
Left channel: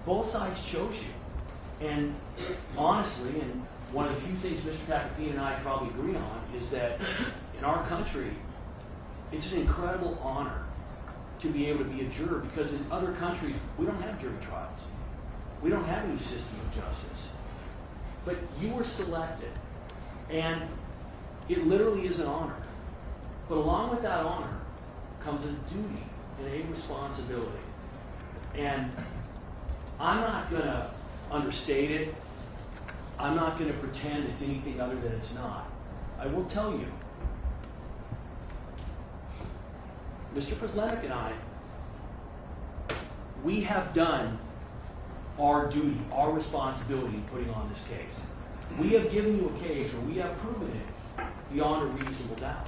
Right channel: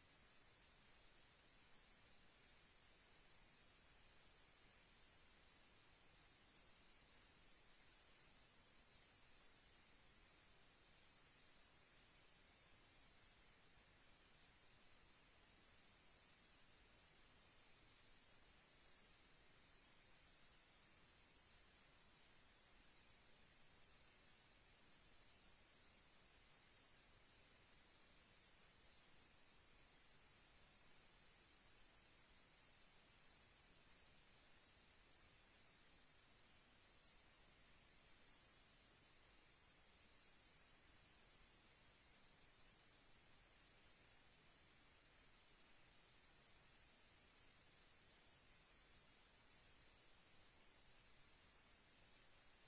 Both sides chose you. And honestly, and one of the few things Mr. Tacopina and I probably agree on is that in our country, it's an incredible honor to be able to be a juror, because in other countries, we don't have jury trials. We don't have any system of justice. But you were selected, and it literally is an honor. But along with that honor comes a duty and a responsibility. And I'm not going to understate it. I'm not going to pretend it's anything other than it's not. I will tell you, Mr. Proslenik and I, we have done our duty, our responsibility in putting on this case. We have given you a case where we have proven it beyond a reasonable doubt.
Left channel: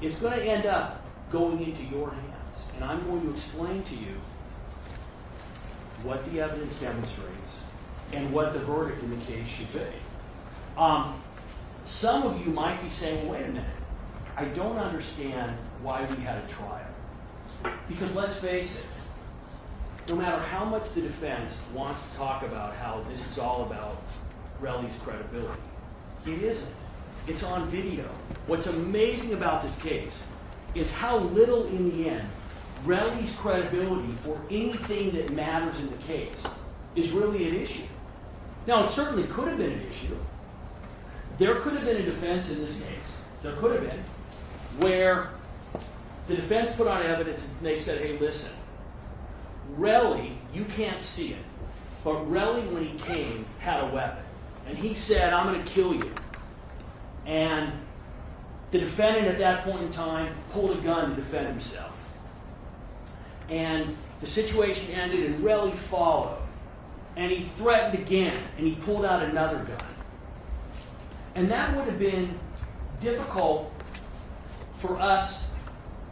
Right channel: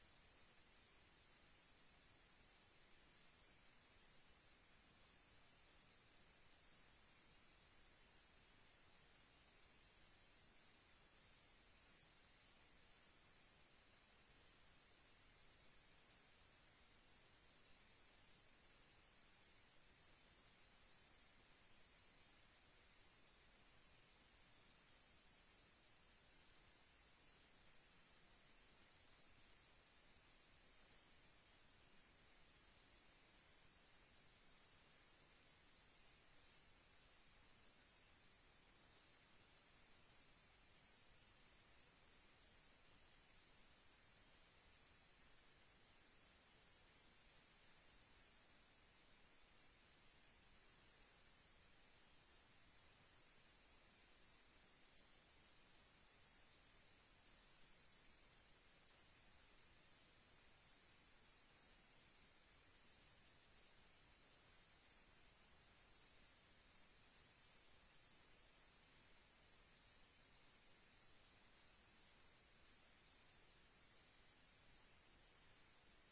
It's going to end up going into your hands, and I'm going to explain to you what the evidence demonstrates and what the verdict in the case should be. Some of you might be saying, wait a minute, I don't understand why we had a trial. Because let's face it, no matter how much the defense wants to talk about how this is all about Relly's credibility, it isn't. It's on video. What's amazing about this case is how little in the end Relly's credibility for anything that matters in the case is really an issue. Now, it certainly could have been an issue. There could have been a defense in this case. There could have been, where the defense put on evidence and they said, hey, listen, Relly, you can't see it, but Relly, when he came, had a weapon. And he said, I'm going to kill you. And the defendant at that point in time pulled a gun to defend himself. And the situation ended and Relly followed. And he threatened again, and he pulled out another gun. And that would have been difficult for us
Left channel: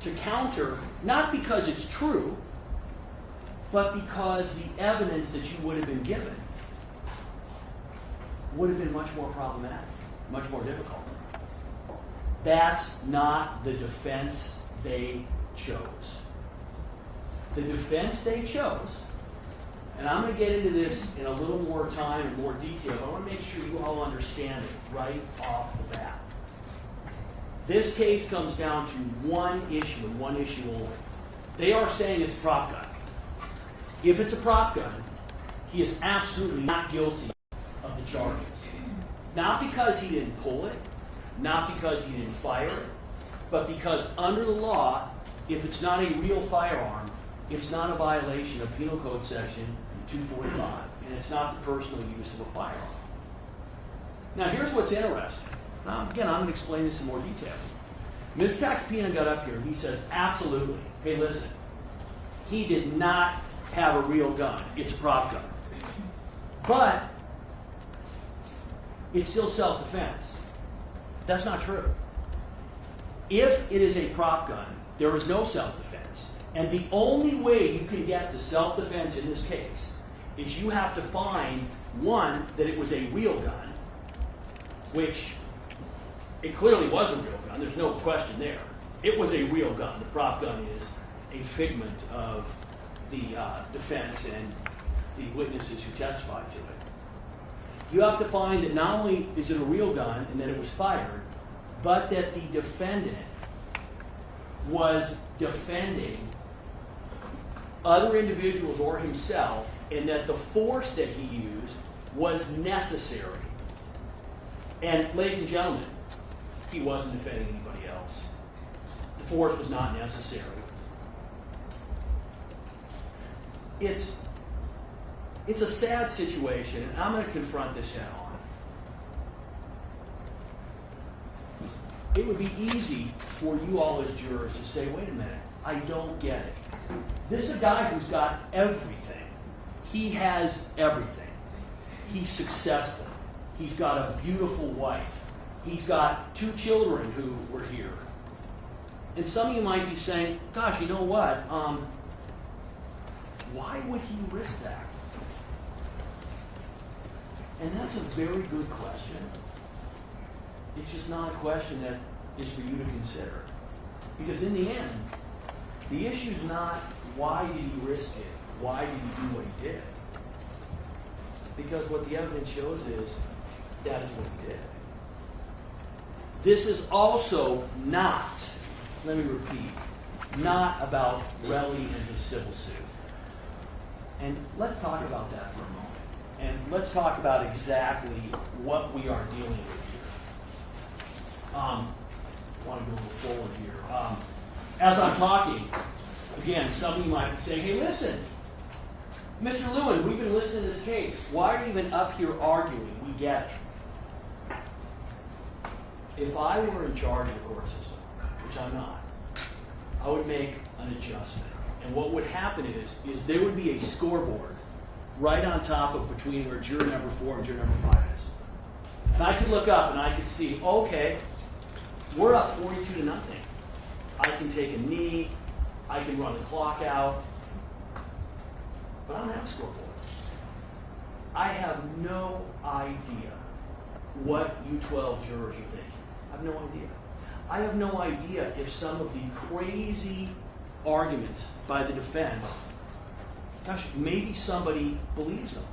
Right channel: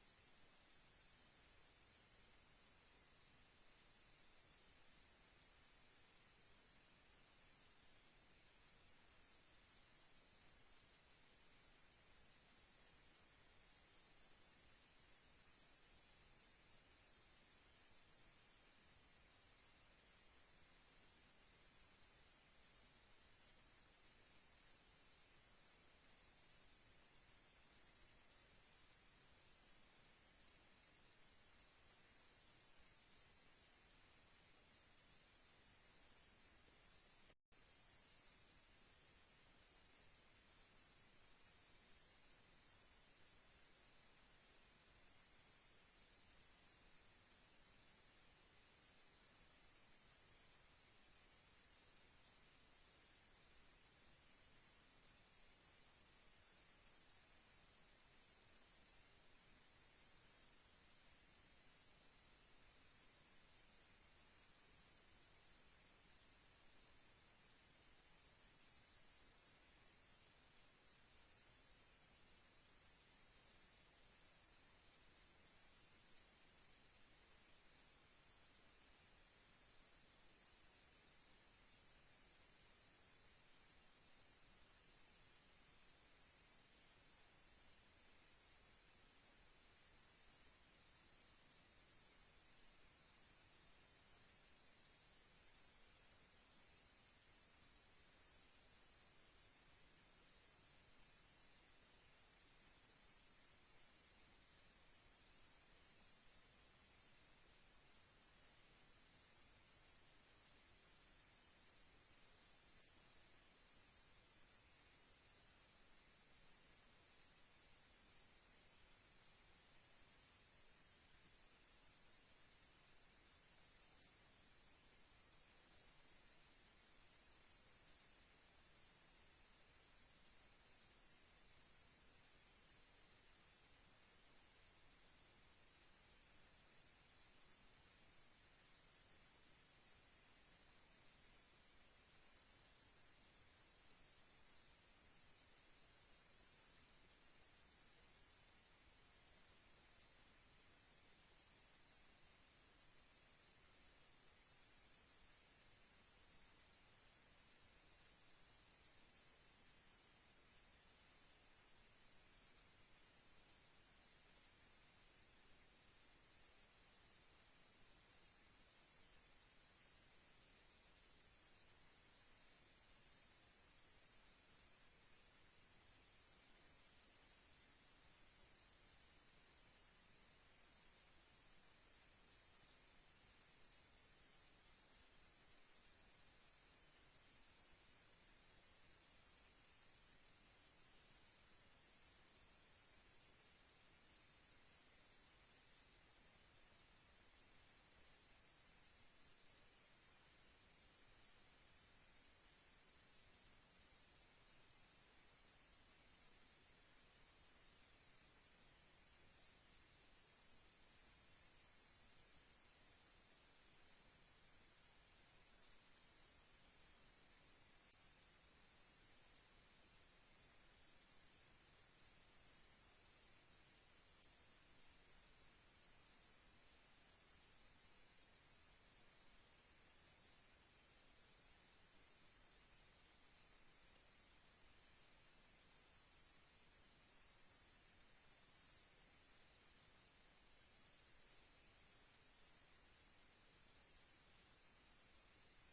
to counter, not because it's true, but because the evidence that you would have been given would have been much more problematic, much more difficult. That's not the defense they chose. The defense they chose, and I'm going to get into this in a little more time and more detail, but I want to make sure you all understand it right off the bat. This case comes down to one issue and one issue only. They are saying it's a prop gun. If it's a prop gun, he is absolutely not guilty of the charges. Not because he didn't pull it, not because he didn't fire it, but because under the law, if it's not a real firearm, it's not a violation of Penal Code Section 245, and it's not the personal use of a firearm. Now, here's what's interesting. Now, again, I'm going to explain this in more detail. Mr. Tacopina got up here and he says, absolutely, hey, listen, he did not have a real gun. It's a prop gun. But it's still self-defense. That's not true. If it is a prop gun, there is no self-defense. And the only way you can get to self-defense in this case is you have to find, one, that it was a real gun, which it clearly was a real gun. There's no question there. It was a real gun. The prop gun is a figment of the defense and the witnesses who testified to it. You have to find that not only is it a real gun and that it was fired, but that the defendant was defending other individuals or himself, and that the force that he used was necessary. And ladies and gentlemen, he wasn't defending anybody else. The force was not necessary. It's a sad situation, and I'm going to confront this head on. It would be easy for you all as jurors to say, wait a minute, I don't get it. This is a guy who's got everything. He has everything. He's successful. He's got a beautiful wife. He's got 2 children who were here. And some of you might be saying, gosh, you know what? Why would he risk that? And that's a very good question. It's just not a question that is for you to consider. Because in the end, the issue is not why did he risk it? Why did he do what he did? Because what the evidence shows is that is what he did. This is also not, let me repeat, not about Relly and his civil suit. And let's talk about that for a moment. And let's talk about exactly what we are dealing with here. I want to go a little forward here. As I'm talking, again, some of you might be saying, hey, listen, Mr. Lewin, we've been listening to this case. Why are you even up here arguing? We get it. If I were in charge of the court system, which I'm not, I would make an adjustment. And what would happen is there would be a scoreboard right on top of between where juror number 4 and juror number 5 is. And I could look up and I could see, okay, we're up 42-0. I can take a knee, I can run the clock out, but I don't have a scoreboard. I have no idea what you 12 jurors are thinking. I have no idea. I have no idea if some of the crazy arguments by the defense, gosh, maybe somebody believes them.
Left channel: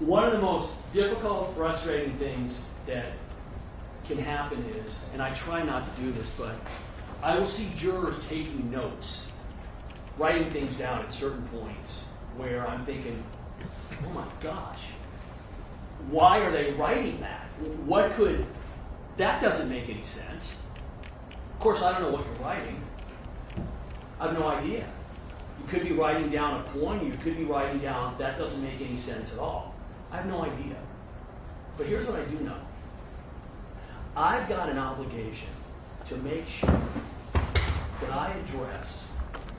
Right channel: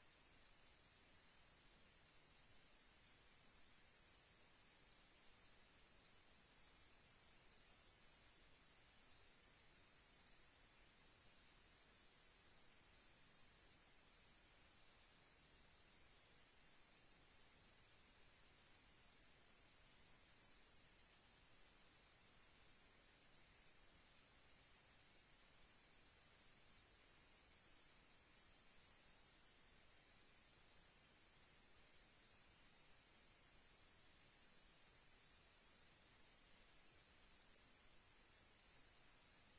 One of the most difficult, frustrating things that can happen is, and I try not to do this, but I will see jurors taking notes, writing things down at certain points where I'm thinking, oh my gosh, why are they writing that? That doesn't make any sense. Of course, I don't know what you're writing. I have no idea. You could be writing down a point, you could be writing down, that doesn't make any sense at all. I have no idea. But here's what I do know. I've got an obligation to make sure that I address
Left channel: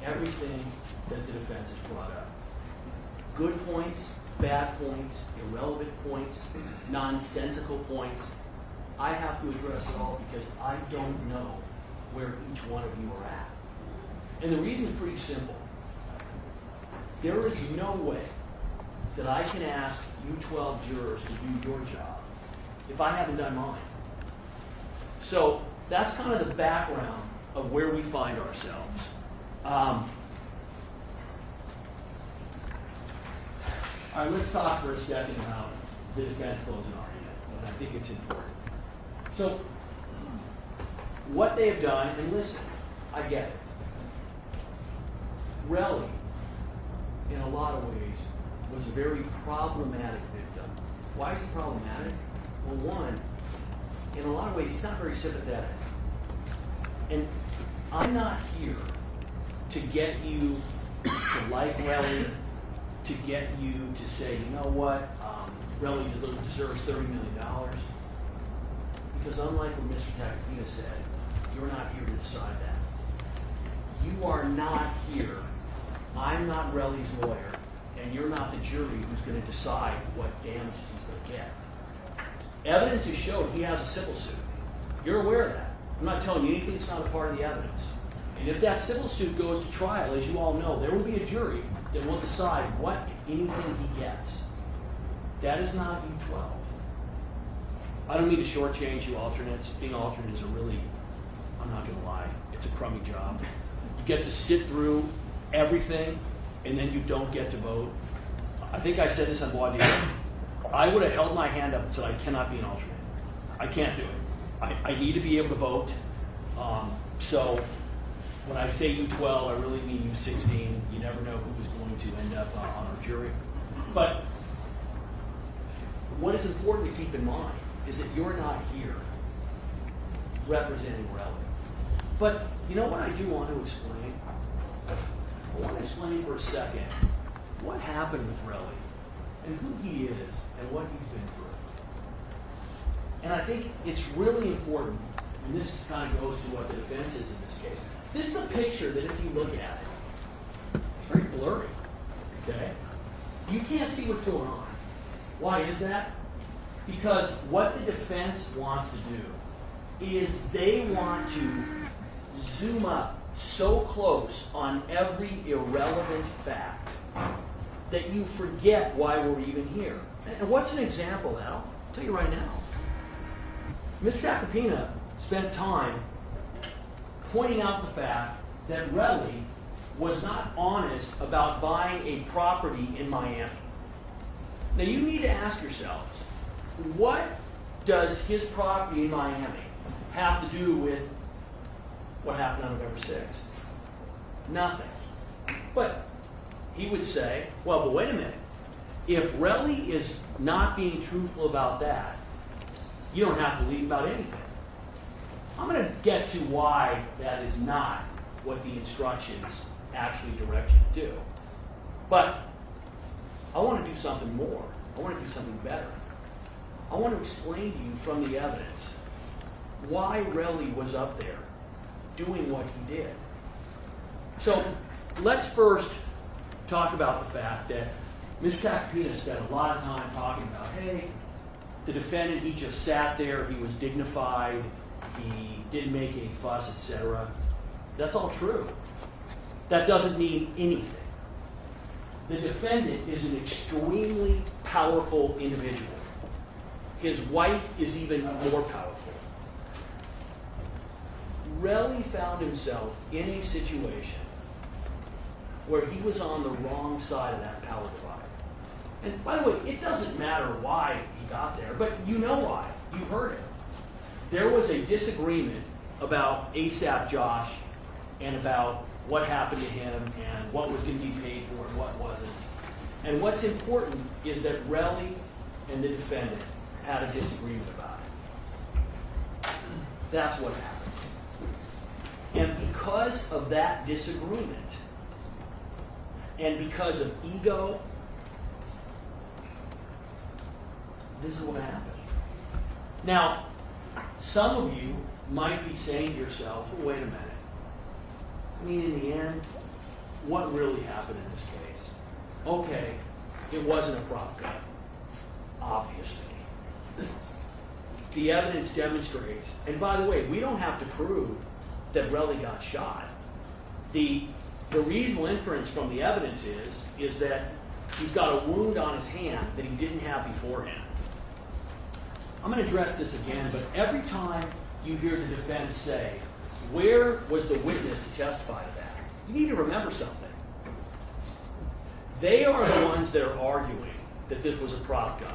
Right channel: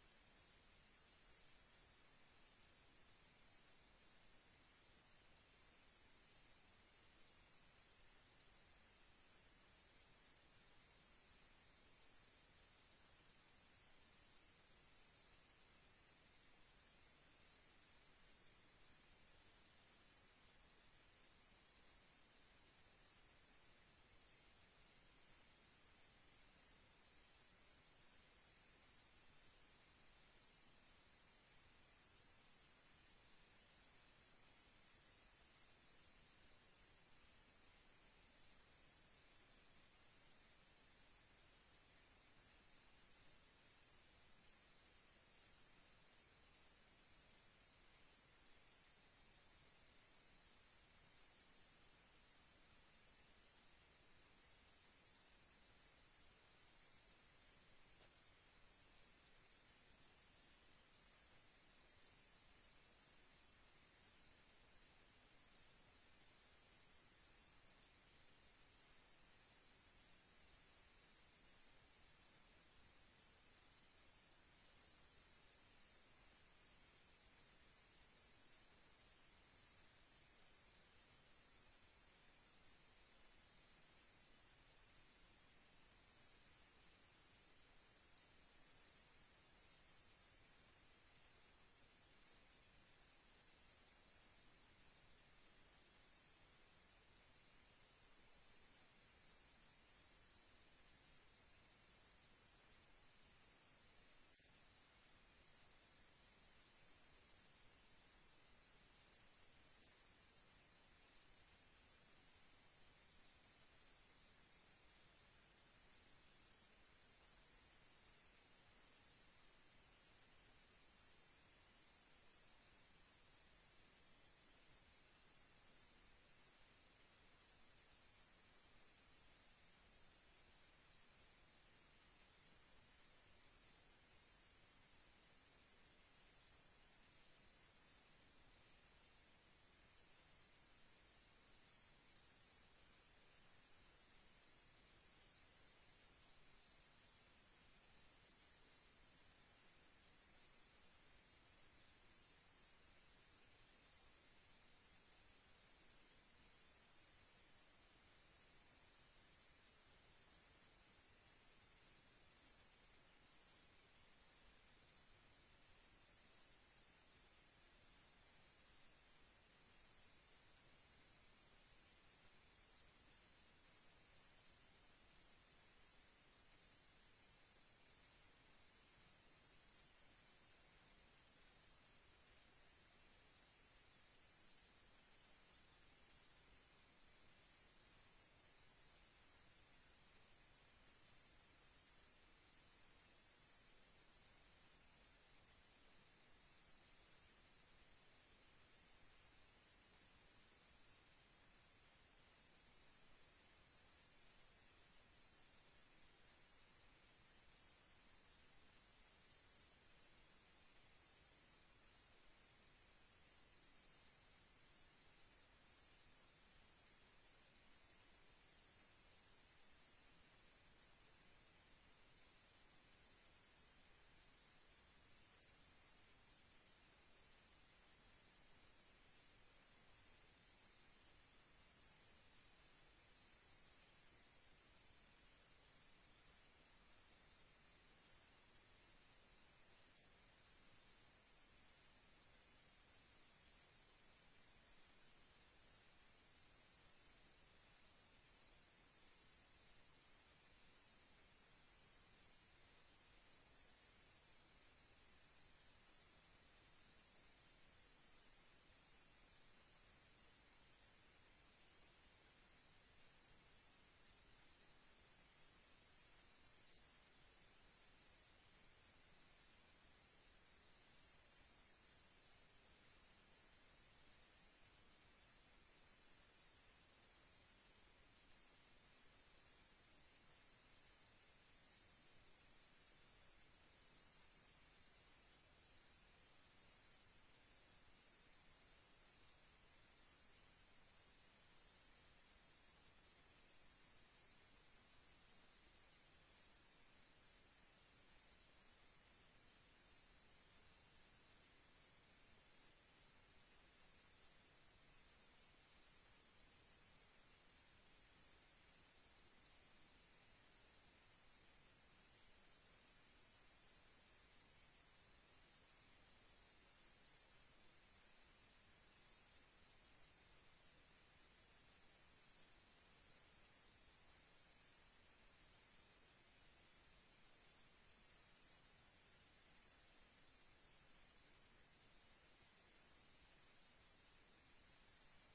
everything that the defense has brought up. Good points, bad points, irrelevant points, nonsensical points. I have to address it all because I don't know where each one of you are at. And the reason is pretty simple. There is no way that I can ask you 12 jurors to do your job if I haven't done mine. So that's kind of the background of where we find ourselves. All right, let's talk for a second about the defense closing argument. I think it's important. So what they have done, and listen, I get it. Relly, in a lot of ways, was a very problematic victim. Why is he problematic? Well, one, in a lot of ways, he's not very sympathetic. And I'm not here to get you to like Relly, to get you to say, you know what, Relly deserves $30 million. Because unlike what Mr. Tacopina said, you're not here to decide that. You are not here. I'm not Relly's lawyer, and you're not the jury who's going to decide what damages he's going to get. Evidence has showed he has a civil suit. You're aware of that. I'm not telling you anything that's not a part of the evidence. And if that civil suit goes to trial, as you all know, there will be a jury that will decide what, if anything, he gets. That is not you 12. I don't mean to shortchange you alternates. Being alternate is a really, I'm not going to lie, it's a crummy job. You get to sit through everything, and then you don't get to vote. I think I said this on Bois d'Or. I would have held my hand up and said I cannot be an alternate. I can't do it. I need to be able to vote. So when I say U12, I really mean U16. You never know who is going to end up on our jury. But what is important to keep in mind is that you're not here representing Relly. But you know what I do want to explain? I want to explain for a second what happened with Relly and who he is and what he's been through. And I think it's really important, and this kind of goes to what the defense is in this case. This is a picture that if you look at it, it's very blurry, okay? You can't see what's going on. Why is that? Because what the defense wants to do is they want to zoom up so close on every irrelevant fact that you forget why we're even here. And what's an example of that? I'll tell you right now. Mr. Acapina spent time pointing out the fact that Relly was not honest about buying a property in Miami. Now you need to ask yourselves, what does his property in Miami have to do with what happened on November 6th? Nothing. But he would say, well, but wait a minute. If Relly is not being truthful about that, you don't have to believe about anything. I'm going to get to why that is not what the instructions actually direct you to do. But I want to do something more. I want to do something better. I want to explain to you from the evidence why Relly was up there doing what he did. So let's first talk about the fact that Mr. Acapina spent a lot of time talking about, hey, the defendant, he just sat there, he was dignified, he didn't make any fuss, etc. That's all true. That doesn't mean anything. The defendant is an extremely powerful individual. His wife is even more powerful. Relly found himself in a situation where he was on the wrong side of that power divide. And by the way, it doesn't matter why he got there, but you know why. You heard it. There was a disagreement about ASAP Josh and about what happened to him and what was going to be paid for and what wasn't. And what's important is that Relly and the defendant had a disagreement about it. That's what happened. And because of that disagreement, and because of ego, this is what happened. Now, some of you might be saying to yourselves, well, wait a minute. I mean, in the end, what really happened in this case? Okay, it wasn't a prop gun, obviously. The evidence demonstrates, and by the way, we don't have to prove that Relly got shot. The reasonable inference from the evidence is that he's got a wound on his hand that he didn't have beforehand. I'm going to address this again, but every time you hear the defense say, where was the witness to testify to that? You need to remember something. They are the ones that are arguing that this was a prop gun.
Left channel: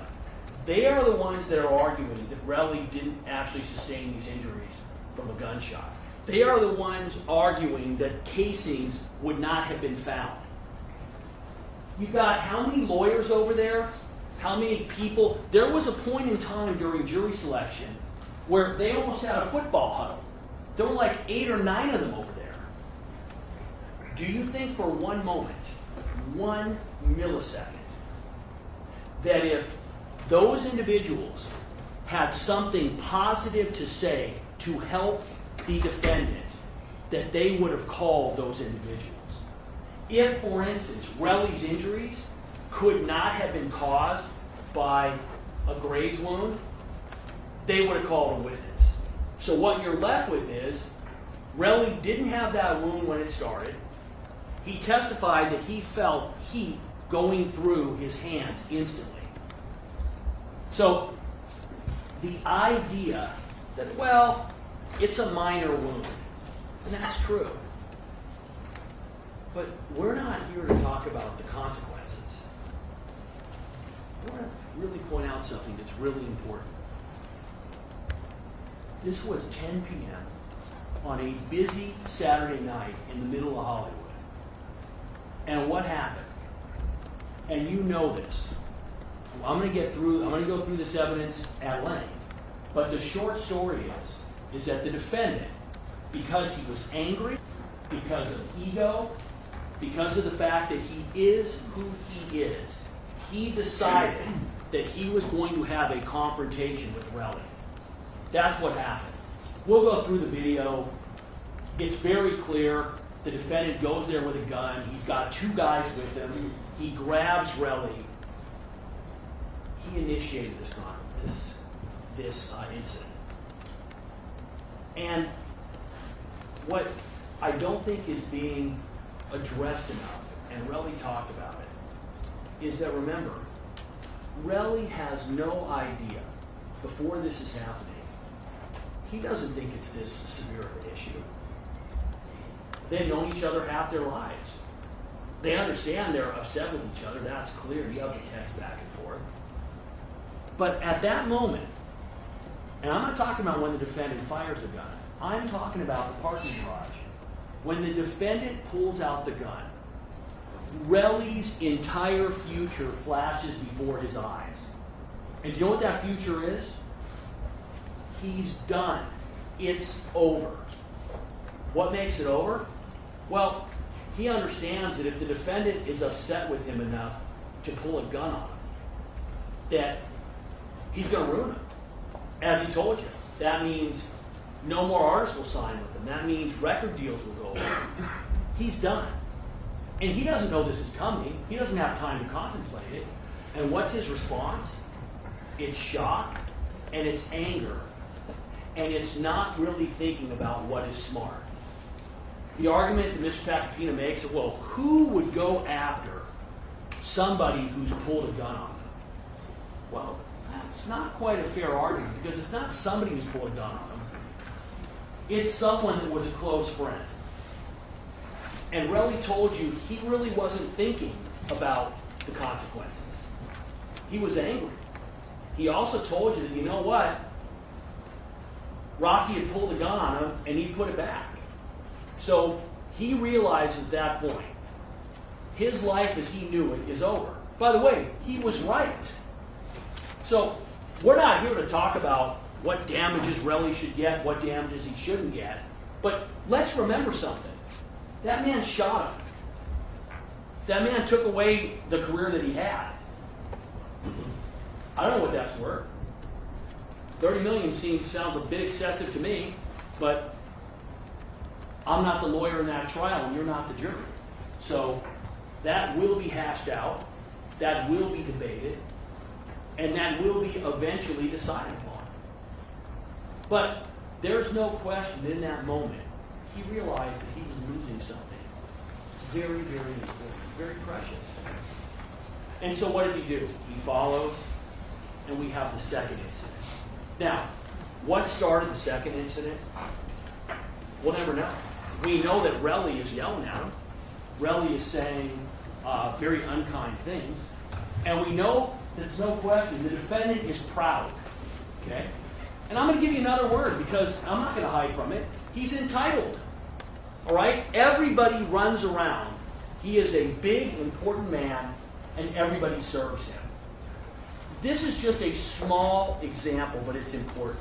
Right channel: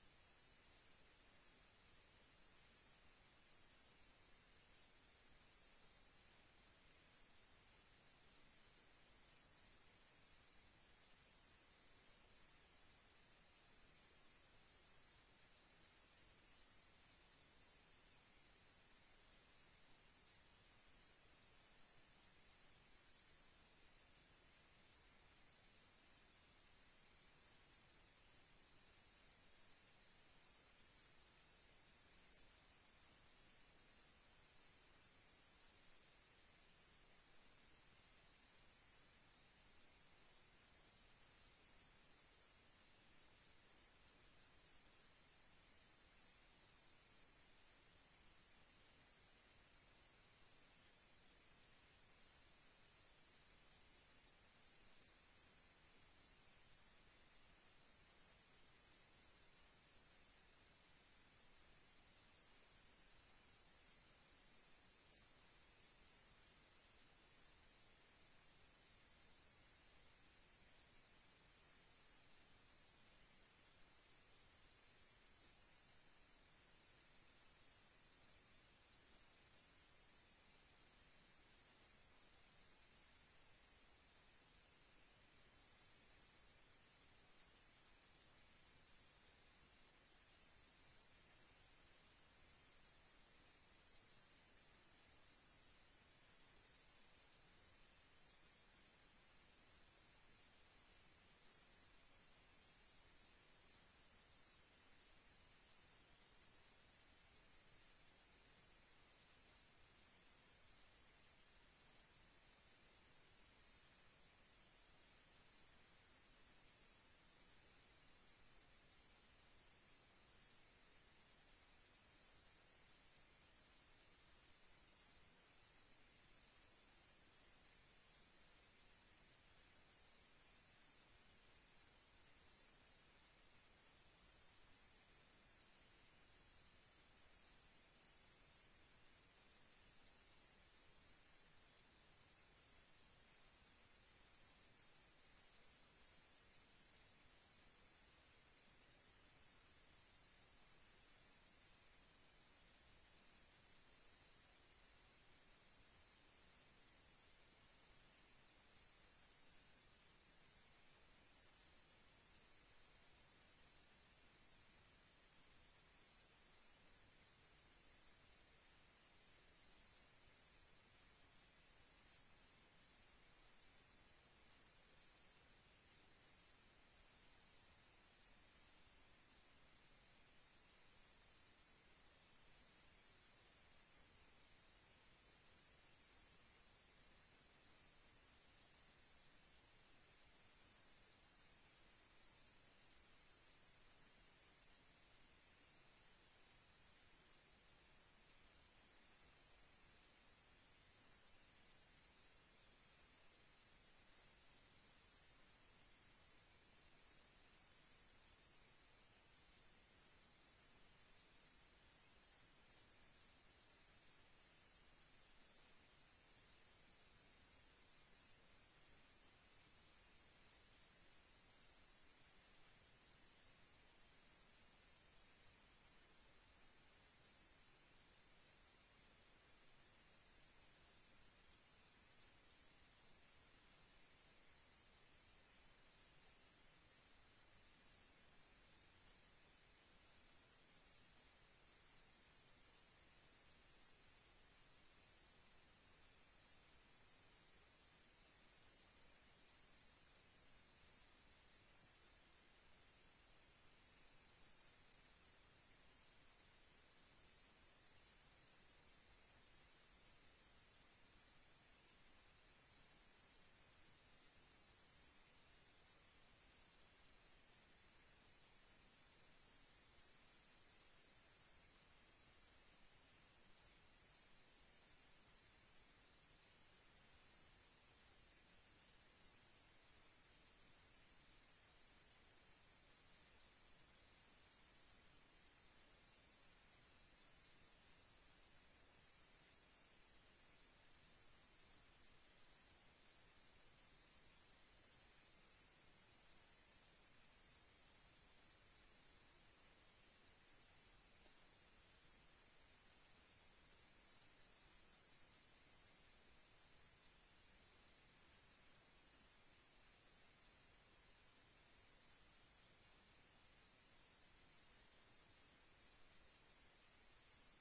They are the ones that are arguing that Relly didn't actually sustain these injuries from a gunshot. They are the ones arguing that casings would not have been found. You've got how many lawyers over there? How many people? There was a point in time during jury selection where they almost had a football huddle. There were like 8 or 9 of them over there. Do you think for one moment, 1 millisecond, that if those individuals had something positive to say to help the defendant, that they would have called those individuals? If, for instance, Relly's injuries could not have been caused by a graze wound, they would have called a witness. So what you're left with is, Relly didn't have that wound when it started. He testified that he felt heat going through his hands instantly. So the idea that, well, it's a minor wound, and that's true. But we're not here to talk about the consequences. I want to really point out something that's really important. This was 10 p.m. on a busy Saturday night in the middle of Hollywood. And what happened? And you know this. I'm going to go through this evidence at length. But the short story is that the defendant, because he was angry, because of ego, because of the fact that he is who he is, he decided that he was going to have a confrontation with Relly. That's what happened. We'll go through the video. It's very clear. The defendant goes there with a gun. He's got two guys with him. He grabs Relly. He initiated this incident. And what I don't think is being addressed enough, and Relly talked about it, is that, remember, Relly has no idea, before this is happening, he doesn't think it's this severe of an issue. They've known each other half their lives. They understand they're upset with each other. That's clear. You have the text back and forth. But at that moment, and I'm not talking about when the defendant fires the gun. I'm talking about the parking garage. When the defendant pulls out the gun, Relly's entire future flashes before his eyes. And do you know what that future is? He's done. It's over. What makes it over? Well, he understands that if the defendant is upset with him enough to pull a gun on him, that he's going to ruin him. As he told you, that means no more artists will sign with him. That means record deals will go away. He's done. And he doesn't know this is coming. He doesn't have time to contemplate it. And what's his response? It's shock, and it's anger, and it's not really thinking about what is smart. The argument that Mr. Papapina makes is, well, who would go after somebody who's pulled a gun on them? Well, that's not quite a fair argument, because it's not somebody who's pulled a gun on them. It's someone that was a close friend. And Relly told you he really wasn't thinking about the consequences. He was angry. He also told you that, you know what? Rocky had pulled a gun on him, and he put it back. So he realized at that point, his life as he knew it is over. By the way, he was right. So we're not here to talk about what damages Relly should get, what damages he shouldn't get. But let's remember something. That man shot him. That man took away the career that he had. I don't know what that's worth. $30 million sounds a bit excessive to me, but I'm not the lawyer in that trial, and you're not the jury. So that will be hashed out, that will be debated, and that will be eventually decided upon. But there's no question in that moment, he realized that he was losing something very, very important, very precious. And so what does he do? He follows, and we have the second incident. Now, what started the second incident? We'll never know. We know that Relly is yelling at him. Relly is saying very unkind things. And we know there's no question the defendant is proud. Okay? And I'm going to give you another word because I'm not going to hide from it. He's entitled. All right? Everybody runs around. He is a big, important man, and everybody serves him. This is just a small example, but it's important.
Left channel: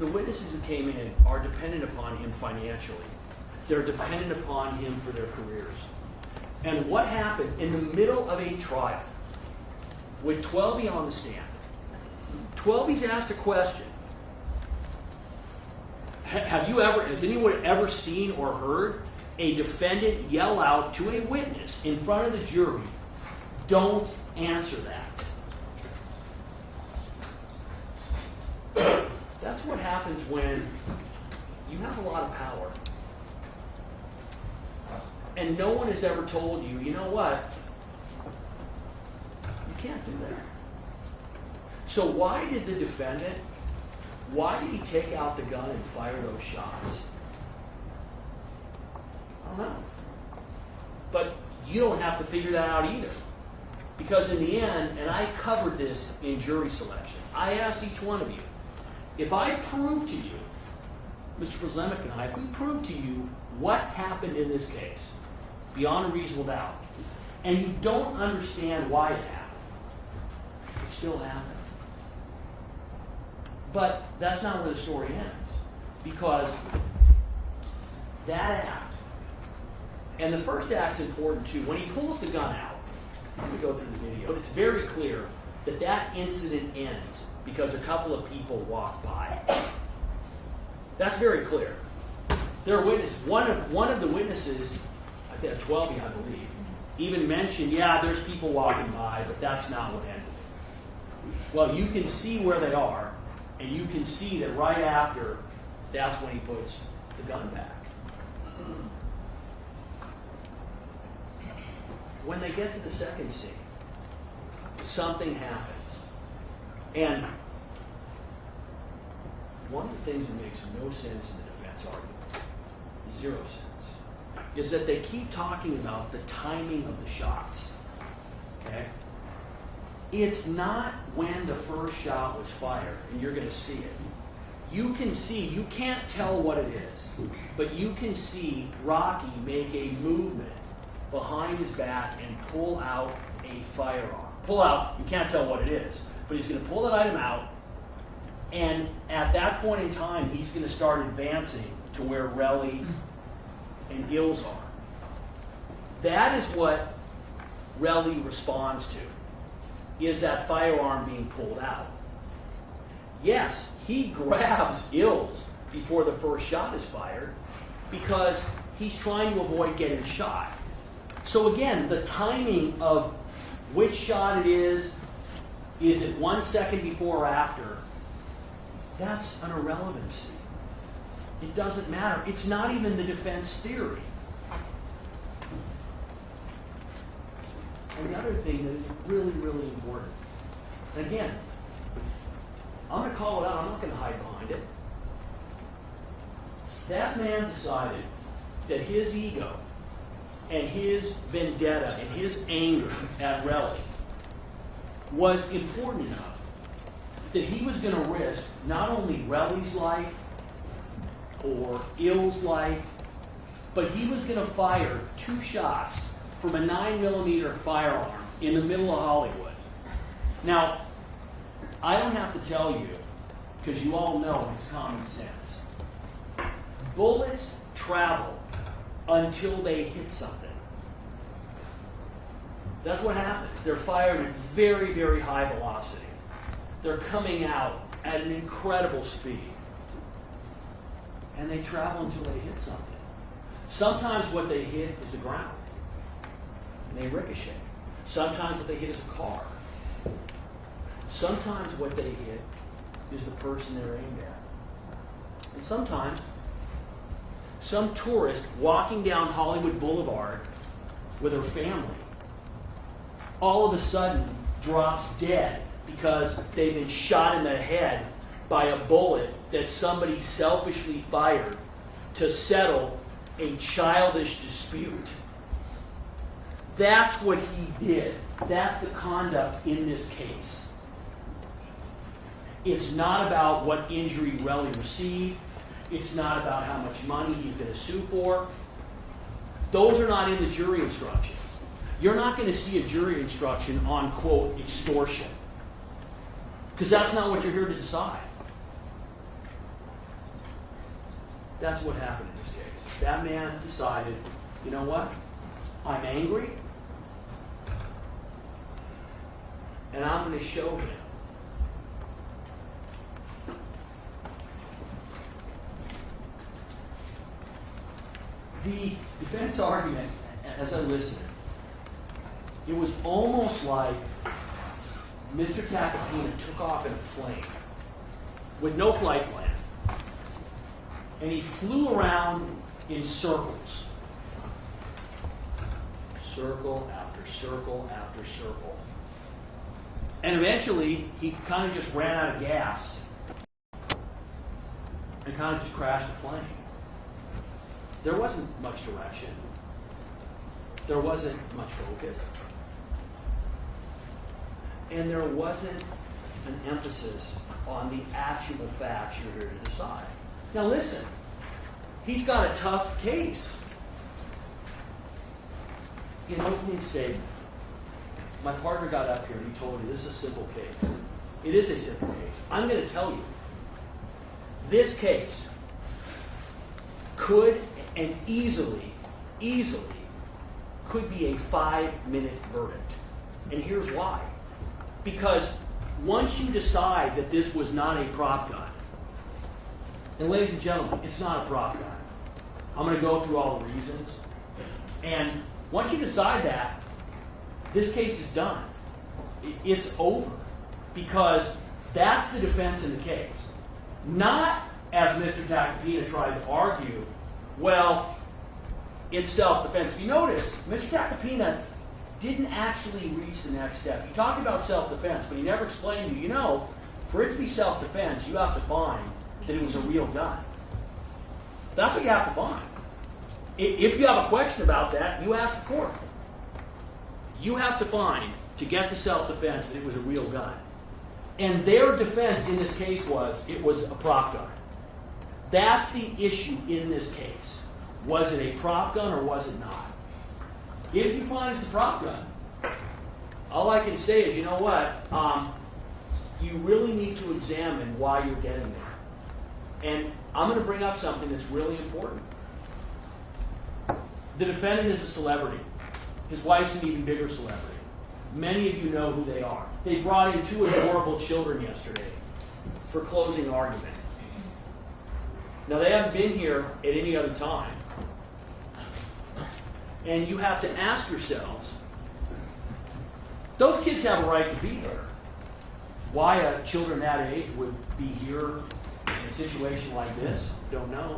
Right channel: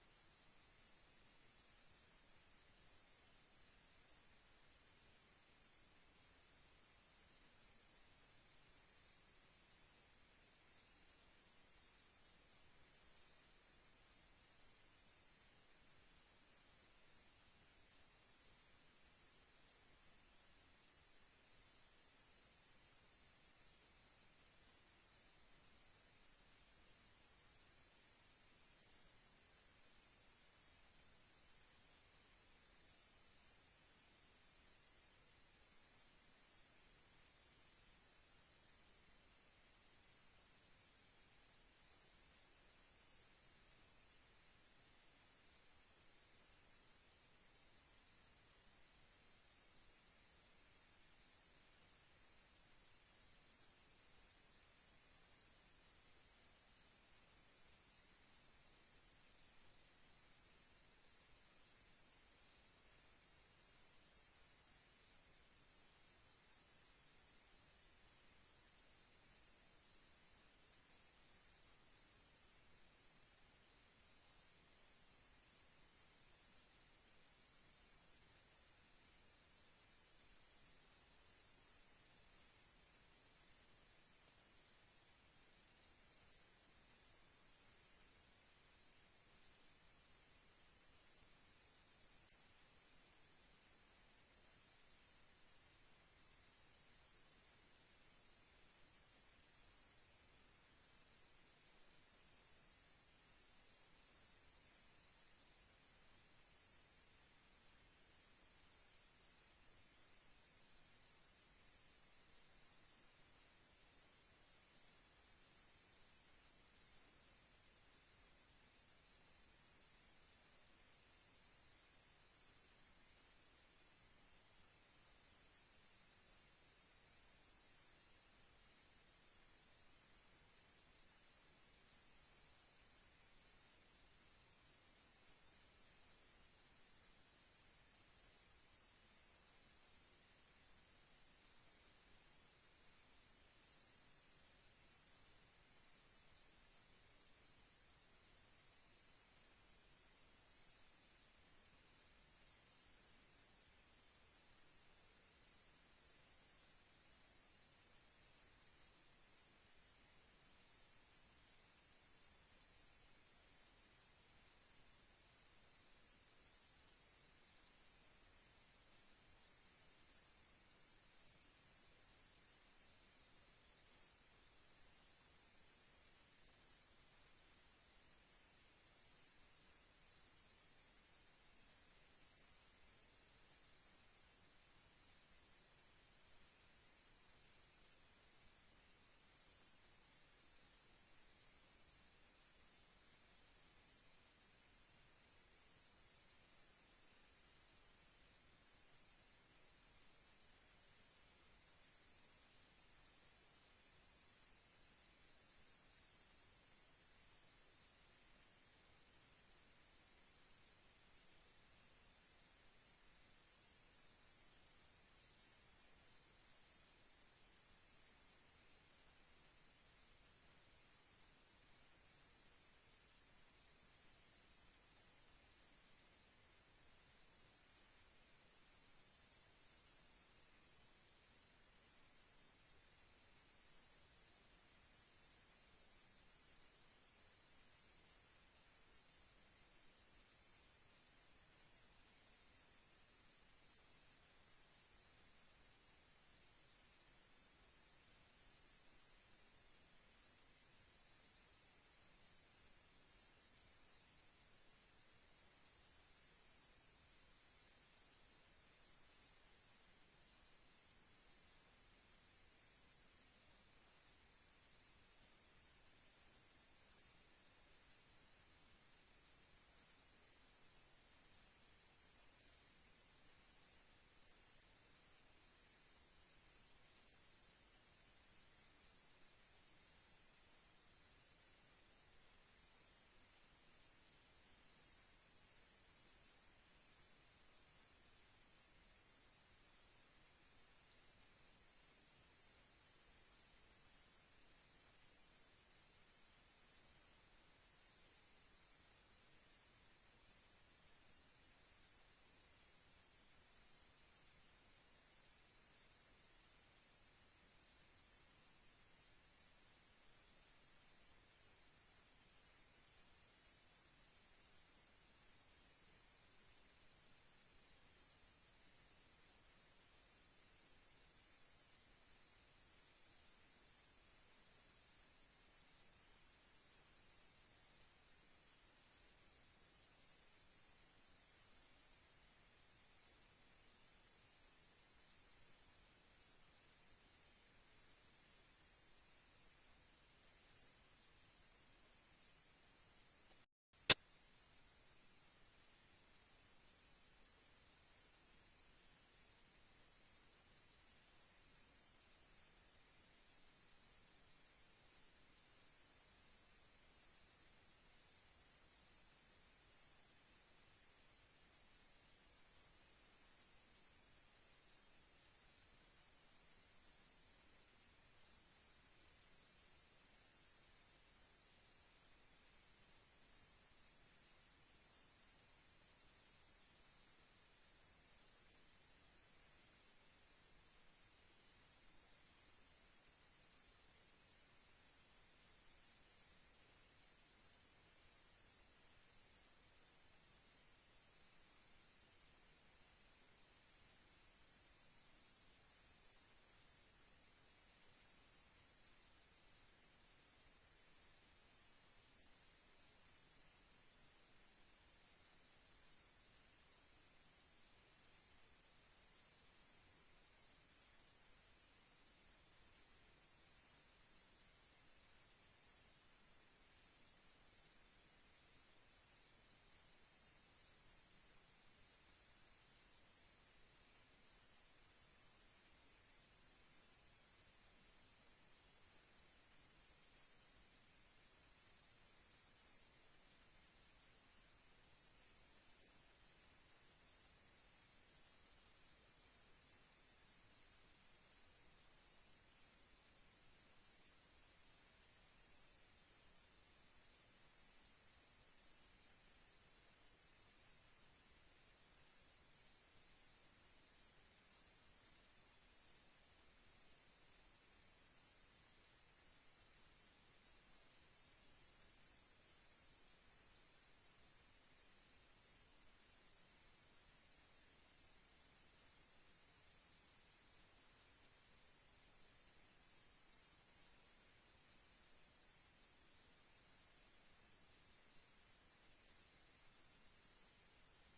The witnesses who came in are dependent upon him financially. They're dependent upon him for their careers. And what happened in the middle of a trial with 12 on the stand? 12's asked a question. Has anyone ever seen or heard a defendant yell out to a witness in front of the jury, "Don't answer that"? That's what happens when you have a lot of power. And no one has ever told you, you know what? You can't do that. So why did the defendant, why did he take out the gun and fire those shots? I don't know. But you don't have to figure that out either. Because in the end, and I covered this in jury selection, I asked each one of you, If I prove to you, Mr. Prozemic and I, if we prove to you what happened in this case, beyond a reasonable doubt, and you don't understand why it happened, it still happened. But that's not where the story ends, because that act, and the first act's important too. When he pulls the gun out, let me go through the video, it's very clear that that incident ends because a couple of people walk by. That's very clear. There are witnesses. One of the witnesses, I think 12, I believe, even mentioned, yeah, there's people walking by, but that's not what ended it. Well, you can see where they are, and you can see that right after, that's when he puts the gun back. When they get to the second scene, something happens. And one of the things that makes no sense in the defense argument, 0 sense, is that they keep talking about the timing of the shots. Okay? It's not when the first shot was fired, and you're going to see it. You can see, you can't tell what it is, but you can see Rocky make a movement behind his back and pull out a firearm. Pull out, you can't tell what it is, but he's going to pull that item out, and at that point in time, he's going to start advancing to where Relly and Ills are. That is what Relly responds to, is that firearm being pulled out. Yes, he grabs Ills before the first shot is fired because he's trying to avoid getting shot. So again, the timing of which shot it is it 1 second before or after, that's an irrelevancy. It doesn't matter. It's not even the defense theory. And the other thing that is really, really important, and again, I'm going to call it out, I'm not going to hide behind it. That man decided that his ego and his vendetta and his anger at Relly was important enough that he was going to risk not only Relly's life or Ill's life, but he was going to fire 2 shots from a 9mm firearm in the middle of Hollywood. Now, I don't have to tell you, because you all know it's common sense. Bullets travel until they hit something. That's what happens. They're fired at very, very high velocity. They're coming out at an incredible speed. And they travel until they hit something. Sometimes what they hit is the ground. And they ricochet. Sometimes what they hit is a car. Sometimes what they hit is the person they're aimed at. And sometimes some tourist walking down Hollywood Boulevard with her family all of a sudden drops dead because they've been shot in the head by a bullet that somebody selfishly fired to settle a childish dispute. That's what he did. That's the conduct in this case. It's not about what injury Relly received. It's not about how much money he's going to sue for. Those are not in the jury instructions. You're not going to see a jury instruction on, quote, extortion. Because that's not what you're here to decide. That's what happened in this case. That man decided, you know what? I'm angry. And I'm going to show him. The defense argument, as I listened, it was almost like Mr. Tacopina took off in a plane with no flight plan, and he flew around in circles. Circle after circle after circle. And eventually, he kind of just ran out of gas and kind of just crashed the plane. There wasn't much direction. There wasn't much focus. And there wasn't an emphasis on the actual facts you're here to decide. Now listen, he's got a tough case. In opening statement, my partner got up here and he told me this is a simple case. It is a simple case. I'm going to tell you, this case could and easily could be a 5-minute verdict. And here's why. Because once you decide that this was not a prop gun, and ladies and gentlemen, it's not a prop gun. I'm going to go through all the reasons. And once you decide that, this case is done. It's over. Because that's the defense in the case. Not, as Mr. Tacopina tried to argue, well, it's self-defense. If you notice, Mr. Tacopina didn't actually reach the next step. He talked about self-defense, but he never explained to you, for it to be self-defense, you have to find that it was a real gun. That's what you have to find. If you have a question about that, you ask the court. You have to find, to get to self-defense, that it was a real gun. And their defense in this case was, it was a prop gun. That's the issue in this case. Was it a prop gun or was it not? If you find it's a prop gun, all I can say is, you know what? You really need to examine why you're getting there. And I'm going to bring up something that's really important. The defendant is a celebrity. His wife's an even bigger celebrity. Many of you know who they are. They brought in 2 adorable children yesterday for closing argument. Now, they haven't been here at any other time. And you have to ask yourselves, those kids have a right to be there. Why children that age would be here in a situation like this, don't know.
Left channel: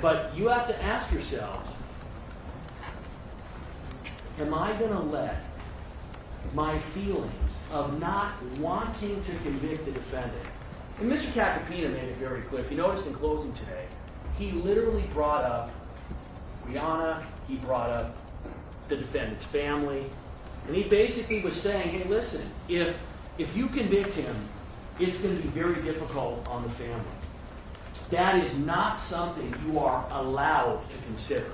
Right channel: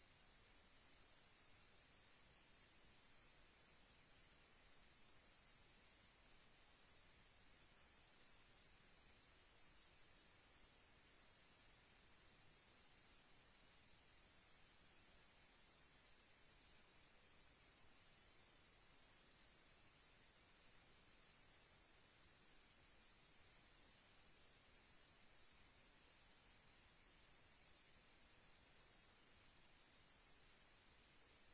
But you have to ask yourselves, am I going to let my feelings of not wanting to convict the defendant? And Mr. Tacopina made it very clear. If you noticed in closing today, he literally brought up Rihanna, he brought up the defendant's family, and he basically was saying, hey, listen, if you convict him, it's going to be very difficult on the family. That is not something you are allowed to consider.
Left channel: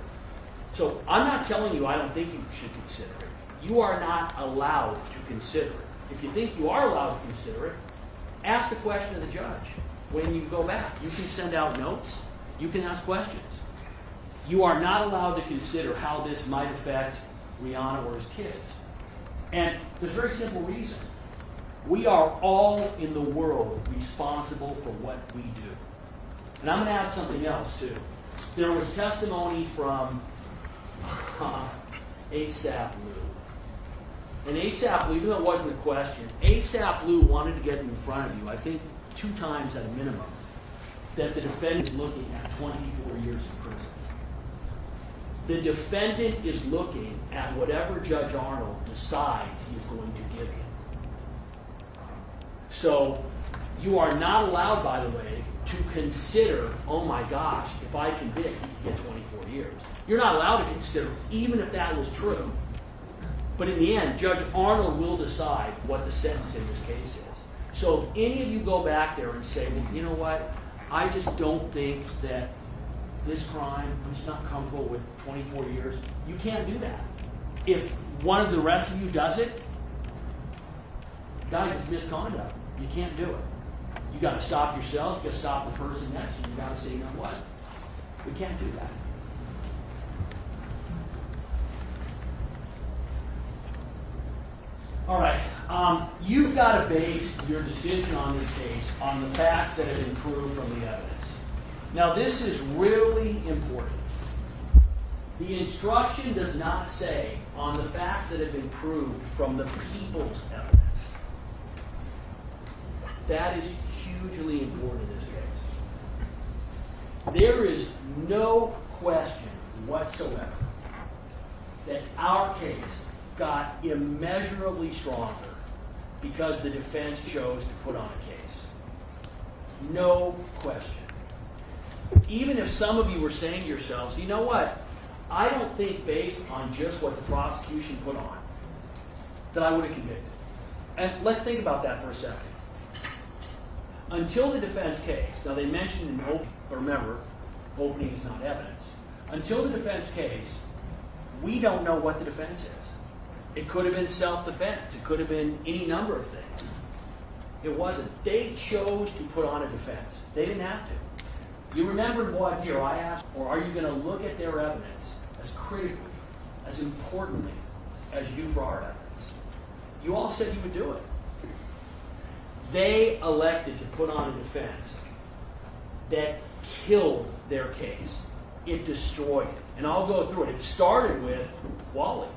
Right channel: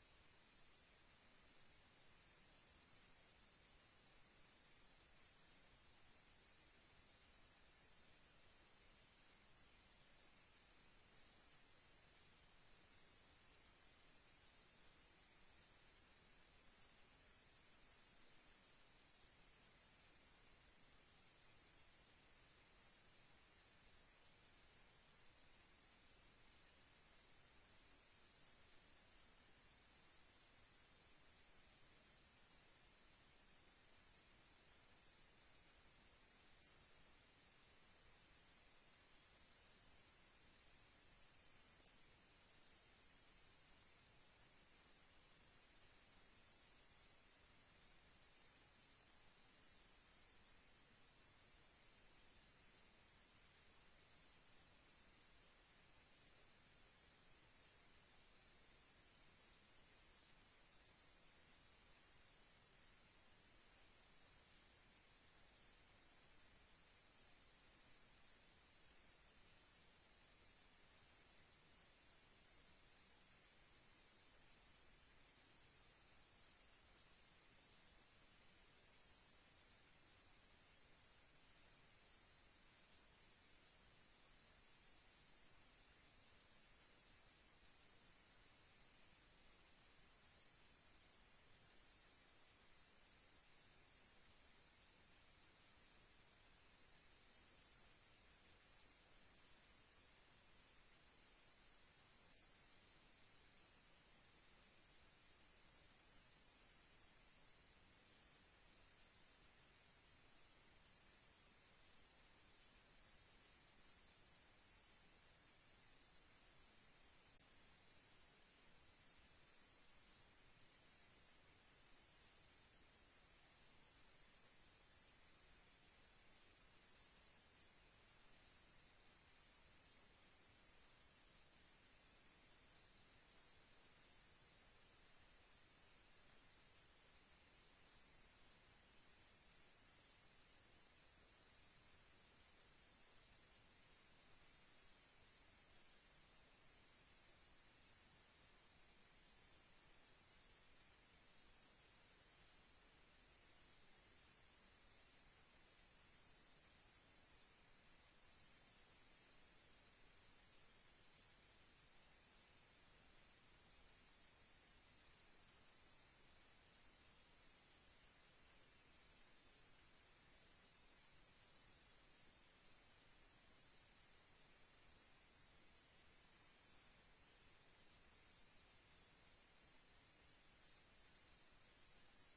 So I'm not telling you I don't think you should consider it. You are not allowed to consider it. If you think you are allowed to consider it, ask the question of the judge when you go back. You can send out notes. You can ask questions. You are not allowed to consider how this might affect Rihanna or his kids. And there's a very simple reason. We are all in the world responsible for what we do. And I'm going to add something else, too. There was testimony from ASAP Lou. And ASAP Lou, even though it wasn't a question, ASAP Lou wanted to get in front of you, I think 2 times at a minimum, that the defendant is looking at 24 years in prison. The defendant is looking at whatever Judge Arnold decides he is going to give him. So you are not allowed, by the way, to consider, oh my gosh, if I convict, he can get 24 years. You're not allowed to consider, even if that was true. But in the end, Judge Arnold will decide what the sentence in this case is. So if any of you go back there and say, well, you know what, I just don't think that this crime, I'm just not comfortable with 24 years, you can't do that. If one of the rest of you does it, guys, it's misconduct. You can't do it. You got to stop yourself, you got to stop the person next to you, you got to say, you know what, we can't do that. All right, you've got to base your decision on this case on the facts that have been proved from the evidence. Now, this is really important. The instruction does not say on the facts that have been proved from the people's evidence. That is hugely important in this case. There is no question whatsoever that our case got immeasurably stronger because the defense chose to put on a case. No question. Even if some of you were saying to yourselves, you know what, I don't think based on just what the prosecution put on that I would have convicted. And let's think about that for a second. until the defense case, now they mentioned in remember, opening is not evidence. Until the defense case, we don't know what the defense is. It could have been self-defense. It could have been any number of things. It wasn't. They chose to put on a defense. They didn't have to. You remember what here I asked, or are you going to look at their evidence as critically, as importantly, as you do for our evidence? You all said you would do it. They elected to put on a defense that killed their case. It destroyed it. And I'll go through it. It started with Wally.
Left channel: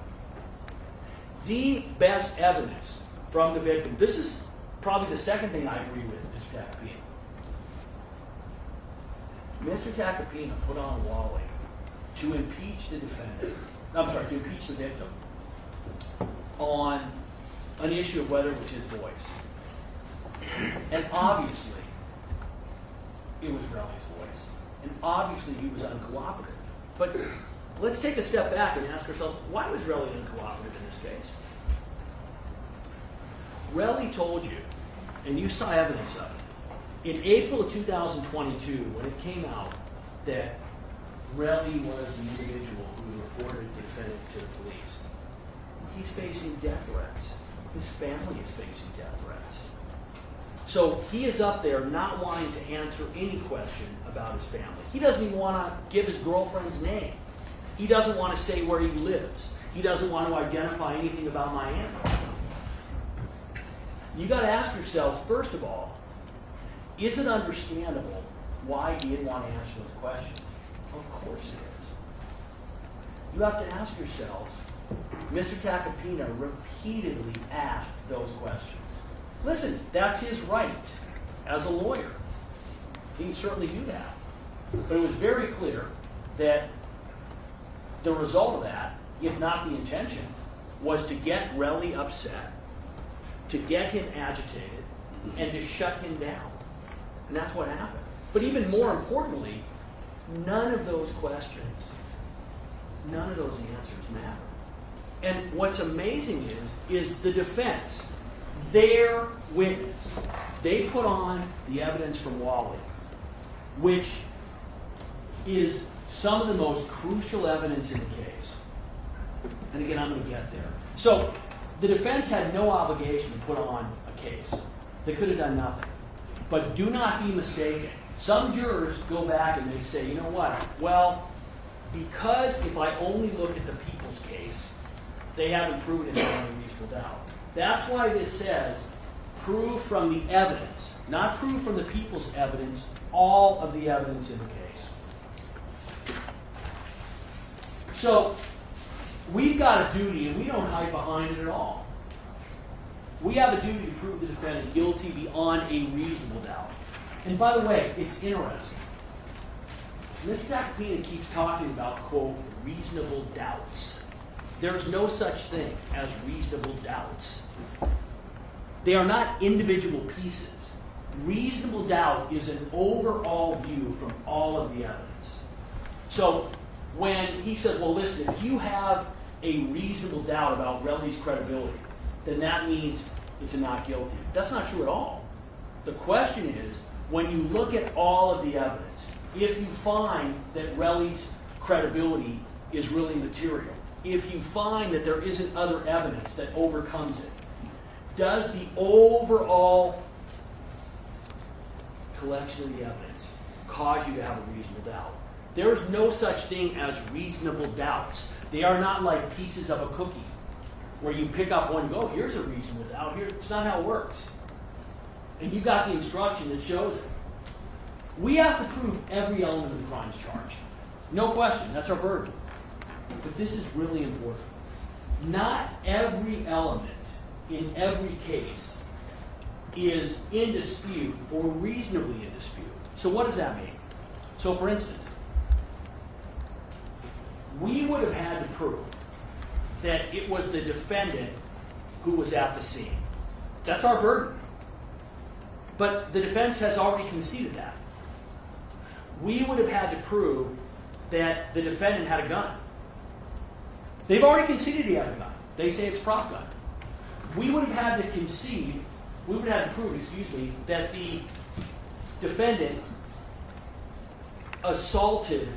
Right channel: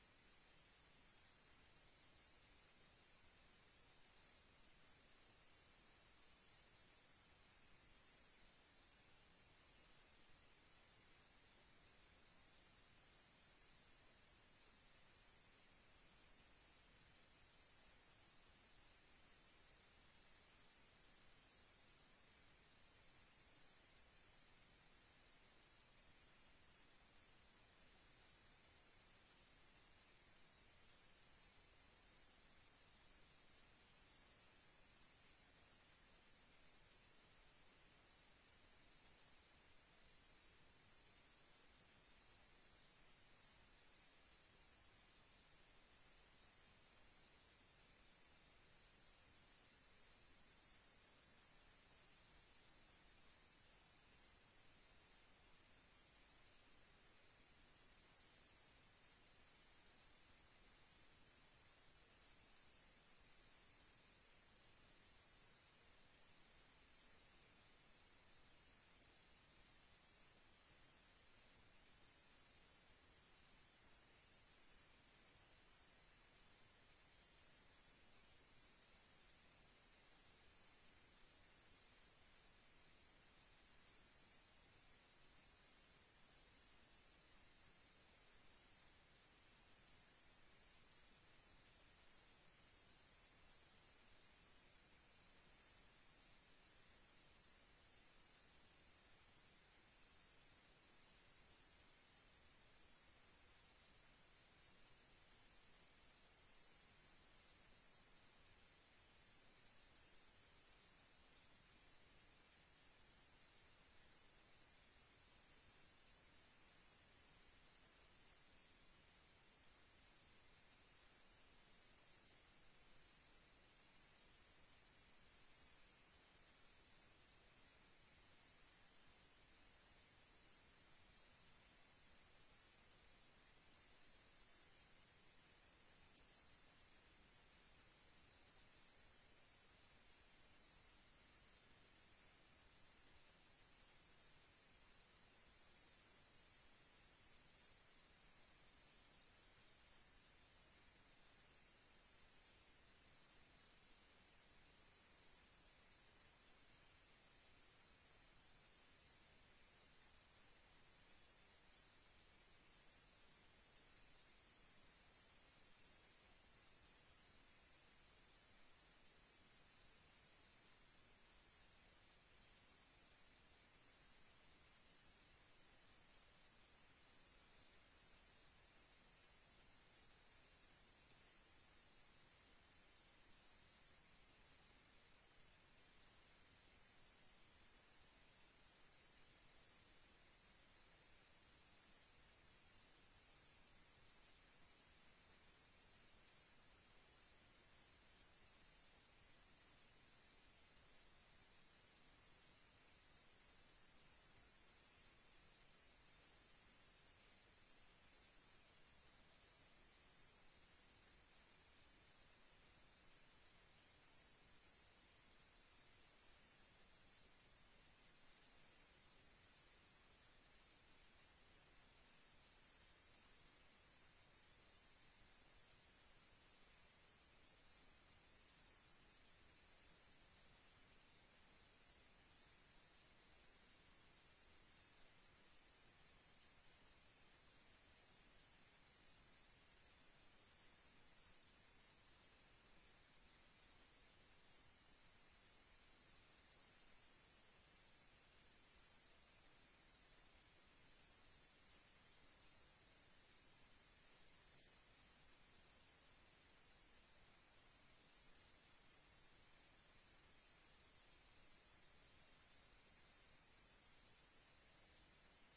The best evidence from the victim. This is probably the second thing I agree with Mr. Tacopina. Mr. Tacopina put on Wally to impeach the defendant. I'm sorry, to impeach the victim on an issue of whether it was his voice. And obviously, it was Relly's voice. And obviously, he was uncooperative. But let's take a step back and ask ourselves, why was Relly uncooperative in this case? Relly told you, and you saw evidence of it, in April of 2022, when it came out that Relly was the individual who reported the defendant to the police, he's facing death threats. His family is facing death threats. So he is up there not wanting to answer any question about his family. He doesn't even want to give his girlfriend's name. He doesn't want to say where he lives. He doesn't want to identify anything about Miami. You got to ask yourselves, first of all, is it understandable why he didn't want to answer those questions? Of course it is. You have to ask yourselves, Mr. Tacopina repeatedly asked those questions. Listen, that's his right as a lawyer. He can certainly do that. But it was very clear that the result of that, if not the intention, was to get Relly upset, to get him agitated, and to shut him down. And that's what happened. But even more importantly, none of those questions, none of those answers matter. And what's amazing is the defense, their witness, they put on the evidence from Wally, which is some of the most crucial evidence in the case. And again, I'm going to get there. So the defense had no obligation to put on a case. They could have done nothing. But do not be mistaken. Some jurors go back and they say, you know what? Well, because if I only look at the people's case, they haven't proven it beyond a reasonable doubt. That's why this says, prove from the evidence, not prove from the people's evidence, all of the evidence in the case. So, we've got a duty, and we don't hide behind it at all. We have a duty to prove the defendant guilty beyond a reasonable doubt. And by the way, it's interesting. Mr. Tacopina keeps talking about, quote, reasonable doubts. There's no such thing as reasonable doubts. They are not individual pieces. Reasonable doubt is an overall view from all of the evidence. So when he says, well, listen, if you have a reasonable doubt about Relly's credibility, then that means it's a not guilty. That's not true at all. The question is, when you look at all of the evidence, if you find that Relly's credibility is really material, if you find that there isn't other evidence that overcomes it, does the overall collection of the evidence cause you to have a reasonable doubt? There is no such thing as reasonable doubts. They are not like pieces of a cookie where you pick up one and go, oh, here's a reasonable doubt. Here, it's not how it works. And you got the instruction that shows it. We have to prove every element of the crimes charged. No question, that's our burden. But this is really important. Not every element in every case is in dispute or reasonably in dispute. So what does that mean? So for instance, we would have had to prove that it was the defendant who was at the scene. That's our burden. But the defense has already conceded that. We would have had to prove that the defendant had a gun. They've already conceded he had a gun. They say it's a prop gun. We would have had to concede, we would have had to prove, that the defendant assaulted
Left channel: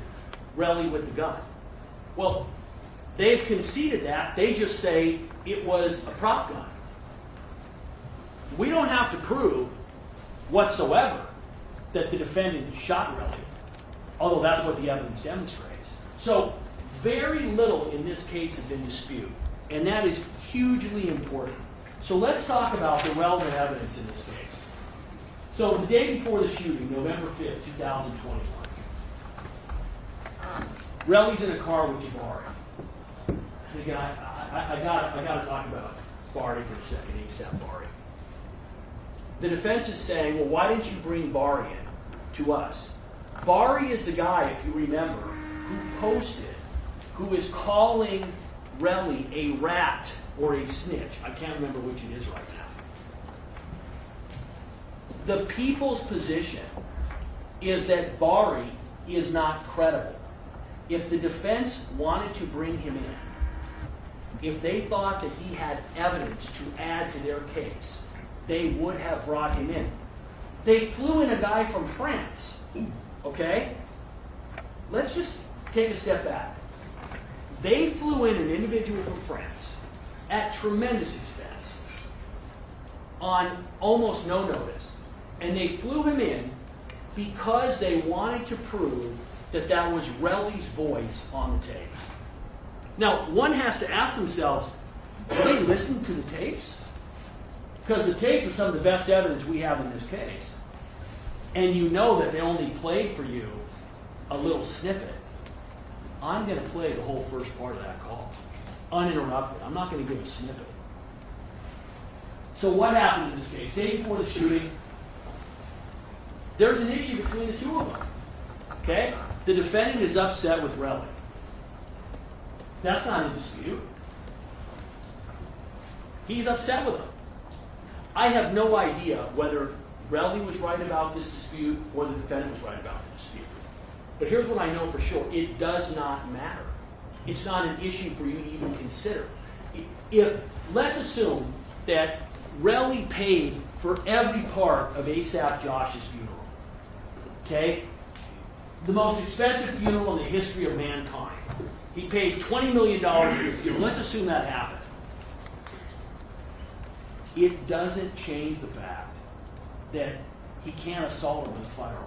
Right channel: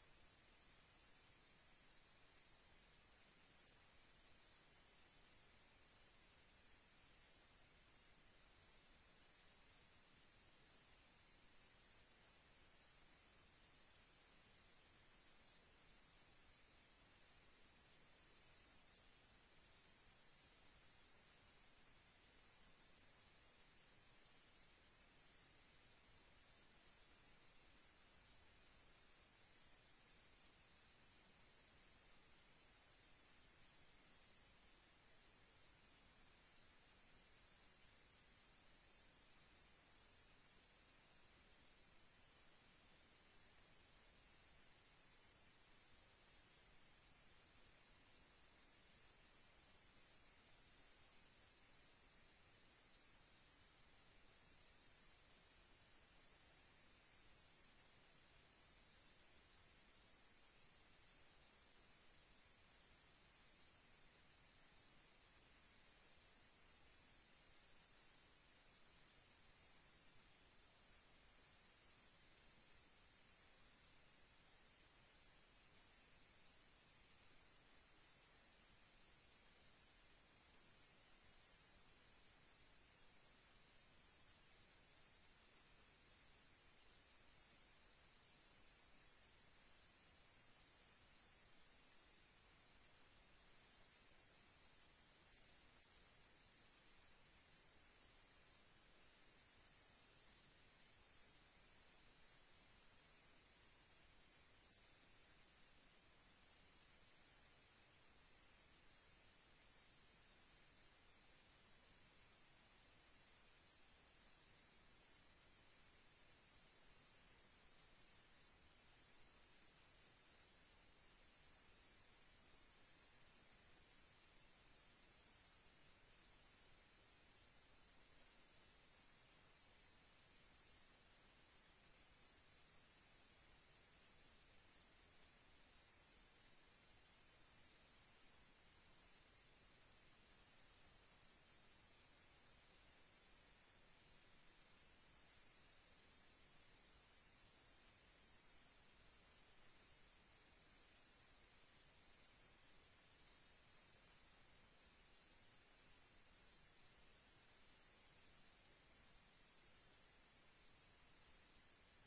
Relly with the gun. Well, they've conceded that. They just say it was a prop gun. We don't have to prove whatsoever that the defendant shot Relly, although that's what the evidence demonstrates. So very little in this case is in dispute, and that is hugely important. So let's talk about the relevant evidence in this case. So the day before the shooting, November 5th, 2021, Relly's in a car with Jabari. And again, I got to talk about Bari for a second, ASAP Bari. The defense is saying, well, why didn't you bring Bari in to us? Bari is the guy, if you remember, who posted, who is calling Relly a rat or a snitch. I can't remember which it is right now. The people's position is that Bari is not credible. If the defense wanted to bring him in, if they thought that he had evidence to add to their case, they would have brought him in. They flew in a guy from France, okay? Let's just take a step back. They flew in an individual from France at tremendous expense on almost no notice. And they flew him in because they wanted to prove that that was Relly's voice on the tapes. Now, one has to ask themselves, do they listen to the tapes? Because the tapes are some of the best evidence we have in this case. And you know that they only played for you a little snippet. I'm going to play the whole first part of that call, uninterrupted. I'm not going to give a snippet. So what happened in this case? Day before the shooting, there's an issue between the two of them. Okay? The defendant is upset with Relly. That's not in dispute. He's upset with him. I have no idea whether Relly was right about this dispute or the defendant was right about the dispute. But here's what I know for sure. It does not matter. It's not an issue for you to even consider. If, let's assume that Relly paid for every part of ASAP Josh's funeral. Okay? The most expensive funeral in the history of mankind. He paid $20 million for the funeral. Let's assume that happened. It doesn't change the fact that he can't assault him with a firearm.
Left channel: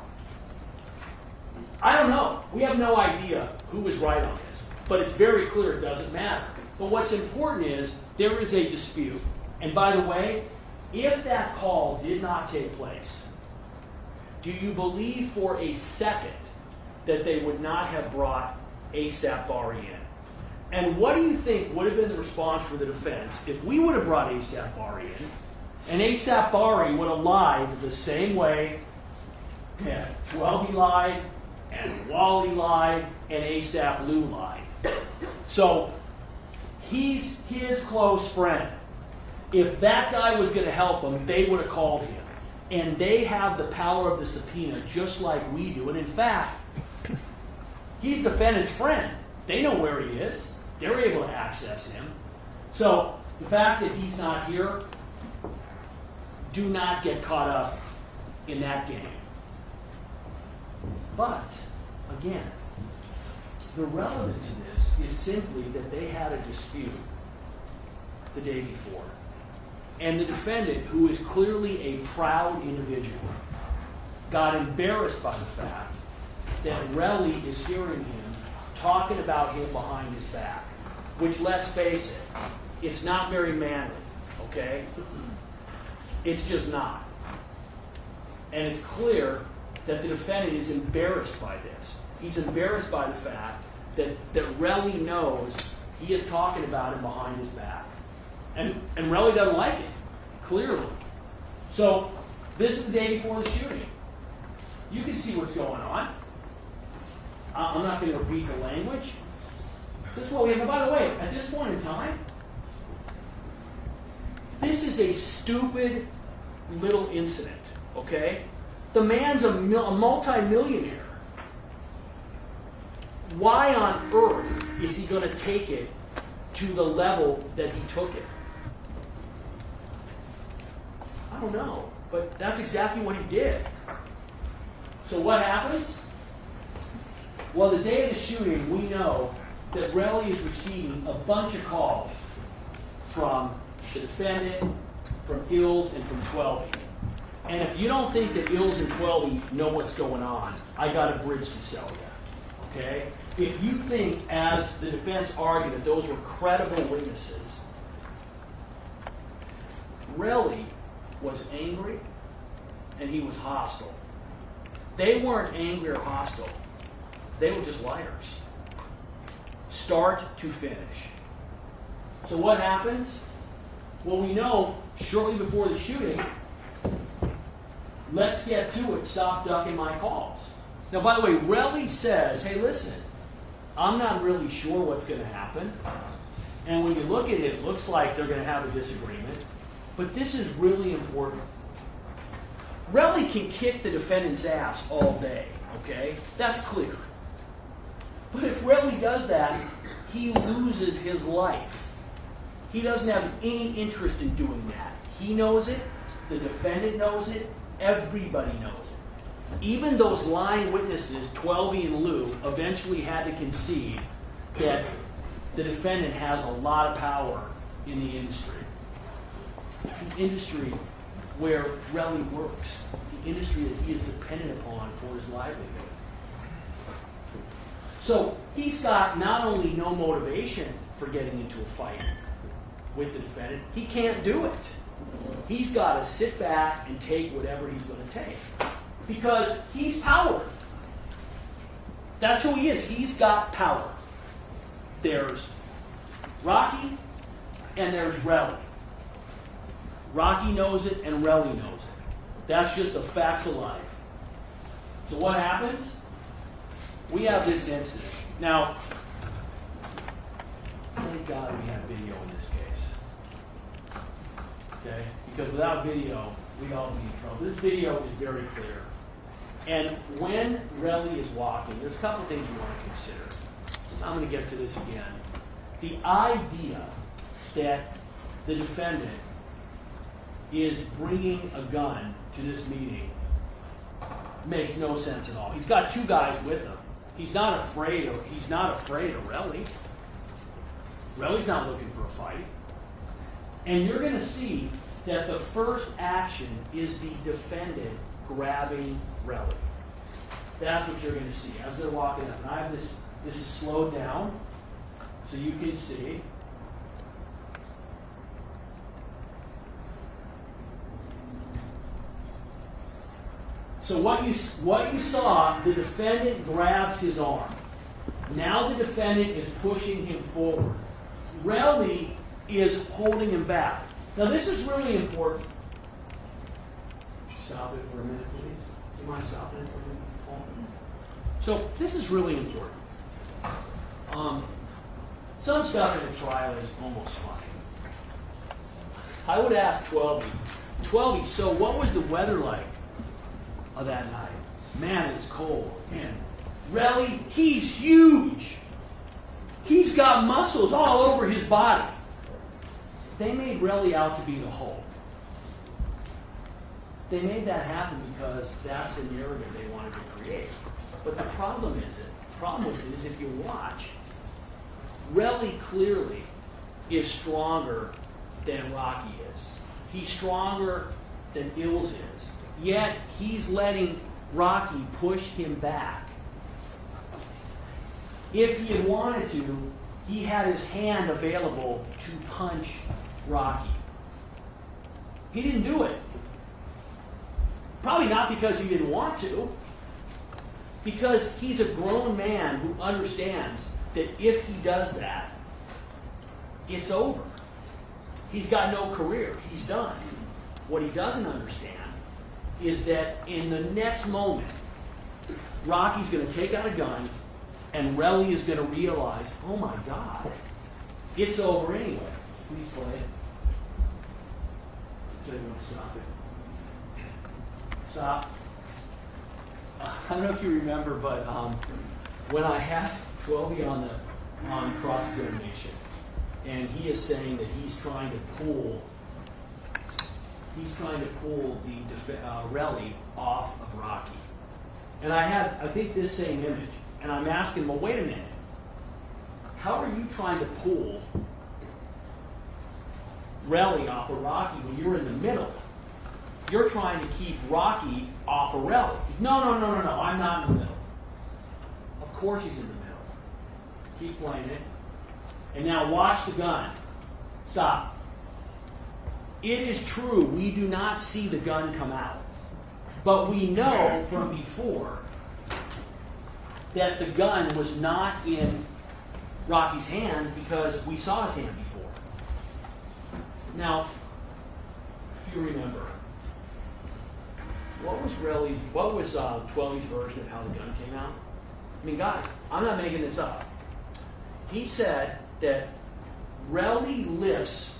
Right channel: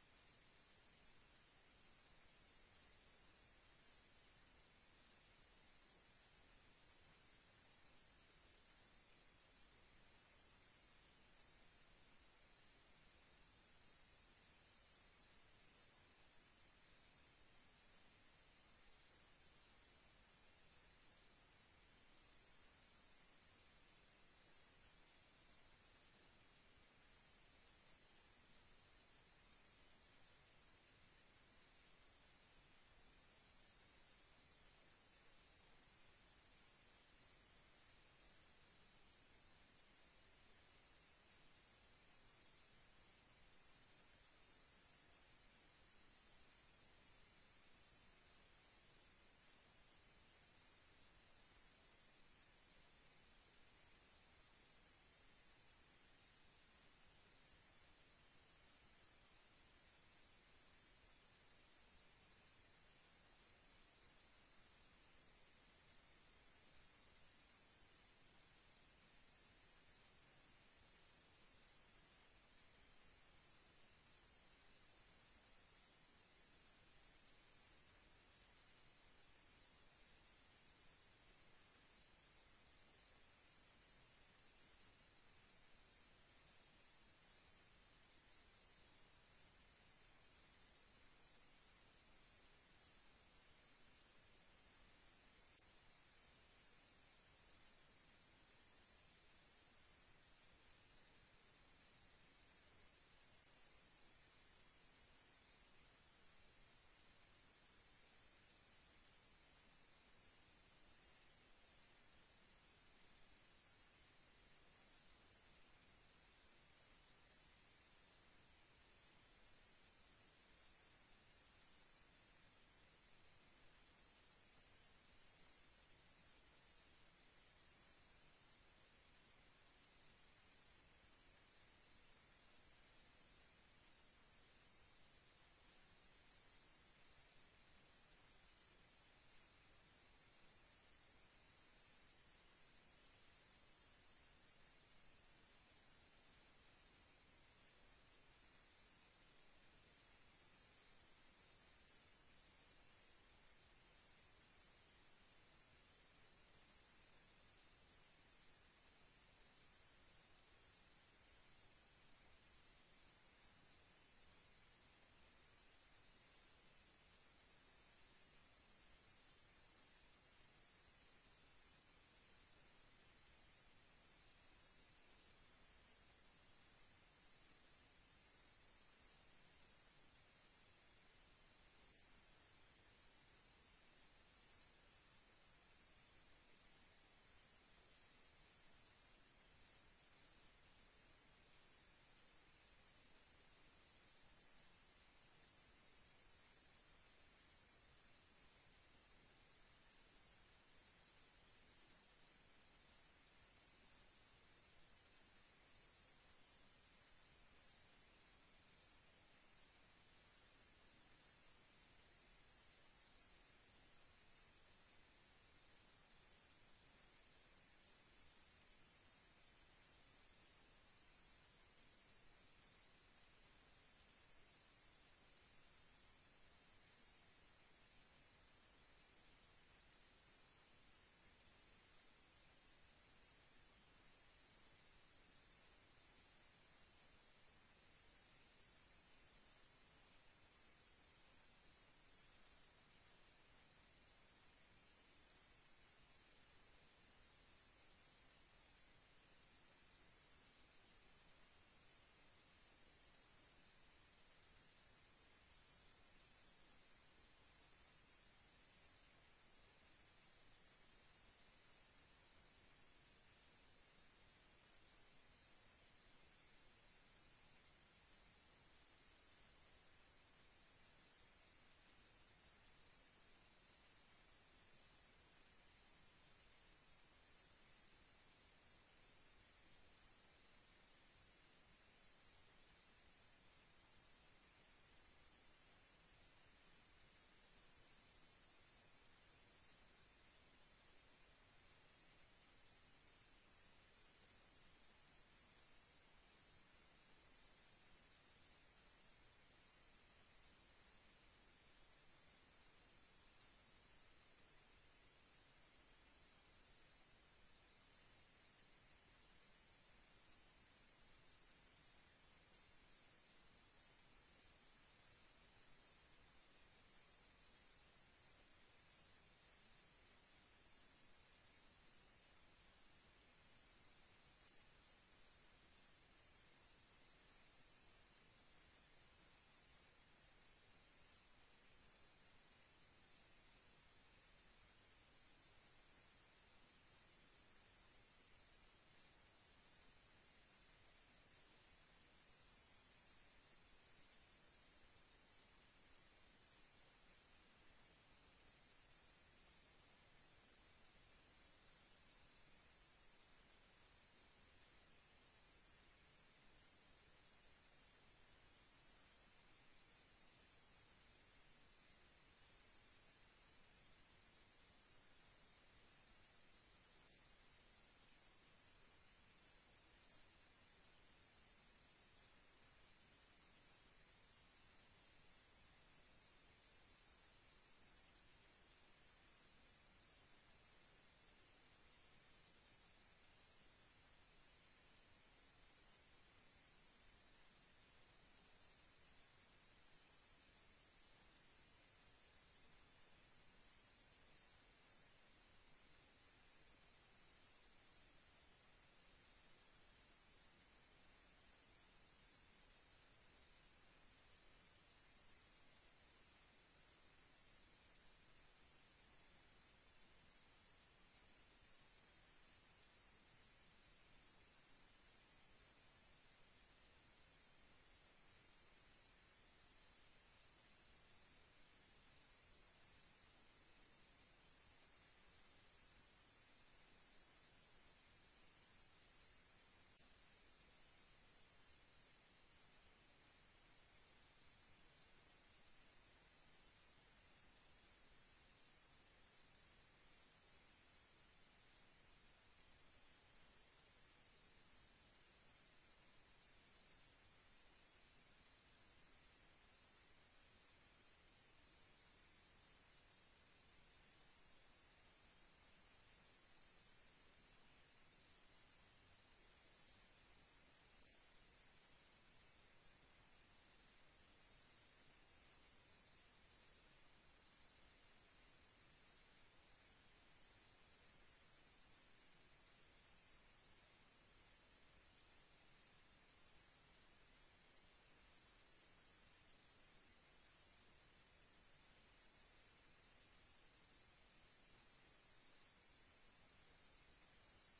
I don't know. We have no idea who was right on this. But it's very clear it doesn't matter. But what's important is there is a dispute. And by the way, if that call did not take place, do you believe for a second that they would not have brought ASAP Bari in? And what do you think would have been the response for the defense if we would have brought ASAP Bari in, and ASAP Bari would have lied the same way that Welby lied, and Wally lied, and ASAP Lou lied? So he's his close friend. If that guy was going to help him, they would have called him. And they have the power of the subpoena just like we do. And in fact, he's the defendant's friend. They know where he is. They're able to access him. So the fact that he's not here, do not get caught up in that game. But, again, the relevance of this is simply that they had a dispute the day before. And the defendant, who is clearly a proud individual, got embarrassed by the fact that Relly is hearing him talking about him behind his back. Which, let's face it, it's not very manly, okay? It's just not. And it's clear that the defendant is embarrassed by this. He's embarrassed by the fact that Relly knows he is talking about him behind his back. And Relly doesn't like it, clearly. So, this is the day before the shooting. You can see what's going on. I'm not going to repeat the language. This is what we have. And by the way, at this point in time, this is a stupid little incident, okay? The man's a multi-millionaire. Why on earth is he going to take it to the level that he took it? I don't know, but that's exactly what he did. So what happens? Well, the day of the shooting, we know that Relly is receiving a bunch of calls from the defendant, from Ills, and from Twelby. And if you don't think that Ills and Twelby know what's going on, I got a bridge to sell you. Okay? If you think, as the defense argued, that those were credible witnesses, Relly was angry and he was hostile. They weren't angry or hostile. They were just liars. Start to finish. So what happens? Well, we know shortly before the shooting, let's get to it. Stop ducking my calls. Now, by the way, Relly says, hey, listen, I'm not really sure what's going to happen. And when you look at it, it looks like they're going to have a disagreement. But this is really important. Relly can kick the defendant's ass all day, okay? That's clear. But if Relly does that, he loses his life. He doesn't have any interest in doing that. He knows it. The defendant knows it. Everybody knows it. Even those lying witnesses, Twelby and Lou, eventually had to concede that the defendant has a lot of power in the industry. The industry where Relly works. The industry that he is dependent upon for his livelihood. So he's got not only no motivation for getting into a fight with the defendant, he can't do it. He's got to sit back and take whatever he's going to take. Because he's power. That's who he is. He's got power. There's Rocky and there's Relly. Rocky knows it and Relly knows it. That's just the facts of life. So what happens? We have this incident. Now, thank God we have video in this case. Okay? Because without video, we'd all be in trouble. This video is very clear. And when Relly is walking, there's a couple things you want to consider. I'm going to get to this again. The idea that the defendant is bringing a gun to this meeting makes no sense at all. He's got two guys with him. He's not afraid of Relly. Relly's not looking for a fight. And you're going to see that the first action is the defendant grabbing Relly. That's what you're going to see as they're walking up. And I have this is slowed down so you can see. So what you saw, the defendant grabs his arm. Now the defendant is pushing him forward. Relly is holding him back. Now this is really important. Stop it for a minute, please. Do you mind stopping it for a minute? So this is really important. Some stuff in the trial is almost funny. I would ask Twelby, so what was the weather like that night? Man, it was cold. And Relly, he's huge. He's got muscles all over his body. They made Relly out to be the Hulk. They made that happen because that's the narrative they wanted to create. But the problem with it is if you watch, Relly clearly is stronger than Rocky is. He's stronger than Ills is. Yet he's letting Rocky push him back. If he had wanted to, he had his hand available to punch Rocky. He didn't do it. Probably not because he didn't want to. Because he's a grown man who understands that if he does that, it's over. He's got no career. He's done. What he doesn't understand is that in the next moment, Rocky's going to take out a gun, and Relly is going to realize, oh my God, it's over anyway. Please play it. So you want to stop it? Stop. I don't know if you remember, but when I had Twelby on cross-examination, and he is saying that he's trying to pull the Relly off of Rocky. And I think this same image, and I'm asking, well, wait a minute. How are you trying to pull Relly off of Rocky when you're in the middle? You're trying to keep Rocky off of Relly. No, I'm not in the middle. Of course he's in the middle. Keep playing it. And now watch the gun. Stop. It is true, we do not see the gun come out. But we know from before that the gun was not in Rocky's hand because we saw his hand before. Now, if you remember, what was Tweley's version of how the gun came out? I mean, guys, I'm not making this up. He said that Relly lifts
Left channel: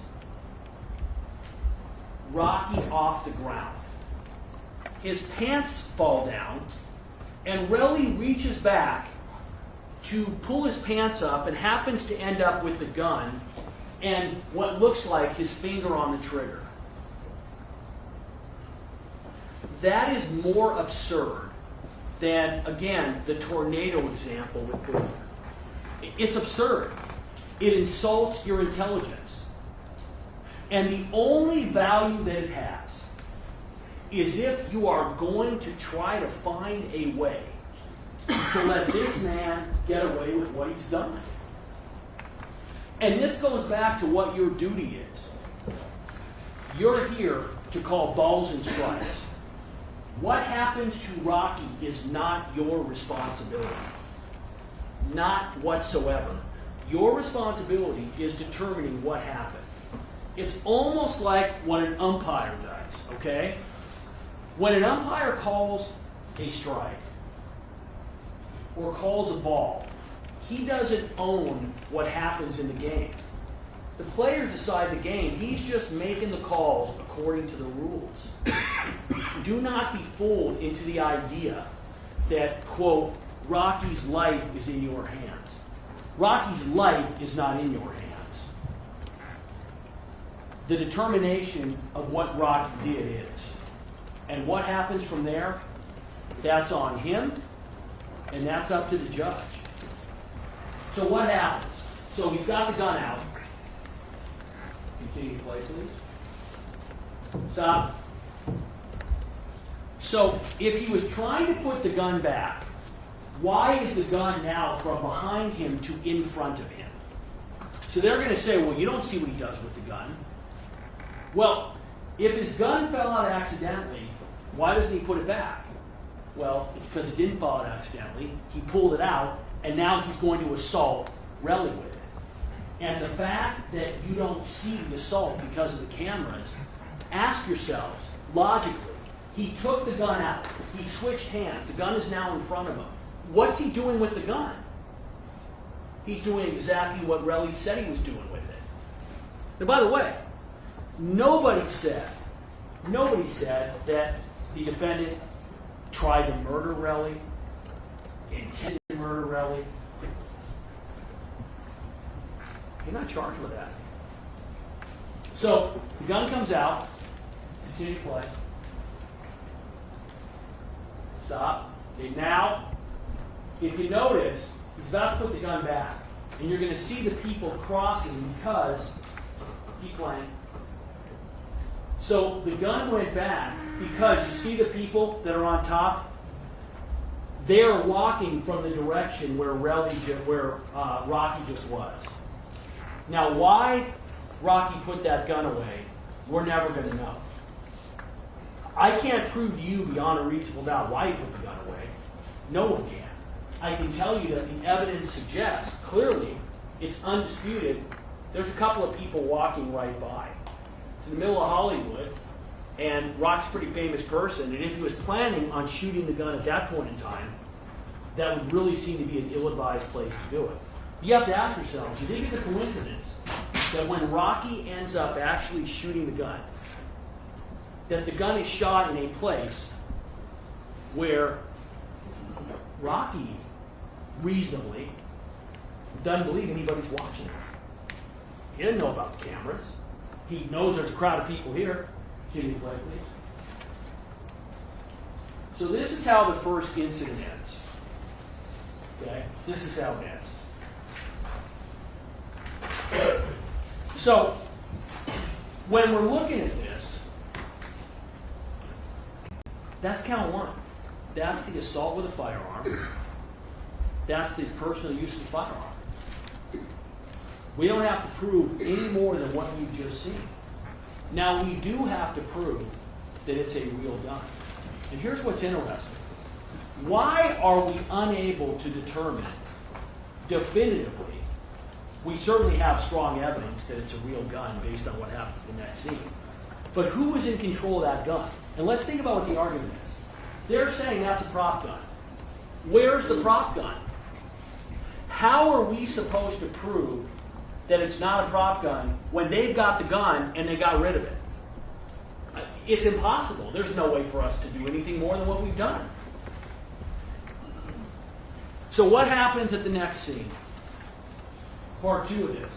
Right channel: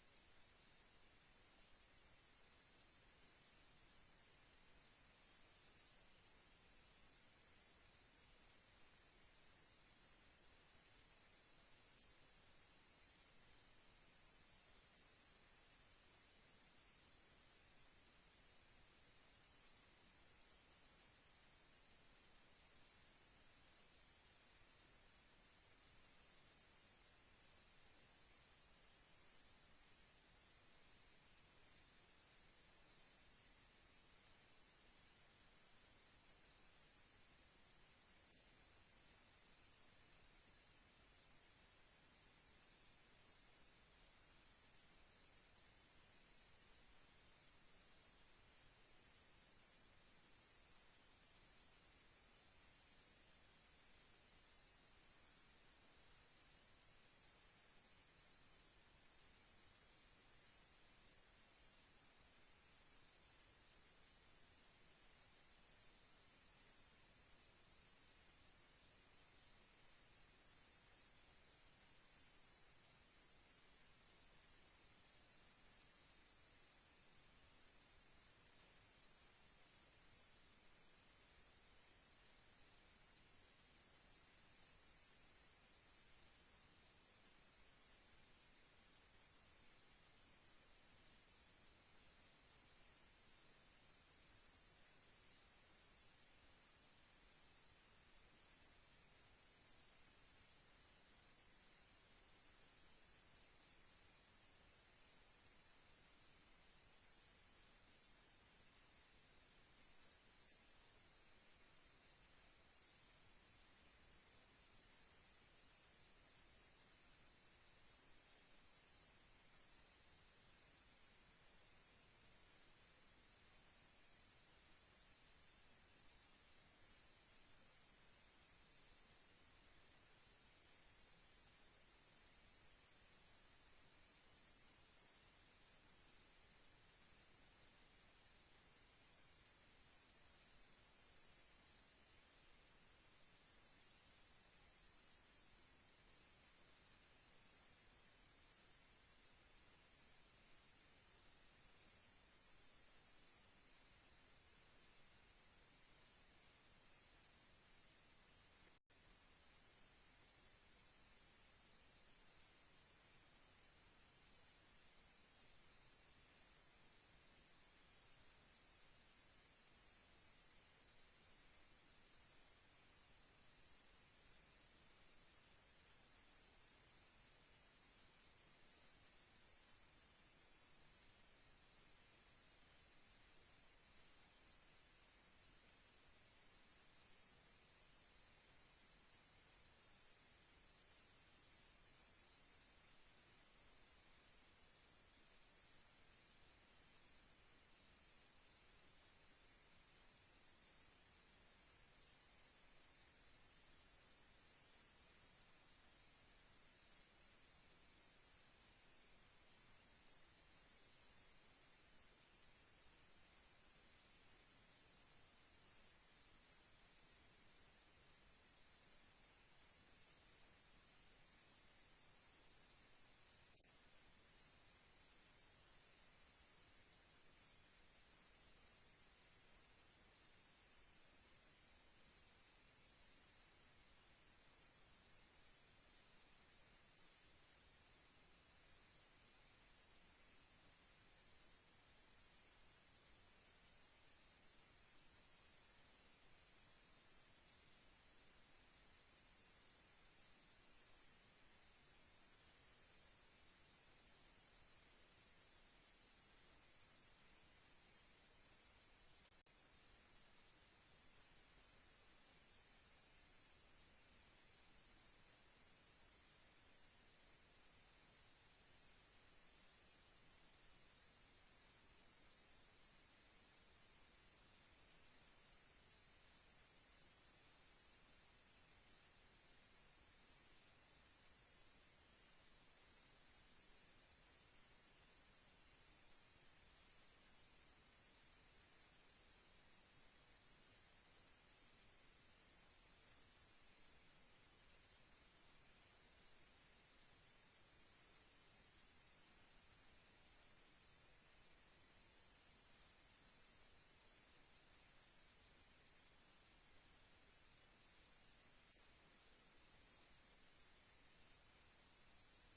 Rocky off the ground. His pants fall down, and Relly reaches back to pull his pants up and happens to end up with the gun and what looks like his finger on the trigger. That is more absurd than, again, the tornado example with Boomer. It's absurd. It insults your intelligence. And the only value that it has is if you are going to try to find a way to let this man get away with what he's done. And this goes back to what your duty is. You're here to call balls and strikes. What happens to Rocky is not your responsibility. Not whatsoever. Your responsibility is determining what happened. It's almost like what an umpire does, okay? When an umpire calls a strike or calls a ball, he doesn't own what happens in the game. The players decide the game. He's just making the calls according to the rules. Do not be fooled into the idea that, quote, Rocky's life is in your hands. Rocky's life is not in your hands. The determination of what Rocky did is. And what happens from there, that's on him, and that's up to the judge. So what happens? So he's got the gun out. Continue to play, please. Stop. So if he was trying to put the gun back, why is the gun now from behind him to in front of him? So they're going to say, well, you don't see what he does with the gun. Well, if his gun fell out accidentally, why doesn't he put it back? Well, it's because it didn't fall out accidentally. He pulled it out, and now he's going to assault Relly with it. And the fact that you don't see the assault because of the cameras, ask yourselves, logically, he took the gun out. He switched hands. The gun is now in front of him. What's he doing with the gun? He's doing exactly what Relly said he was doing with it. Now, by the way, nobody said that the defendant tried to murder Relly, intended to murder Relly. You're not charged with that. So the gun comes out. Continue to play. Stop. Okay, now, if you notice, he's about to put the gun back. And you're going to see the people crossing because, keep playing. So the gun went back because you see the people that are on top? They're walking from the direction where Rocky just was. Now, why Rocky put that gun away, we're never going to know. I can't prove to you beyond a reasonable doubt why he put the gun away. No one can. I can tell you that the evidence suggests, clearly, it's undisputed, there's a couple of people walking right by. It's in the middle of Hollywood, and Rock's a pretty famous person, and if he was planning on shooting the gun at that point in time, that would really seem to be an ill-advised place to do it. You have to ask yourselves, do you think it's a coincidence that when Rocky ends up actually shooting the gun, that the gun is shot in a place where Rocky reasonably doesn't believe anybody's watching him? He didn't know about the cameras. He knows there's a crowd of people here. Continue to play, please. So this is how the first incident ends. Okay? This is how it ends. So, when we're looking at this, that's count one. That's the assault with a firearm. That's the personal use of the firearm. We don't have to prove any more than what you've just seen. Now, we do have to prove that it's a real gun. And here's what's interesting. Why are we unable to determine definitively? We certainly have strong evidence that it's a real gun based on what happens in the next scene. But who is in control of that gun? And let's think about what the argument is. They're saying that's a prop gun. Where's the prop gun? How are we supposed to prove that it's not a prop gun when they've got the gun and they got rid of it? It's impossible. There's no way for us to do anything more than what we've done. So what happens at the next scene? Part 2 of this.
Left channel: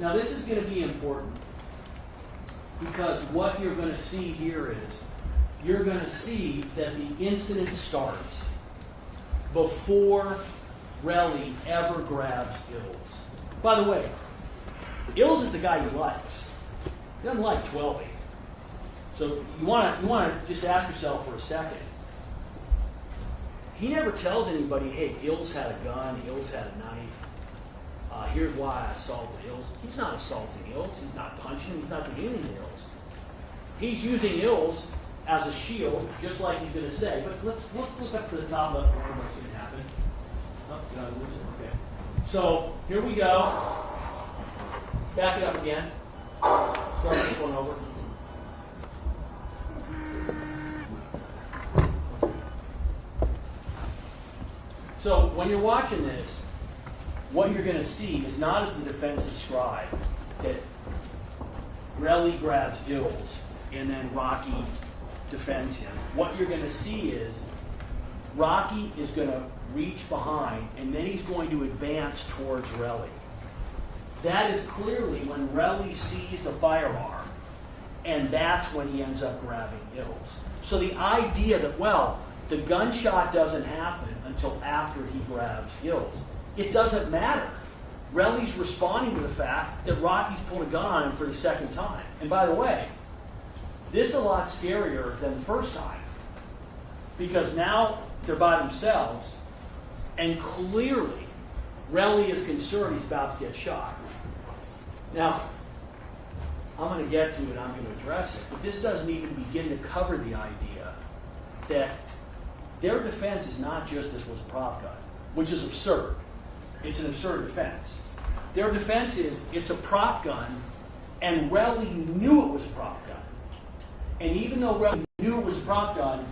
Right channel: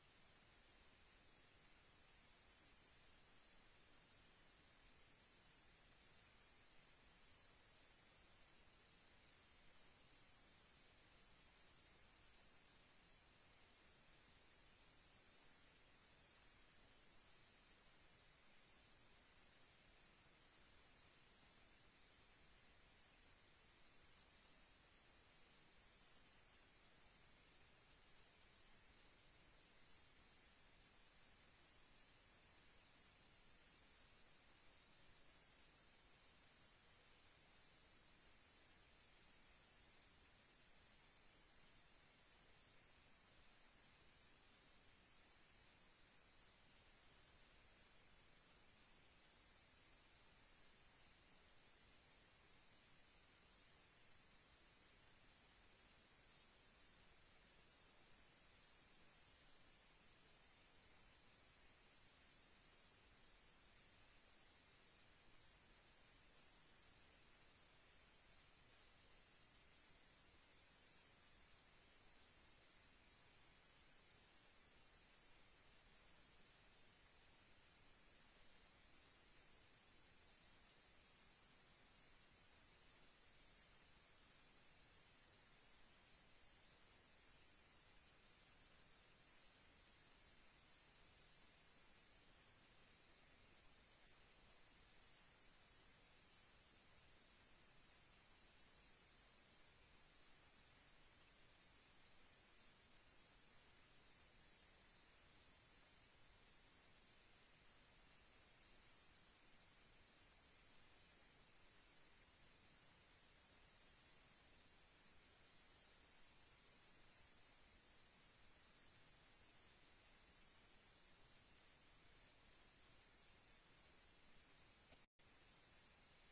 Now this is going to be important because what you're going to see here is you're going to see that the incident starts before Relly ever grabs Ills. By the way, Ills is the guy he likes. He doesn't like 12-8. So you want to just ask yourself for a second. He never tells anybody, hey, Ills had a gun, Ills had a knife. Here's why I assaulted Ills. He's not assaulting Ills. He's not punching him. He's not doing anything to Ills. He's using Ills as a shield, just like he's going to say. But let's look up to the top left corner what's going to happen. Oh, did I lose it? Okay. So here we go. Back it up again. Start this one over. So when you're watching this, what you're going to see is not as the defense described, that Relly grabs Ills and then Rocky defends him. What you're going to see is Rocky is going to reach behind and then he's going to advance towards Relly. That is clearly when Relly sees the firearm, and that's when he ends up grabbing Ills. So the idea that, well, the gunshot doesn't happen until after he grabs Ills. It doesn't matter. Relly's responding to the fact that Rocky's pulled a gun on him for the second time. And by the way, this is a lot scarier than the first time. Because now they're by themselves, and clearly Relly is concerned he's about to get shot. Now, I'm going to get to it, I'm going to address it, but this doesn't even begin to cover the idea that their defense is not just this was a prop gun, which is absurd. It's an absurd defense. Their defense is it's a prop gun, and Relly knew it was a prop gun. And even though Relly knew it was a prop gun,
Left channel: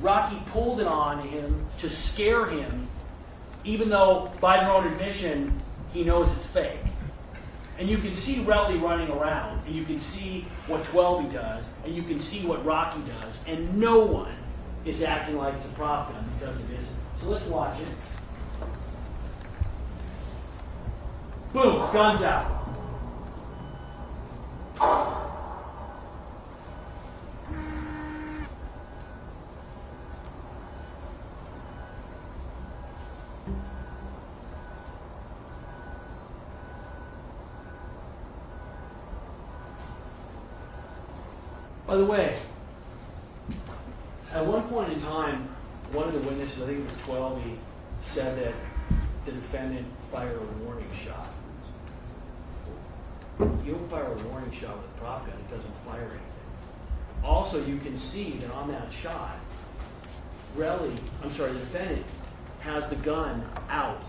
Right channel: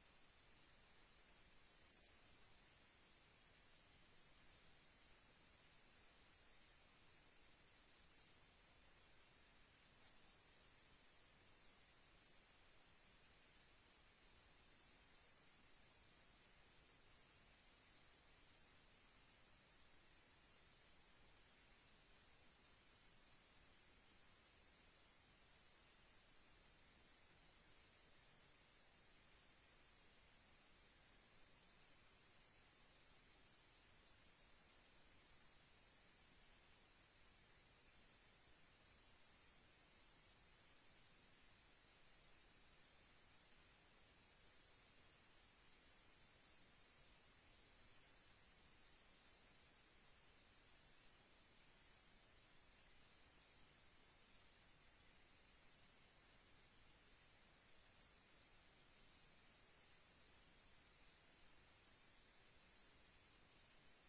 Rocky pulled it on him to scare him, even though, by their own admission, he knows it's fake. And you can see Relly running around, and you can see what 12 does, and you can see what Rocky does, and no one is acting like it's a prop gun because it isn't. So let's watch it. Boom, guns out. By the way, at one point in time, one of the witnesses, I think it was 12, he said that the defendant fired a warning shot. You don't fire a warning shot with a prop gun, it doesn't fire anything. Also, you can see that on that shot, the defendant has the gun out,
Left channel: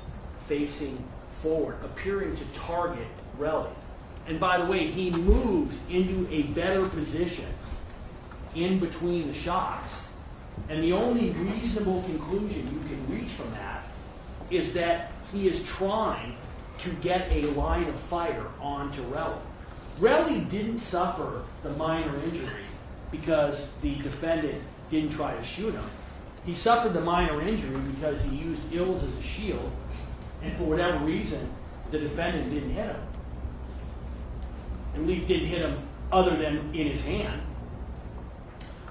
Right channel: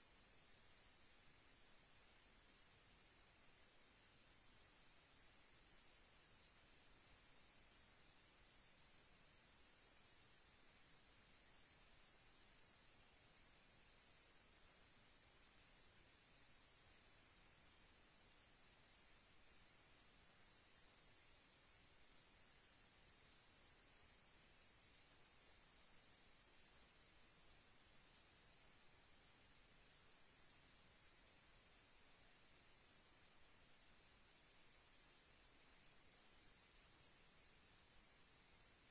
facing forward, appearing to target Relly. And by the way, he moves into a better position in between the shots. And the only reasonable conclusion you can reach from that is that he is trying to get a line of fire onto Relly. Relly didn't suffer the minor injury because the defendant didn't try to shoot him. He suffered the minor injury because he used Ills as a shield, and for whatever reason, the defendant didn't hit him. At least didn't hit him other than in his hand.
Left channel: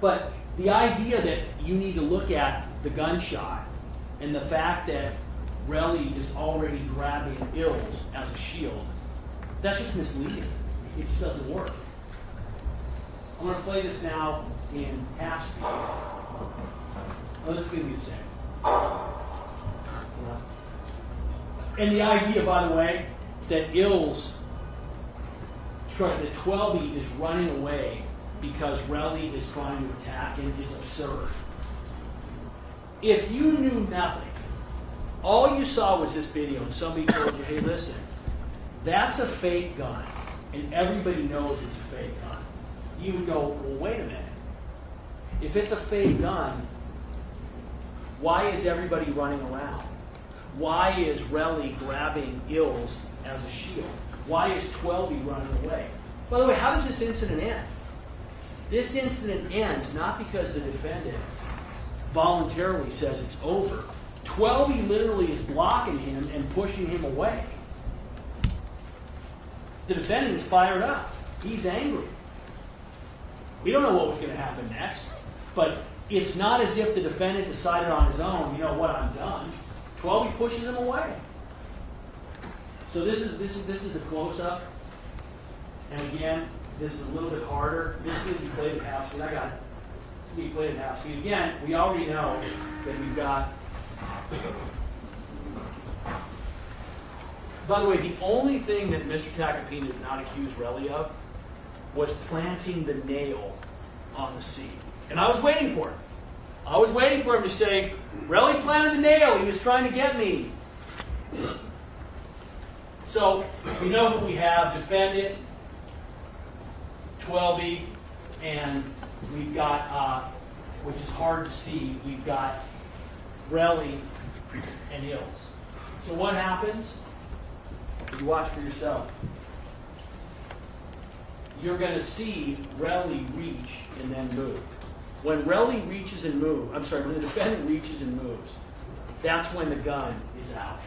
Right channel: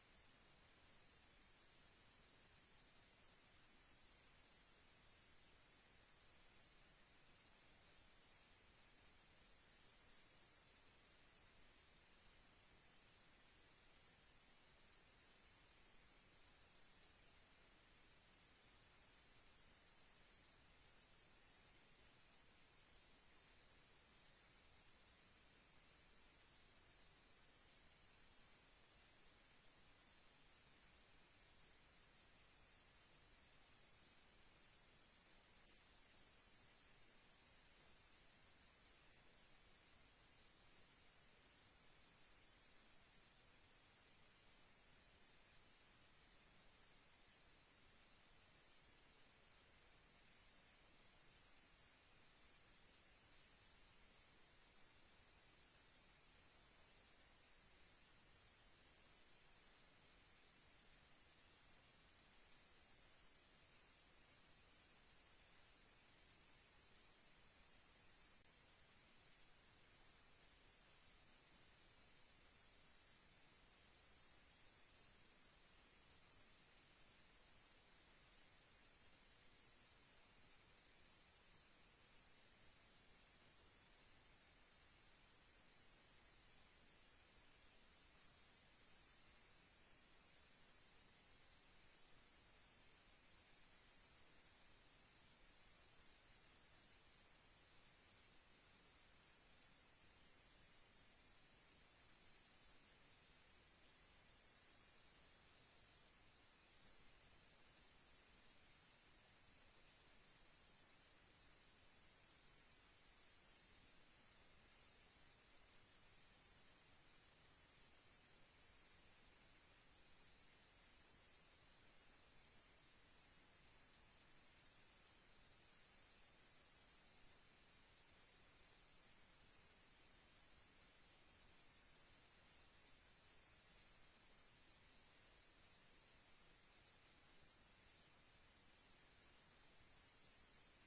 But The idea that you need to look at the gunshot and the fact that Relly is already grabbing Ills as a shield, that's just misleading. It just doesn't work. I'm going to play this now in half speed. Oh, this is going to be the same. And the idea, by the way, that Ills, that 12E is running away because Relly is trying to attack him is absurd. If you knew nothing, all you saw was this video and somebody told you, hey, listen, that's a fake gun, and everybody knows it's a fake gun, you would go, well, wait a minute. If it's a fake gun, why is everybody running around? Why is Relly grabbing Ills as a shield? Why is 12E running away? By the way, how does this incident end? This incident ends not because the defendant voluntarily says it's over. 12E literally is blocking him and pushing him away. The defendant is fired up. He's angry. We don't know what was going to happen next, but it's not as if the defendant decided on his own, you know what, I'm done. 12E pushes him away. So this is a close-up. And again, this is a little bit harder. This is going to be played at half speed. I got it. It's going to be played at half speed. Again, we already know that we've got... By the way, the only thing that Mr. Tacopina did not accuse Relly of was planting the nail on the seat. And I was waiting for it. I was waiting for him to say, Relly planted the nail. He was trying to get me. So, we know who we have. Defendant, 12E, and we've got, which is hard to see, we've got Relly and Ills. So what happens? You watch for yourself. You're going to see Relly reach and then move. When Relly reaches and moves, I'm sorry, when the defendant reaches and moves, that's when the gun is out.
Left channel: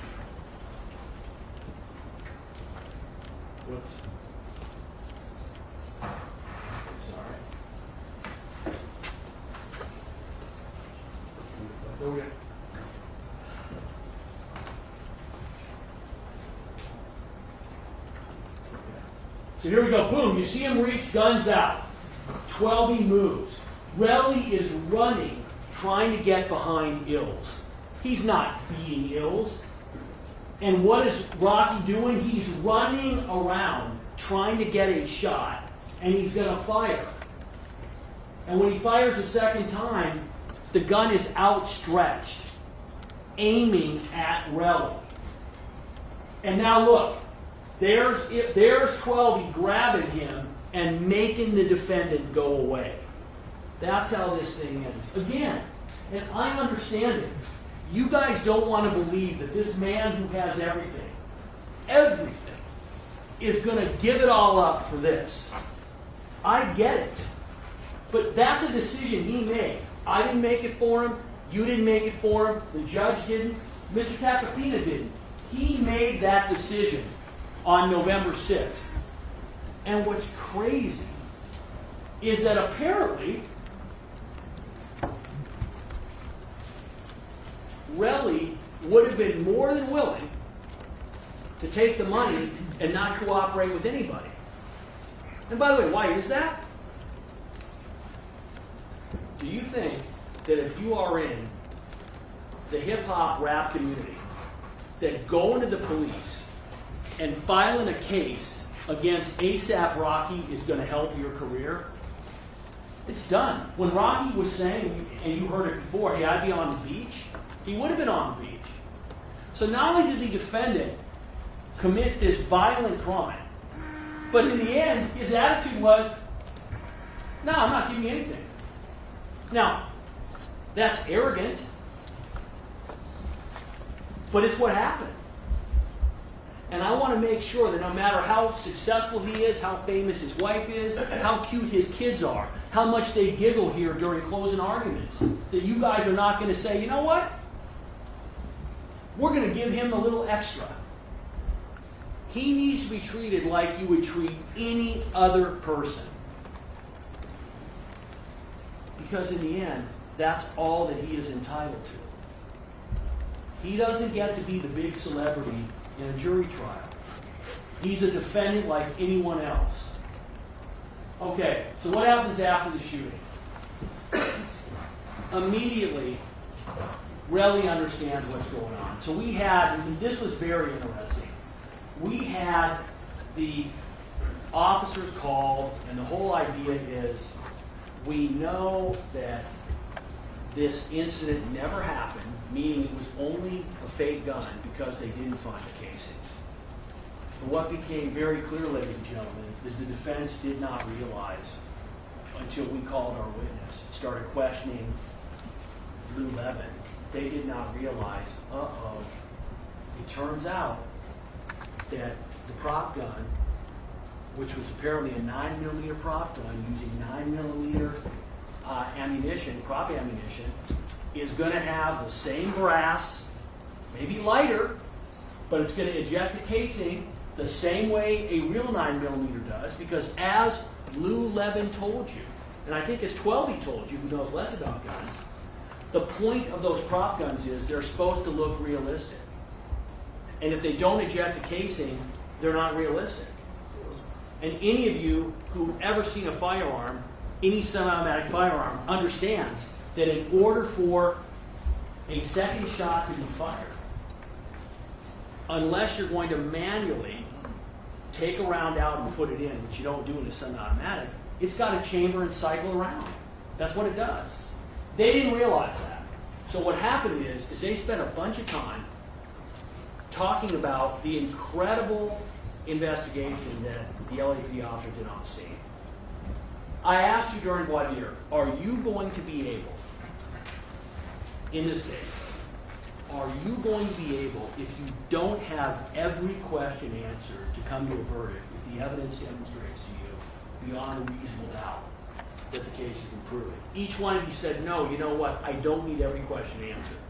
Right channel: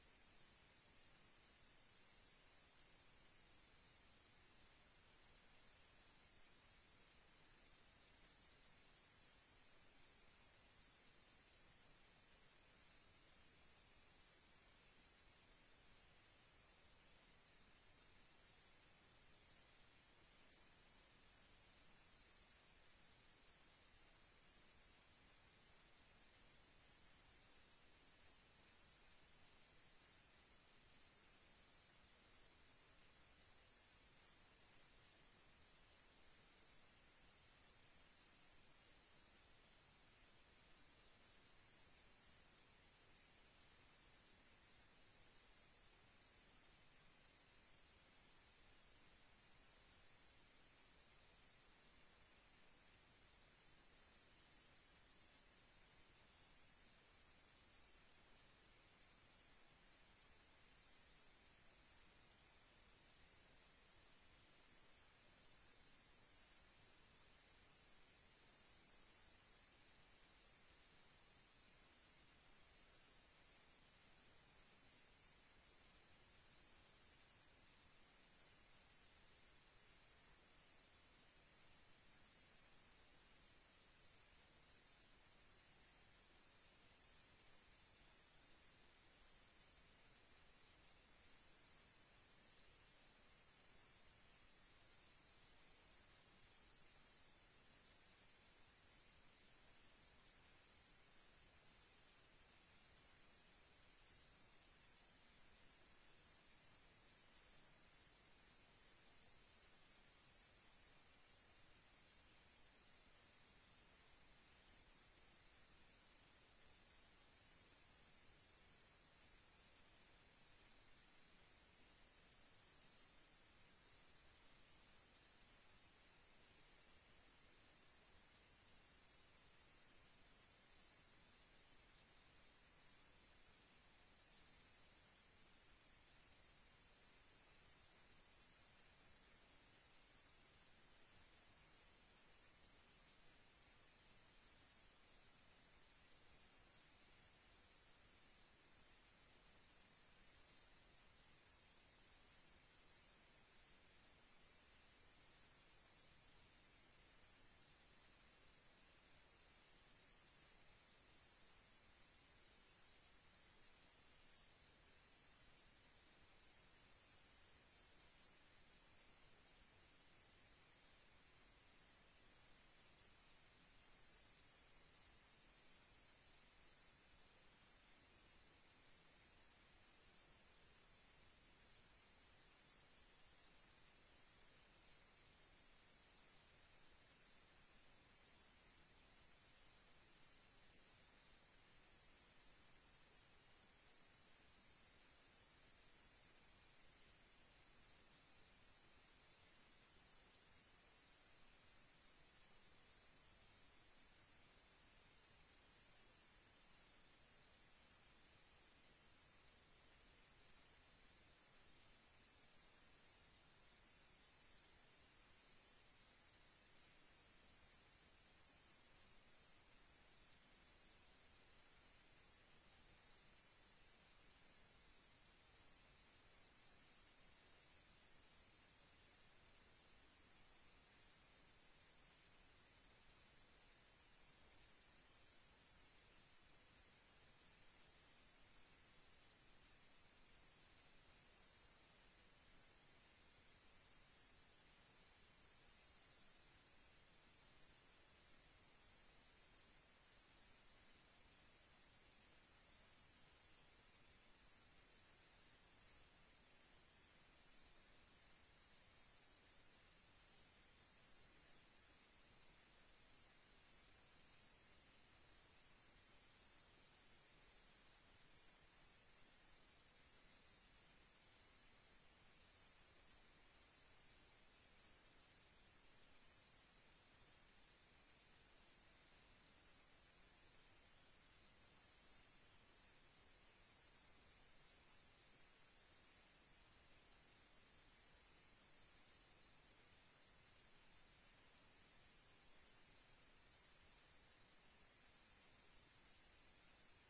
Whoops. Sorry. Over here. So here we go. Boom. You see him reach, guns out. 12E moves. Relly is running, trying to get behind Ills. He's not beating Ills. And what is Rocky doing? He's running around, trying to get a shot, and he's going to fire. And when he fires a second time, the gun is outstretched, aiming at Relly. And now look, there's 12E grabbing him and making the defendant go away. That's how this thing ends. Again, and I understand it. You guys don't want to believe that this man who has everything, is going to give it all up for this. I get it. But that's a decision he made. I didn't make it for him. You didn't make it for him. The judge didn't. Mr. Tacopina didn't. He made that decision on November 6th. And what's crazy is that apparently Relly would have been more than willing to take the money and not cooperate with anybody. And by the way, why is that? Do you think that if you are in the hip-hop rap community, that going to the police and filing a case against A$AP Rocky is going to help your career? It's done. When Rocky was saying, and you heard it before, hey, I'd be on the beach, he would have been on the beach. So not only did the defendant commit this violent crime, but in the end, his attitude was, no, I'm not giving you anything. Now, that's arrogant, but it's what happened. And I want to make sure that no matter how successful he is, how famous his wife is, how cute his kids are, how much they giggle here during closing arguments, that you guys are not going to say, you know what? We're going to give him a little extra. He needs to be treated like you would treat any other person. Because in the end, that's all that he is entitled to. He doesn't get to be the big celebrity in a jury trial. He's a defendant like anyone else. Okay, so what happens after the shooting? Immediately, Relly understands what's going on. So we had, and this was very interesting, we had the officers called, and the whole idea is, we know that this incident never happened, meaning it was only a fake gun because they didn't find the casings. But what became very clear, ladies and gentlemen, is the defense did not realize until we called our witness, started questioning Lou Levin, they did not realize, it turns out that the prop gun, which was apparently a 9mm prop gun using 9mm ammunition, prop ammunition, is going to have the same brass, maybe lighter, but it's going to eject the casing the same way a real 9mm does, because as Lou Levin told you, and I think as 12 told you, who knows less about guns, the point of those prop guns is they're supposed to look realistic. And if they don't eject the casing, they're not realistic. And any of you who've ever seen a firearm, any semi-automatic firearm, understands that in order for a second shot to be fired, unless you're going to manually take a round out and put it in, which you don't do in a semi-automatic, it's got a chamber and cycle around. That's what it does. They didn't realize that. So what happened is they spent a bunch of time talking about the incredible investigation that the LAPD officer did on the scene. I asked you during voir dire, are you going to be able, in this case, are you going to be able, if you don't have every question answered, to come to a verdict if the evidence demonstrates to you beyond a reasonable doubt that the case has been proven? Each one of you said, no, you know what, I don't need every question answered.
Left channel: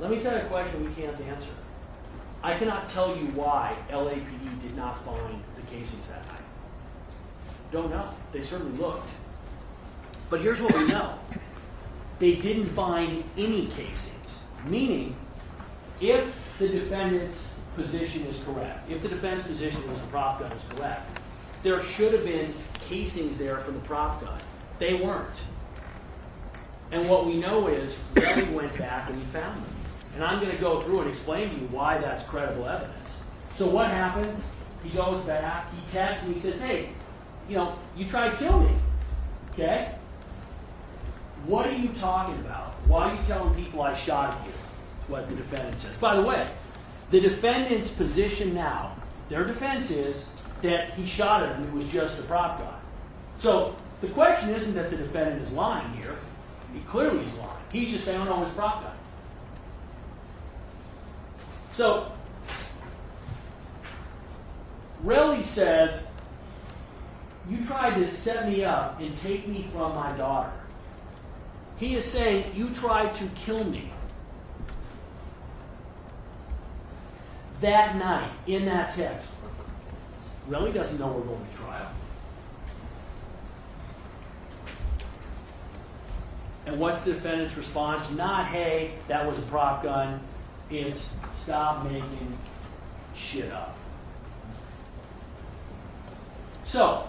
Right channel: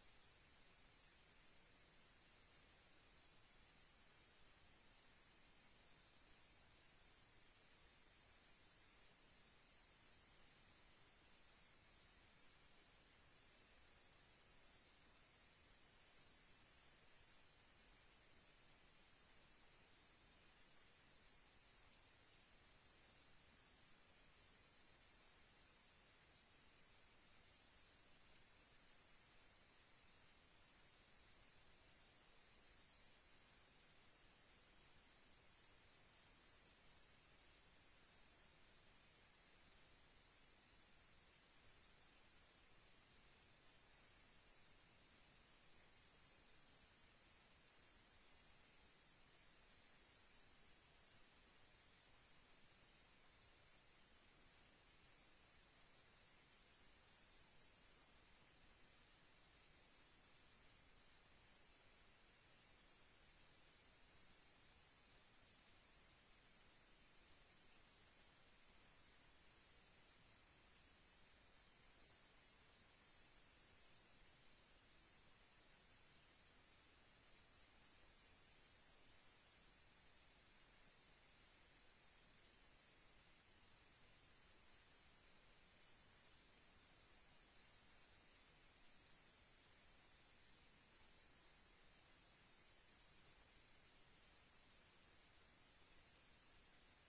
Let me tell you a question we can't answer. I cannot tell you why LAPD did not find the casings that night. Don't know. They certainly looked. But here's what we know. They didn't find any casings, meaning if the defendant's position is correct, if the defense position was the prop gun is correct, there should have been casings there for the prop gun. They weren't. And what we know is Relly went back and he found them. And I'm going to go through and explain to you why that's credible evidence. So what happens? He goes back, he texts, and he says, hey, you tried to kill me. Okay? What are you talking about? Why are you telling people I shot at you? Is what the defendant says. By the way, the defendant's position now, their defense is that he shot at him, it was just a prop gun. So the question isn't that the defendant is lying here. He clearly is lying. He's just saying, oh no, it's a prop gun. So, Relly says, you tried to set me up and take me from my daughter. He is saying, you tried to kill me. That night, in that text, Relly doesn't know we're going to trial. And what's the defendant's response? Not, hey, that was a prop gun. It's, stop making shit up. So,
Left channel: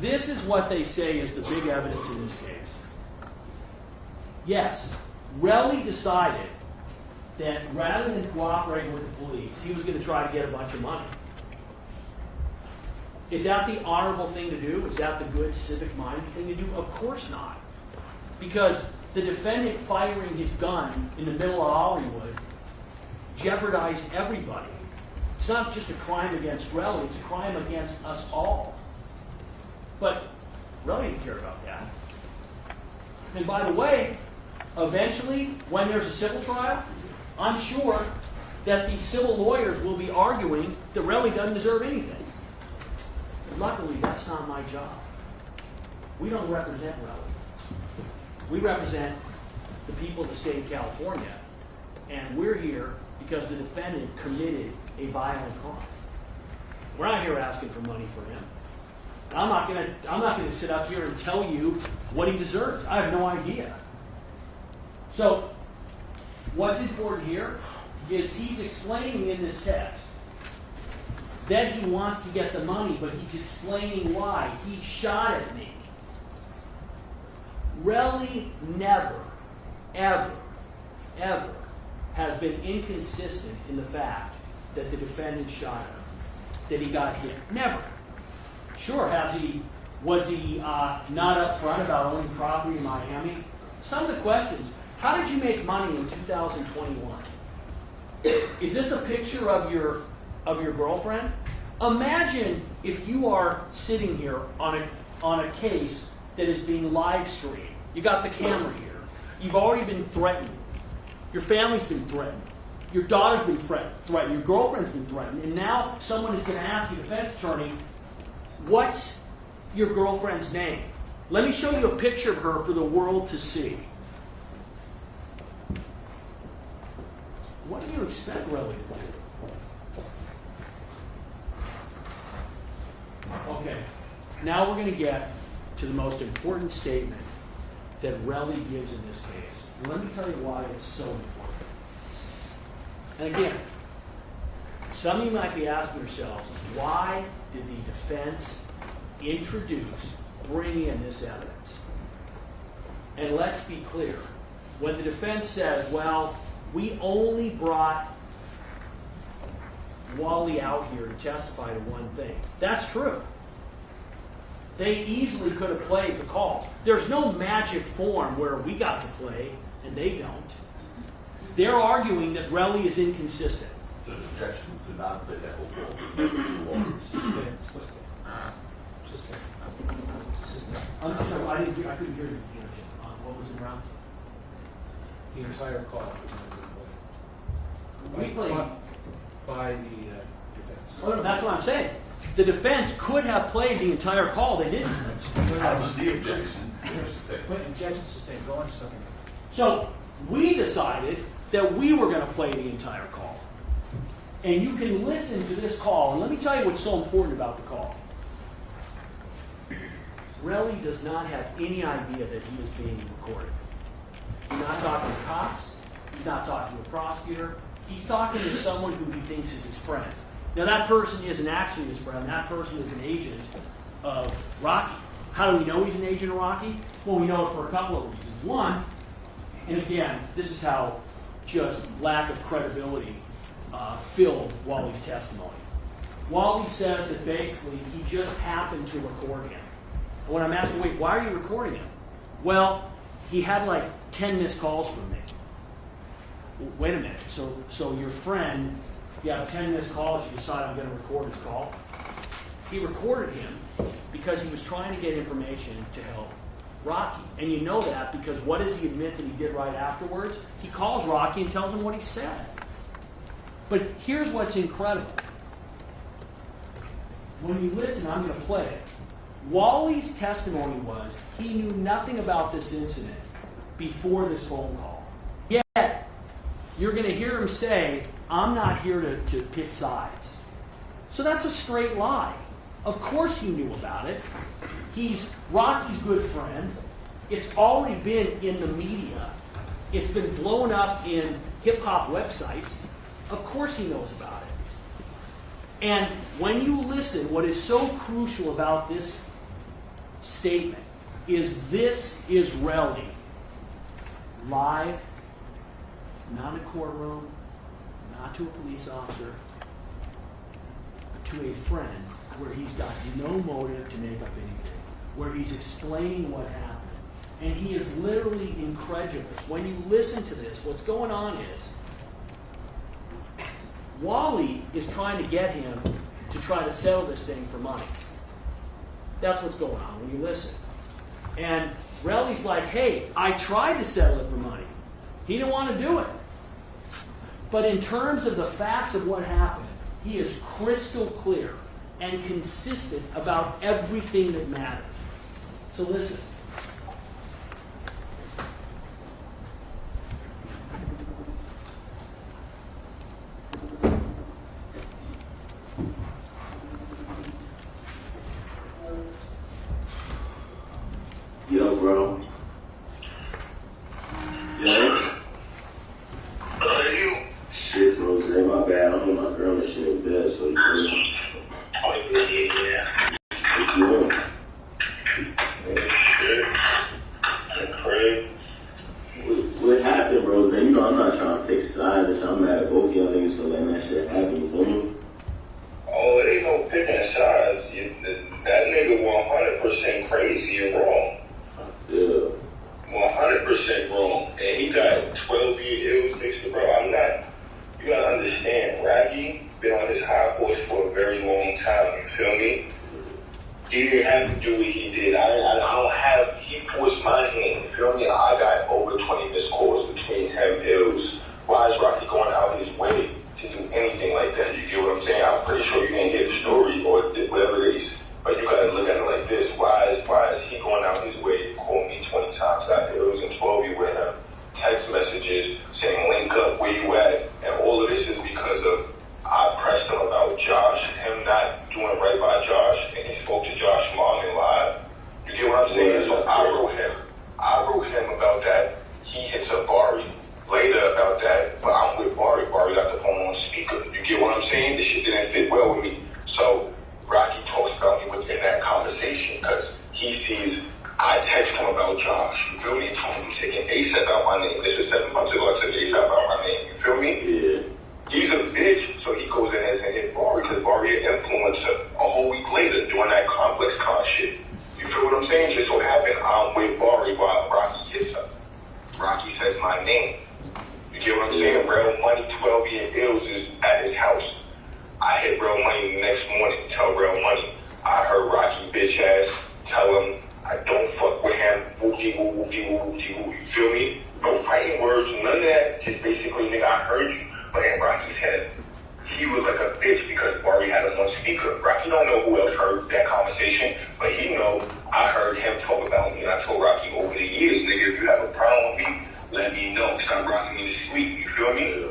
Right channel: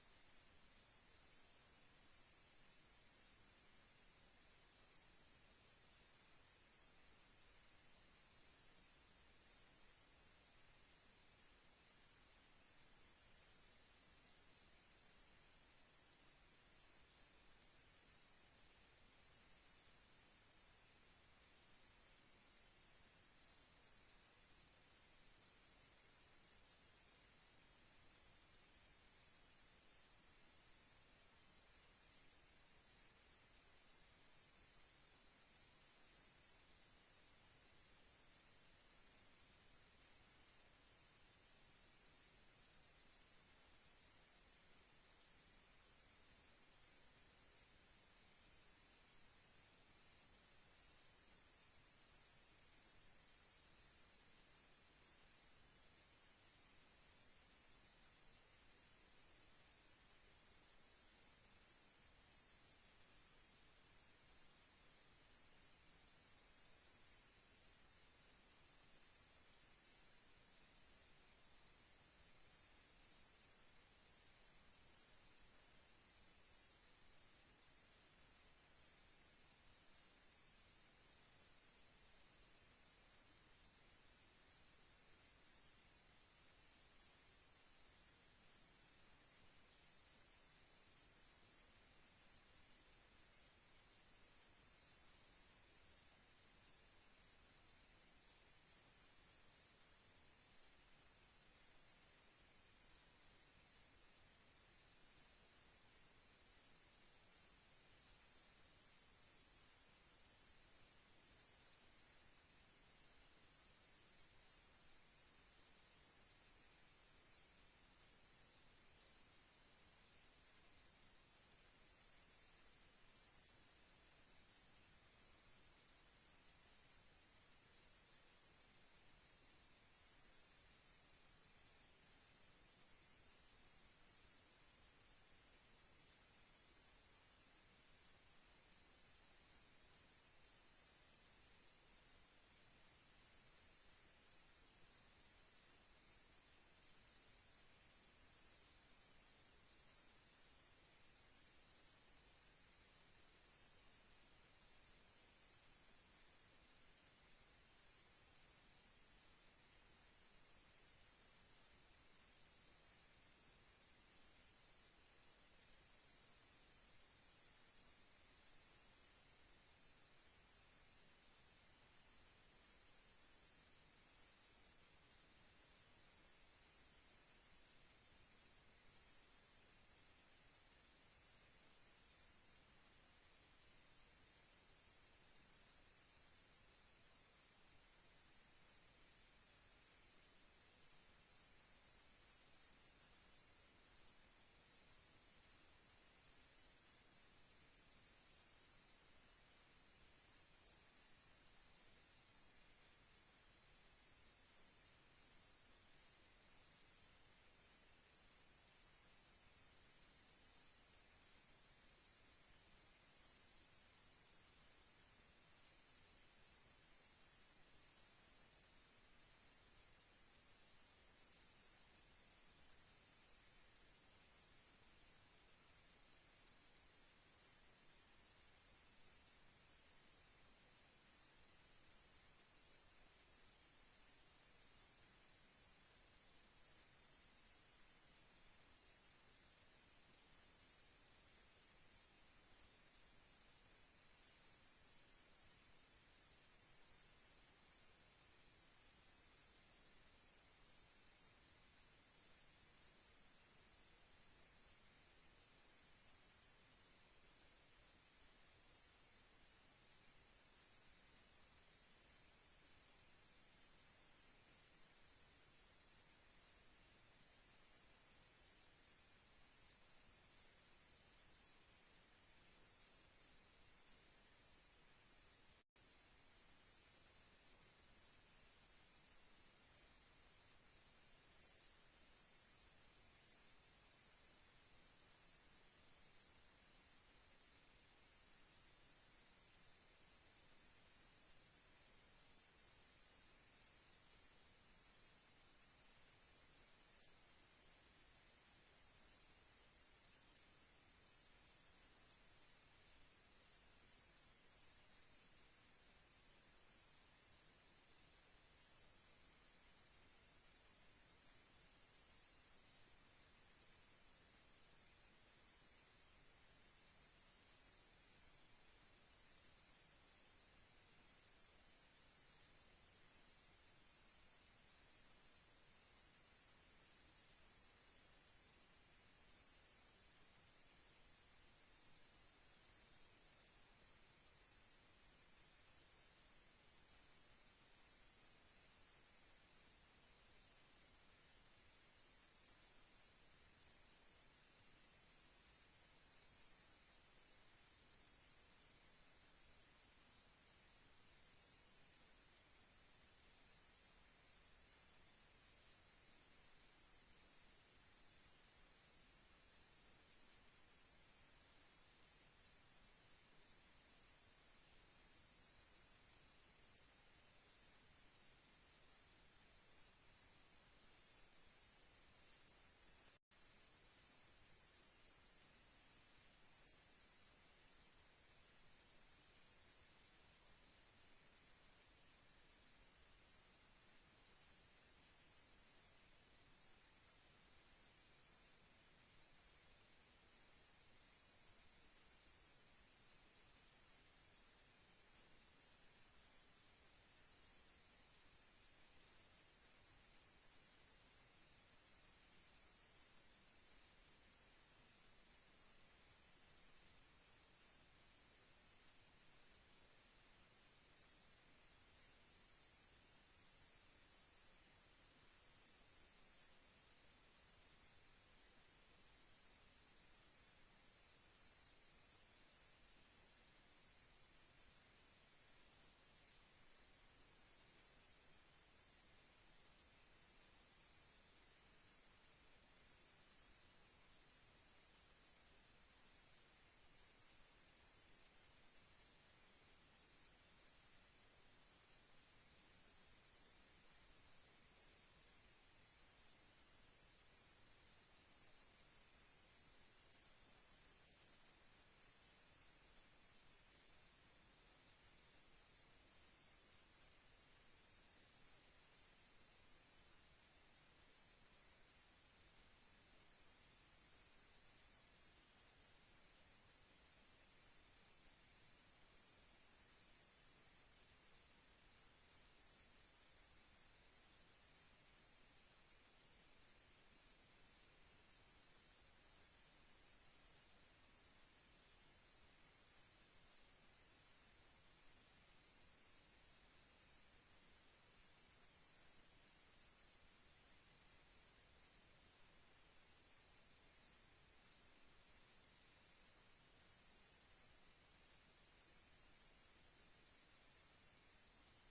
this is what they say is the big evidence in this case. Yes, Relly decided that rather than cooperating with the police, he was going to try to get a bunch of money. Is that the honorable thing to do? Is that the good civic-minded thing to do? Of course not. Because the defendant firing his gun in the middle of Hollywood jeopardized everybody. It's not just a crime against Relly, it's a crime against us all. But Relly didn't care about that. And by the way, eventually, when there's a civil trial, I'm sure that the civil lawyers will be arguing that Relly doesn't deserve anything. But luckily, that's not my job. We don't represent Relly. We represent the people of the state of California, and we're here because the defendant committed a violent crime. We're not here asking for money for him. I'm not gonna sit up here and tell you what he deserves. I have no idea. So, what's important here is he's explaining in this text that he wants to get the money, but he's explaining why. He shot at me. Relly never, ever, ever has been inconsistent in the fact that the defendant shot him, that he got hit. Never. Sure, was he not upfront about owning property in Miami? Some of the questions, how did you make money in 2021? Is this a picture of your girlfriend? Imagine if you are sitting here on a case that is being live streamed. You got the camera here. You've already been threatened. Your family's been threatened. Your daughter's been threatened. Your girlfriend's been threatened. And now someone is going to ask you, defense attorney, what's your girlfriend's name? Let me show you a picture of her for the world to see. What do you expect Relly to do? Okay, now we're going to get to the most important statement that Relly gives in this case. And let me tell you why it's so important. And again, some of you might be asking yourselves, why did the defense bring in this evidence? And let's be clear. When the defense says, well, we only brought Wally out here to testify to one thing, that's true. They easily could have played the call. There's no magic form where we got to play and they don't. They're arguing that Relly is inconsistent. The objection to not play that whole ball. I'm sorry, I couldn't hear you. What was it around? The entire call. We played. By the defense. Oh, no, that's what I'm saying. The defense could have played the entire call. They didn't. That was the objection. Objection sustained. Go on to something. So we decided that we were going to play the entire call. And you can listen to this call. And let me tell you what's so important about the call. Relly does not have any idea that he is being recorded. He's not talking to cops. He's not talking to a prosecutor. He's talking to someone who he thinks is his friend. Now, that person isn't actually his friend. That person is an agent of Rocky. How do we know he's an agent of Rocky? Well, we know it for a couple of reasons. One, and again, this is how just lack of credibility filled Wally's testimony. Wally says that basically he just happened to record him. And when I'm asking, wait, why are you recording him? Well, he had like 10 missed calls from me. Wait a minute, so your friend, you have 10 missed calls, you decide I'm going to record his call. He recorded him because he was trying to get information to help Rocky. And you know that because what does he admit that he did right afterwards? He calls Rocky and tells him what he said. But here's what's incredible. When you listen, I'm going to play it. Wally's testimony was he knew nothing about this incident before this phone call. Yet, you're going to hear him say, I'm not here to pick sides. So that's a straight lie. Of course he knew about it. He's Rocky's good friend. It's already been in the media. It's been blown up in hip-hop websites. Of course he knows about it. And when you listen, what is so crucial about this statement is this is Relly live, not in a courtroom, not to a police officer, but to a friend where he's got no motive to make up anything, where he's explaining what happened. And he is literally incredulous. When you listen to this, what's going on is Wally is trying to get him to try to settle this thing for money. That's what's going on when you listen. And Relly's like, hey, I tried to settle it for money. He didn't want to do it. But in terms of the facts of what happened, he is crystal clear and consistent about everything that matters. So listen. with my girl and shit in bed, so you know. Oh, yeah. What you doing? What happened, bro? You know I'm not trying to pick sides. I'm mad at both y'all niggas for letting that shit happen. You feel me? Oh, it ain't no picking sides. That nigga 100% crazy and wrong. Yeah. 100% wrong. And he got 12-year ills mixed, bro. I'm not. You gotta understand, Rocky been on his high horse for a very long time. You feel me? He didn't have to do what he did. I don't have. He forced my hand. You feel me? I got over 20 missed calls between him ills. Why is Rocky going out his way to do anything like that? You get what I'm saying? I'm pretty sure you didn't get the story or whatever it is. But you gotta look at it like this. Why is he going out his way to call me 20 times? Got ills and 12 you with him. Text messages saying link up, where you at? And all of this is because of I pressed him about Josh, him not doing right by Josh, and he spoke to Josh's mom and lied. You get what I'm saying? So I wrote him about that. He hits up Bari later about that, but I'm with Bari. Bari got the phone on speaker. You get what I'm saying? This shit didn't fit well with me. So Rocky talks about me within that conversation because he sees I text him about Josh. You feel me? He told me taking ASAP out my name. This was 7 months ago. I took ASAP out my name. You feel me? Yeah. He's a bitch, so he goes in and hit Bari because Bari an influencer. A whole week later, doing that complex con shit. You feel what I'm saying? Just so happened I'm with Bari while Rocky hits her. Rocky says my name. You get what I'm saying? Real Money, 12-year ills is at his house. I hit Real Money the next morning. Tell Real Money. I heard Rocky bitch ass tell him I don't fuck with him. Whoopie woo, whoopie woo, whoopie woo. You feel me? No fighting words, none of that. Just basically, nigga, I heard you. But in Rocky's head, he was like a bitch because Bari had him on speaker. Rocky don't know who else heard that conversation, but he know I heard him talk about me. And I told Rocky over the years, nigga, if you have a problem with me, let me know. Stop rocking me to sleep. You feel me?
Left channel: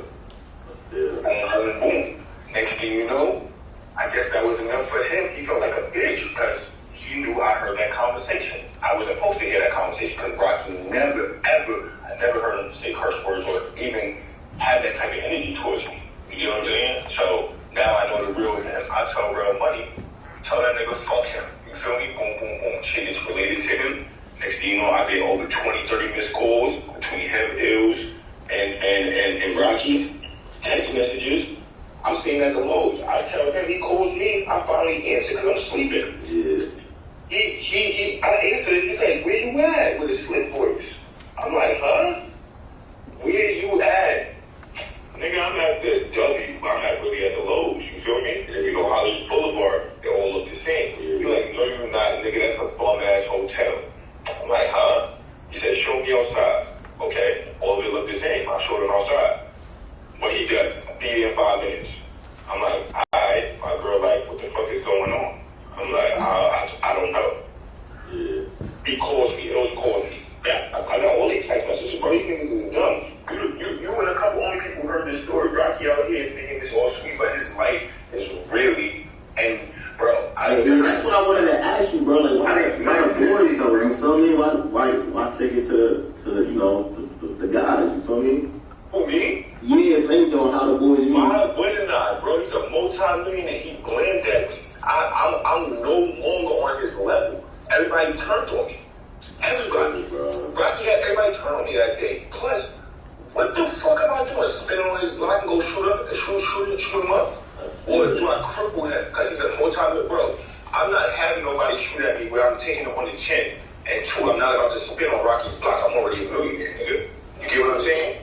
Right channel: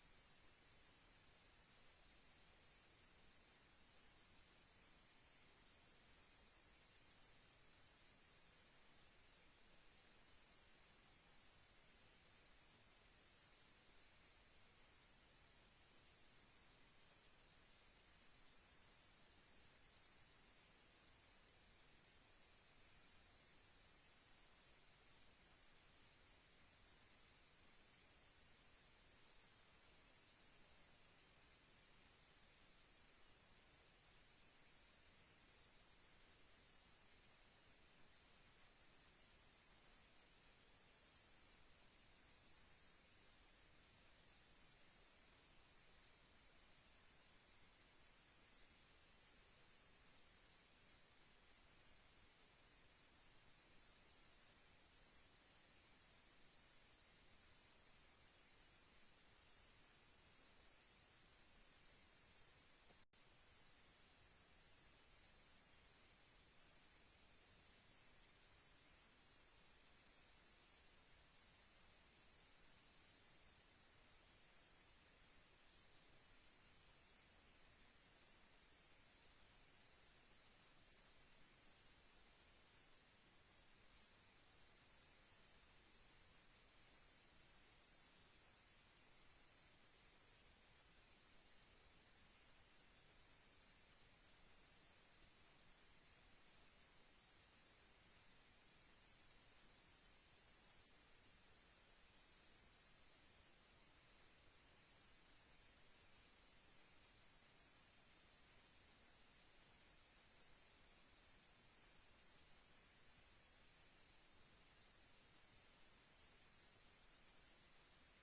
Boom, boom, boom. Next thing you know, I guess that was enough for him. He felt like a bitch because he knew I heard that conversation. I wasn't supposed to hear that conversation because Rocky never, ever, I never heard him say curse words or even have that type of energy towards me. You get what I'm saying? So now I know the real him. I tell Real Money, tell that nigga fuck him. You feel me? Boom, boom, boom. Shit is related to him. Next thing you know, I get over 20, 30 missed calls between him, Ills, and Rocky. Text messages. I'm staying at the Lowe's. I tell him, he calls me, I finally answer because I'm sleeping. Yeah. I answered, he's like, where you at? With a slip voice. I'm like, huh? Where you at? Nigga, I'm at the W. I'm not really at the Lowe's. You feel me? And if you go Hollywood Boulevard, they all look the same. You're like, no, you're not, nigga. That's a bum-ass hotel. I'm like, huh? He said, show me outside. Okay? All of it looked the same. I showed him outside. What he does, be there in 5 minutes. I'm like, alright. My girl like, what the fuck is going on? I'm like, I don't know. Yeah. He calls me. Those calls me. Yeah, I got all these text messages, bro. These niggas is dumb. You and a couple only people heard this story. Rocky out here thinking it's all sweet, but his life is really, and bro, That's what I wanted to ask you, bro. Like, why the boys though? You feel me? Why take it to you know the guys? You feel me? Who, me? Yeah, if anything, how the boys meet. Why wouldn't I, bro? He's a multi-millionaire. He blamed at me. I'm no longer on his level. Everybody turned on me. Everybody, bro. Rocky had everybody turn on me that day. Plus, what the fuck am I doing? Spin on his block and go shoot him up? Or do I cripple him? Because he's a multi-millionaire, bro. I'm not having nobody shoot at me where I'm taking him on the chin. And two, I'm not about to spin on Rocky's block. I'm already a millionaire, nigga. You get what I'm saying?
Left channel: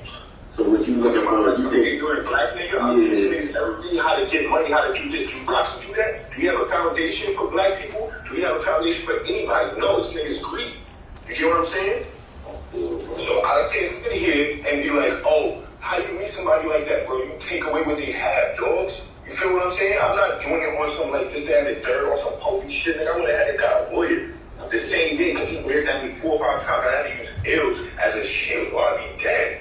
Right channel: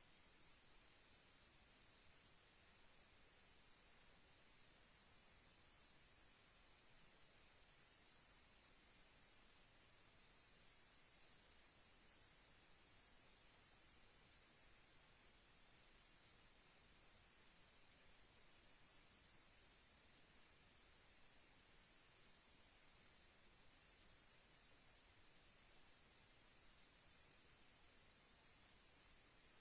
So what you looking for? You think you're a black nigga? I'm teaching niggas everything, how to get money, how to do this. Do Rocky do that? Do you have a foundation for black people? Do we have a foundation for anybody? No, it's niggas greed. You get what I'm saying? So I can't sit here and be like, oh, how you meet somebody like that, bro? You take away what they have, dogs. You feel what I'm saying? I'm not doing it on some like this, that, and the third, or some pokey shit. Nigga, I would have had a guy a lawyer the same day because he reared at me 4 or 5 times. I had to use ills as a shield or I'd be dead.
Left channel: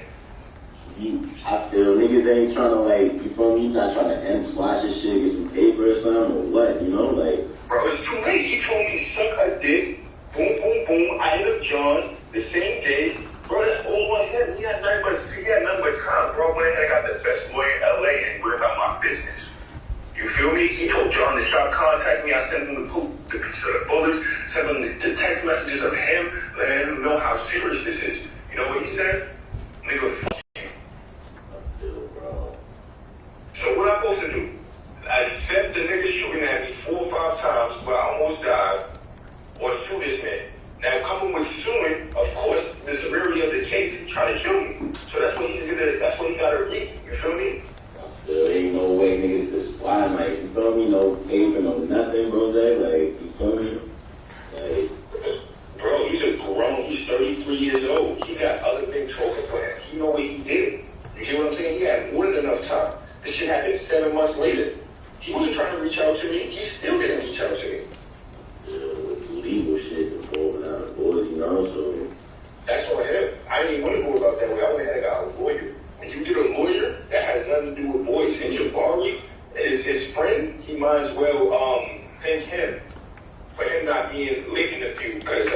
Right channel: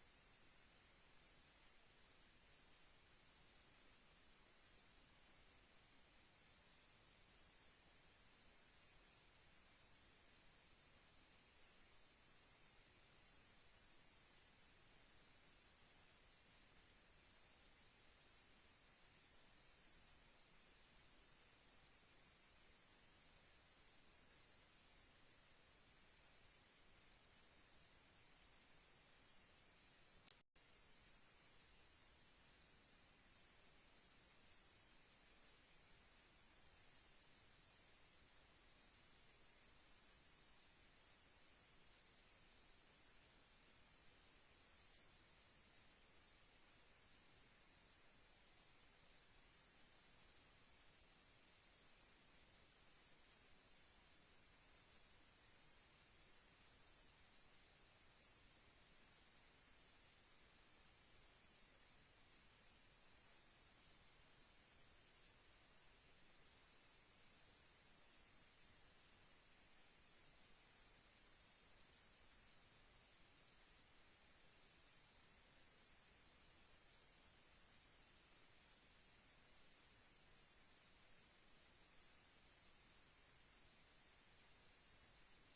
I feel niggas ain't trying to like, you feel me? You not trying to end splash this shit, get some paper or something, or what? You know, like. Bro, it's too late. He told me suck a dick. Boom, boom, boom. I hit up John the same day. Bro, that's all on him. He had nothing but time. Bro, went ahead and got the best lawyer in LA and worried about my business. to stop contacting me. I sent him the picture of the bullets, sent him the text messages of him, letting him know how serious this is. You know what he said? Nigga, fuck you. So what I'm supposed to do? I accept the nigga shooting at me 4 or 5 times where I almost died, or sue this man. Now coming with suing, of course, the severity of the case, he tried to kill me. So that's what he gotta read. You feel me? There ain't no way niggas just fly, like, you feel me? No paper, no nothing, bro. Like, you feel me? Like, bro, he's a grown, he's 33 years old. He got other things talking for him. He know what he did. You get what I'm saying? He had more than enough time. This shit happened 7 months later. He wasn't trying to reach out to me. He still didn't reach out to me. with legal shit involving our boys, you know, so. That's on him. I didn't even want to go about that way. I went ahead and got a lawyer. When you get a lawyer, that has nothing to do with boys. And Jabari is his friend. He might as well thank him for him not being late in the feud. Because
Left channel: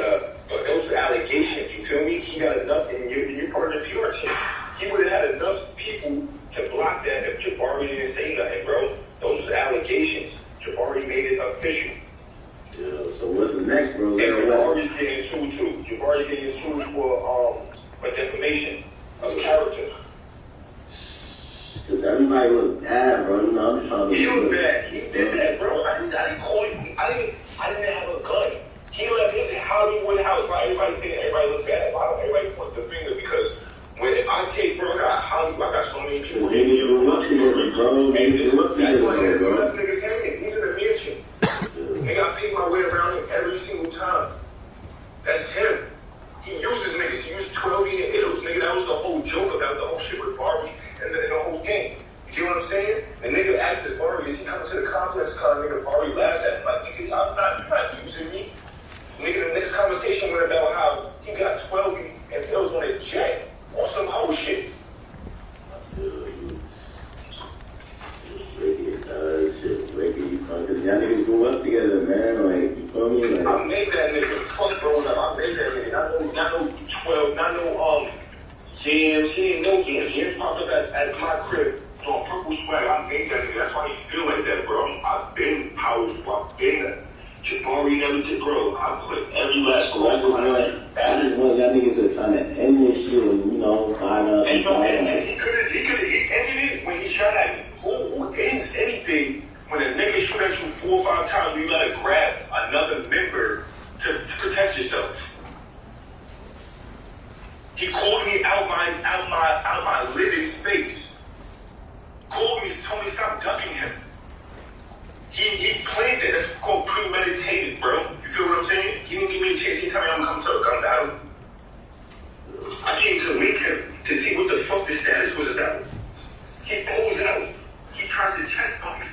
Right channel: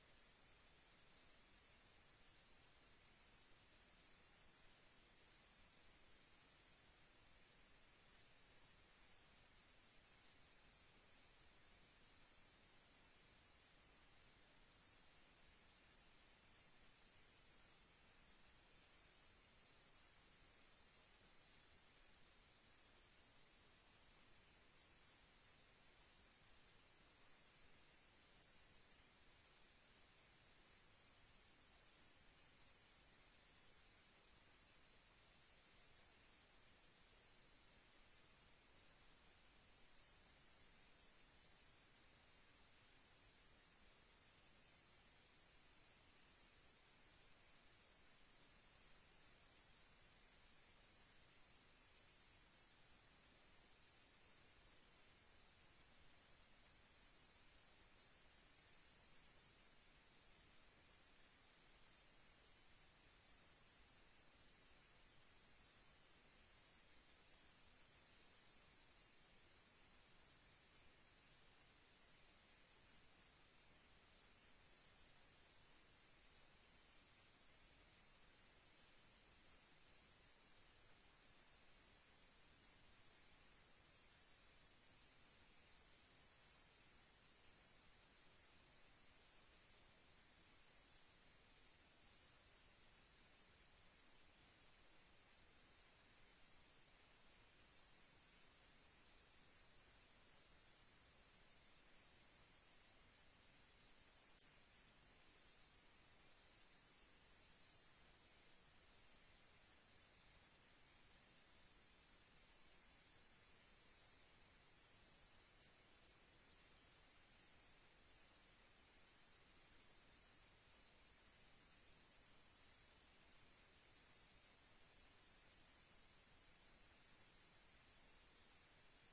those are allegations, you feel me? He got enough, and you're part of the PR team. He would have had enough people to block that if Jabari didn't say nothing, bro. Those are allegations. Jabari made it official. Yeah, so what's the next, bro? And Jabari's getting sued too. Jabari's getting sued for defamation of character. Cause everybody look bad, bro. You know, I'm just trying to. He looked bad. He did that, bro. I didn't call you. I didn't have a gun. He left his Hollywood house. Like everybody saying everybody looks bad. Why don't everybody point the finger? Because when I take, bro, I got so many people. Niggas grew up together, bro. Niggas grew up That's why together, bro. left niggas hanging. He's in a mansion. Nigga, I paid my way around him every single time. That's him. He uses niggas. He used 12-year ills, nigga. That was the whole joke about the whole shit with Barbie and the whole game. You get what I'm saying? The nigga asks his Barbie, is he coming to the complex con? Nigga, Barbie laughs at him like, nigga, you're not using me. Nigga, the next conversation went about how he got 12 and pills on his jet on some whole shit. Cause y'all niggas grew up together, man. Like, you feel me? Like, I made that nigga. Fuck growing up. I made that nigga. Not no 12, not no jams. He didn't know jams. Jams popped up at my crib on purple swag. I made that nigga. That's why he feel like that, bro. I've been powerful. I've been Jabari never did, bro. I put every last I just want y'all niggas to kind of end this shit and, you know, find out. And he could have ended it when he shot at me. Who ends anything when a nigga shoot at you 4 or 5 times? You gotta grab another member to protect yourself. He called me out my living space. Called me, told me stop ducking him. He planned it. That's called premeditated, bro. You feel what I'm saying? He didn't give me a chance. He told me I'm coming to a gun battle. I came to meet him to see what the fuck the status was about. He pulls out. He tries to chest bump me.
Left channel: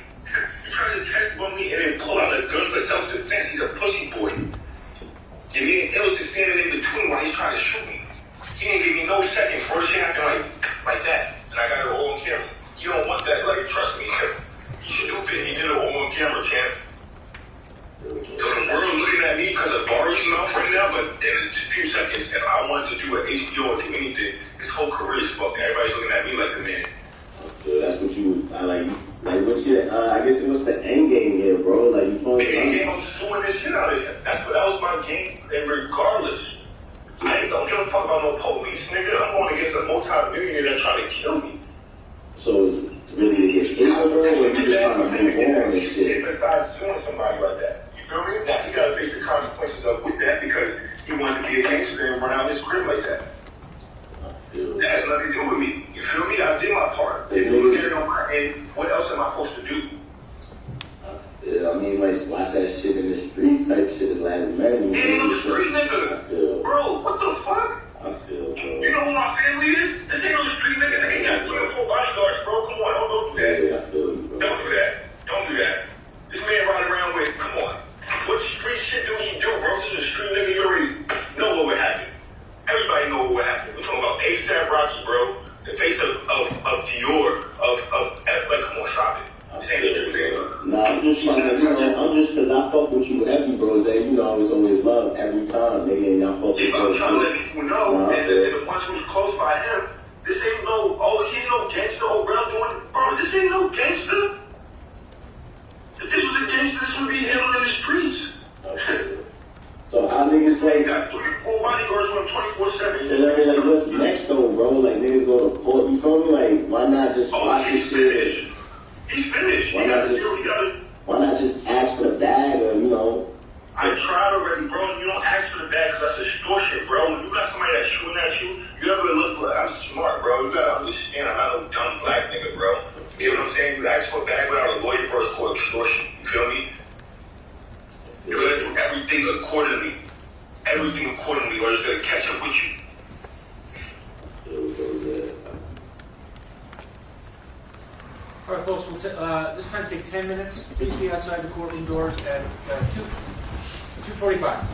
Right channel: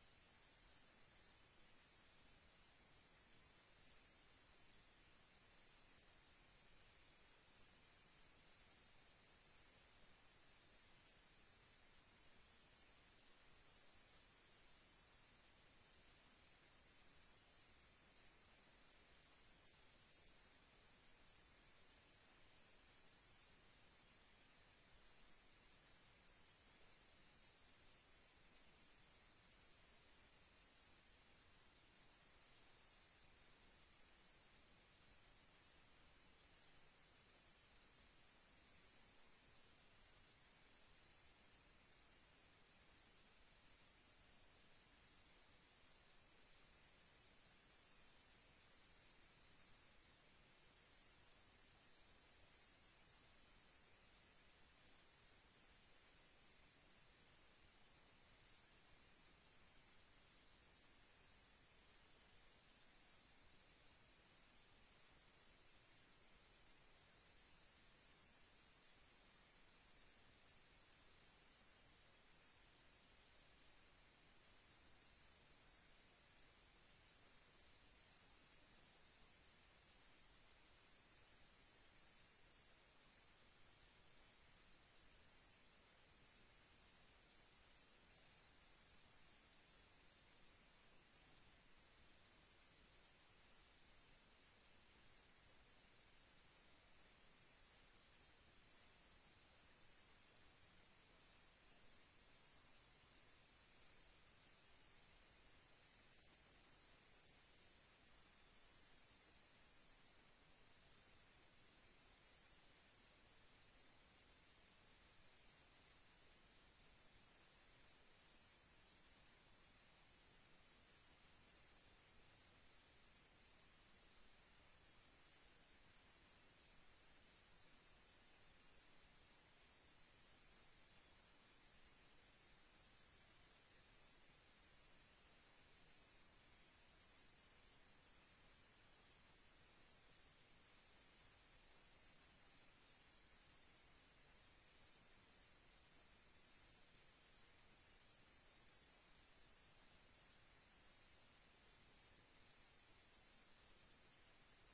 He tries to chest bump me and then pull out a gun for self-defense. He's a pussy boy. And me and Ills is standing in between while he's trying to shoot me. He didn't give me no seconds. First shit happened like that. And I got it all on camera. You don't want that, like, trust me. You stupid. He did it all on camera, champ. So the world looking at me because of Barry's mouth right now, but in a few seconds, if I wanted to do an HBO or do anything, his whole career is fucked. Everybody's looking at me like the man. Okay, that's what you, like what's your, I guess what's the end game here, bro? Like, you feel me? The end game, I'm suing this shit out of him. That was my game, and regardless, I don't give a fuck about no police, nigga. I'm going against a multi-millionaire that's trying to kill me. So it's really to get hit, bro, or you just trying to move on and shit? Besides suing somebody like that, you feel me? That he got to face the consequences of with that because he wanted to be a gangster and run out his crib like that. That has nothing to do with me. You feel me? I did my part. If you look at it on my end, what else am I supposed to do? Yeah, I mean, like, watch that shit in the streets type shit is last man. He ain't on the street, nigga. Bro, what the fuck? I feel, bro. You know who my family is? This ain't on the street, nigga. They ain't got 3 or 4 bodyguards, bro. Come on, don't do that. Yeah, I feel you, bro. Don't do that. Don't do that. This man riding around with, come on. What street shit do he do, bro? This is a street nigga. You already know what would happen. Everybody know what would happen. We're talking about ASAP Rocky, bro. The face of Dior, like, come on, stop it. This ain't a street nigga. Nah, I'm just trying to, you know, cause I fuck with you heavy, bro. Say, you know, I was always love every time, nigga, and y'all fuck with I'm trying to let people know, and the ones who's close by him, this ain't no, he's no gangster, bro, I'm doing, bro, this ain't no gangster. If this was a gangster, ask for a bag without a lawyer, bro, it's called extortion. You feel me? You're gonna do everything accordingly. Everything accordingly, or it's gonna catch up with you. All right, folks, this time take 10 minutes. Please be outside the courtroom doors at 2:45.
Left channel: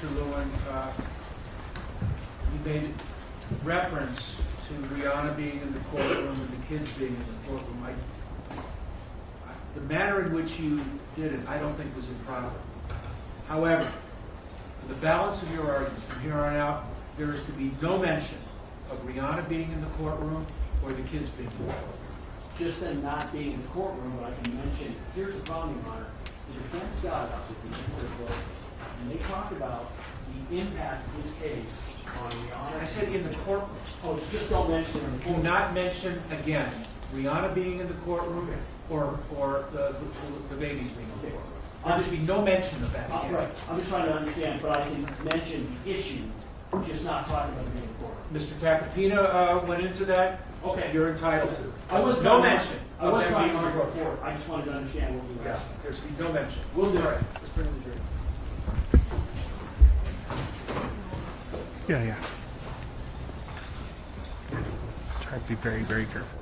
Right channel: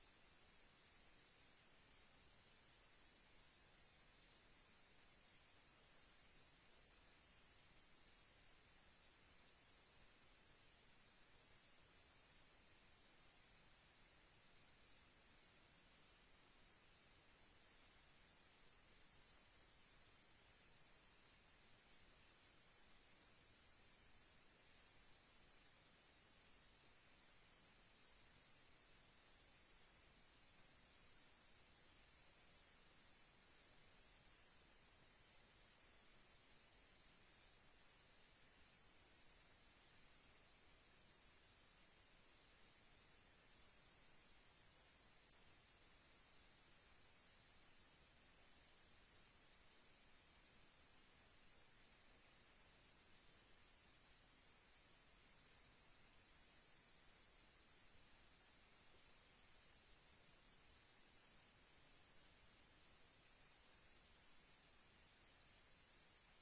Mr. Lewin, you made reference to Rihanna being in the courtroom and the kids being in the courtroom. The manner in which you did it, I don't think was improper. However, for the balance of your argument, from here on out, there is to be no mention of Rihanna being in the courtroom or the kids being in the courtroom. Just them not being in the courtroom, but I can mention, here's the problem, Your Honor. The defense got up at the end of the book, and they talked about the impact of this case on Rihanna. I said in the courtroom. Oh, it's just don't mention it in the Do courtroom. not mention again Rihanna being in the courtroom or the babies being in the courtroom. There should be no mention of that again. Right, I'm just trying to understand, but I can mention the issue, just not talking about being in the courtroom. Mr. Tacopina went into that. Okay. You're entitled to. I was No trying to- mention. I was of them trying being to in the courtroom. report. I just wanted to understand what we were Yeah, asking. there should be no mention. We'll do it. All right, let's bring in the jury. Yeah, yeah. Try to be very, very careful.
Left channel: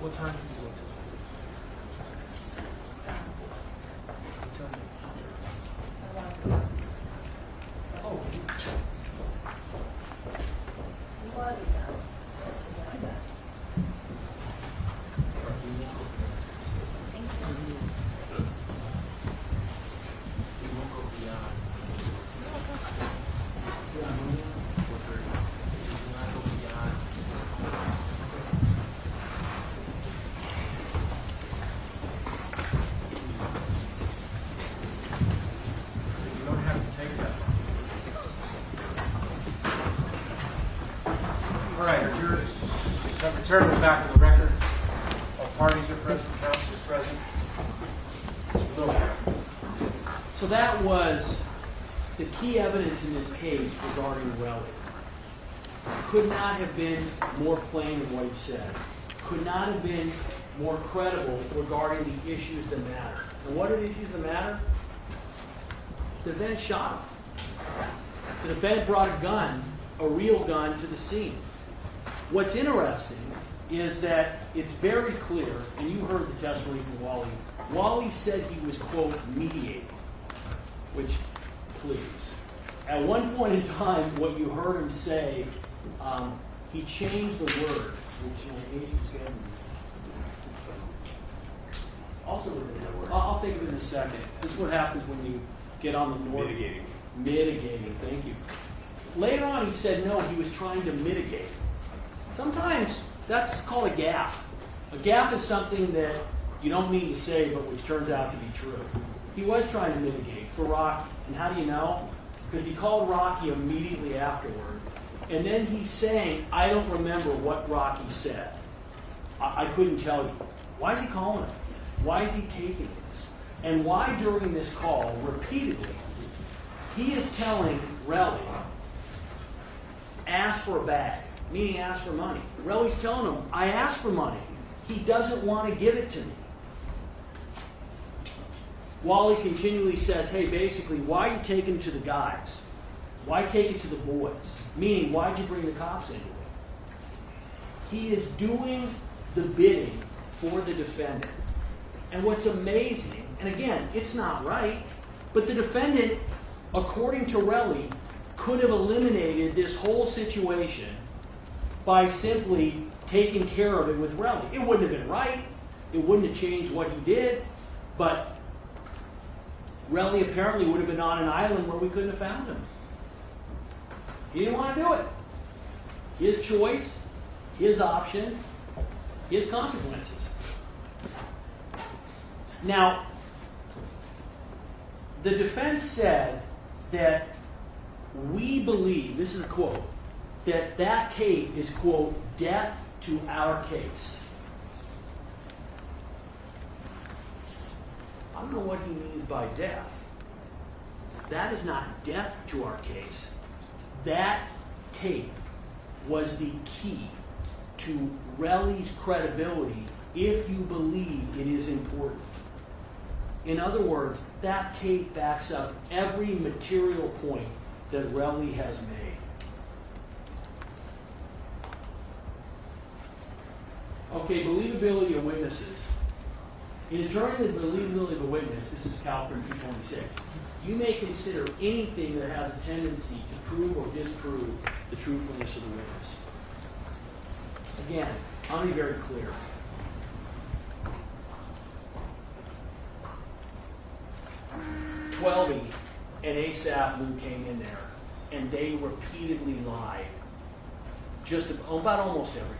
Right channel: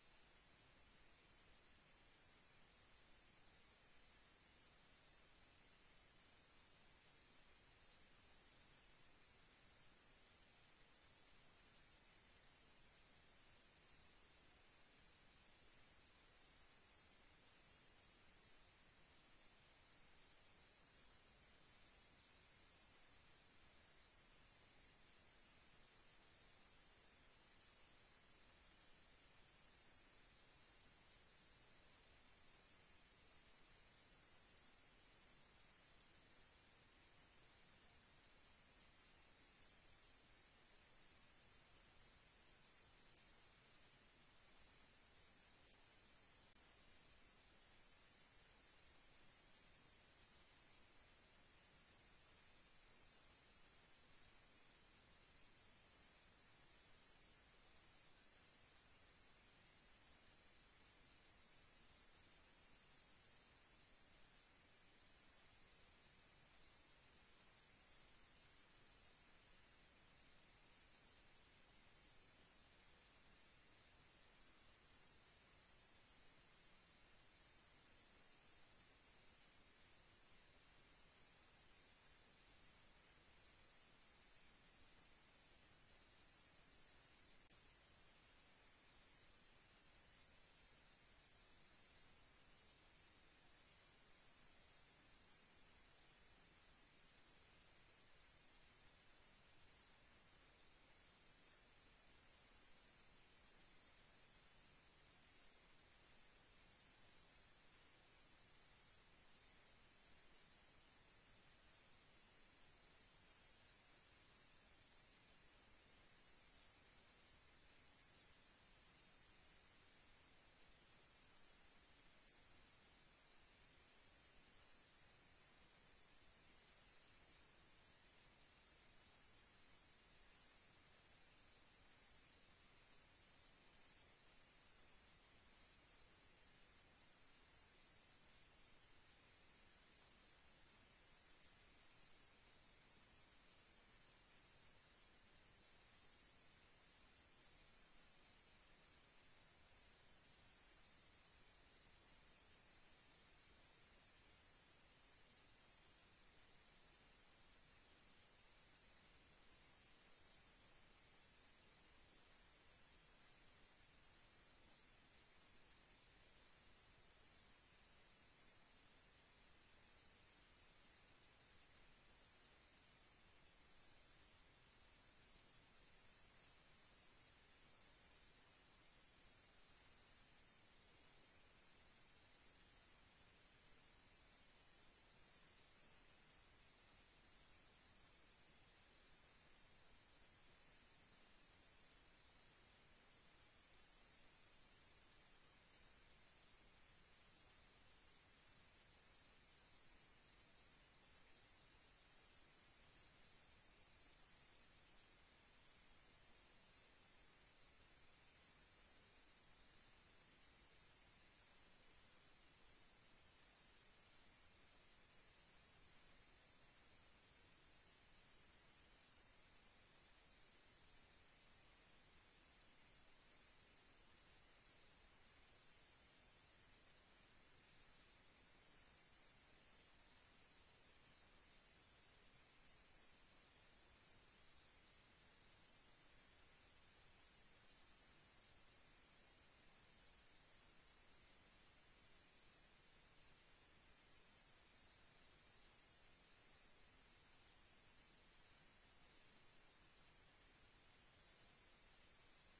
What time did you go to? What time? Oh, we won't go beyond 4:30. We will not go beyond. You don't have to take that long. All right, our jurors have returned to the back of the record. All parties are present, counsel is present. Mr. Lewin. So that was the key evidence in this case regarding Relly. Could not have been more plain in what he said. Could not have been more credible regarding the issues that matter. And what are the issues that matter? The defendant shot him. The defendant brought a gun, a real gun, to the scene. What's interesting is that it's very clear, and you heard the testimony from Wally. Wally said he was, quote, mediating, which, please. At one point in time, what you heard him say, he changed the word, which my agent's given me. Also, I'll think of it in a second. This is what happens when you get on the north. Mitigating. Mitigating, thank you. Later on, he said no, he was trying to mitigate. Sometimes that's called a gaffe. A gaffe is something that you don't mean to say, but which turns out to be true. He was trying to mitigate for Rocky. And how do you know? Because he called Rocky immediately afterward. And then he's saying, I don't remember what Rocky said. I couldn't tell you. Why is he calling him? Why is he taking this? And why during this call, repeatedly, he is telling Relly, ask for a bag, meaning ask for money. Relly's telling him, I asked for money. He doesn't want to give it to me. Wally continually says, hey, basically, why are you taking it to the guys? Why take it to the boys? Meaning, why'd you bring the cops into it? He is doing the bidding for the defendant. And what's amazing, and again, it's not right, but the defendant, according to Relly, could have eliminated this whole situation by simply taking care of it with Relly. It wouldn't have been right. It wouldn't have changed what he did. But Relly apparently would have been on an island where we couldn't have found him. He didn't want to do it. His choice, his option, his consequences. Now, the defense said that we believe, this is a quote, that that tape is, quote, death to our case. I don't know what he means by death. That is not death to our case. That tape was the key to Relly's credibility if you believe it is important. In other words, that tape backs up every material point that Relly has made. Okay, believability of witnesses. In determining the believability of a witness, this is Calpern 226, you may consider anything that has a tendency to prove or disprove the truthfulness of the witness. Again, I want to be very clear. Twelby and ASAP Lou came in there, and they repeatedly lied just about almost everything.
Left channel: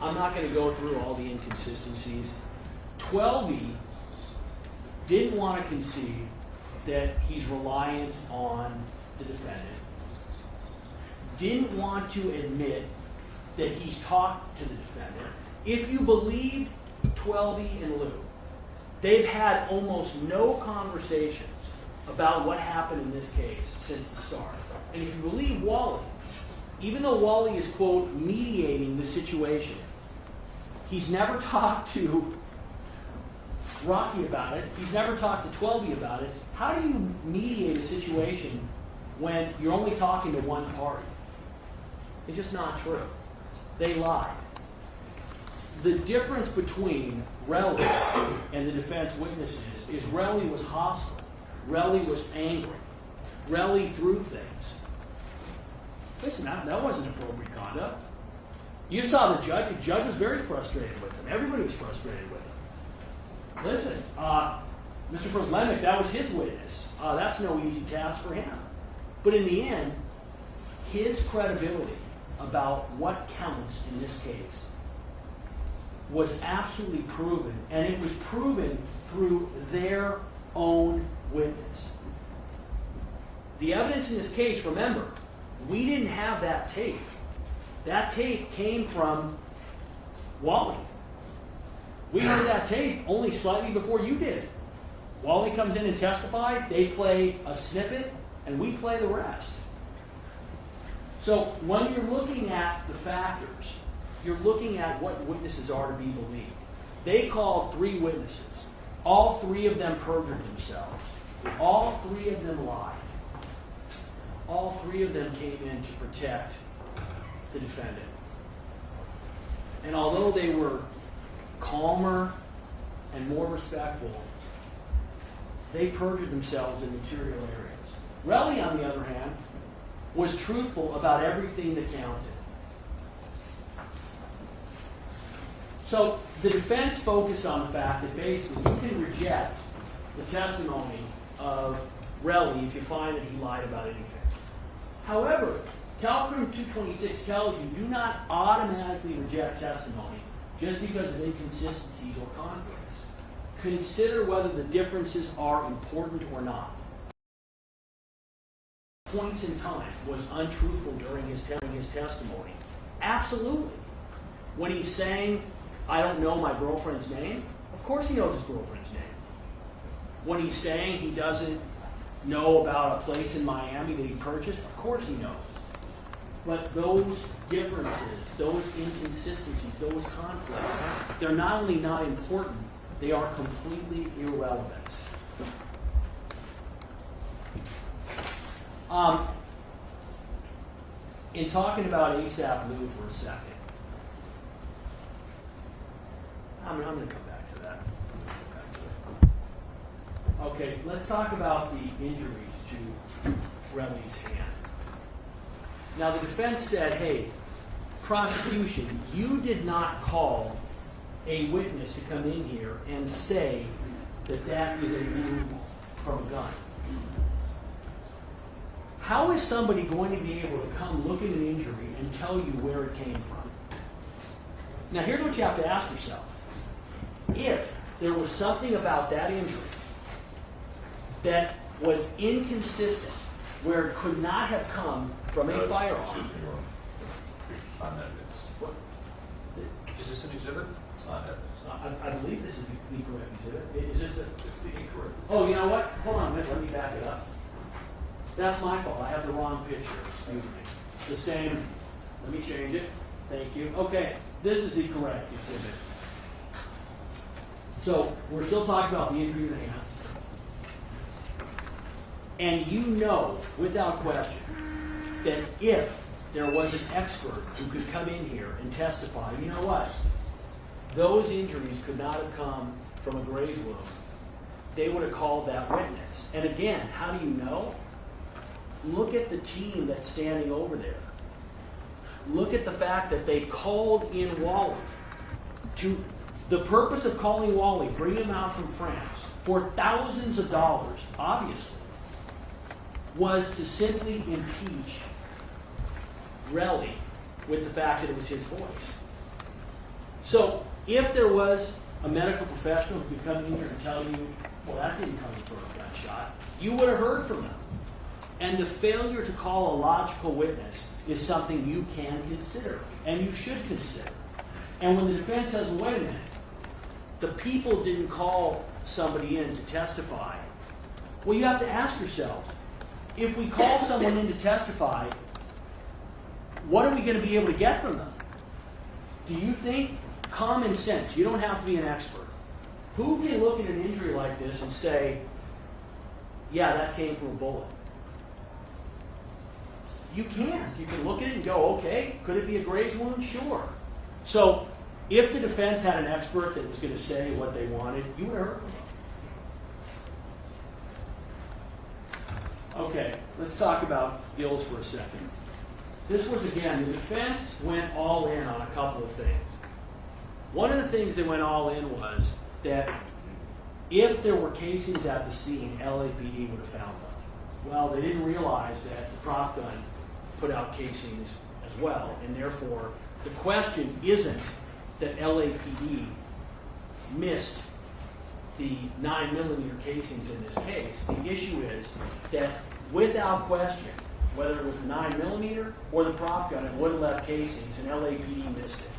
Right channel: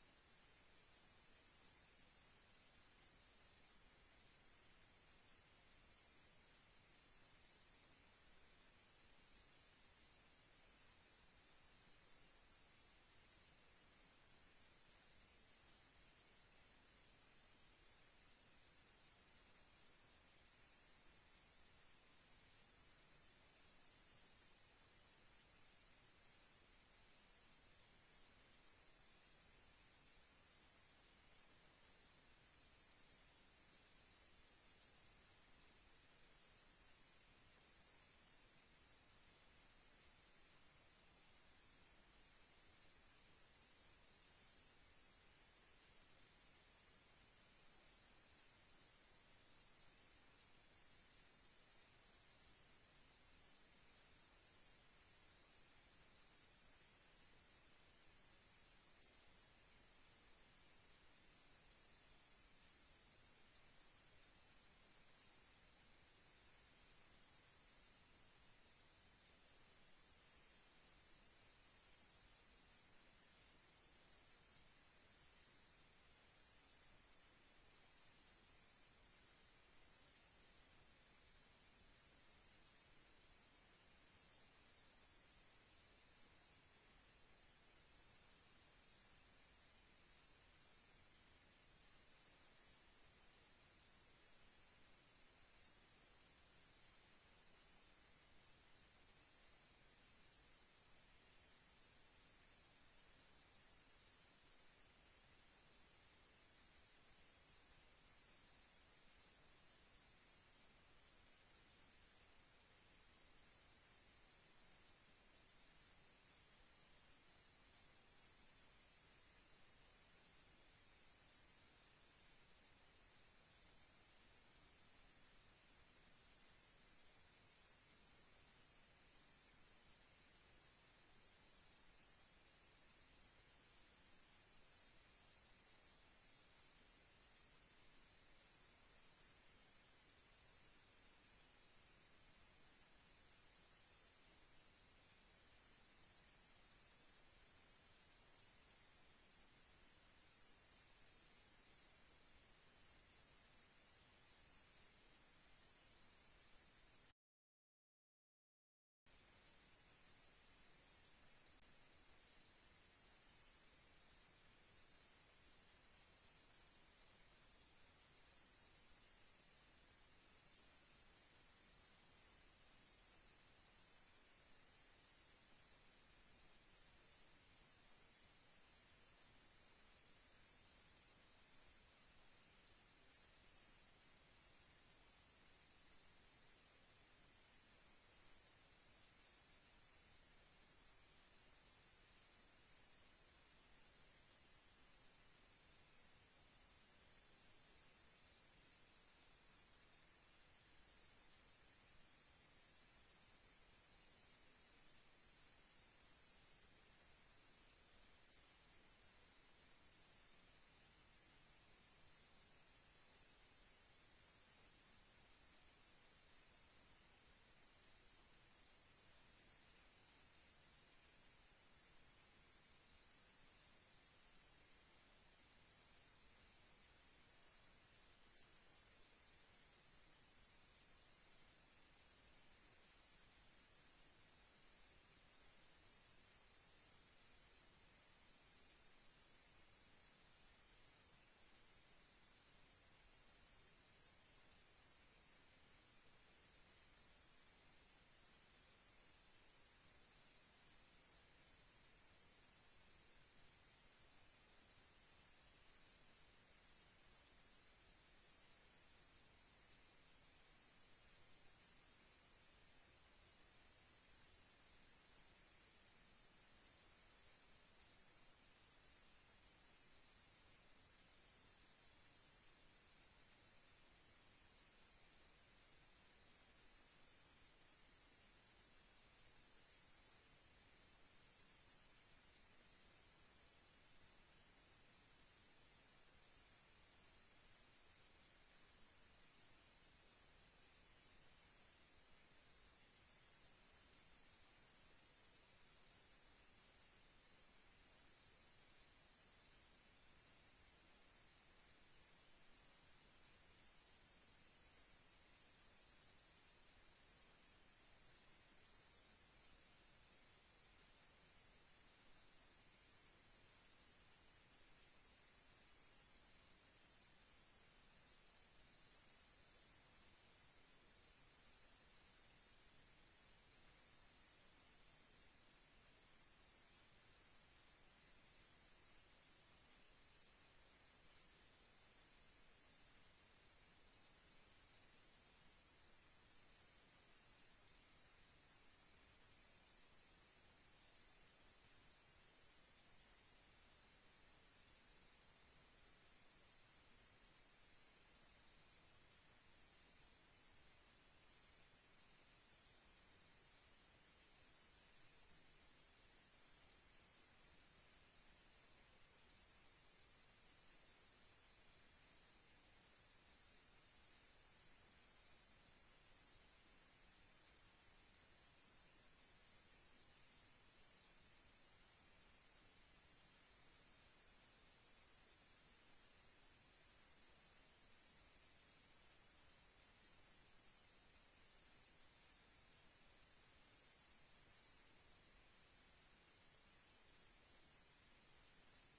I'm not going to go through all the inconsistencies. Twelby didn't want to concede that he's reliant on the defendant. Didn't want to admit that he's talked to the defendant. If you believe Twelby and Lou, they've had almost no conversations about what happened in this case since the start. And if you believe Wally, even though Wally is, quote, mediating the situation, he's never talked to Rocky about it. He's never talked to Twelby about it. How do you mediate a situation when you're only talking to one party? It's just not true. They lied. The difference between Relly and the defense witnesses is Relly was hostile. Relly was angry. Relly threw things. Listen, that wasn't appropriate conduct. You saw the judge. The judge was very frustrated with him. Everybody was frustrated with him. Listen, Mr. Proslemek, that was his witness. That's no easy task for him. But in the end, his credibility about what counts in this case was absolutely proven, and it was proven through their own witness. The evidence in this case, remember, we didn't have that tape. That tape came from Wally. We heard that tape only slightly before you did. Wally comes in and testifies, they play a snippet, and we play the rest. So when you're looking at the factors, you're looking at what witnesses are to be believed. They called 3 witnesses. All 3 of them perjured themselves. All 3 of them lied. All 3 of them came in to protect the defendant. And although they were calmer and more respectful, they perjured themselves in material areas. Relly, on the other hand, was truthful about everything that counted. So the defense focused on the fact that basically you can reject the testimony of Relly if you find that he lied about anything. However, Calpern 226 tells you do not automatically reject testimony just because of inconsistencies or conflicts. Consider whether the differences are important or not. Points in time was untruthful during his testimony. Absolutely. When he's saying, I don't know my girlfriend's name, of course he knows his girlfriend's name. When he's saying he doesn't know about a place in Miami that he purchased, of course he knows. But those differences, those inconsistencies, those conflicts, they're not only not important, they are completely irrelevant. In talking about ASAP Lou for a second, I'm going to come back to that. Okay, let's talk about the injuries to Relly's hand. Now, the defense said, hey, prosecution, you did not call a witness to come in here and say that that is a wound from a gun. How is somebody going to be able to come look at an injury and tell you where it came from? Now, here's what you have to ask yourself. If there was something about that injury that was inconsistent, where it could not have come from a firearm. Excuse me, Your Honor. On evidence. What? Is this an exhibit? It's not evidence. I believe this is the correct exhibit. Is this a... It's the incorrect. Oh, you know what? Hold on a minute. Let me back it up. That's my fault. I have the wrong picture. Excuse me. The same. Let me change it. Thank you. Okay. This is the correct exhibit. So we're still talking about the injury in the hand. And you know, without question, that if there was an expert who could come in here and testify, you know what? Those injuries could not have come from a graze wound. They would have called that witness. And again, how do you know? Look at the team that's standing over there. Look at the fact that they called in Wally. The purpose of calling Wally, bring him out from France, for thousands of dollars, obviously, was to simply impeach Relly with the fact that it was his voice. So, if there was a medical professional who could come in here and tell you, well, that didn't come from a gunshot, you would have heard from them. And the failure to call a logical witness is something you can consider, and you should consider. And when the defense says, wait a minute, the people didn't call somebody in to testify, well, you have to ask yourselves, if we call someone in to testify, what are we going to be able to get from them? Do you think common sense, you don't have to be an expert, who can look at an injury like this and say, yeah, that came from a bullet? You can't. You can look at it and go, okay, could it be a graze wound? Sure. So if the defense had an expert that was going to say what they wanted, you would have heard from them. Okay, let's talk about Ills for a second. This was, again, the defense went all in on a couple of things. One of the things they went all in was that if there were casings at the scene, LAPD would have found them. Well, they didn't realize that the prop gun put out casings as well, and therefore the question isn't that LAPD missed the 9mm casings in this case. The issue is that without question, whether it was the 9mm or the prop gun, it would have left casings, and LAPD missed it.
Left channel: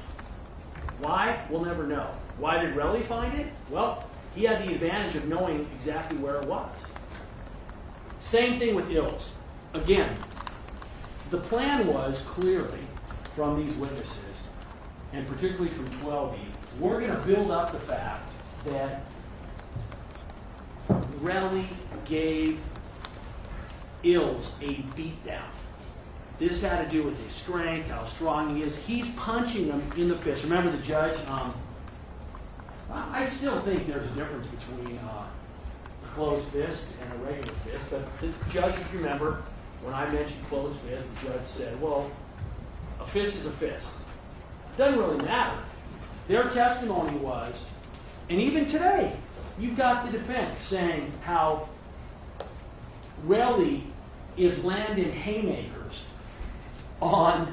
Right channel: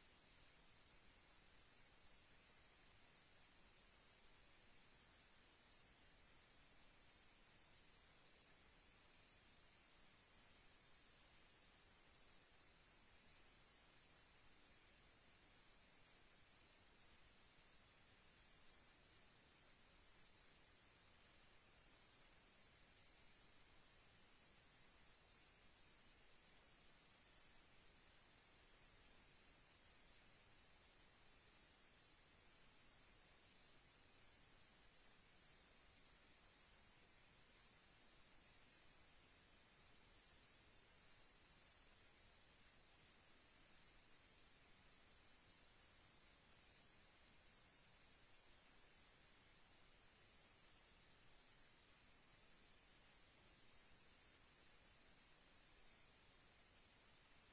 Why? We'll never know. Why did Relly find it? Well, he had the advantage of knowing exactly where it was. Same thing with Ills. Again, the plan was clearly from these witnesses, and particularly from 12E, we're going to build up the fact that Relly gave Ills a beatdown. This had to do with his strength, how strong he is. He's punching him in the fist. Remember the judge? I still think there's a difference between a closed fist and a regular fist. But the judge, if you remember, when I mentioned closed fist, the judge said, well, a fist is a fist. It doesn't really matter. Their testimony was, and even today, you've got the defense saying how Relly is landing haymakers on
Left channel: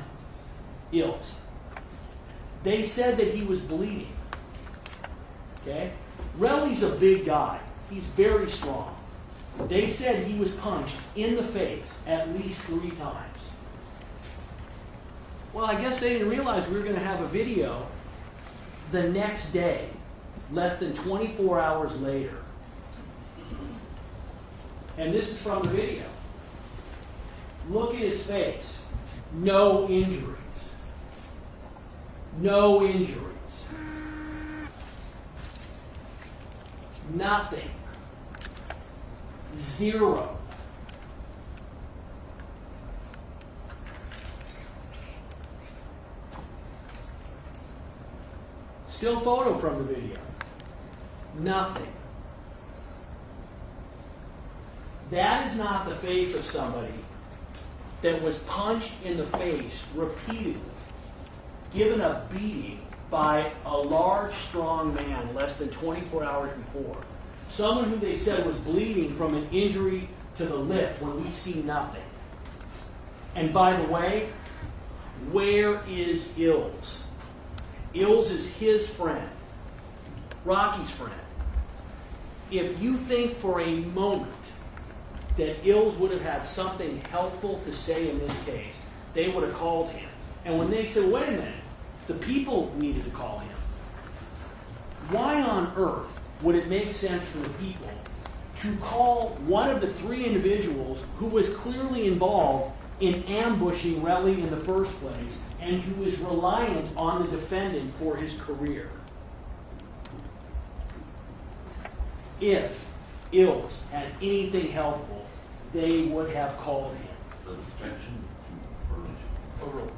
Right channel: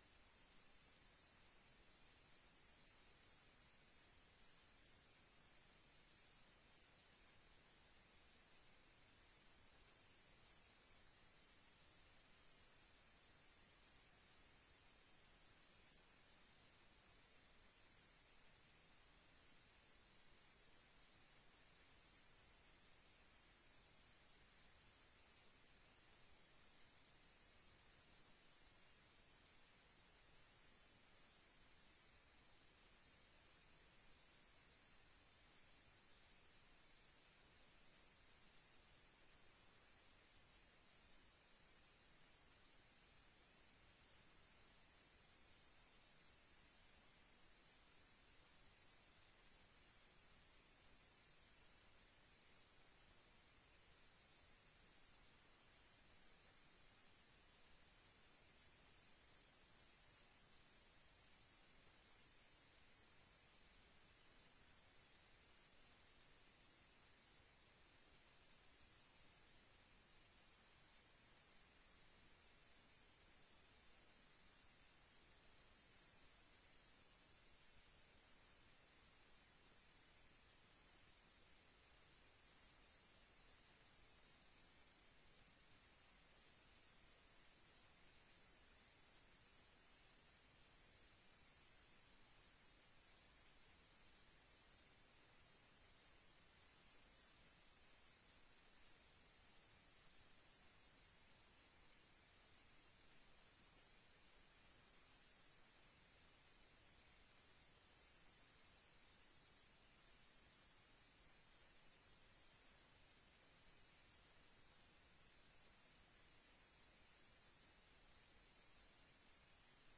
Ills. They said that he was bleeding. Okay? Relly's a big guy. He's very strong. They said he was punched in the face at least 3 times. Well, I guess they didn't realize we were going to have a video the next day, less than 24 hours later. And this is from the video. Look at his face. No injuries. No injuries. Nothing. 0. Still photo from the video. Nothing. That is not the face of somebody that was punched in the face repeatedly, given a beating by a large, strong man less than 24 hours before. Someone who they said was bleeding from an injury to the lip when we see nothing. And by the way, where is Ills? Ills is his friend, Rocky's friend. If you think for a moment that Ills would have had something helpful to say in this case, they would have called him. And when they said, wait a minute, the people needed to call him, why on earth would it make sense for the people to call one of the 3 individuals who was clearly involved in ambushing Relly in the first place and who is reliant on the defendant for his career? if Ills had anything helpful, they would have called him. The objection to Overruled.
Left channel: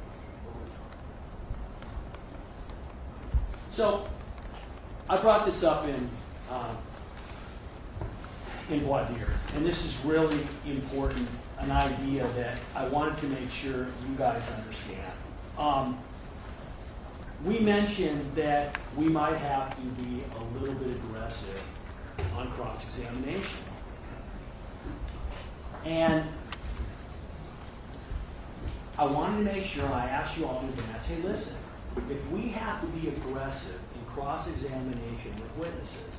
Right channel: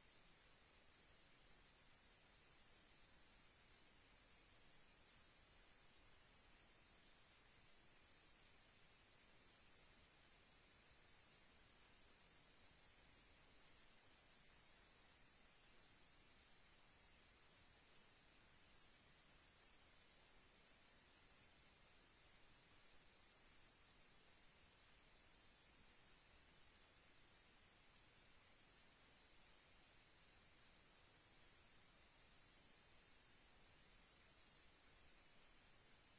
So, I brought this up in voir dire, and this is really important, an idea that I wanted to make sure you guys understand. We mentioned that we might have to be a little bit aggressive on cross-examination. And I wanted to make sure, and I asked you all in advance, hey, listen, if we have to be aggressive in cross-examination with witnesses,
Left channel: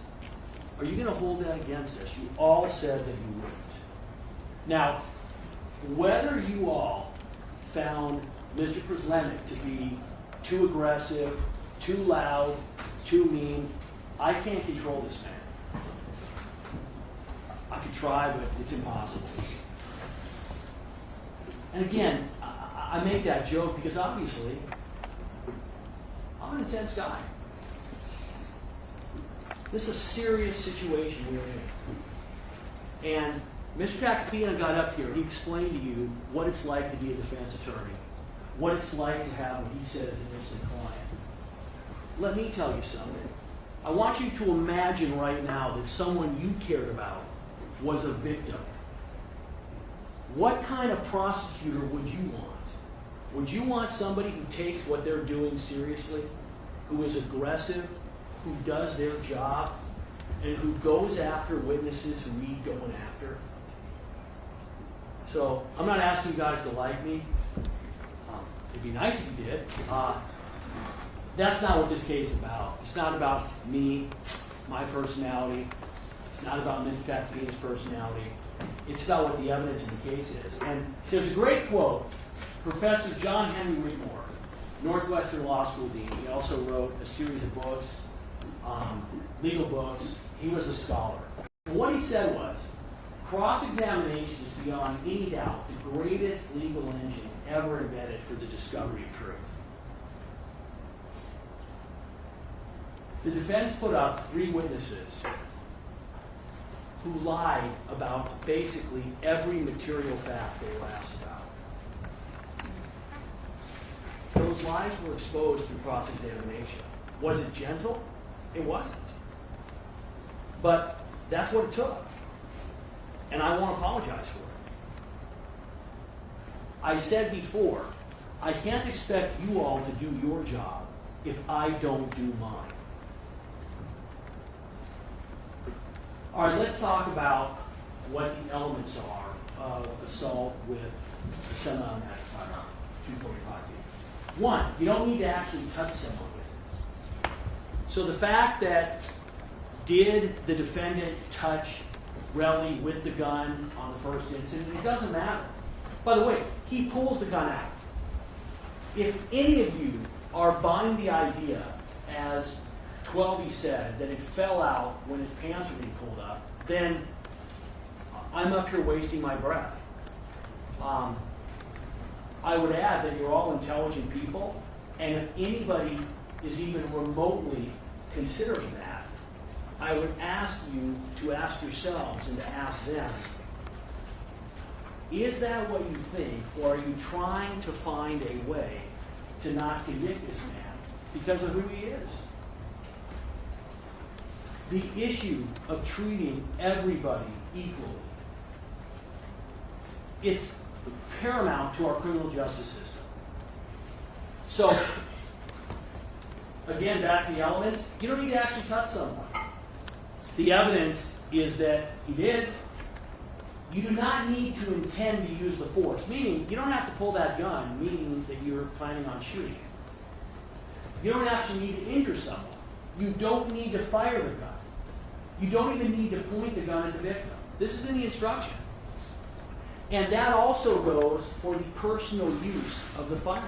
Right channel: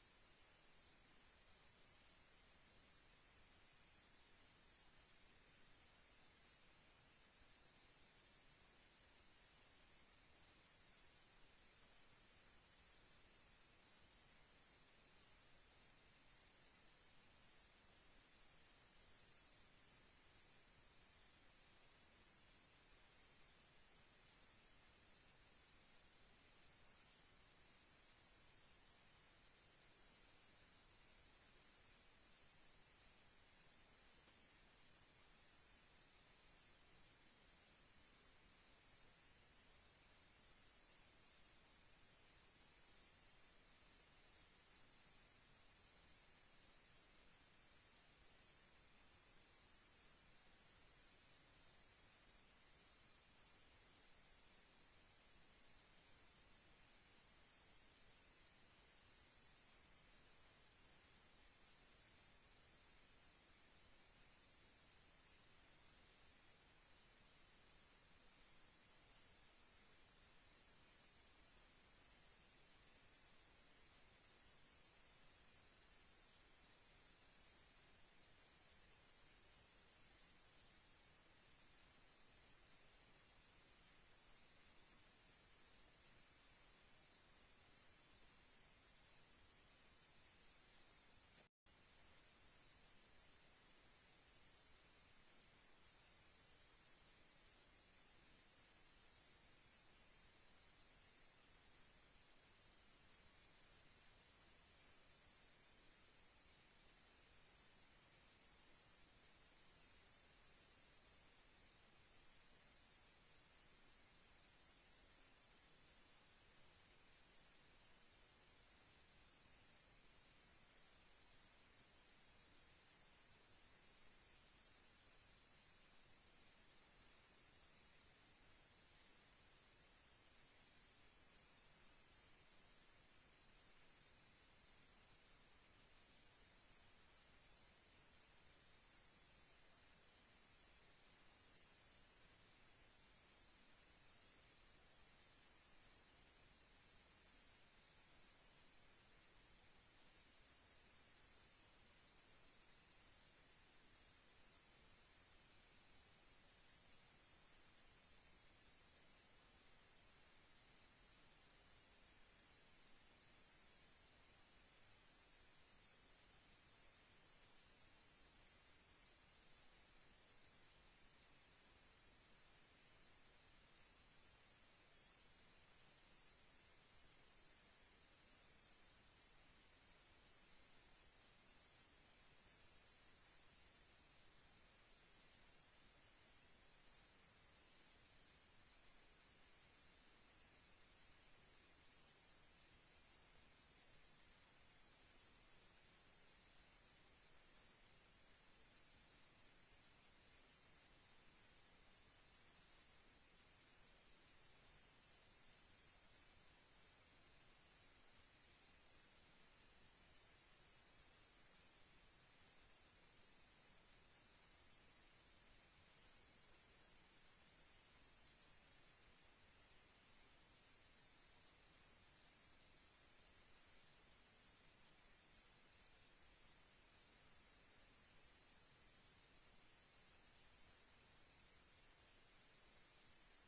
are you going to hold that against us? You all said that you wouldn't. Now, whether you all found Mr. Przlenek to be too aggressive, too loud, too mean, I can't control this man. I could try, but it's impossible. And again, I make that joke because obviously, I'm an intense guy. This is a serious situation we're in. And Mr. Tacopina got up here, he explained to you what it's like to be a defense attorney, what it's like to have what he says is an innocent client. Let me tell you something. I want you to imagine right now that someone you cared about was a victim. What kind of prosecutor would you want? Would you want somebody who takes what they're doing seriously, who is aggressive, who does their job, and who goes after witnesses who need going after? So I'm not asking you guys to like me. It'd be nice if you did. That's not what this case is about. It's not about me, my personality. It's not about Mr. Tacopina's personality. It's about what the evidence in the case is. And there's a great quote. Professor John Henry Whitmore, Northwestern Law School dean, he also wrote a series of books, legal books. He was a scholar. And what he said was, cross-examination is beyond any doubt the greatest legal engine ever invented for the discovery of truth. The defense put up 3 witnesses who lied about basically every material fact they were asked about. Those lies were exposed through cross-examination. Was it gentle? It wasn't. But that's what it took. And I won't apologize for it. I said before, I can't expect you all to do your job if I don't do mine. All right, let's talk about what the elements are of assault with a semi-automatic firearm, 245B. 1, you don't need to actually touch someone with it. So the fact that did the defendant touch Relly with the gun on the first incident, it doesn't matter. By the way, he pulls the gun out. If any of you are buying the idea, as 12E said, that it fell out when his pants were being pulled up, then I'm up here wasting my breath. I would add that you're all intelligent people, and if anybody is even remotely considering that, I would ask you to ask yourselves and to ask them, is that what you think, or are you trying to find a way to not convict this man because of who he is? The issue of treating everybody equally, it's paramount to our criminal justice system. So, again, back to the elements, you don't need to actually touch someone. The evidence is that he did. You do not need to intend to use the force, meaning you don't have to pull that gun, meaning that you're planning on shooting. You don't actually need to injure someone. You don't need to fire the gun. You don't even need to point the gun at the victim. This is in the instruction. And that also goes for the personal use of the firearm.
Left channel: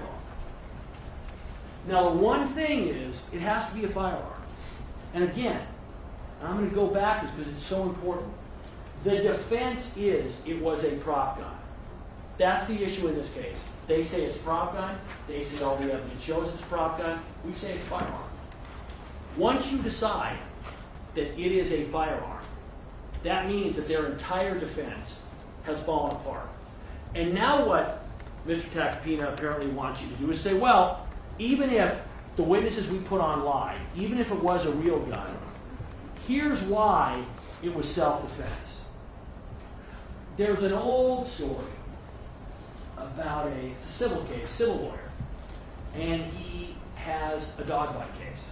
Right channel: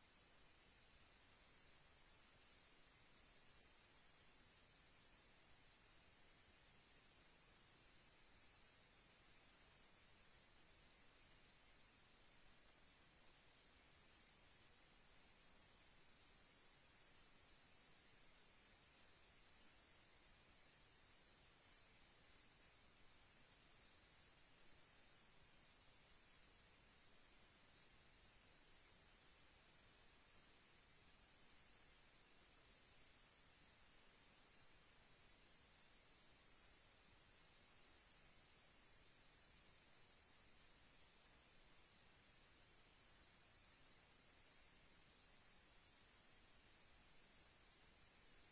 Now, the one thing is, it has to be a firearm. And again, I'm going to go back to this because it's so important. The defense is it was a prop gun. That's the issue in this case. They say it's a prop gun. They say all the evidence shows it's a prop gun. We say it's a firearm. Once you decide that it is a firearm, that means that their entire defense has fallen apart. And now what Mr. Tacopina apparently wants you to do is say, well, even if the witnesses we put on lied, even if it was a real gun, here's why it was self-defense. There's an old story about it's a civil case, civil lawyer, and he has a dog bite case,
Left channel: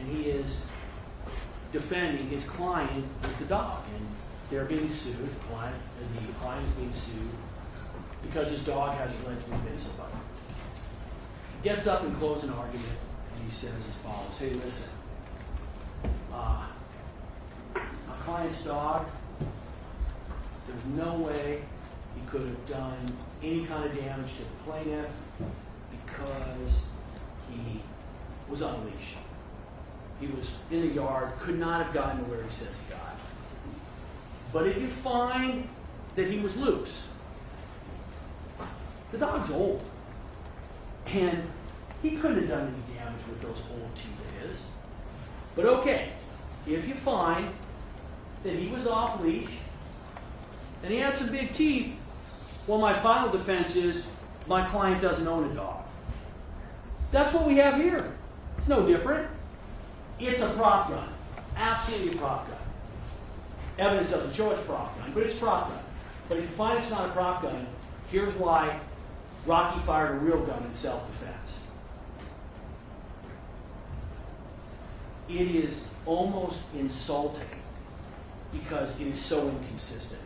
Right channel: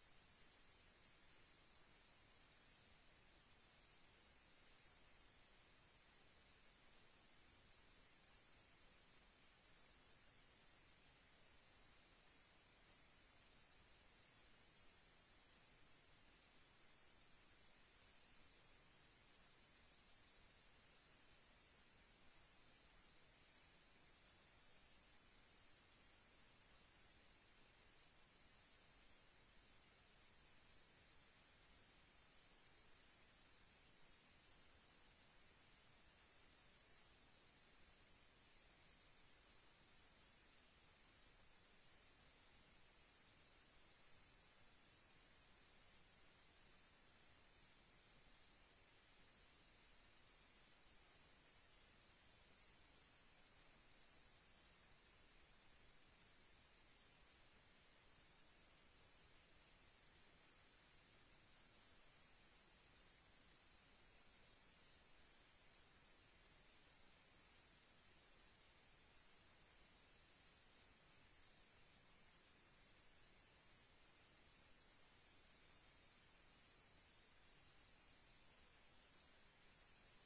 and he is defending his client with the dog, and they're being sued. The client is being sued because his dog has allegedly bit somebody. He gets up in closing argument, and he says as follows: "Hey, listen, my client's dog. There's no way he could have done any kind of damage to the plaintiff because he was on a leash. He was in the yard, could not have gotten to where he says he got. But if you find that he was loose, the dog's old, and he couldn't have done any damage with those old teeth of his. But okay, if you find that he was off leash and he had some big teeth, well, my final defense is my client doesn't own a dog." That's what we have here. It's no different. It's a prop gun. Absolutely a prop gun. Evidence doesn't show it's a prop gun, but it's a prop gun. But if you find it's not a prop gun, here's why Rocky fired a real gun in self-defense. It is almost insulting because it is so inconsistent.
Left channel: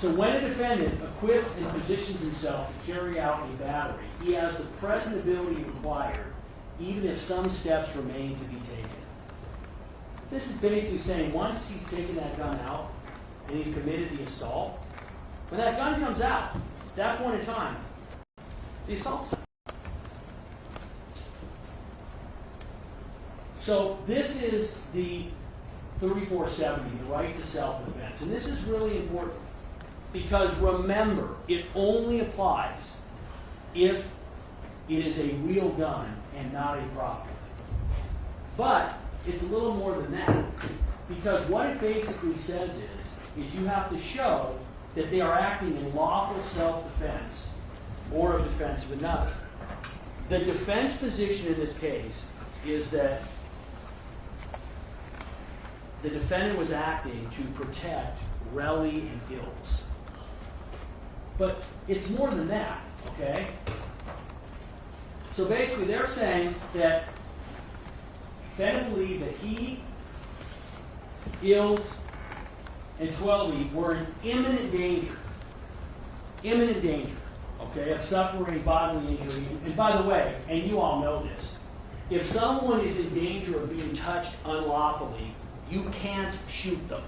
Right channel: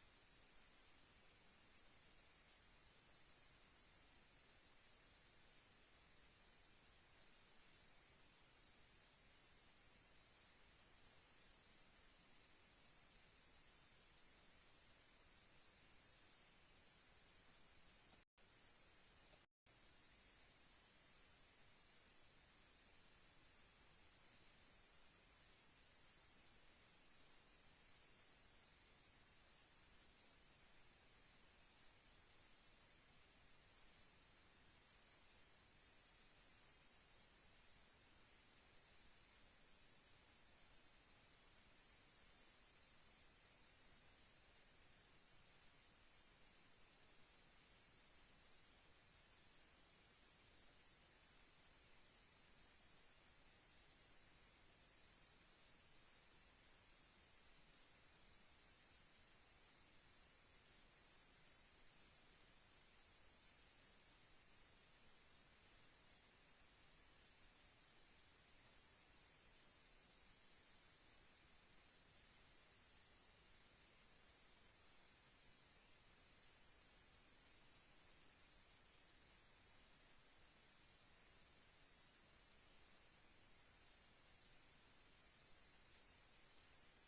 So when a defendant equips and positions himself to carry out a battery, he has the present ability required, even if some steps remain to be taken. This is basically saying once he's taken that gun out and he's committed the assault, when that gun comes out, at that point in time, the assault's done. So this is the 3470, the right to self-defense. And this is really important. Because remember, it only applies if it is a real gun and not a prop gun. But it's a little more than that. Because what it basically says is you have to show that they are acting in lawful self-defense or of defense of another. The defense position in this case is that the defendant was acting to protect Relly and Gills. But it's more than that, okay? So basically they're saying that the defendant believed that he, Gills, and Twelby were in imminent danger, okay, of suffering bodily injury. And by the way, and you all know this, if someone is in danger of being touched unlawfully, you can't shoot them.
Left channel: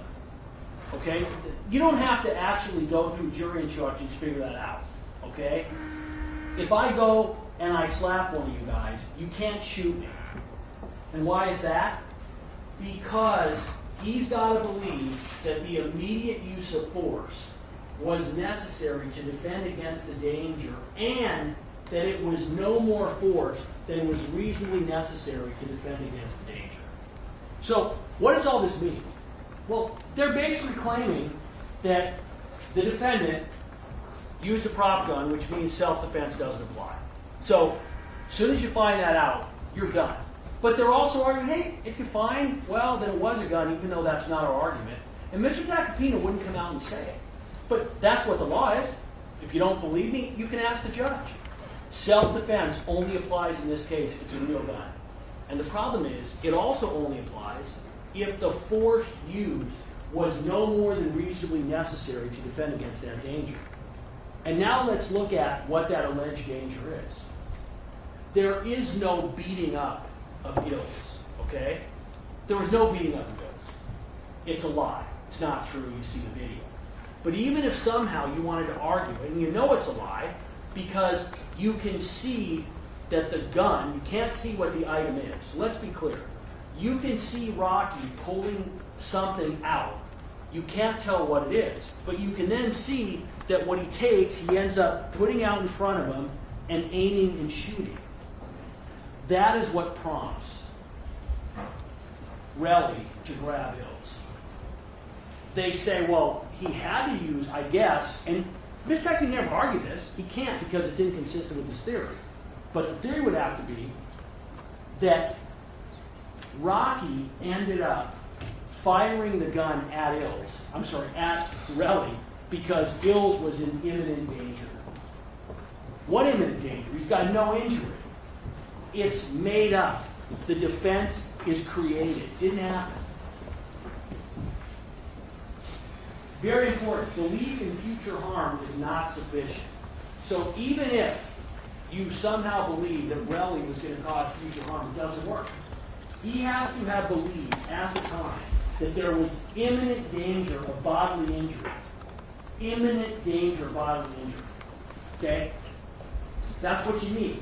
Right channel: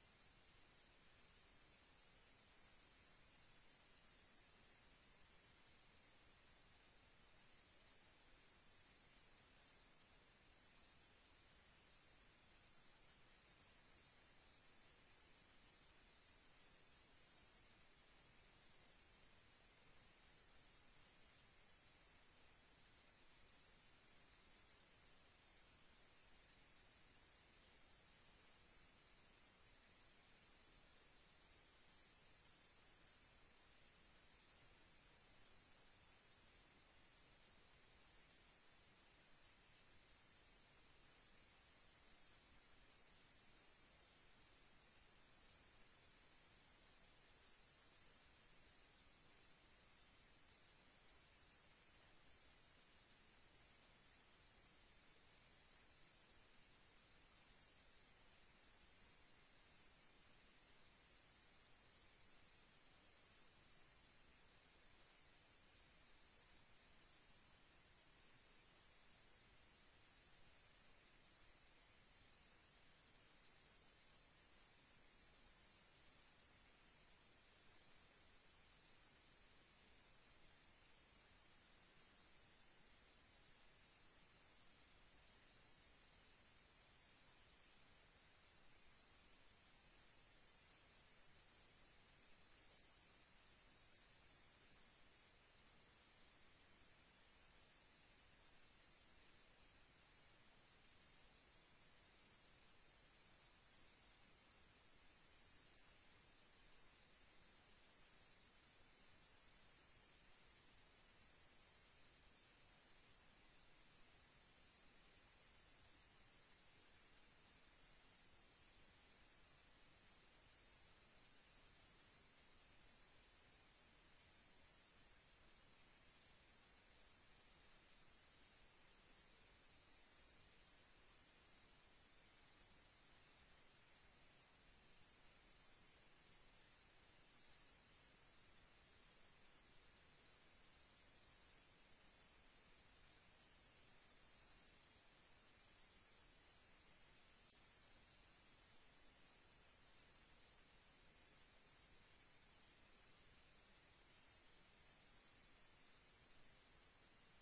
Okay? You don't have to actually go through jury instructions to figure that out. Okay? If I go and I slap one of you guys, you can't shoot me. And why is that? Because he's got to believe that the immediate use of force was necessary to defend against the danger and that it was no more force than was reasonably necessary to defend against the danger. So, what does all this mean? Well, they're basically claiming that the defendant used a prop gun, which means self-defense doesn't apply. So, as soon as you find that out, you're done. But they're also arguing, hey, if you find, well, that it was a gun, even though that's not our argument. And Mr. Tacopina wouldn't come out and say it. But that's what the law is. If you don't believe me, you can ask the judge. Self-defense only applies in this case if it's a real gun. And the problem is, it also only applies if the force used was no more than reasonably necessary to defend against that danger. And now let's look at what that alleged danger is. There is no beating up of Gills, okay? There was no beating up of Gills. It's a lie. It's not true. You see the video. But even if somehow you wanted to argue it, and you know it's a lie, because you can see that the gun, you can't see what the item is. So let's be clear. You can see Rocky pulling something out. You can't tell what it is. But you can then see that what he takes, he ends up putting out in front of him and aiming and shooting. That is what prompts Relly to grab Ills. They say, well, he had to use, I guess, and Mr. Techie never argued this. He can't because it's inconsistent with his theory. But the theory would have to be that Rocky ended up firing the gun at at Relly, because Ills was in imminent danger. What imminent danger? He's got no injury. It's made up. The defense is created. Didn't happen. Very important. Belief in future harm is not sufficient. So even if you somehow believe that Relly was going to cause future harm, it doesn't work. He has to have believed at the time that there was imminent danger of bodily injury. Imminent danger of bodily injury. Okay? That's what you need.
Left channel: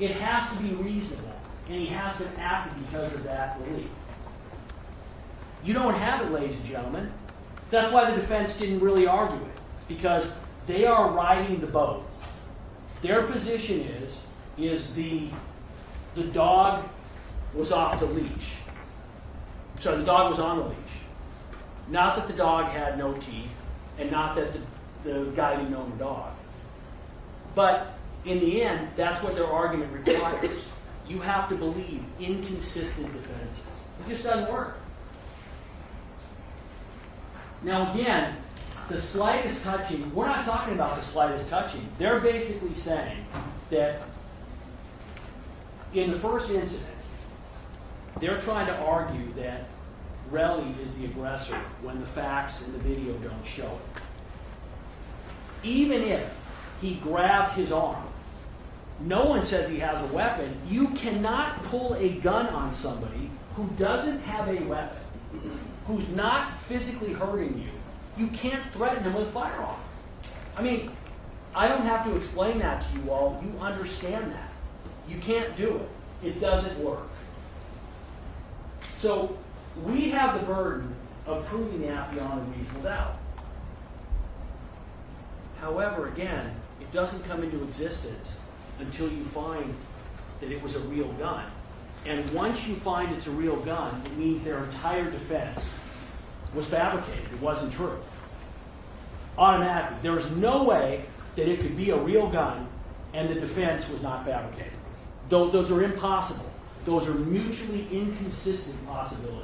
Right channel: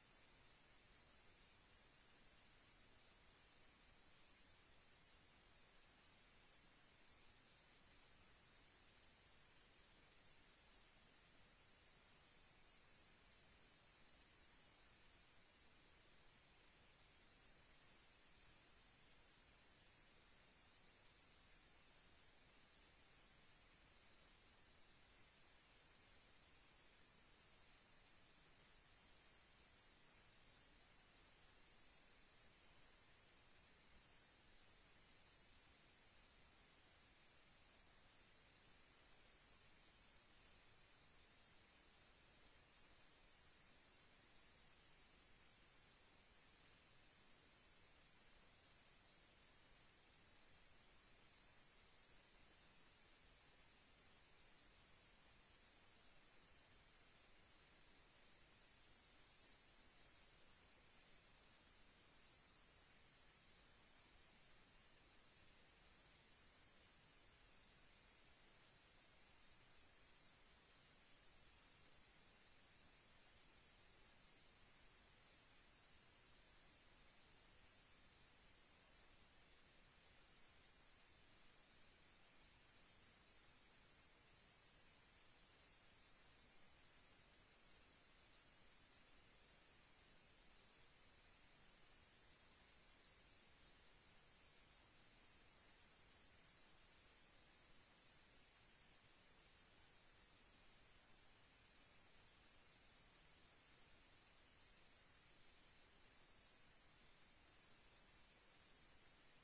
It has to be reasonable, and he has to act because of that belief. You don't have it, ladies and gentlemen. That's why the defense didn't really argue it, because they are riding the boat. Their position is the dog was off the leash. Sorry, the dog was on the leash. Not that the dog had no teeth, and not that the guy didn't own the dog. But in the end, that's what their argument requires. You have to believe inconsistent defenses. It just doesn't work. Now again, the slightest touching, we're not talking about the slightest touching. They're basically saying that in the first incident, they're trying to argue that Relly is the aggressor when the facts in the video don't show it. Even if he grabbed his arm, no one says he has a weapon. You cannot pull a gun on somebody who doesn't have a weapon, who's not physically hurting you. You can't threaten him with a firearm. I mean, I don't have to explain that to you all. You understand that. You can't do it. It doesn't work. So we have the burden of proving the act beyond a reasonable doubt. However, again, it doesn't come into existence until you find that it was a real gun. And once you find it's a real gun, it means their entire defense was fabricated. It wasn't true. Automatically. There was no way that it could be a real gun and the defense was not fabricated. Those are impossible. Those are mutually inconsistent possibilities.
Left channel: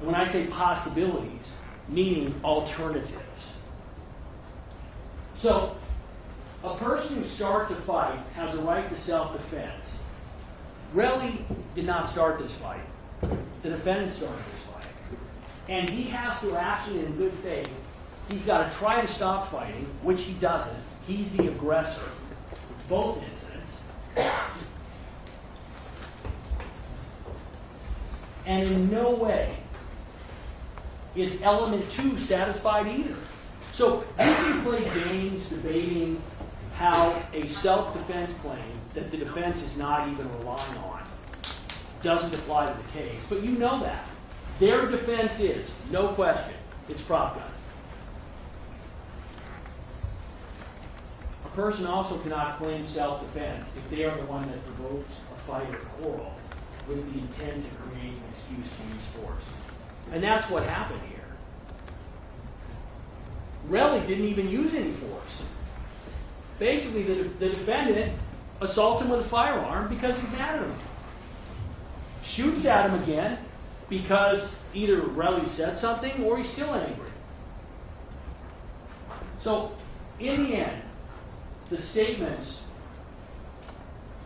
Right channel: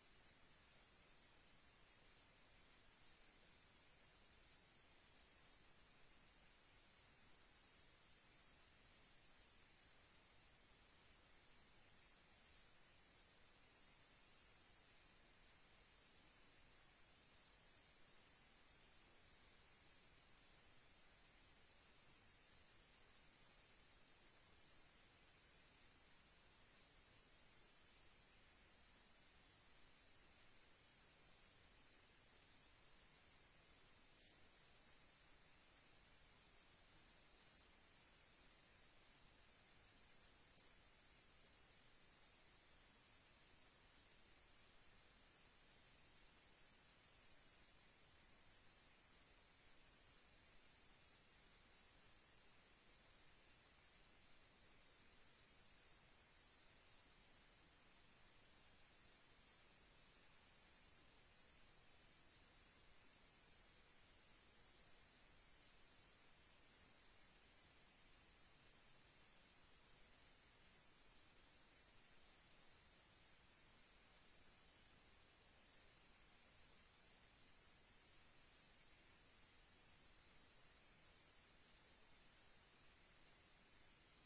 And when I say possibilities, meaning alternatives. So, a person who starts a fight has a right to self-defense. Relly did not start this fight. The defendant started this fight. And he has to actually, in good faith, he's got to try to stop fighting, which he doesn't. He's the aggressor. Both incidents. And in no way is element 2 satisfied either. So you can play games debating how a self-defense claim that the defense is not even relying on doesn't apply to the case. But you know that. Their defense is, no question, it's prop gun. A person also cannot claim self-defense if they are the one that provokes a fight or quarrel with the intent to create an excuse to use force. And that's what happened here. Relly didn't even use any force. Basically, the defendant assaults him with a firearm because he's mad at him. Shoots at him again because either Relly said something or he's still angry. So, in the end, the statements,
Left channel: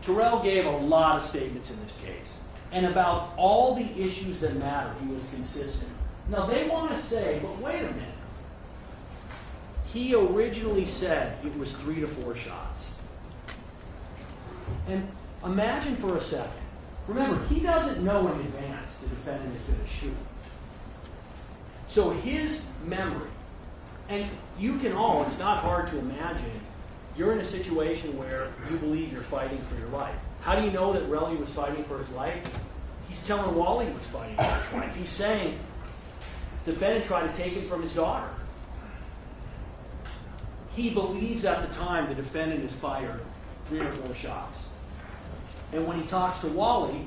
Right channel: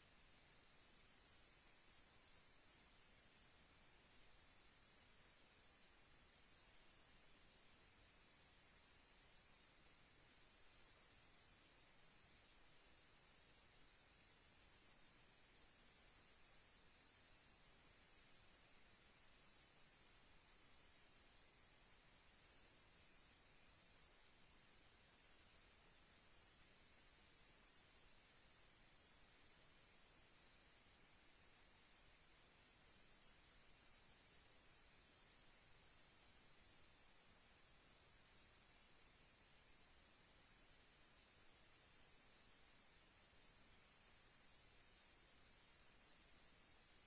Terrell gave a lot of statements in this case. And about all the issues that matter, he was consistent. Now, they want to say, but wait a minute. He originally said it was 3 to 4 shots. And imagine for a second. Remember, he doesn't know in advance the defendant is going to shoot. So his memory, and you can all, it's not hard to imagine, you're in a situation where you believe you're fighting for your life. How do you know that Relly was fighting for his life? He's telling Wally he was fighting for his life. He's saying the defendant tried to take him from his daughter. He believes at the time the defendant has fired 3 or 4 shots. And when he talks to Wally,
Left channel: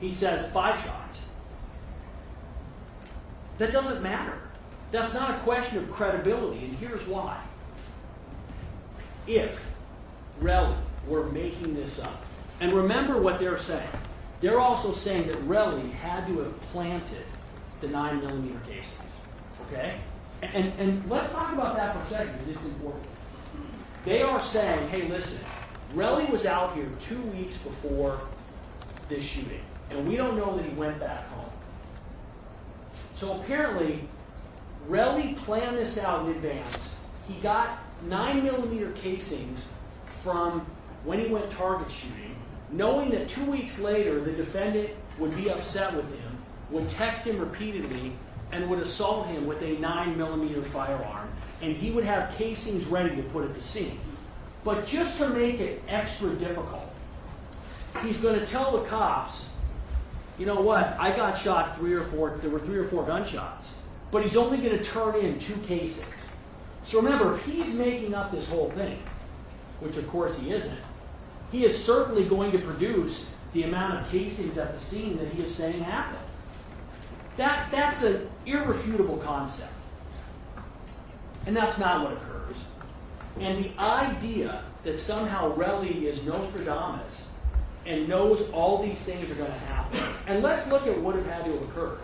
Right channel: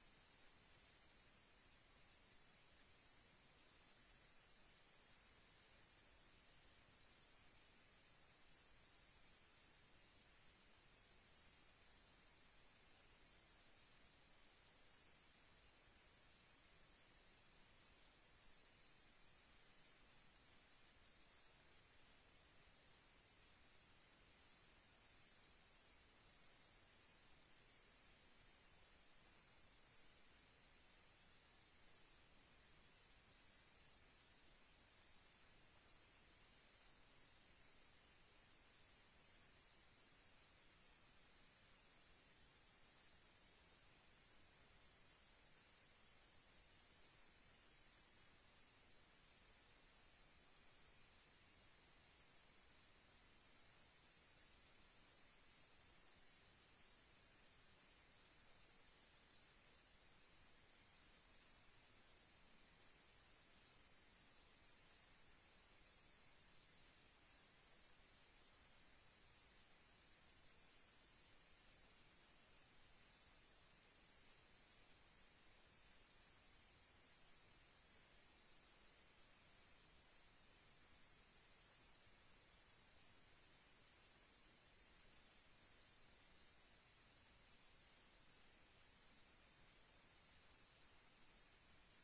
he says 5 shots. That doesn't matter. That's not a question of credibility, and here's why. If Relly were making this up, and remember what they're saying. They're also saying that Relly had to have planted the 9mm casings. Okay? And let's talk about that for a second, because it's important. They are saying, hey, listen, Relly was out here 2 weeks before this shooting, and we don't know that he went back home. So apparently, Relly planned this out in advance. He got 9mm casings from when he went target shooting, knowing that 2 weeks later the defendant would be upset with him, would text him repeatedly, and would assault him with a 9mm firearm, and he would have casings ready to put at the scene. But just to make it extra difficult, he's going to tell the cops, you know what, I got shot there were 3 or 4 gunshots, but he's only going to turn in 2 casings. So remember, if he's making up this whole thing, which of course he isn't, he is certainly going to produce the amount of casings at the scene that he is saying happened. That's an irrefutable concept. And that's not what occurs. And the idea that somehow Relly is Nostradamus and knows all these things are going to happen. And let's look at what had to have occurred.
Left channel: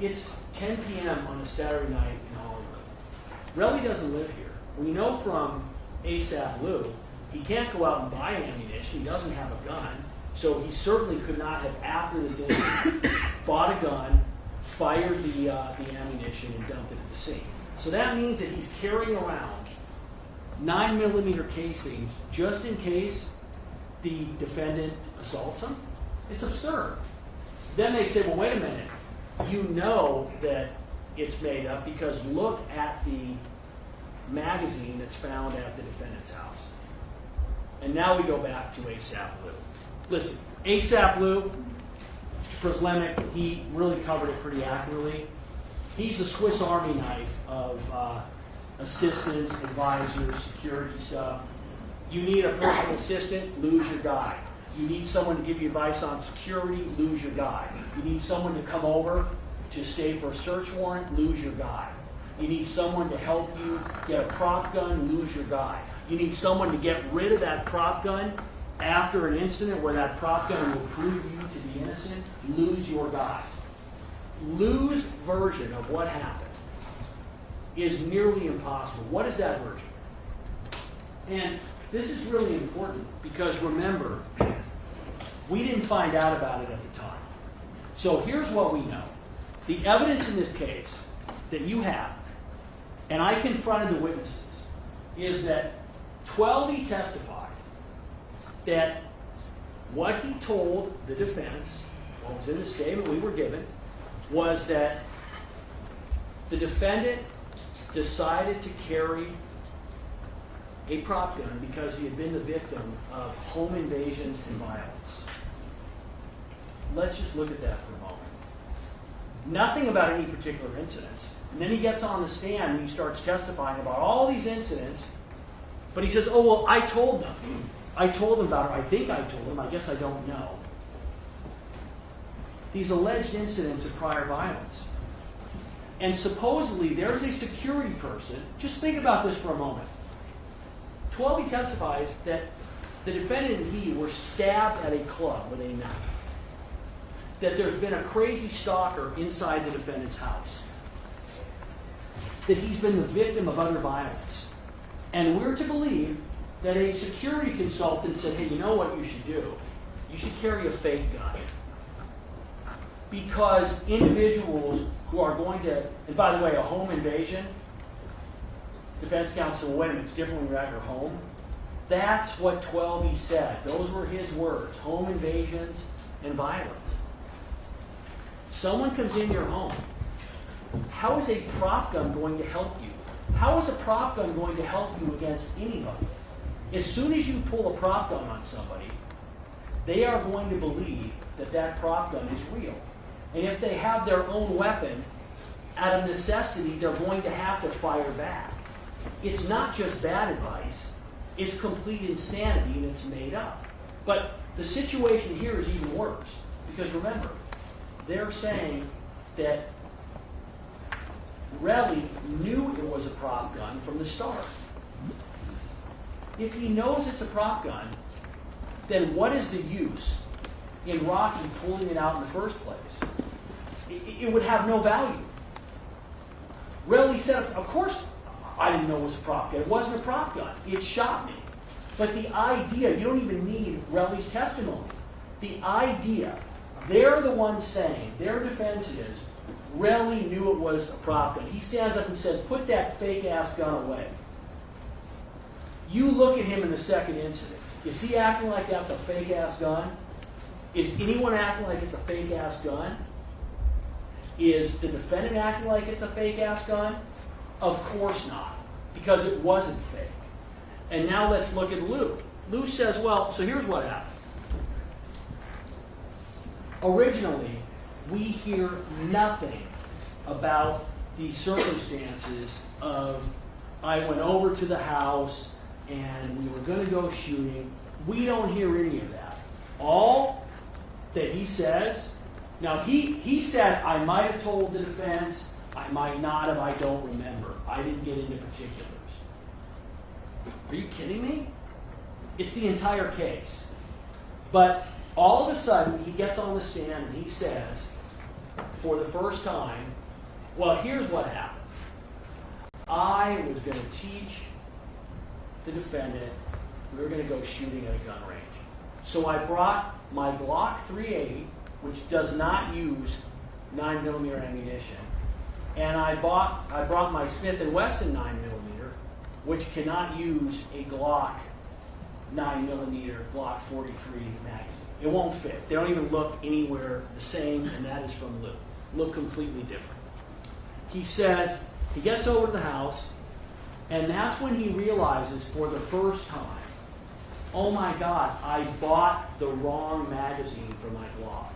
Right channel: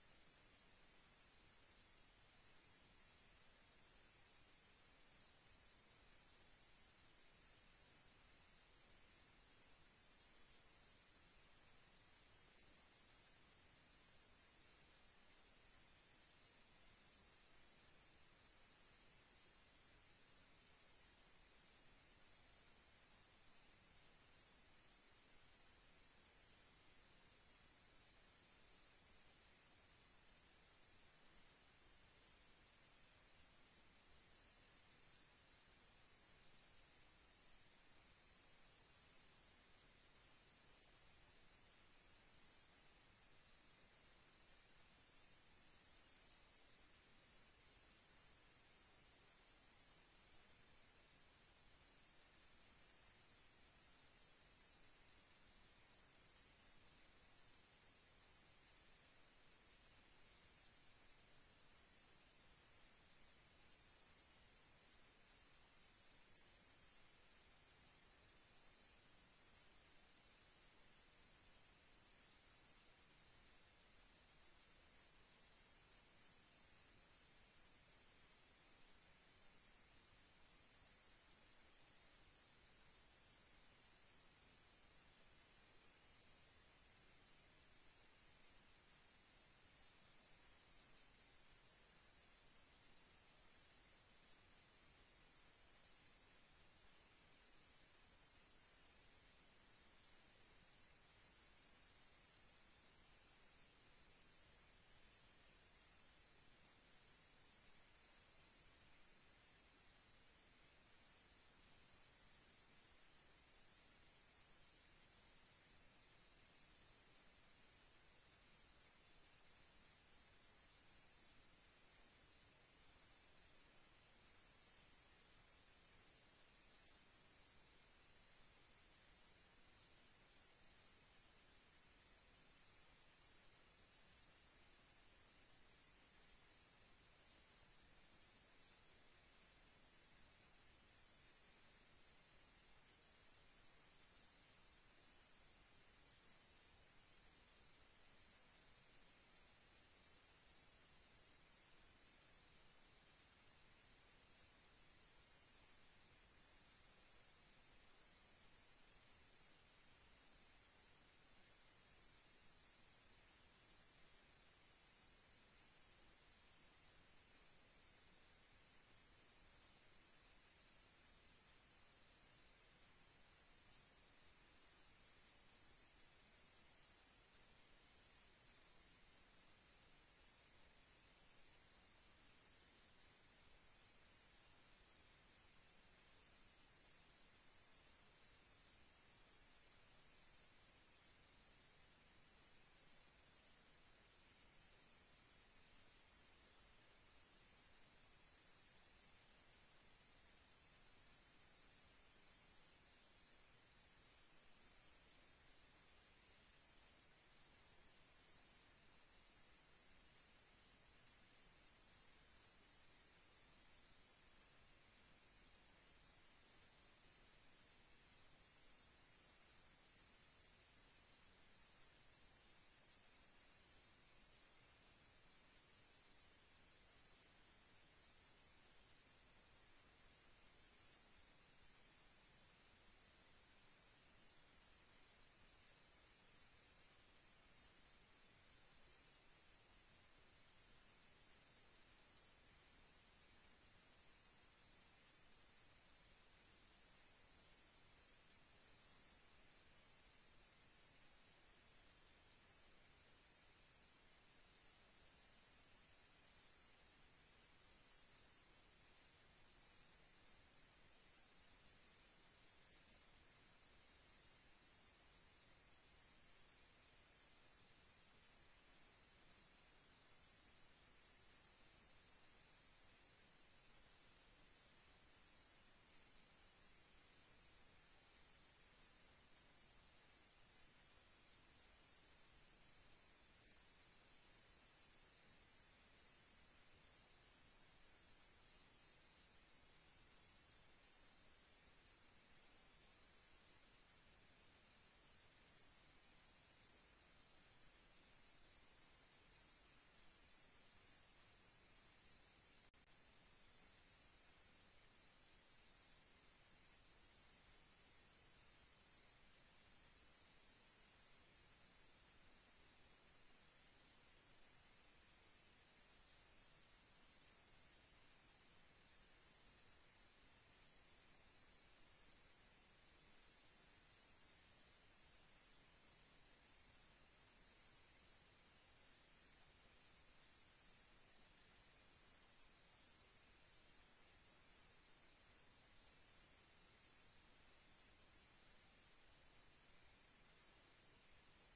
It's 10 p.m. on a Saturday night in Hollywood. Relly doesn't live here. We know from ASAP Lou, he can't go out and buy ammunition. He doesn't have a gun. So he certainly could not have, after this incident, bought a gun, fired the ammunition, and dumped it at the scene. So that means that he's carrying around 9mm casings just in case the defendant assaults him. It's absurd. Then they say, well, wait a minute. You know that it's made up because look at the magazine that's found at the defendant's house. And now we go back to ASAP Lou. Listen, ASAP Lou, Proslemic, he really covered it pretty accurately. He's the Swiss Army knife of assistants, advisors, security stuff. You need a personal assistant, lose your guy. You need someone to give you advice on security, lose your guy. You need someone to come over to stay for a search warrant, lose your guy. You need someone to help you get a prop gun, lose your guy. You need someone to get rid of that prop gun after an incident where that prop gun will prove you to be innocent, lose your guy. Lou's version of what happened is nearly impossible. What is that version? And this is really important because remember, we didn't find out about it at the time. So here's what we know. The evidence in this case that you have, and I confronted the witnesses, is that 12 testified that what he told the defense, what was in the statement we were given, was that the defendant decided to carry a prop gun because he had been the victim of home invasions and violence. Let's just look at that for a moment. Nothing about any particular incidents. And then he gets on the stand and he starts testifying about all these incidents, but he says, oh, well, I told them. I told them about it. I think I told them. I guess I don't know. These alleged incidents of prior violence. And supposedly there's a security person. Just think about this for a moment. 12 testifies that the defendant and he were stabbed at a club with a knife. That there's been a crazy stalker inside the defendant's house. That he's been the victim of other violence. And we're to believe that a security consultant said, hey, you know what you should do? You should carry a fake gun. Because individuals who are going to, and by the way, a home invasion, defense counsel, wait a minute, it's different when you're at your home. That's what 12 said. Those were his words, home invasions and violence. Someone comes in your home. How is a prop gun going to help you? How is a prop gun going to help you against anybody? As soon as you pull a prop gun on somebody, they are going to believe that that prop gun is real. And if they have their own weapon, out of necessity, they're going to have to fire back. It's not just bad advice, it's complete insanity and it's made up. But the situation here is even worse. Because remember, they're saying that Relly knew it was a prop gun from the start. If he knows it's a prop gun, then what is the use in Rocky pulling it out in the first place? It would have no value. Relly said, of course I didn't know it was a prop gun. It wasn't a prop gun. It shot me. But the idea, you don't even need Relly's testimony. The idea, they're the ones saying, their defense is, Relly knew it was a prop gun. He stands up and says, put that fake-ass gun away. You look at him in the second incident. Is he acting like that's a fake-ass gun? Is anyone acting like it's a fake-ass gun? Is the defendant acting like it's a fake-ass gun? Of course not, because it wasn't fake. And now let's look at Lou. Lou says, well, so here's what happened. Originally, we hear nothing about the circumstances of I went over to the house and we were going to go shooting. We don't hear any of that. All that he says, now he said, I might have told the defense, I might not have, I don't remember. I didn't get into particulars. Are you kidding me? It's the entire case. But all of a sudden, he gets on the stand and he says, for the first time, well, here's what happened. I was going to teach the defendant, we were going to go shooting at a gun range. So I brought my Glock 380, which does not use 9mm ammunition, and I brought my Smith & Wesson 9mm, which cannot use a Glock 9mm Glock 43 magazine. It won't fit. They don't even look anywhere the same, and that is from Lou. Look completely different. He says, he gets over to the house, and that's when he realizes for the first time, oh my God, I bought the wrong magazine for my Glock.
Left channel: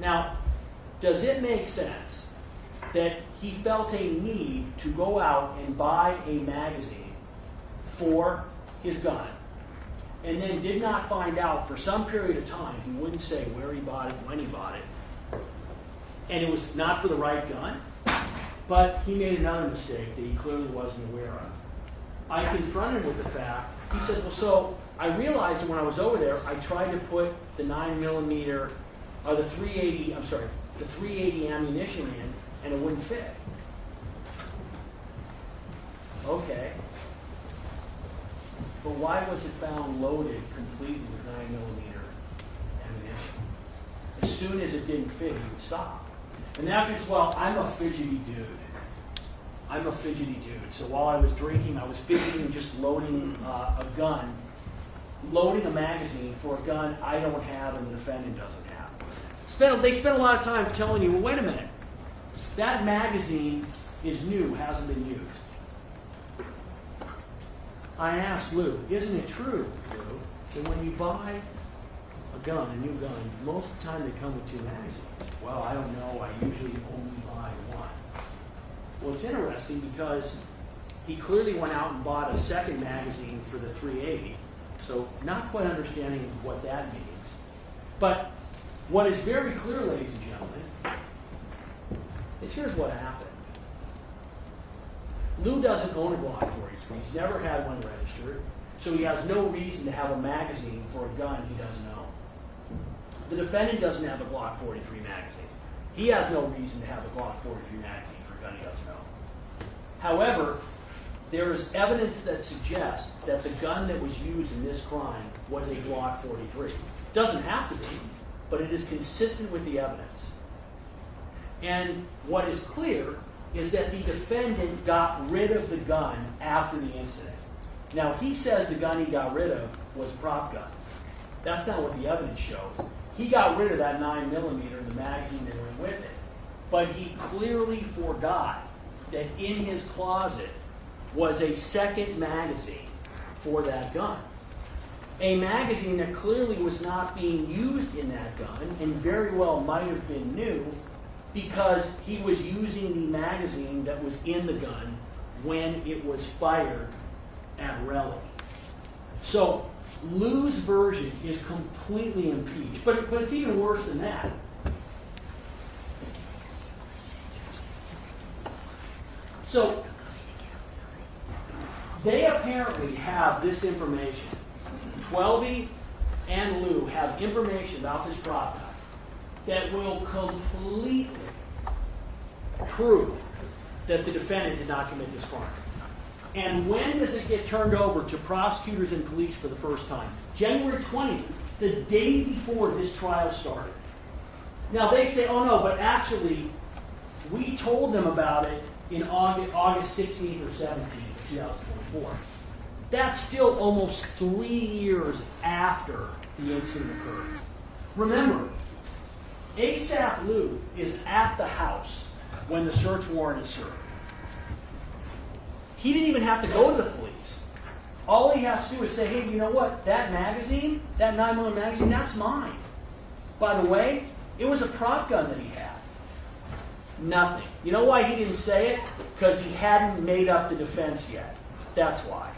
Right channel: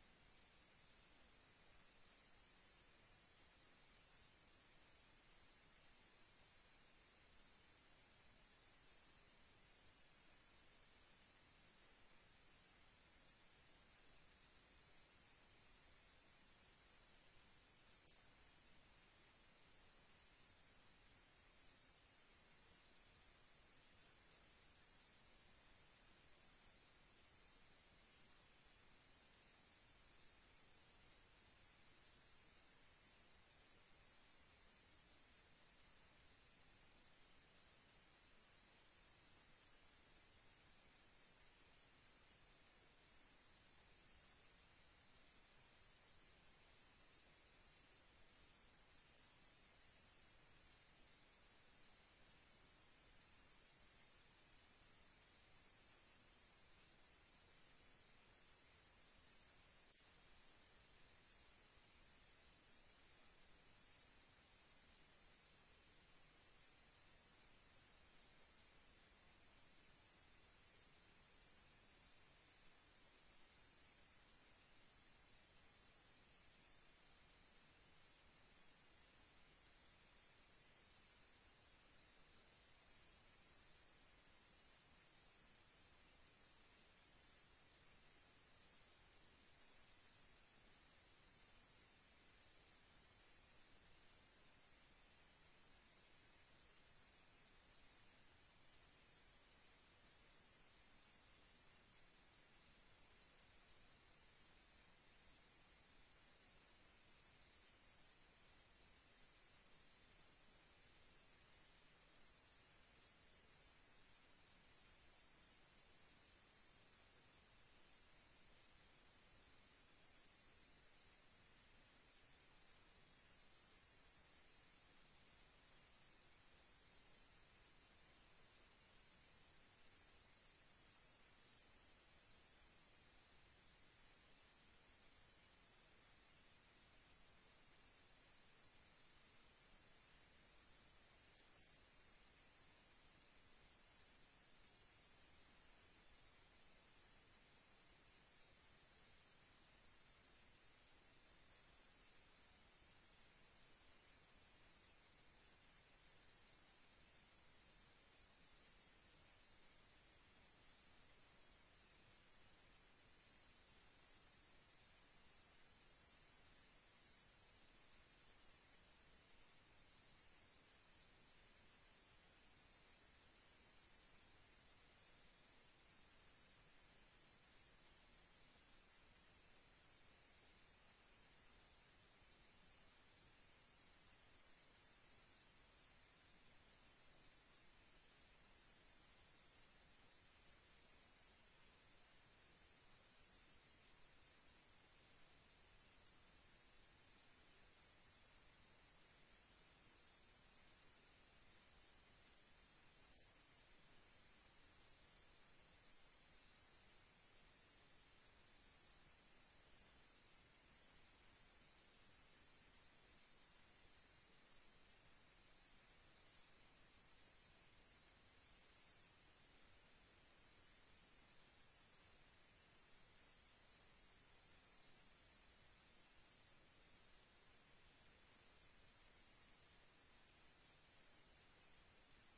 Now, does it make sense that he felt a need to go out and buy a magazine for his gun, and then did not find out for some period of time, he wouldn't say where he bought it, when he bought it, and it was not for the right gun, but he made another mistake that he clearly wasn't aware of. I confronted him with the fact, he said, well, so I realized that when I was over there, I tried to put the 9mm, or the 380, I'm sorry, the 380 ammunition in, and it wouldn't fit. Okay. But why was it found loaded completely with 9mm ammunition? As soon as it didn't fit, he would stop. And after it's, well, I'm a fidgety dude. I'm a fidgety dude. So while I was drinking, I was fidgeting, just loading a gun, loading a magazine for a gun I don't have and the defendant doesn't have. They spent a lot of time telling you, well, wait a minute. That magazine is new, hasn't been used. I asked Lou, isn't it true, Lou, that when you buy a gun, a new gun, most of the time they come with two magazines? Well, I don't know. I usually only buy one. Well, it's interesting because he clearly went out and bought a second magazine for the 380, so not quite understanding what that means. But what is very clear, ladies and gentlemen, is here's what happened. Lou doesn't own a Glock 43. He's never had one registered, so he has no reason to have a magazine for a gun he doesn't own. The defendant doesn't have a Glock 43 magazine. He has no reason to have a Glock 43 magazine for a gun he doesn't own. However, there is evidence that suggests that the gun that was used in this crime was a Glock 43. Doesn't have to be, but it is consistent with the evidence. And what is clear is that the defendant got rid of the gun after the incident. Now, he says the gun he got rid of was a prop gun. That's not what the evidence shows. He got rid of that 9mm, the magazine that went with it. But he clearly forgot that in his closet was a second magazine for that gun. A magazine that clearly was not being used in that gun and very well might have been new because he was using the magazine that was in the gun when it was fired at Relly. So Lou's version is completely impeached, but it's even worse than that. So they apparently have this information. Twelby and Lou have information about this prop guy that will completely prove that the defendant did not commit this crime. And when does it get turned over to prosecutors and police for the first time? January 20th, the day before this trial started. Now they say, oh no, but actually, we told them about it in August 16th or 17th of 2024. That's still almost 3 years after the incident occurred. Remember, ASAP Lou is at the house when the search warrant is served. He didn't even have to go to the police. All he has to do is say, hey, you know what? That magazine, that 9mm magazine, that's mine. By the way, it was a prop gun that he had. Nothing. You know why he didn't say it? Because he hadn't made up the defense yet. That's why.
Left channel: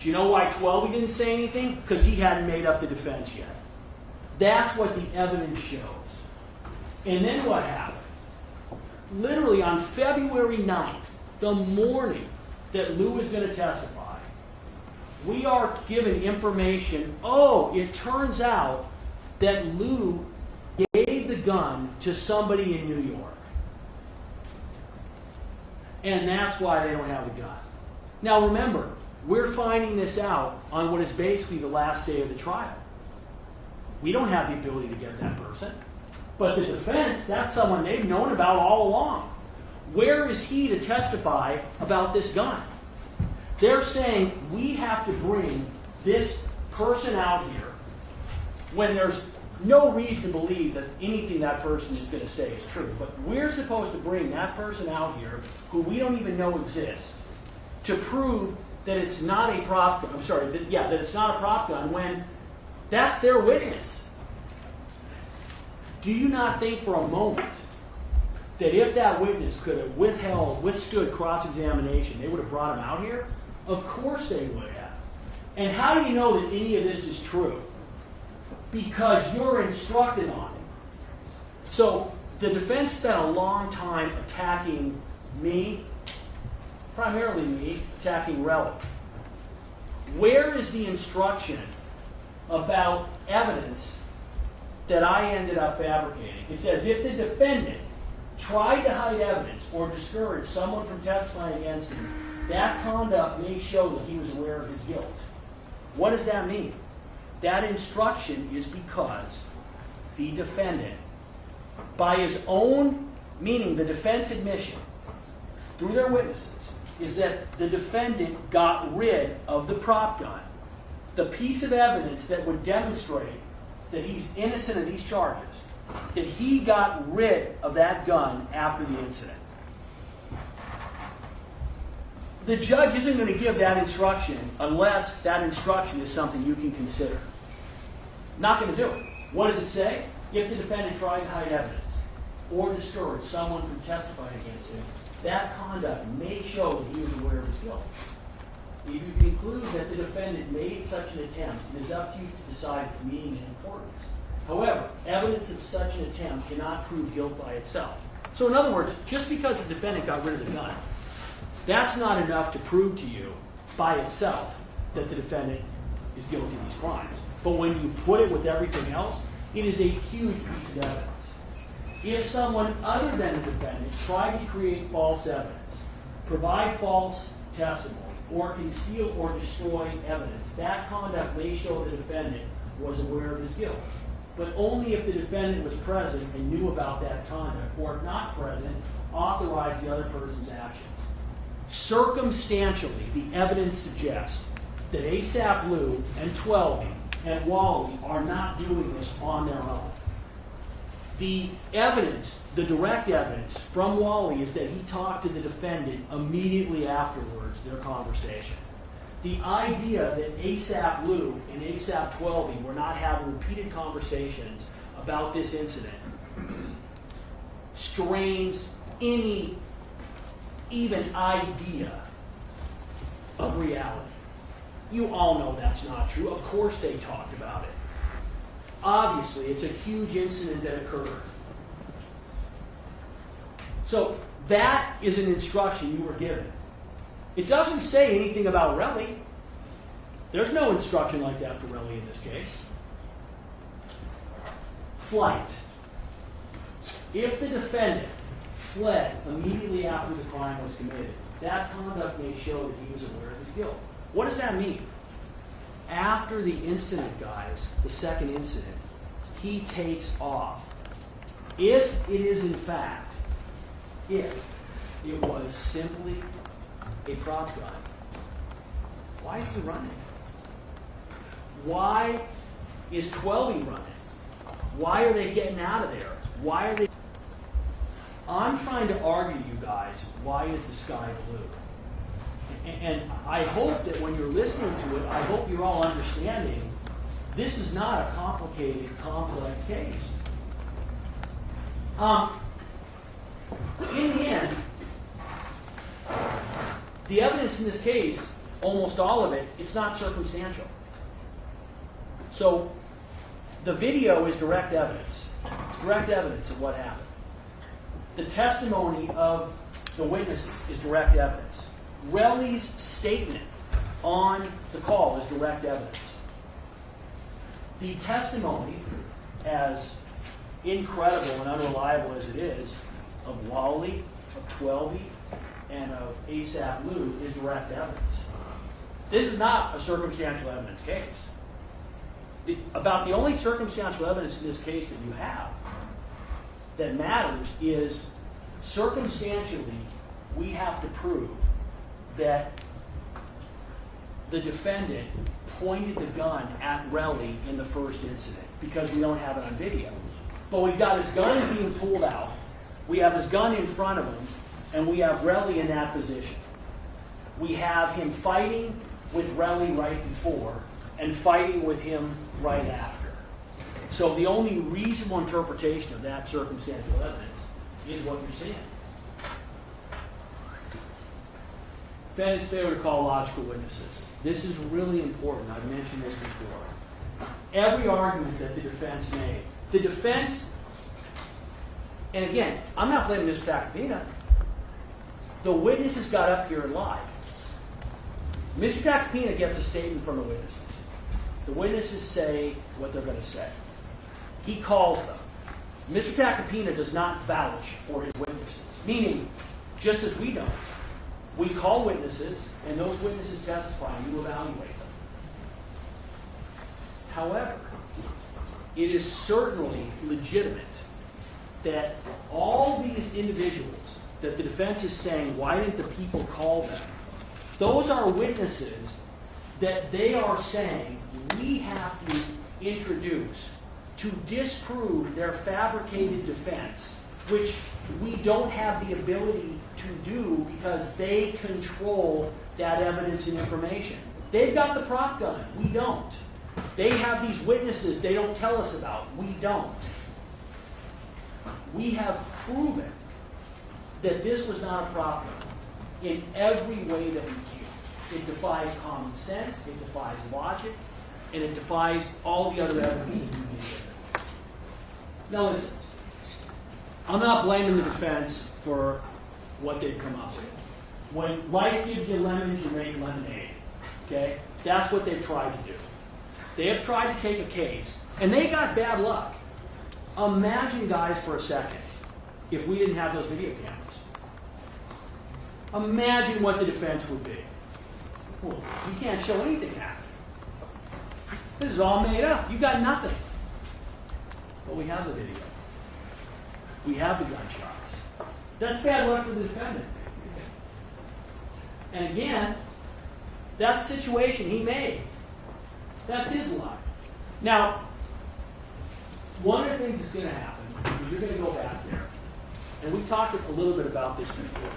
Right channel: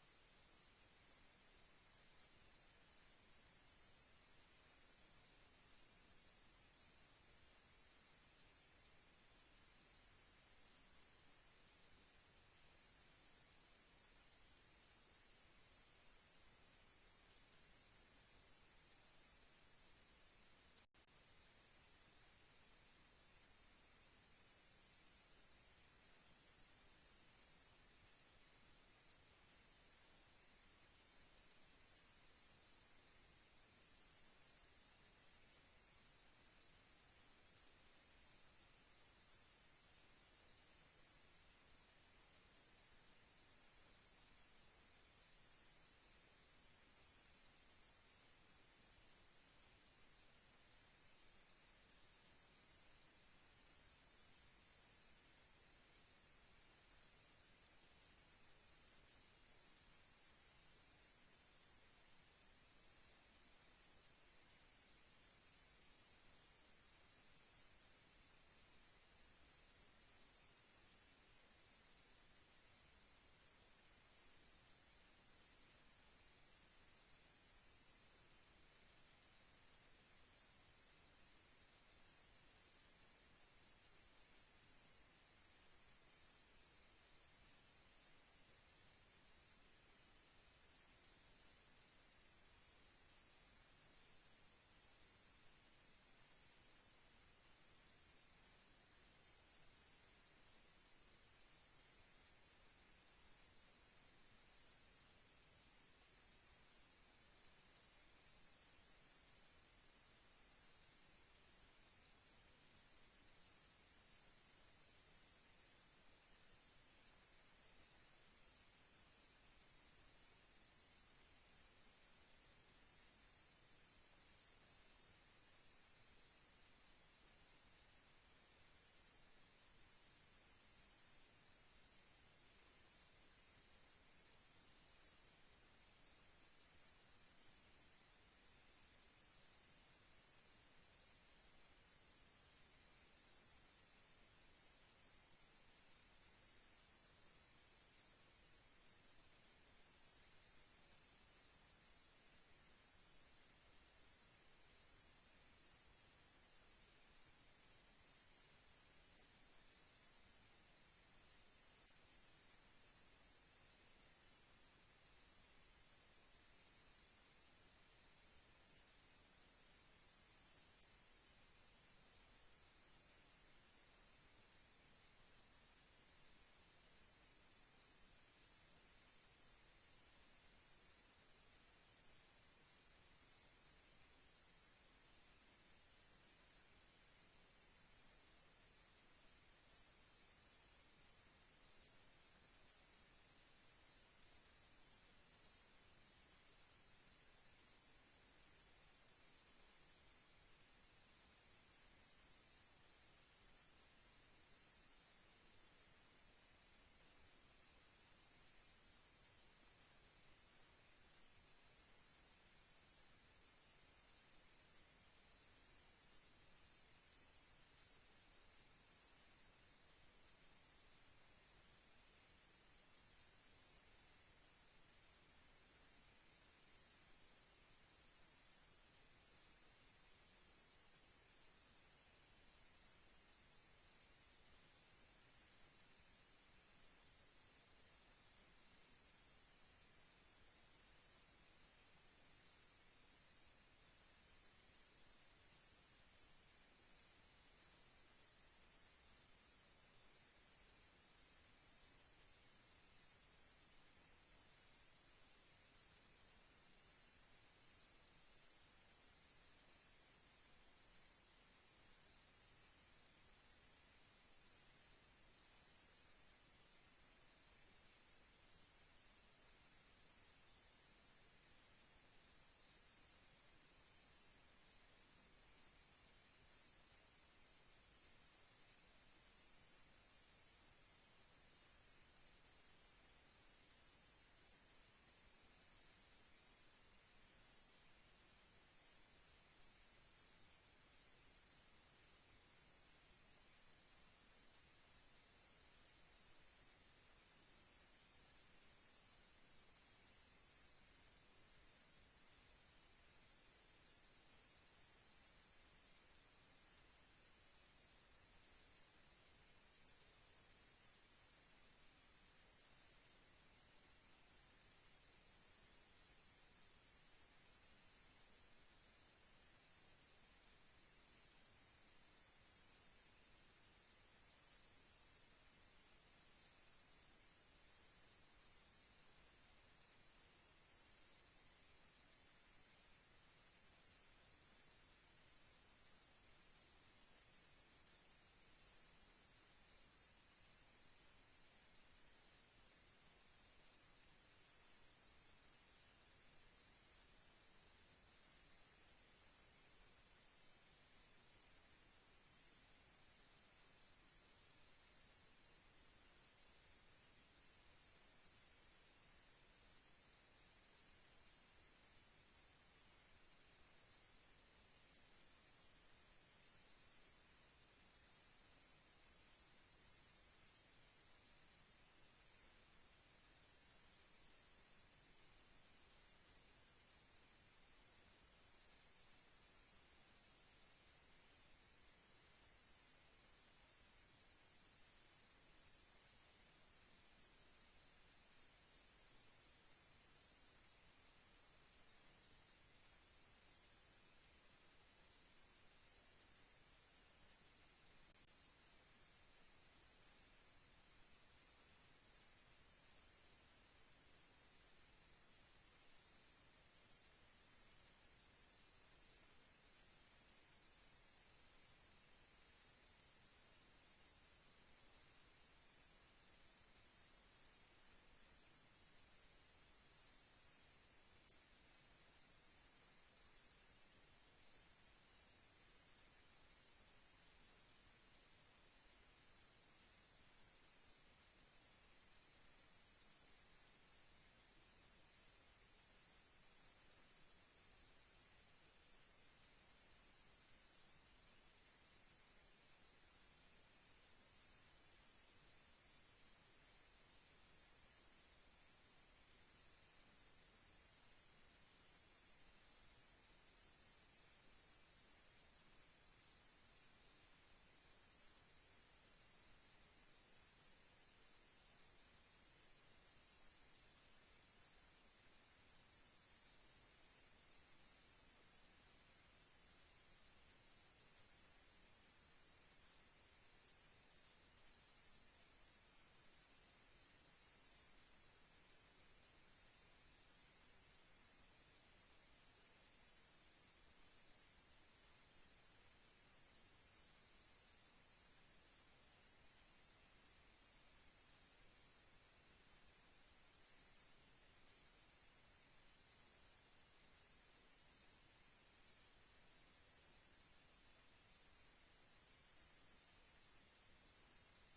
Do you know why Twelby didn't say anything? Because he hadn't made up the defense yet. That's what the evidence shows. And then what happened? Literally on February 9th, the morning that Lou is going to testify, we are given information. Oh, it turns out that Lou gave the gun to somebody in New York. And that's why they don't have the gun. Now remember, we're finding this out on what is basically the last day of the trial. We don't have the ability to get that person. But the defense, that's someone they've known about all along. Where is he to testify about this gun? They're saying we have to bring this person out here when there's no reason to believe that anything that person is going to say is true. But we're supposed to bring that person out here who we don't even know exists to prove that it's not a prop gun. I'm sorry, that it's not a prop gun when that's their witness. Do you not think for a moment that if that witness could have withstood cross-examination, they would have brought him out here? Of course they would have. And how do you know that any of this is true? Because you're instructed on it. So the defense spent a long time attacking me, primarily me, attacking Relic. Where is the instruction about evidence that I ended up fabricating? It says if the defendant tried to hide evidence or discourage someone from testifying against him, that conduct may show that he was aware of his guilt. What does that mean? That instruction is because the defendant, by his own, meaning the defense admission, through their witnesses, is that the defendant got rid of the prop gun, the piece of evidence that would demonstrate that he's innocent of these charges, that he got rid of that gun after the incident. The judge isn't going to give that instruction unless that instruction is something you can consider. Not going to do it. What does it say? If the defendant tried to hide evidence or discourage someone from testifying against him, that conduct may show that he was aware of his guilt. If you conclude that the defendant made such an attempt, it is up to you to decide its meaning and importance. However, evidence of such an attempt cannot prove guilt by itself. So in other words, just because the defendant got rid of the gun, that's not enough to prove to you by itself that the defendant is guilty of these crimes. But when you put it with everything else, it is a huge piece of evidence. If someone other than the defendant tried to create false evidence, provide false testimony, or conceal or destroy evidence, that conduct may show the defendant was aware of his guilt. But only if the defendant was present and knew about that conduct, or if not present, authorized the other person's actions. Circumstantially, the evidence suggests that ASAP Lou and Twelby and Wally are not doing this on their own. The evidence, the direct evidence from Wally is that he talked to the defendant immediately afterwards, their conversation. The idea that ASAP Lou and ASAP Twelby were not having repeated conversations about this incident strains any even idea of reality. You all know that's not true. Of course they talked about it. Obviously, it's a huge incident that occurred. So That is an instruction you were given. It doesn't say anything about Relly. There's no instruction like that for Relly in this case. Flight. If the defendant fled immediately after the crime was committed, that conduct may show that he was aware of his guilt. What does that mean? After the incident, guys, the second incident, he takes off. If it is in fact, if it was simply a prop gun, why is he running? Why is 12 running? Why are they getting out of there? Why are they? I'm trying to argue, you guys, why is the sky blue? And I hope that when you're listening to it, I hope you're all understanding this is not a complicated, complex case. In the end, the evidence in this case, almost all of it, it's not circumstantial. So the video is direct evidence. It's direct evidence of what happened. The testimony of the witnesses is direct evidence. Relly's statement on the call is direct evidence. The testimony, as incredible and unreliable as it is, of Wally, of Twelvey, and of ASAP Lou is direct evidence. This is not a circumstantial evidence case. About the only circumstantial evidence in this case that you have that matters is circumstantially we have to prove that the defendant pointed the gun at Relly in the first incident because we don't have it on video. But we've got his gun being pulled out, we have his gun in front of him, and we have Relly in that position. We have him fighting with Relly right before and fighting with him right after. So the only reasonable interpretation of that circumstantial evidence is what you're seeing. Defendant's failure to call logical witnesses. This is really important. I've mentioned this before. Every argument that the defense made, the defense, and again, I'm not blaming Mr. Tacopina. The witnesses got up here and lied. Mr. Tacopina gets a statement from the witnesses. The witnesses say what they're going to say. He calls them. Mr. Tacopina does not vouch for his witnesses, meaning, just as we don't, we call witnesses, and those witnesses testify, and you evaluate them. However, it is certainly legitimate that all these individuals that the defense is saying, why didn't the people call them? Those are witnesses that they are saying we have to introduce to disprove their fabricated defense, which we don't have the ability to do because they control that evidence and information. They've got the prop gun. We don't. They have these witnesses they don't tell us about. We don't. We have proven that this was not a prop gun in every way that we can. It defies common sense, it defies logic, and it defies all the other evidence that you can. Now listen, I'm not blaming the defense for what they've come up with. When life gives you lemons, you make lemonade. Okay? That's what they've tried to do. They have tried to take a case, and they got bad luck. Imagine, guys, for a second, if we didn't have those video cameras. Imagine what the defense would be. Well, you can't show anything happening. This is all made up. You got nothing. But we have the video. We have the gunshots. That's bad luck for the defendant. And again, that's the situation he made. That's his lie. Now, one of the things that's going to happen is you're going to go back there. And we talked a little bit about this before.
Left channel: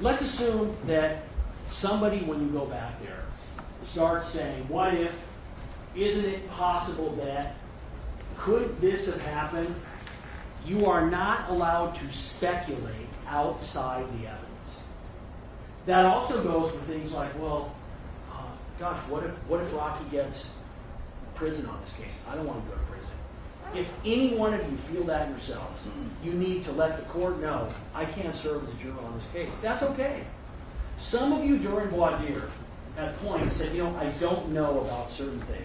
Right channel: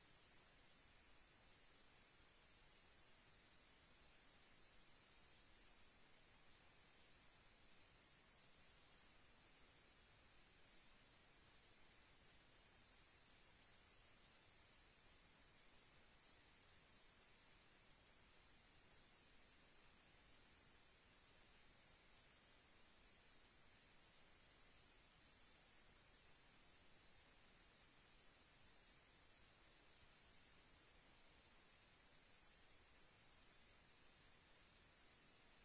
Let's assume that somebody, when you go back there, starts saying, what if, isn't it possible that, could this have happened? You are not allowed to speculate outside the evidence. That also goes for things like, well, gosh, what if Rocky gets prison on this case? I don't want to go to prison. If any one of you feel that yourselves, you need to let the court know, I can't serve as a juror on this case. That's okay. Some of you during voir dire at points said, I don't know about certain things.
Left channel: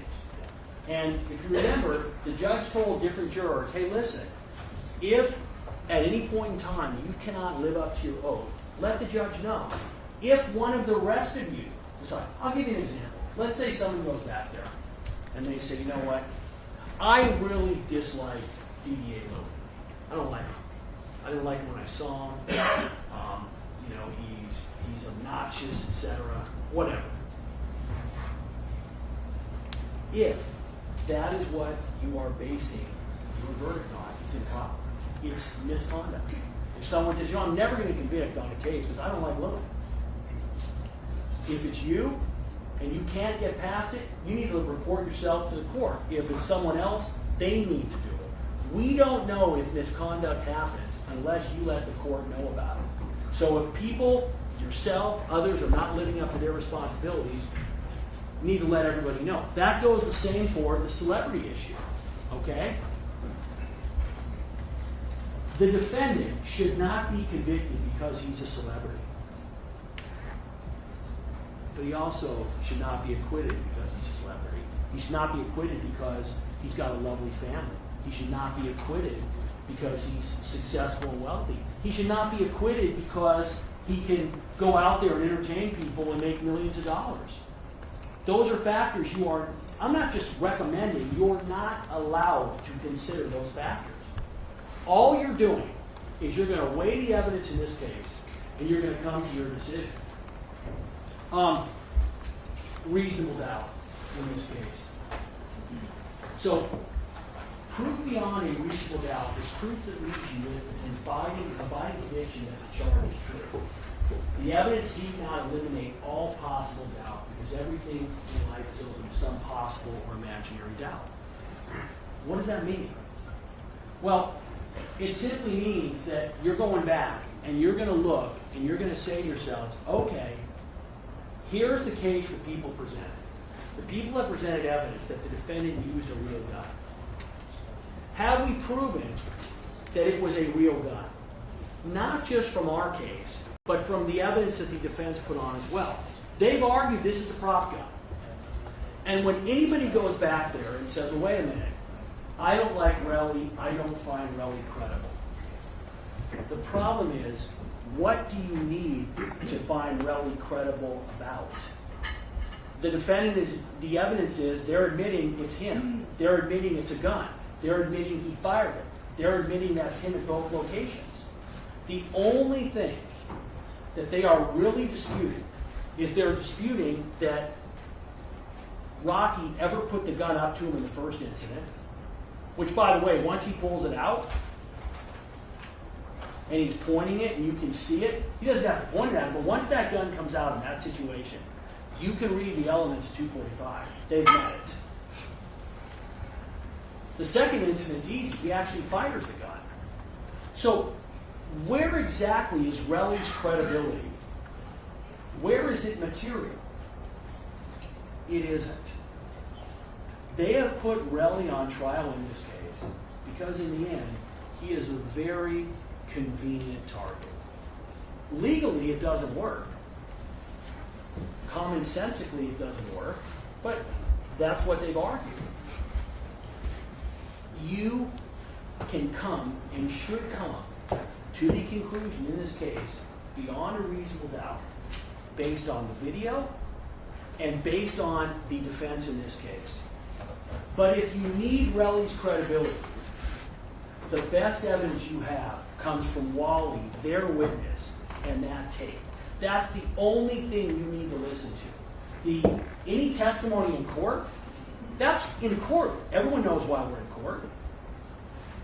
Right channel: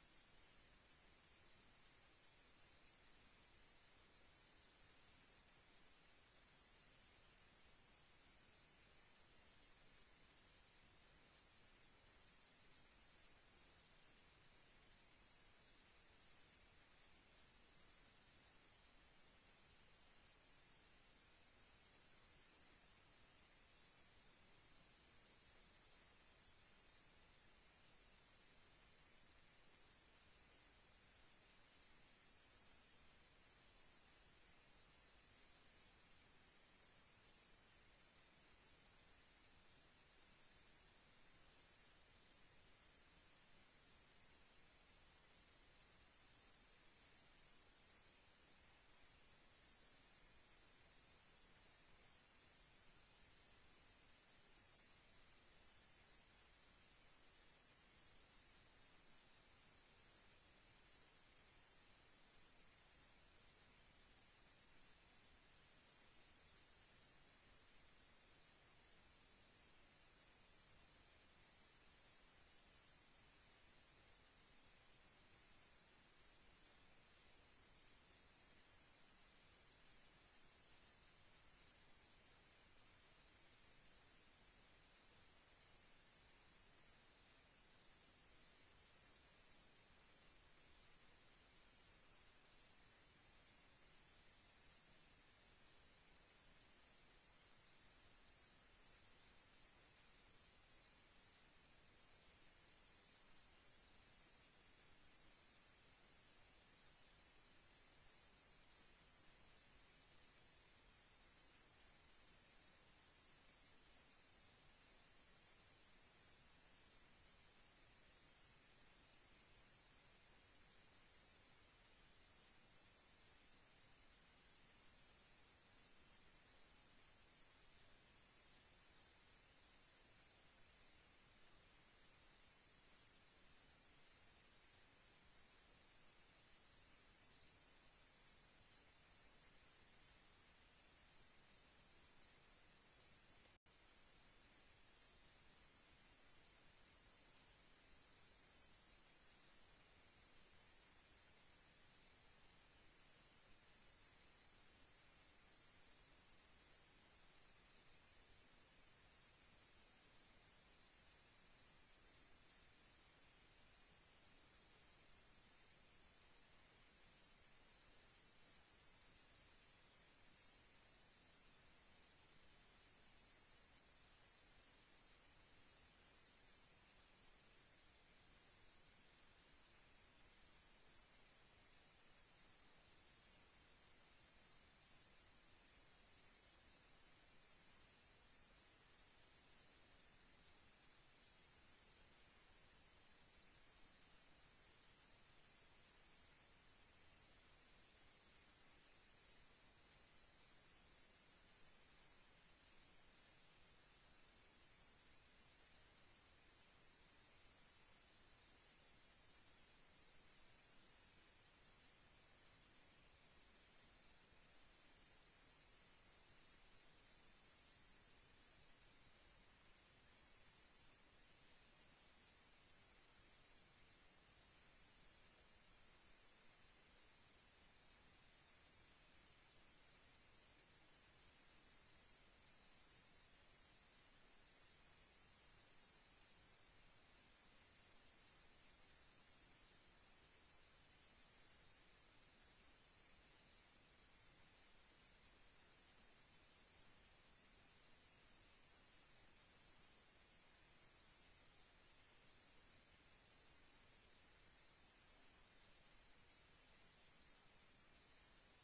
And if you remember, the judge told different jurors, hey, listen, if at any point in time you cannot live up to your oath, let the judge know. If one of the rest of you decide, I'll give you an example. Let's say someone goes back there and they say, you know what, I really dislike DDA Lilly. I don't like him. I didn't like him when I saw him. He's obnoxious, etc. Whatever. If that is what you are basing your verdict on, it's improper. It's misconduct. If someone says, I'm never going to convict on a case because I don't like Lilly. If it's you and you can't get past it, you need to report yourself to the court. If it's someone else, they need to do it. We don't know if misconduct happens unless you let the court know about it. So if people, yourself, others are not living up to their responsibilities, you need to let everybody know. That goes the same for the celebrity issue. Okay? The defendant should not be convicted because he's a celebrity. But he also should not be acquitted because he's a celebrity. He should not be acquitted because he's got a lovely family. He should not be acquitted because he's successful and wealthy. He should not be acquitted because he can go out there and entertain people and make millions of dollars. Those are factors I'm not just recommending, you're not allowed to consider those factors. All you're doing is you're going to weigh the evidence in this case and you're going to come to your decision. Reasonable doubt in this case. So, proof beyond a reasonable doubt is proof that leaves you with an abiding conviction that the charge is true. The evidence need not eliminate all possible doubt because everything in life is open to some possible or imaginary doubt. What does that mean? Well, it simply means that you're going back and you're going to look and you're going to say to yourselves, okay, here's the case that people presented. The people have presented evidence that the defendant used a real gun. Have we proven that it was a real gun? Not just from our case, but from the evidence that the defense put on as well. They've argued this is a prop gun. And when anybody goes back there and says, well, wait a minute, I don't like Relly, I don't find Relly credible. The problem is, what do you need to find Relly credible about? The the evidence is they're admitting it's him. They're admitting it's a gun. They're admitting he fired it. They're admitting that's him at both locations. The only thing that they are really disputing is they're disputing that Rocky ever put the gun up to him in the first incident, which, by the way, once he pulls it out and he's pointing it and you can see it, he doesn't have to point it at him, but once that gun comes out in that situation, you can read the elements of 245. They've met it. The second incident's easy. He actually fires the gun. So where exactly is Relly's credibility? Where is it material? It isn't. They have put Relly on trial in this case because in the end, he is a very convenient target. Legally, it doesn't work. Commonsensically, it doesn't work, but that's what they've argued. You can come and should come to the conclusion in this case beyond a reasonable doubt based on the video and based on the defense in this case. But if you need Relly's credibility, the best evidence you have comes from Wally, their witness, and that tape. That's the only thing you need to listen to. Any testimony in court, that's in court. Everyone knows why we're in court.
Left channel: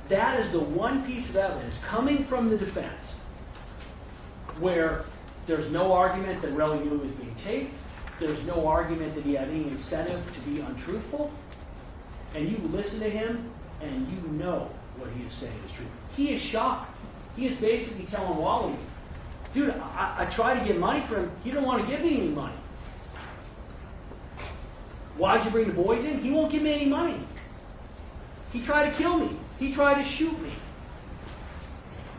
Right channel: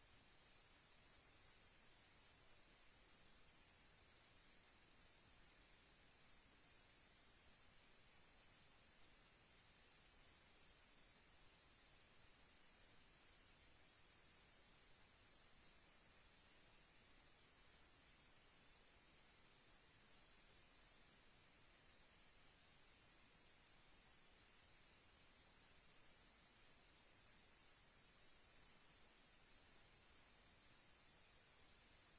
That is the one piece of evidence coming from the defense where there's no argument that Relly knew he was being taped. There's no argument that he had any incentive to be untruthful. And you listen to him and you know what he is saying is true. He is shocked. He is basically telling Wally, dude, I tried to get money from him. He didn't want to give me any money. Why'd you bring the boys in? He won't give me any money. He tried to kill me. He tried to shoot me.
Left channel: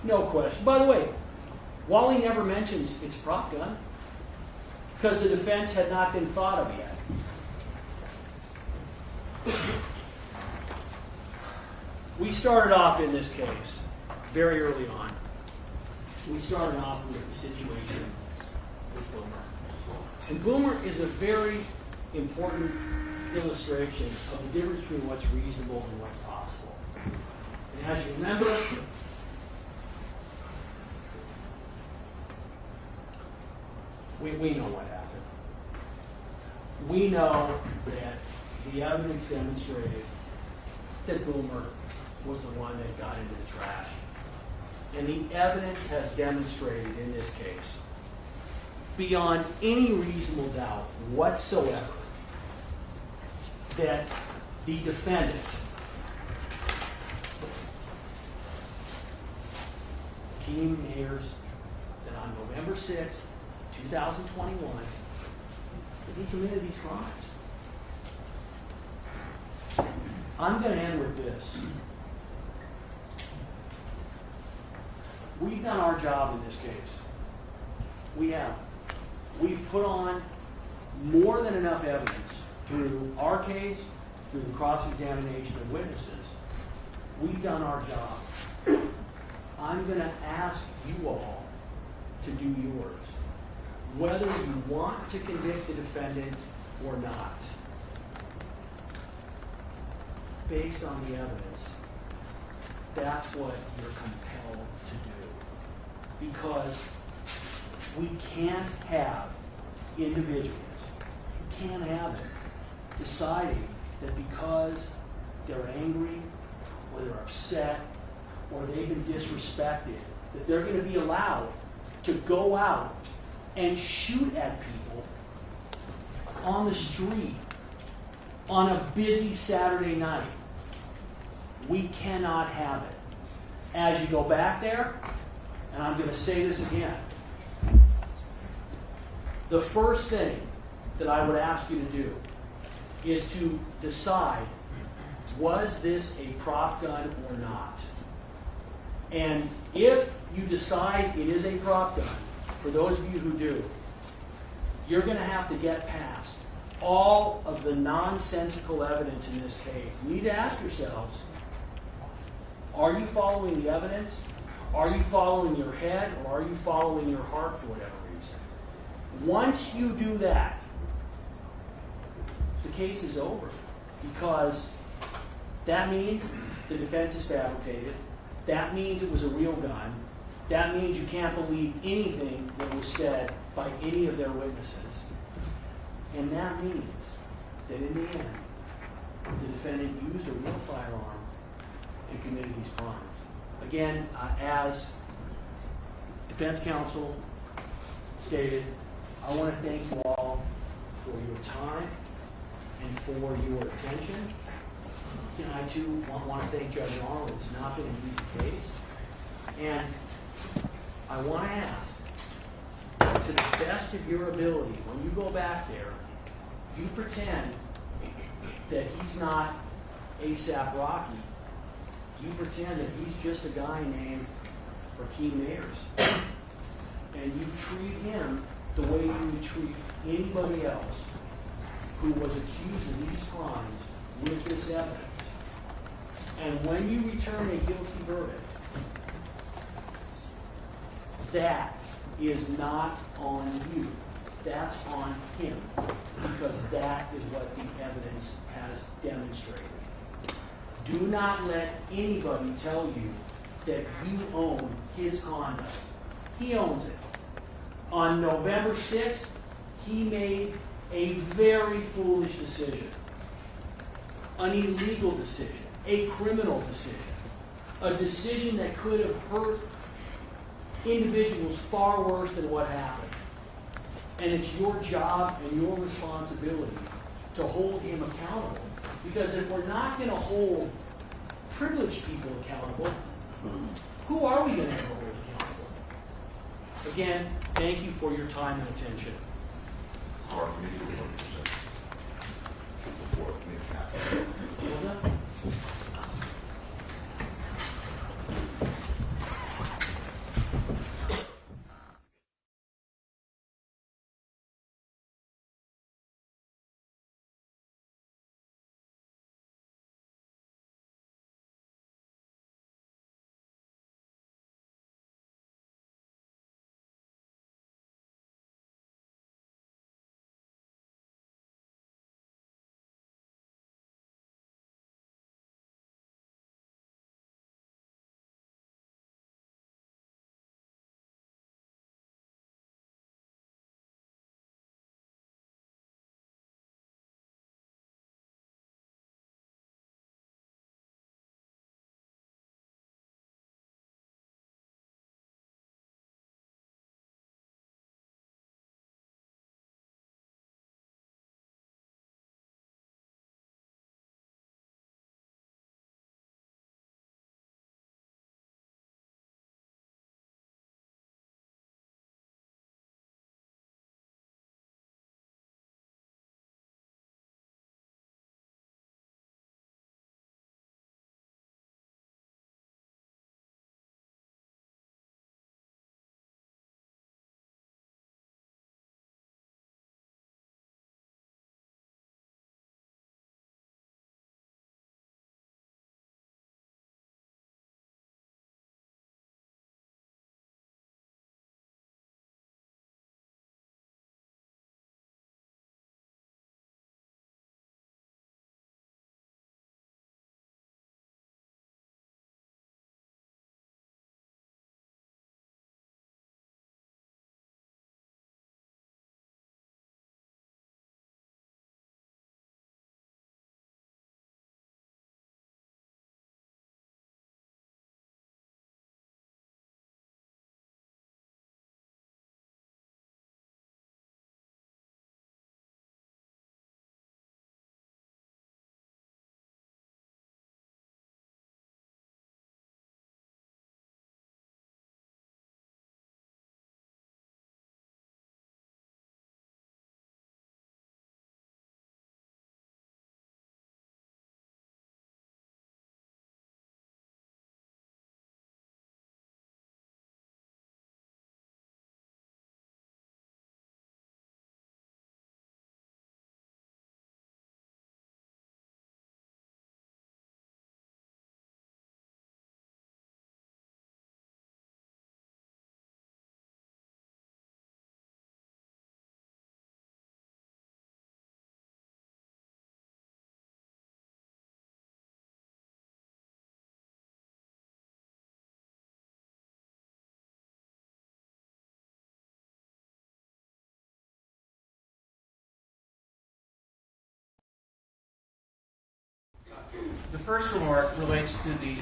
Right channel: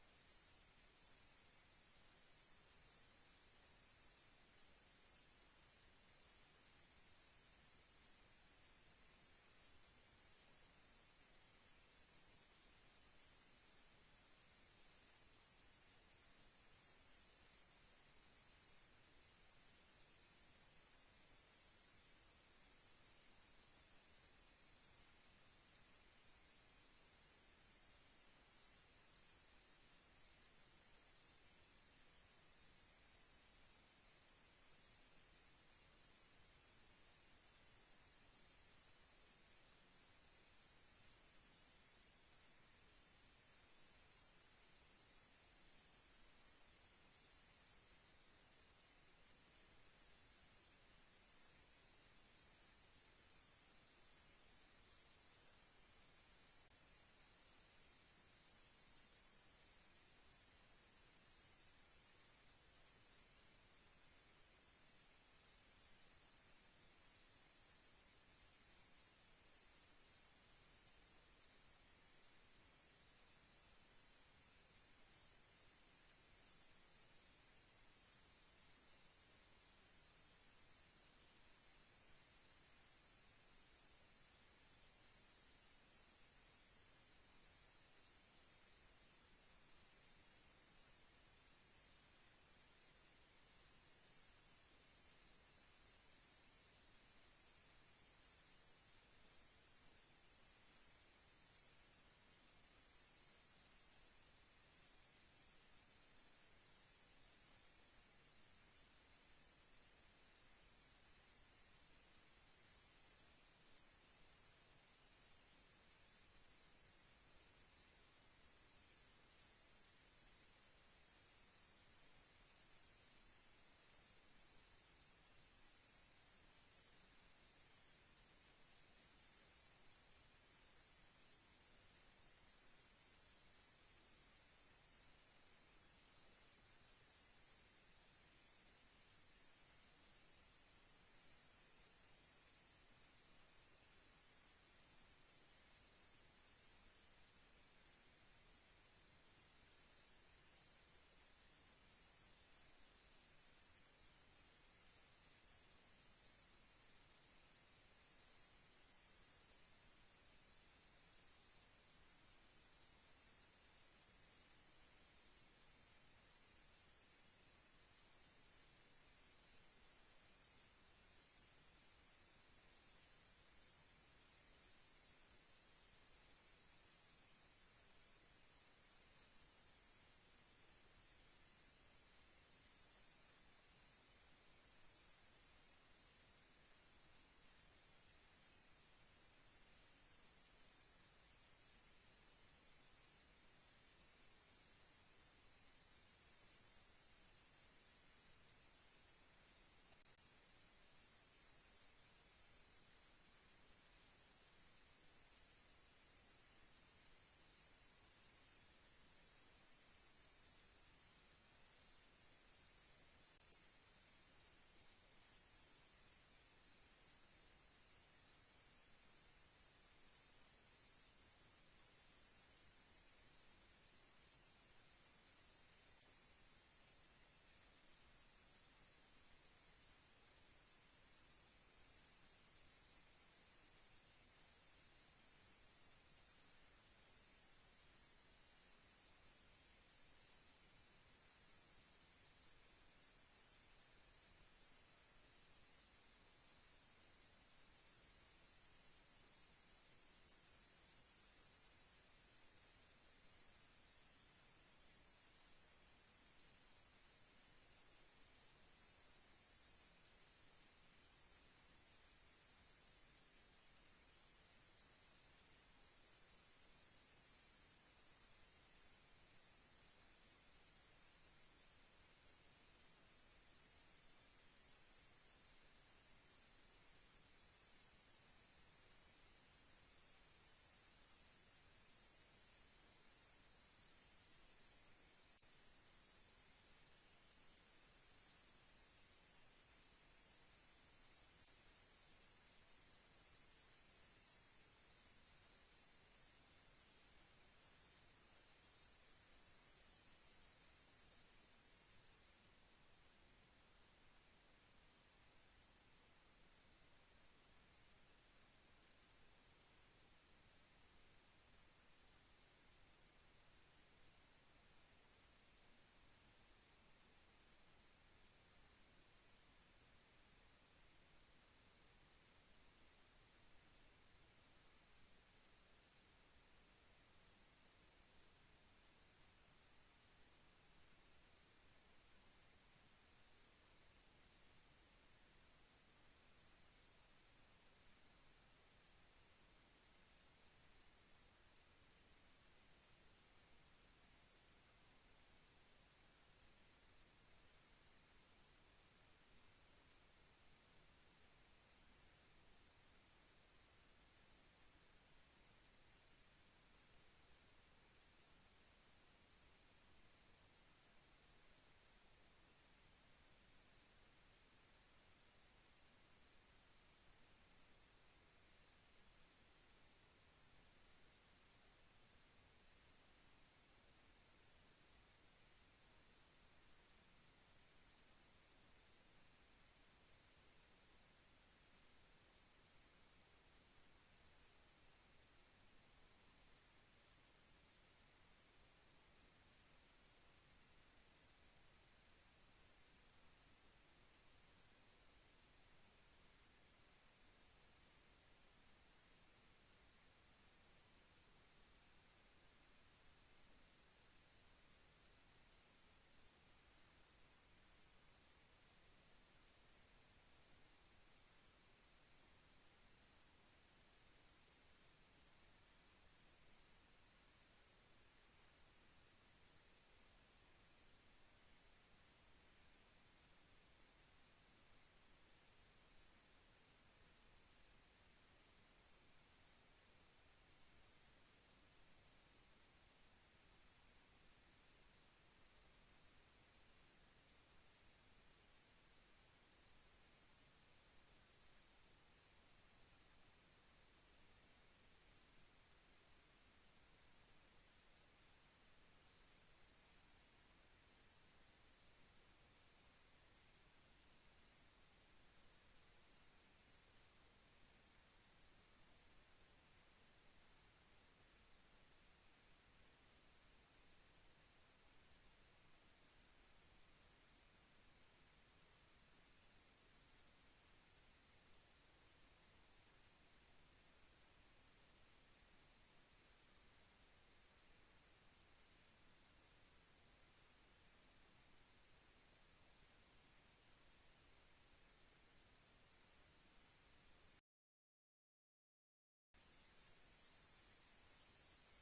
No question. By the way, Wally never mentions it's a prop gun because the defense had not been thought of yet. We started off in this case very early on. We started off with the situation with Boomer. And Boomer is a very important illustration of the difference between what's reasonable and what's possible. And as you remember, we know what happened. We know that the evidence demonstrated that Boomer was the one that got into the trash. And the evidence has demonstrated in this case, beyond any reasonable doubt whatsoever, that the defendant Keem Ayers, that on November 6th, 2021, that he committed these crimes. I'm going to end with this. We've done our job in this case. We have. We've put on more than enough evidence through our case, through the cross-examination of witnesses. We've done our job. I'm going to ask you all to do yours, whether you want to convict the defendant or not, based on the evidence. That's what you're compelled to do. Because we can't have individuals, we can't have it, deciding that because they're angry, or they're upset, or they've been disrespected, that they're going to be allowed to go out and shoot at people on the street on a busy Saturday night. We cannot have it. As you go back there, and I'm going to say this again, the first thing that I would ask you to do is to decide, was this a prop gun or not? And if you decide it is a prop gun, for those of you who do, you're going to have to get past all of the nonsensical evidence in this case. You need to ask yourselves, are you following the evidence? Are you following your head, or are you following your heart for whatever reason? Once you do that, the case is over, because that means the defense is fabricated. That means it was a real gun. That means you can't believe anything that was said by any of their witnesses. And that means that in the end, the defendant used a real firearm and committed these crimes. Again, as defense counsel stated, I want to thank you all for your time and for your attention. And I too want to thank Judge Arnold. It's not been an easy case. And I want to ask, to the best of your ability, when you go back there, you pretend that he's not ASAP Rocky. You pretend that he's just a guy named Rakeem Ayers. And you treat him the way you would treat anybody else who was accused of these crimes with this evidence. And when you return a guilty verdict, that is not on you. That's on him. Because that is what the evidence has demonstrated. Do not let anybody tell you that you own his conduct. He owns it. On November 6th, he made a very foolish decision. An illegal decision. A criminal decision. A decision that could have hurt individuals far worse than what happened. And it's your job and your responsibility to hold him accountable. Because if we're not going to hold privileged people accountable, who are we going to hold accountable? Again, thank you for your time and attention. first remark relates to the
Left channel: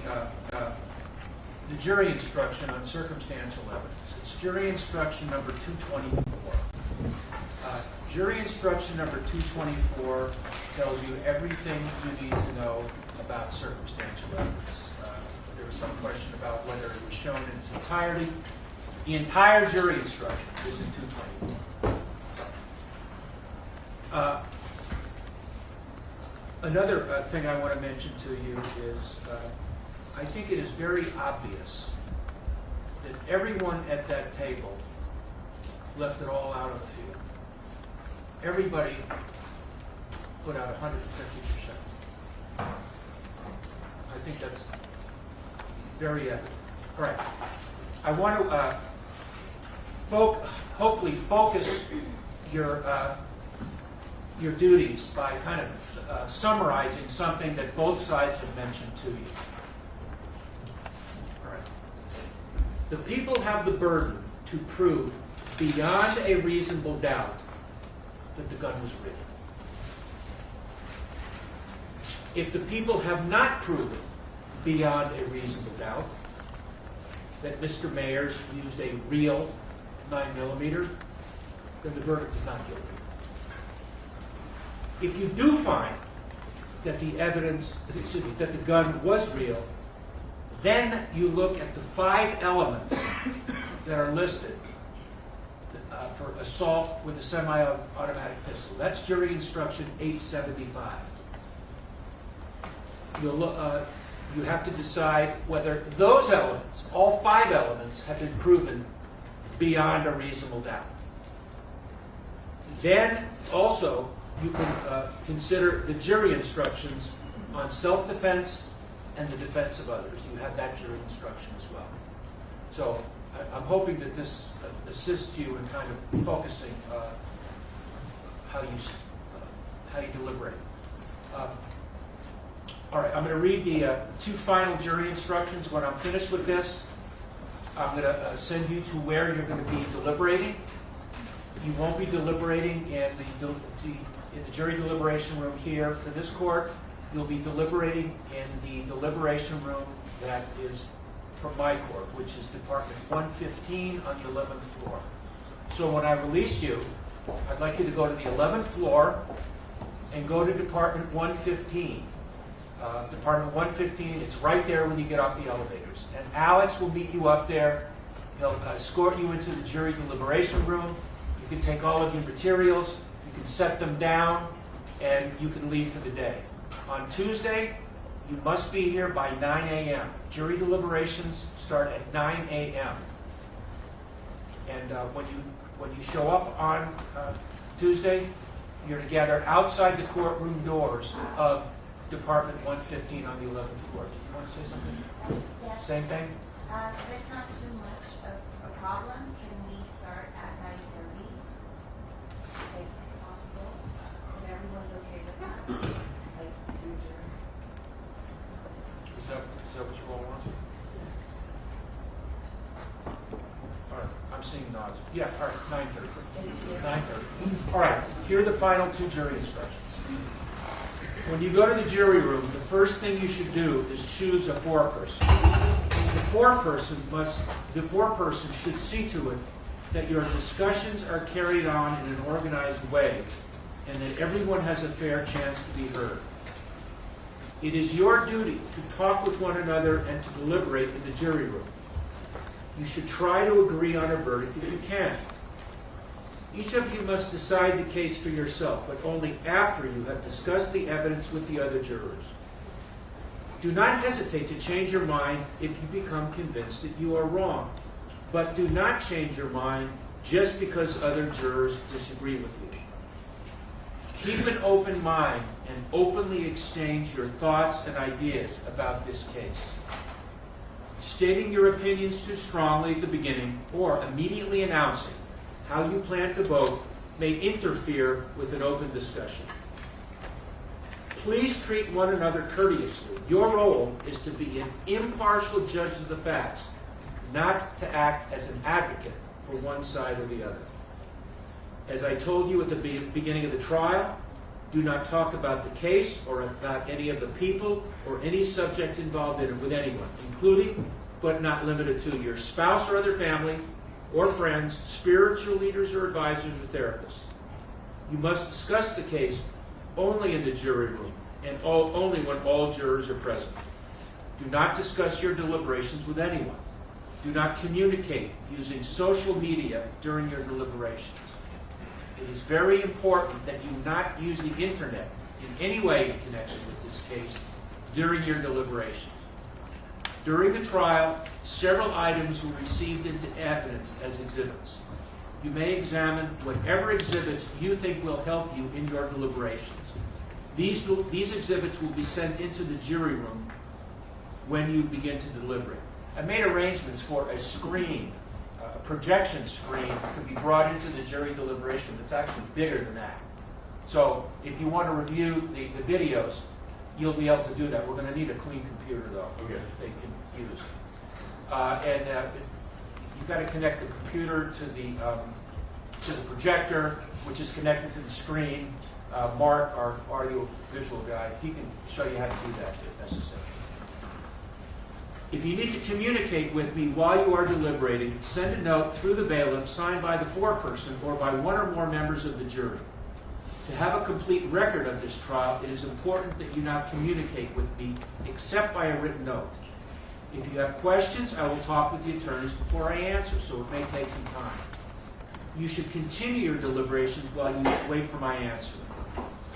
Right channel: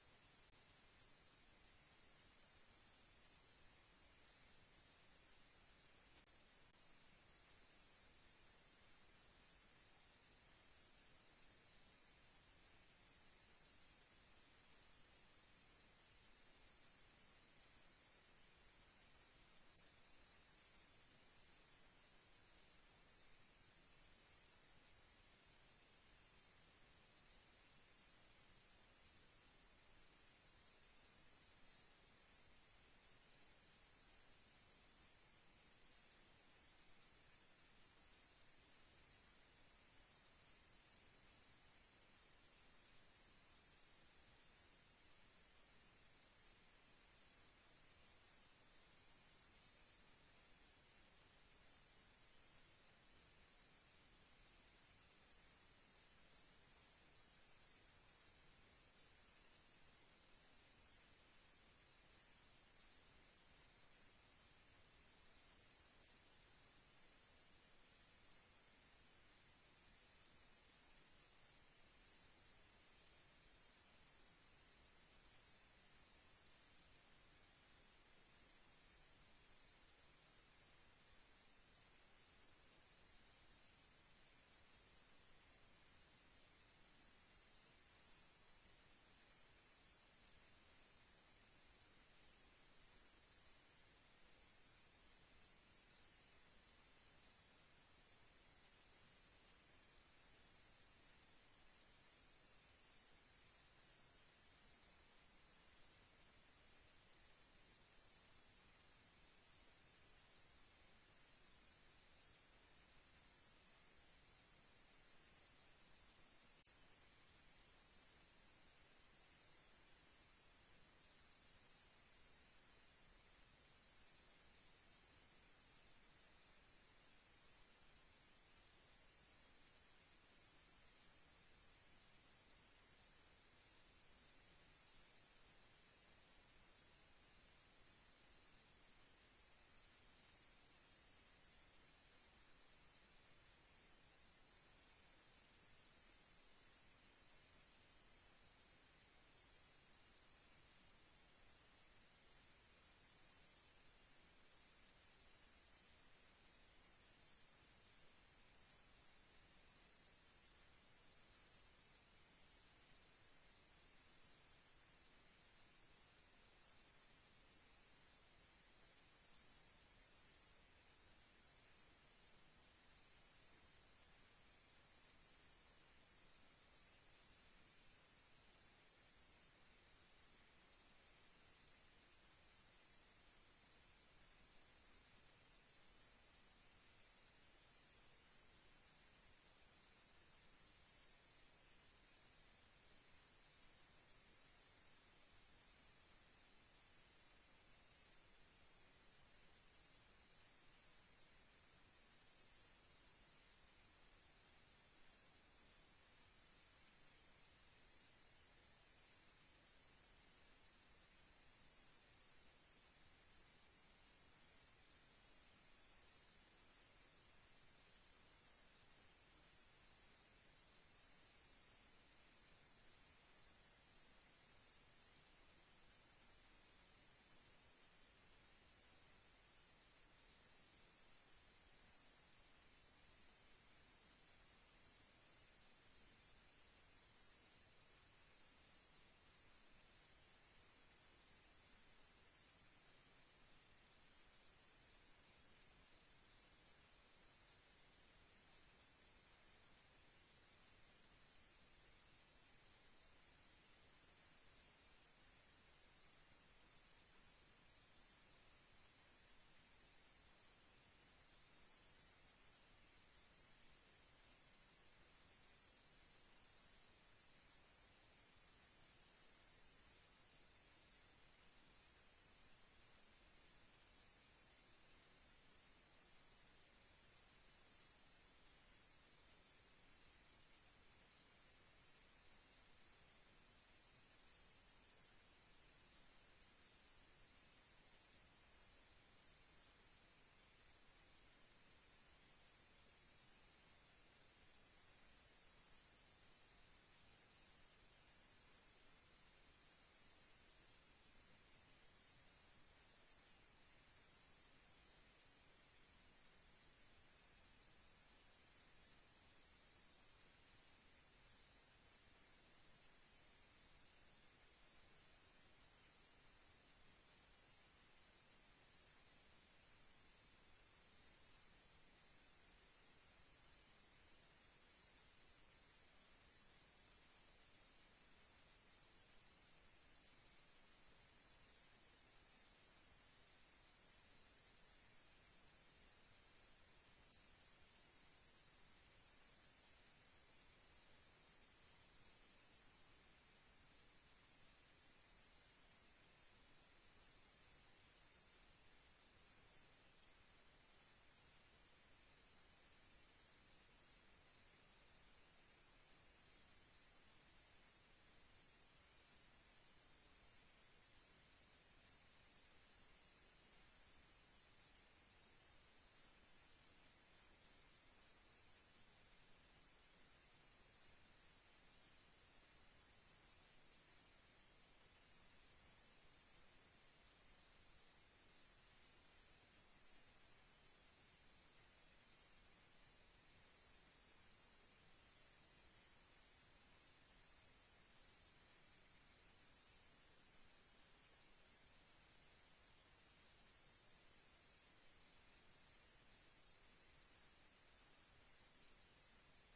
jury instruction on circumstantial evidence. It's jury instruction number 224. Jury instruction number 224 tells you everything you need to know about circumstantial evidence. There was some question about whether it was shown in its entirety. The entire jury instruction is in 224. Another thing I want to mention to you is I think it is very obvious that everyone at that table left it all out of the field. Everybody put out 150%. I think that's very evident. All right. I want to hopefully focus your duties by kind of summarizing something that both sides have mentioned to you. All right. The people have the burden to prove beyond a reasonable doubt that the gun was real. If the people have not proven beyond a reasonable doubt that Mr. Mayers used a real 9mm, then the verdict is not guilty. If you do find that the that the gun was real, then you look at the 5 elements that are listed for assault with a semi-automatic pistol. That's jury instruction 875. You have to decide whether those elements, all 5 elements, have been proven beyond a reasonable doubt. Then also you can consider the jury instructions on self-defense and the defense of others. You have that jury instruction as well. So I'm hoping that this assists you in kind of focusing how you deliberate. All right, I'm going to read the 2 final jury instructions. When I'm finished with this, I'm going to send you to where you're going to be deliberating. You won't be deliberating in the jury deliberation room here for this court. You'll be deliberating in the deliberation room that is from my court, which is Department 115 on the 11th floor. So when I release you, I'd like you to go to the 11th floor and go to Department 115. Department 115, it's right there when you get off the elevators. And Alex will meet you up there. He'll escort you into the jury deliberation room. You can take all of your materials, you can set them down, and you can leave for the day. On Tuesday, you must be here by 9 a.m. Jury deliberations start at 9 a.m. And when you show up on Tuesday, you're to gather outside the courtroom doors of Department 115 on the 11th floor. Do you want to say something? Yes. Same thing? If it's not too much of a problem, can we start at 9:30? If possible. If everyone's okay with that. Like, Is that what you all want? All right, I'm seeing nods. Yeah, all right, 9:30. 9:30. All right, here are the final 2 jury instructions. When you go to the jury room, the first thing you should do is choose a foreperson. The foreperson should see to it that your discussions are carried on in an organized way and that everyone has a fair chance to be heard. It is your duty to talk with one another and to deliberate in the jury room. You should try to agree on a verdict if you can. Each of you must decide the case for yourself, but only after you have discussed the evidence with the other jurors. Do not hesitate to change your mind if you become convinced that you are wrong, but do not change your mind just because other jurors disagree with you. Keep an open mind and openly exchange your thoughts and ideas about this case. Stating your opinions too strongly at the beginning or immediately announcing how you plan to vote may interfere with an open discussion. Please treat one another courteously. Your role is to be an impartial judge of the facts, not to act as an advocate for one side or the other. As I told you at the beginning of the trial, Do not talk about the case or about any of the people or any subject involved in it with anyone, including but not limited to your spouse or other family or friends, spiritual leaders or advisors or therapists. You must discuss the case only in the jury room and only when all jurors are present. Do not discuss your deliberations with anyone. Do not communicate using social media during your deliberations. It is very important that you not use the internet in any way in connection with this case during your deliberations. During the trial, several items were received into evidence as exhibits. You may examine whatever exhibits you think will help you in your deliberations. These exhibits will be sent into the jury room when you begin to deliberate. I made arrangements for a screen, a projection screen that could be brought into the jury deliberation that's actually bigger than that. So if you want to review the videos, you'll be able to do that. We're going to need a clean computer, though, Okay. that they can use. You've got to connect the computer to the projector, which is connected to the screen. Mark, our audio visual guy, he can show you how to do that if necessary. If you need to communicate with me while you are deliberating, send a note through the bailiff signed by the foreperson or by one or more members of the jury. To have a complete record of this trial, it is important that you not communicate with me except by a written note. If you have questions, I will talk with the attorneys before I answer, so it may take some time. You should continue your deliberations while you wait for my answer.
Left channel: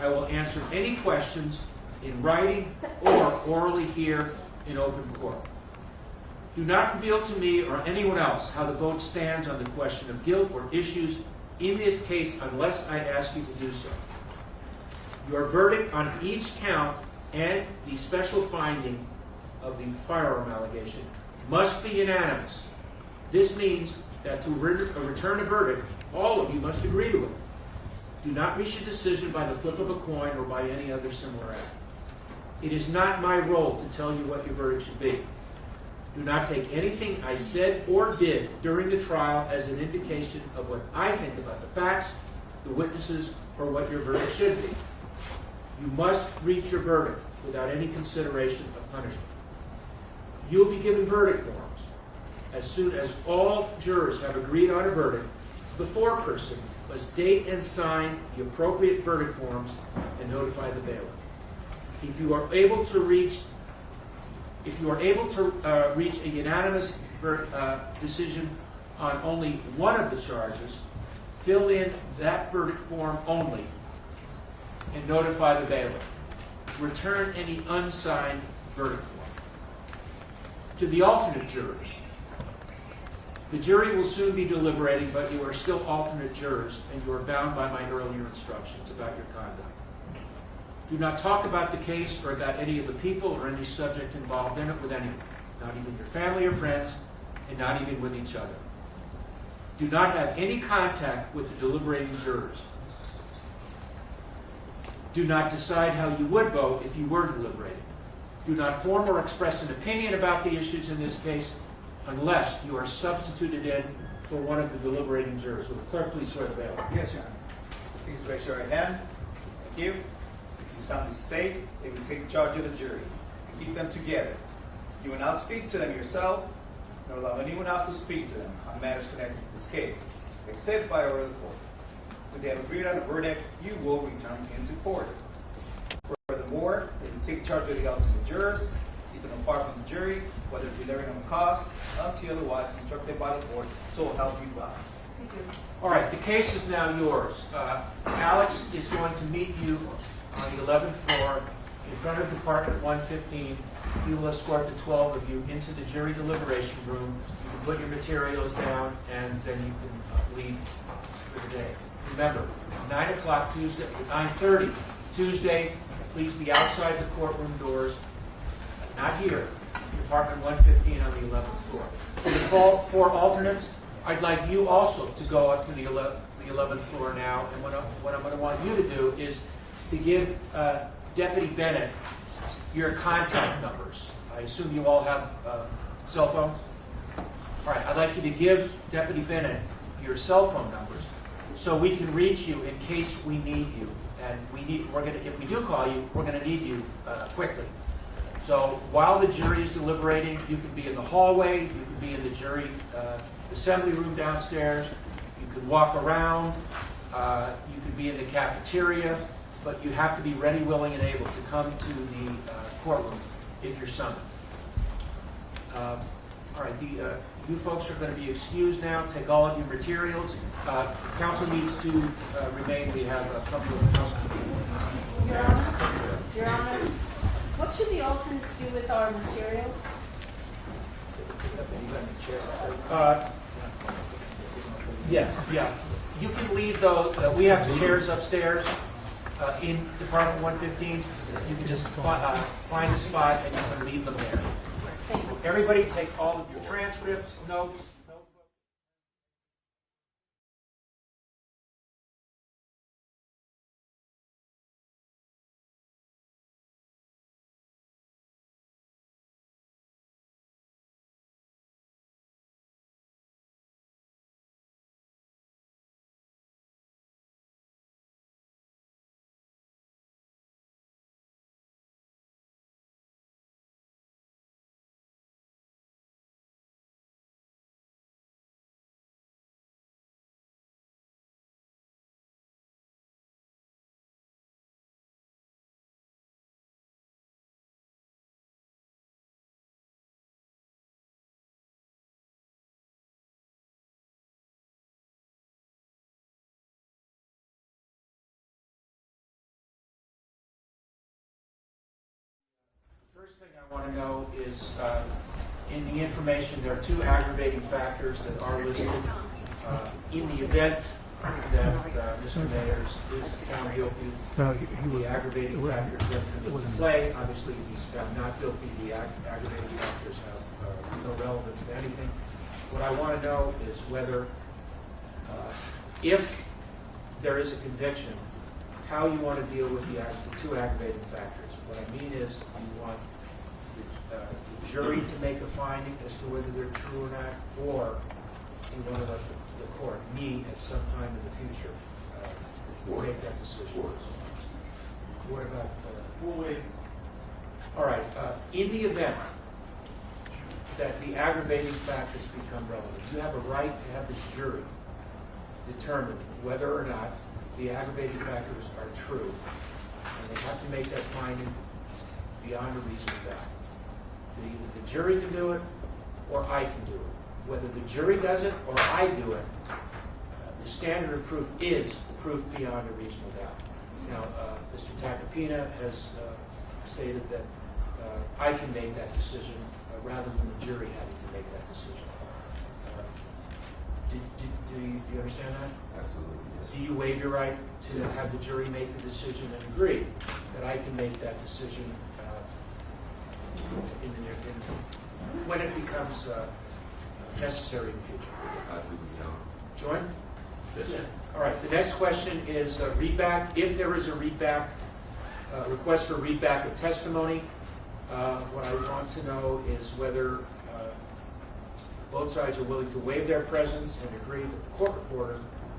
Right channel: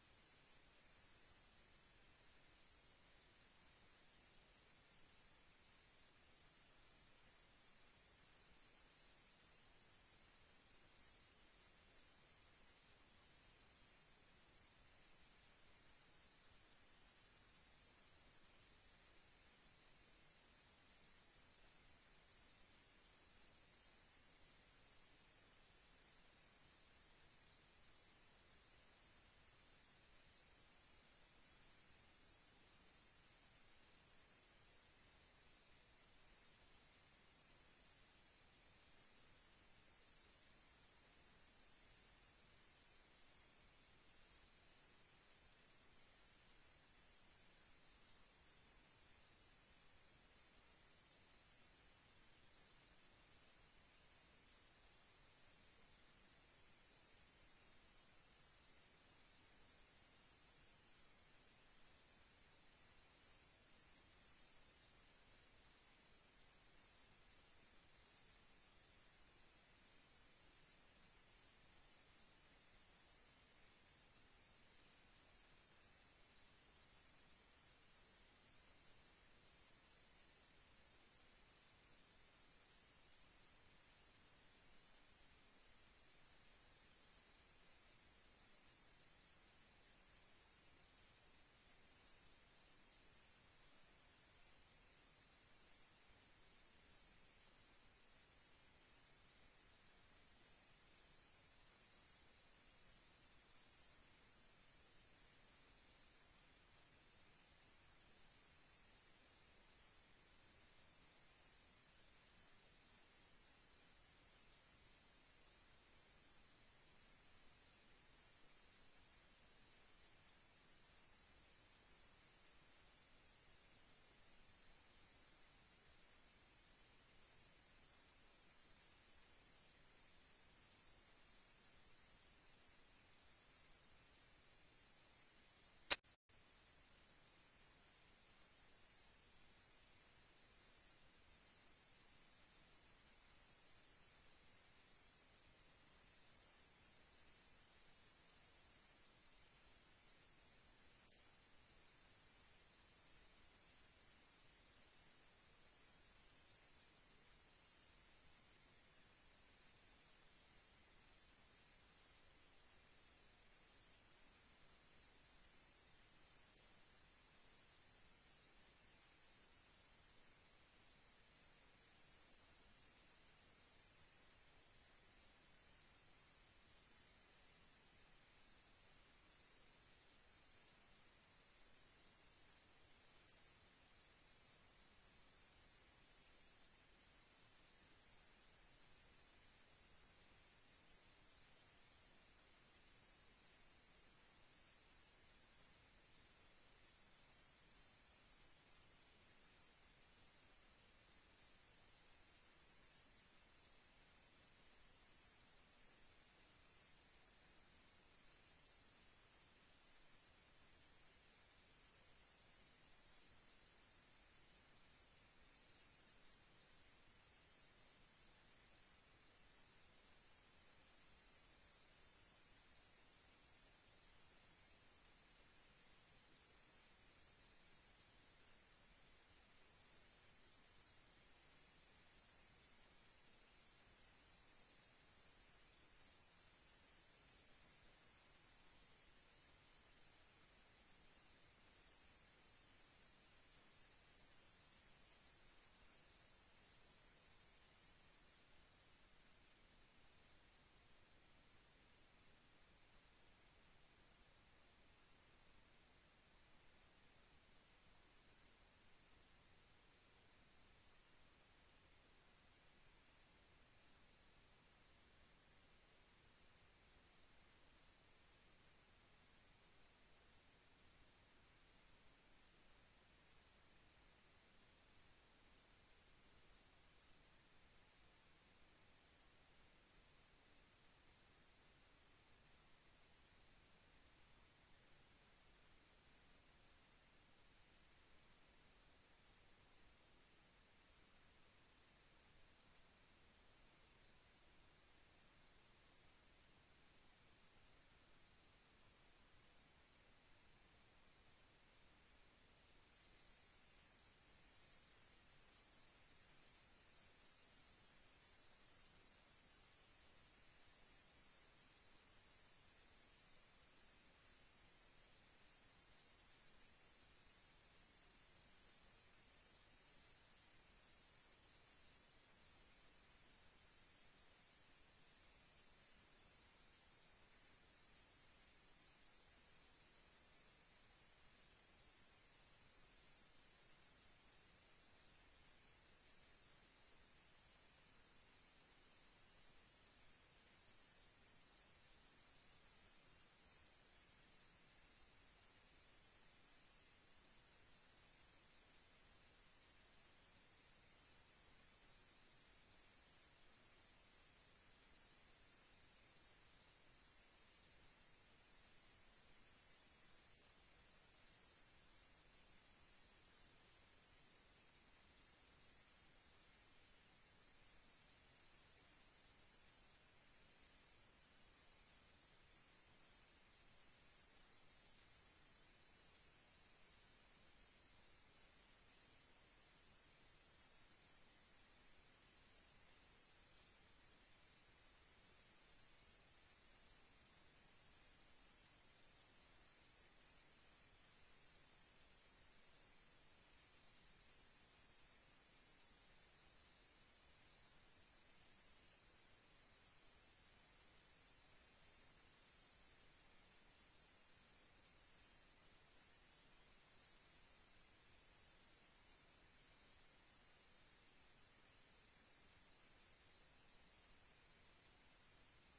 I will answer any questions in writing or orally here in open court. Do not reveal to me or anyone else how the vote stands on the question of guilt or issues in this case unless I ask you to do so. Your verdict on each count and the special finding of the firearm allegation must be unanimous. This means that to return a verdict, all of you must agree to it. Do not reach a decision by the flip of a coin or by any other similar act. It is not my role to tell you what your verdict should be. Do not take anything I said or did during the trial as an indication of what I think about the facts, the witnesses, or what your verdict should be. You must reach your verdict without any consideration of punishment. You'll be given verdict forms. As soon as all jurors have agreed on a verdict, the foreperson must date and sign the appropriate verdict forms and notify the bailiff. If you are able to reach a unanimous decision on only one of the charges, fill in that verdict form only and notify the bailiff. Return any unsigned verdict form. To the alternate jurors, the jury will soon be deliberating, but you are still alternate jurors, and you are bound by my earlier instructions about your conduct. Do not talk about the case or about any of the people or any subject involved in it with anyone, not even your family or friends, and not even with each other. Do not have any contact with the deliberating jurors. Do not decide how you would vote if you were deliberating. Do not form or express an opinion about the issues in this case unless you are substituted in for one of the deliberating jurors. Will the clerk please swear the bailiff? Yes, Your Honor. Please raise your right hand. Thank you. You solemnly state that you will take charge of the jury and keep them together. You will not speak to them yourself, nor allow anyone else to speak to them on matters connected to this case, except by order of the court. When they have agreed on a verdict, you will return into court. Furthermore, if you take charge of the alternate jurors, keep them apart from the jury, whether delivering them a cause, until otherwise instructed by the court, so help you God. Thank you. All right, the case is now yours. Alex is going to meet you on the 11th floor in front of Department 115. He will escort the 12 of you into the jury deliberation room. You can put your materials down, and then you can leave for the day. Remember, 9 o'clock Tuesday, 9:30 Tuesday, please be outside the courtroom doors, not here, Department 115 on the 11th floor. For the four alternates, I'd like you also to go up to the 11th floor now, and what I'm going to want you to do is to give Deputy Bennett your contact numbers. I assume you all have cell phones? All right, I'd like you to give Deputy Bennett your cell phone numbers so we can reach you in case we need you. And if we do call you, we're going to need you quickly. So while the jury is deliberating, you can be in the hallway, you can be in the jury assembly room downstairs, you can walk around, you can be in the cafeteria, but you have to be ready, willing, and able to come to the courtroom if you're summoned. All right, you folks are going to be excused now. Take all of your materials. Council needs to remain. We have a couple of council. Your Honor, what should the alternates do with our materials? Yeah. You can leave those. We have the chairs upstairs in Department 115. You can just find a spot and you can leave them there. Everybody take all of your transcripts, notes. I want to know is, in the information, there are two aggravating factors that are listed. In the event that Mr. Mayers is found guilty, the aggravating factors that come into play, obviously if he's found not guilty, the aggravating factors have no relevance to anything. What I want to know is whether, if there is a conviction, how you want to deal with the two aggravating factors. What I mean is, you want the jury to make a finding as to whether they're true or not, or you want to let the court meet at some time in the future to make that decision. What about? All right. In the event that the aggravating factors become relevant, you have a right to have the jury determine whether or not the aggravating factors are true, and they have to make that finding beyond a reasonable doubt. Either the jury can do it, or I can do it. Whether the jury does it or I do it, the standard of proof is proof beyond a reasonable doubt. Now, Mr. Tacopina has stated that I can make that decision rather than the jury having to make that decision. Do you understand that? Absolutely, yes. Do you waive your right to have the jury make the decision and agree that I can make that decision when it becomes necessary in the future? I think we can. Join? Yes, sir. All right, the next question is readback. If there is a readback, request for readback of testimony, what I want to know is whether both sides are willing to waive their presence and agree that the court reporter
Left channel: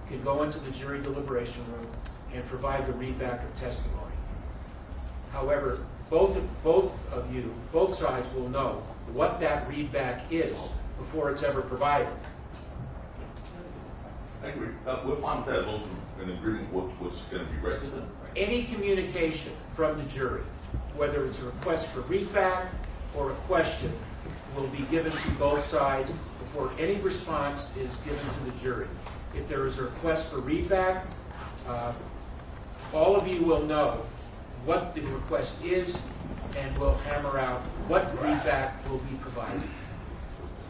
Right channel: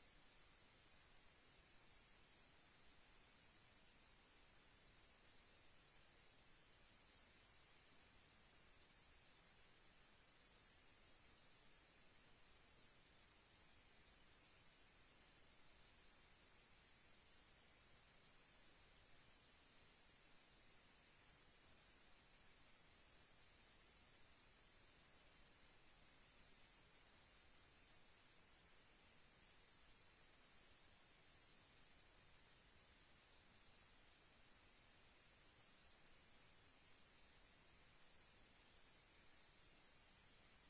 can go into the jury deliberation room and provide the readback of testimony. However, both sides will know what that readback is before it's ever provided. I agree. We're fine with that as long as we're in agreement with what's going to be read to them. Any communication from the jury, whether it's a request for readback or a question, will be given to both sides before any response is given to the jury. If there is a request for readback, all of you will know what the request is and will hammer out what readback will be provided.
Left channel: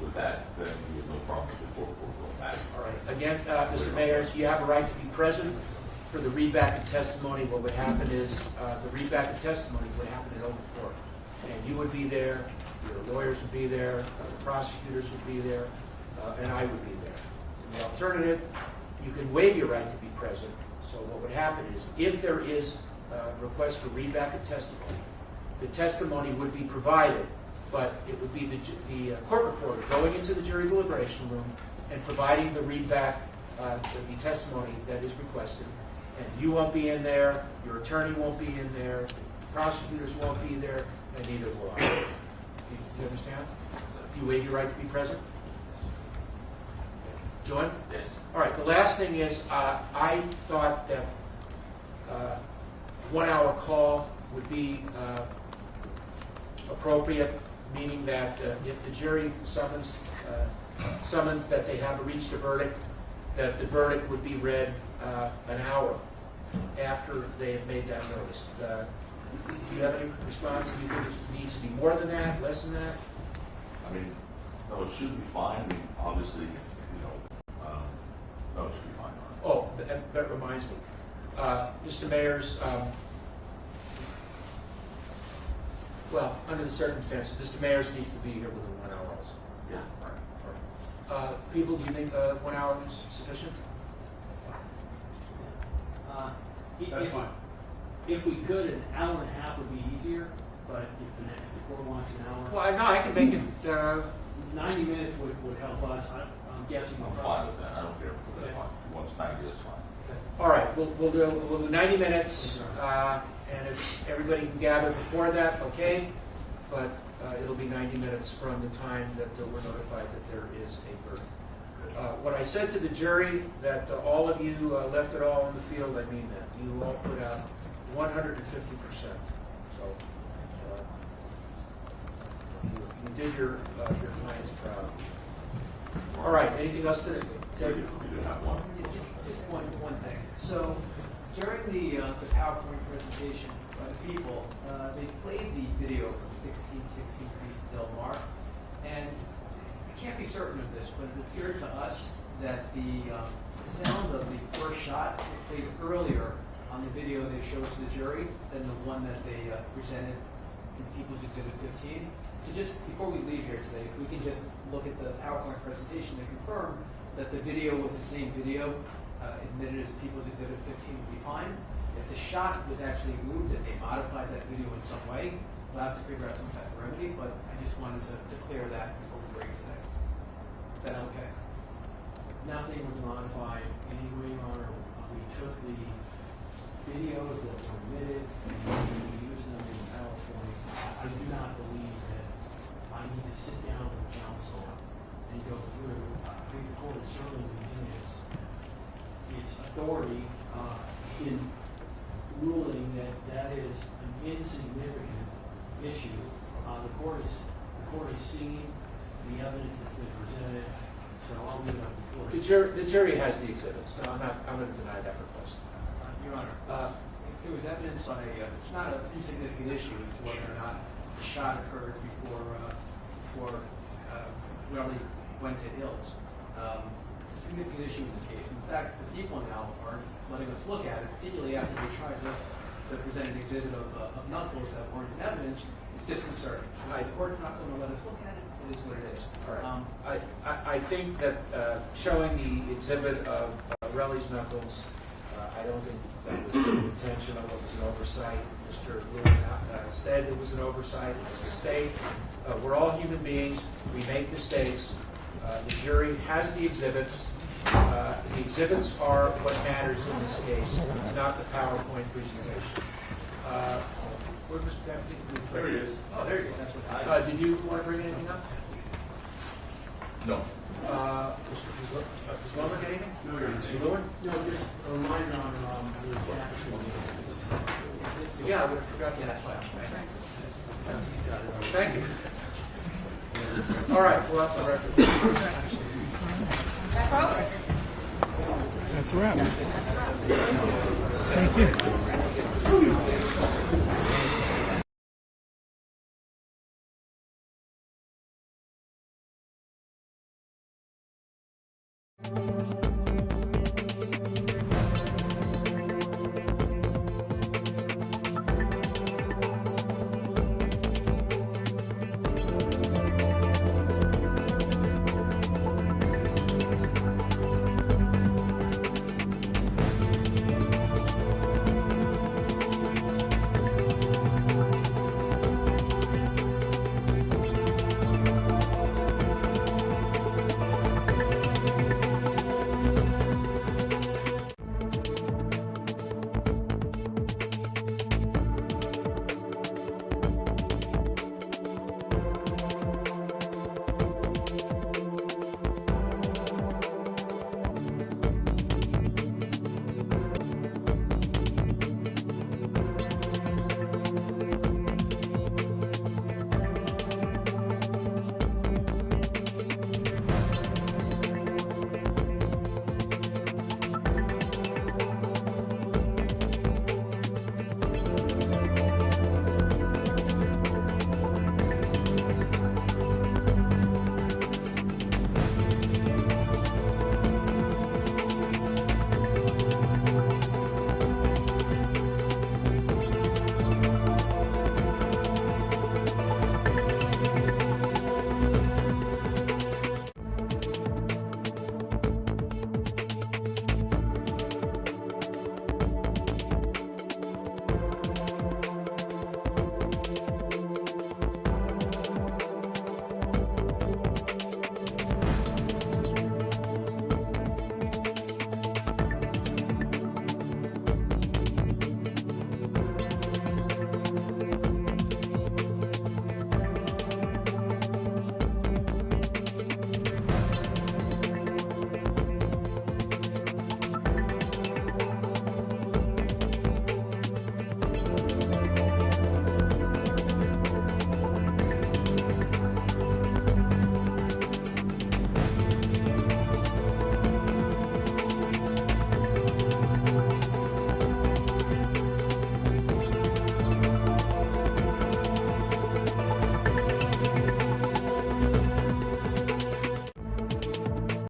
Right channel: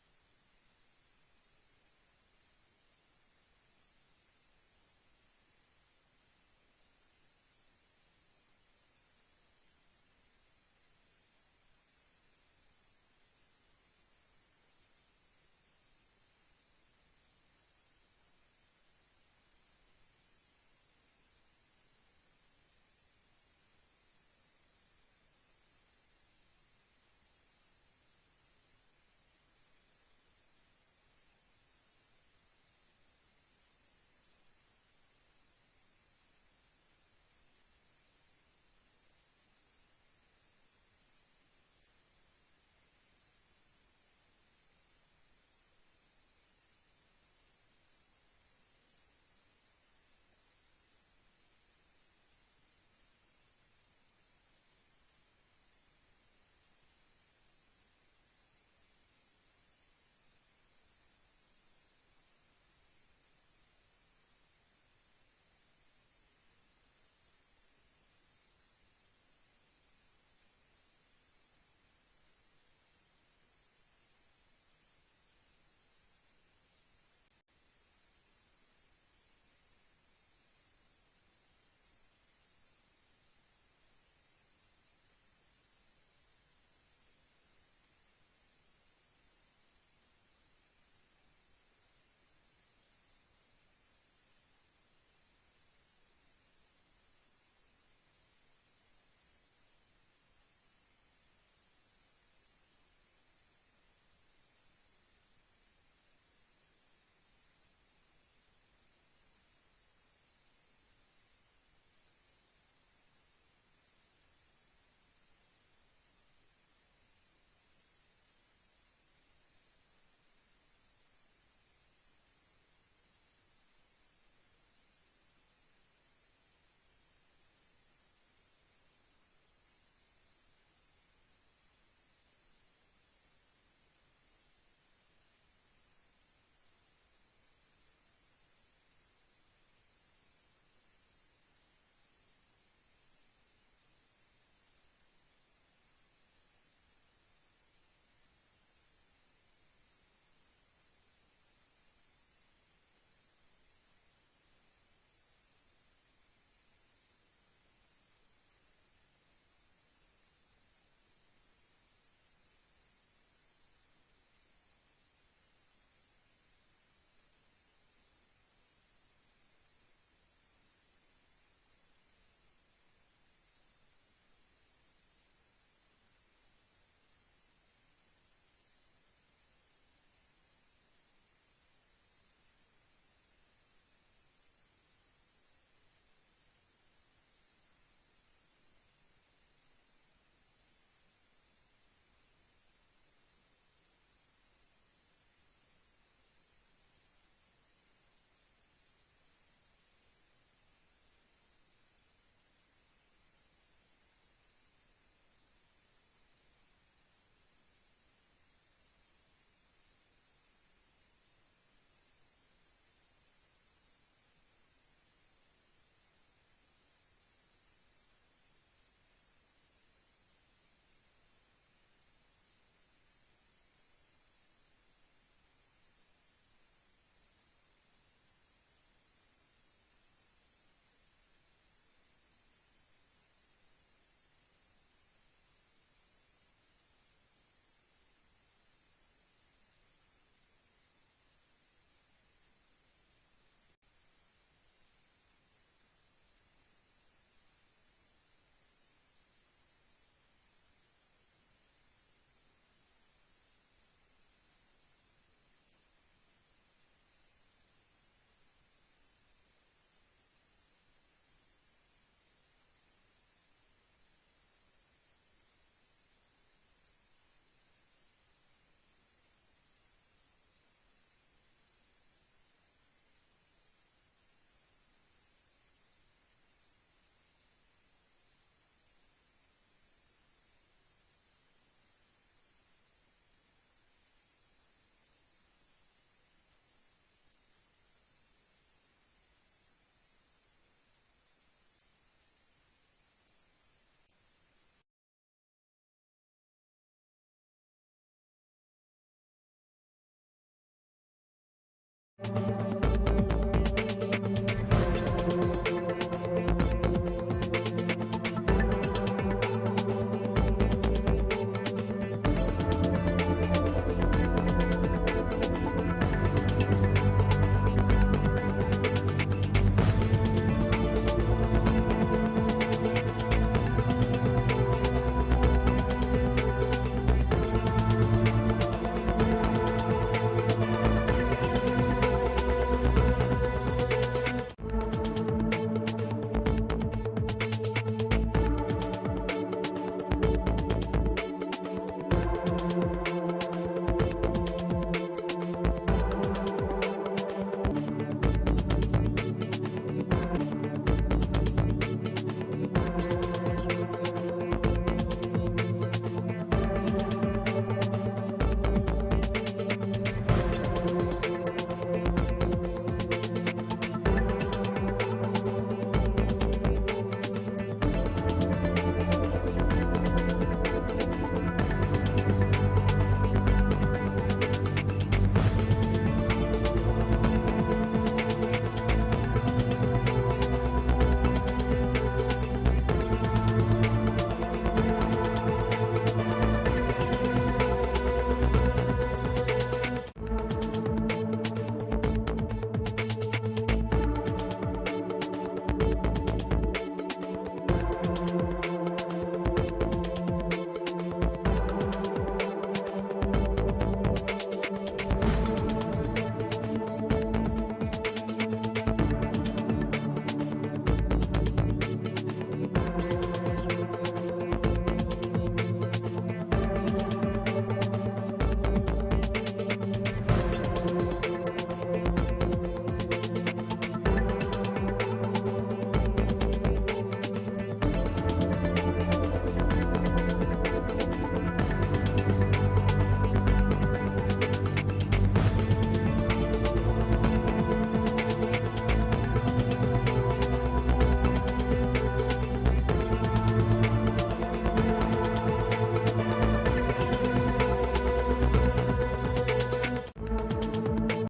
With that, then we have no problem with the court reporter going back. All right. Again, Mr. Mayers, you have a right to be present for the readback of testimony. What would happen is the readback of testimony would happen in open court. And you would be there, your lawyers would be there, the prosecutors would be there, and I would be there. In the alternative, you can waive your right to be present. So what would happen is if there is a request for readback of testimony, the testimony would be provided, but it would be the court reporter going into the jury deliberation room and providing the readback there'll be testimony that is requested, and you won't be in there, your attorney won't be in there, prosecutors won't be there, and neither will I. Do you understand? Do you waive your right to be present? John? Yes. All right, the last thing is, I thought that 1 hour call would be appropriate, meaning that if the jury summons that they have reached a verdict, that the verdict would be read an hour after they have made that notice. Do you have any response? Do you think it needs to be more than that, less than that? I mean, no, it should be fine. I mean, obviously, no, it should be fine. Oh, that reminds me. Mr. Mayor's, well, under the circumstances, Mr. Mayor's needs to be here within 1 hour also. Yeah. All right. People, do you think 1 hour is sufficient? That's fine. If we could, an hour and a half would be easier, but if the court wants an hour, Well, no, I can make it, 90 minutes would help us. I'm guessing. I'm fine with that. I don't care. That's fine. If he wants 90, that's fine. all right, we'll do 90 minutes, and if everybody can gather before that, okay, but it'll be 90 minutes from the time that we're notified that there is a verdict. What I said to the jury, that all of you left it all in the field, I mean that. You all put out 150%. So you did your clients proud. All right, anything else to We do have one. Just one thing. So during the PowerPoint presentation by the people, they played the video from 1616 East Del Mar, and I can't be certain of this, but it appeared to us that the sound of the first shot was played earlier on the video they showed to the jury than the one that they presented in People's Exhibit 15. So just before we leave here today, if we can just look at the PowerPoint presentation to confirm that the video was the same video admitted as People's Exhibit 15 would be fine. If the shot was actually moved, if they modified that video in some way, we'll have to figure out some type of remedy, but I just wanted to clear that before we break today. If that's okay. Nothing was modified anyway, Your Honor. We took the videos that were admitted and we used them in PowerPoint. I do not believe that I need to sit down with counsel and go through. I think the court is certainly within its authority in ruling that that is an insignificant issue. The court has seen the evidence that's been presented, so I'll leave it up to the court. The jury has the exhibits. No, I'm going to deny that request. Your Honor, there was evidence on it's not an insignificant issue as to whether or not the shot occurred before Relly went to Hills. It's a significant issue in this case. In fact, the people now are letting us look at it, particularly after they tried to present an exhibit of knuckles that weren't in evidence. It's disconcerting. The court's not going to let us look at it. It is what it is. All right. I think that showing the exhibit of Relly's knuckles, I don't think that was intentional. It was an oversight. Mr. Lewin said it was an oversight. It was a mistake. We're all human beings. We make mistakes. The jury has the exhibits. The exhibits are what matters in this case, not the PowerPoint presentation. Where was that? There he is. Oh, there you go. That's what Did you want to bring anything up? No. Mr. Loman, anything? No, Your Honor. Mr. Lewin? No, just a reminder on the actual. Yeah, I would have forgotten that. Thank you. All right, we're off the record. That's a wrap. Thank you.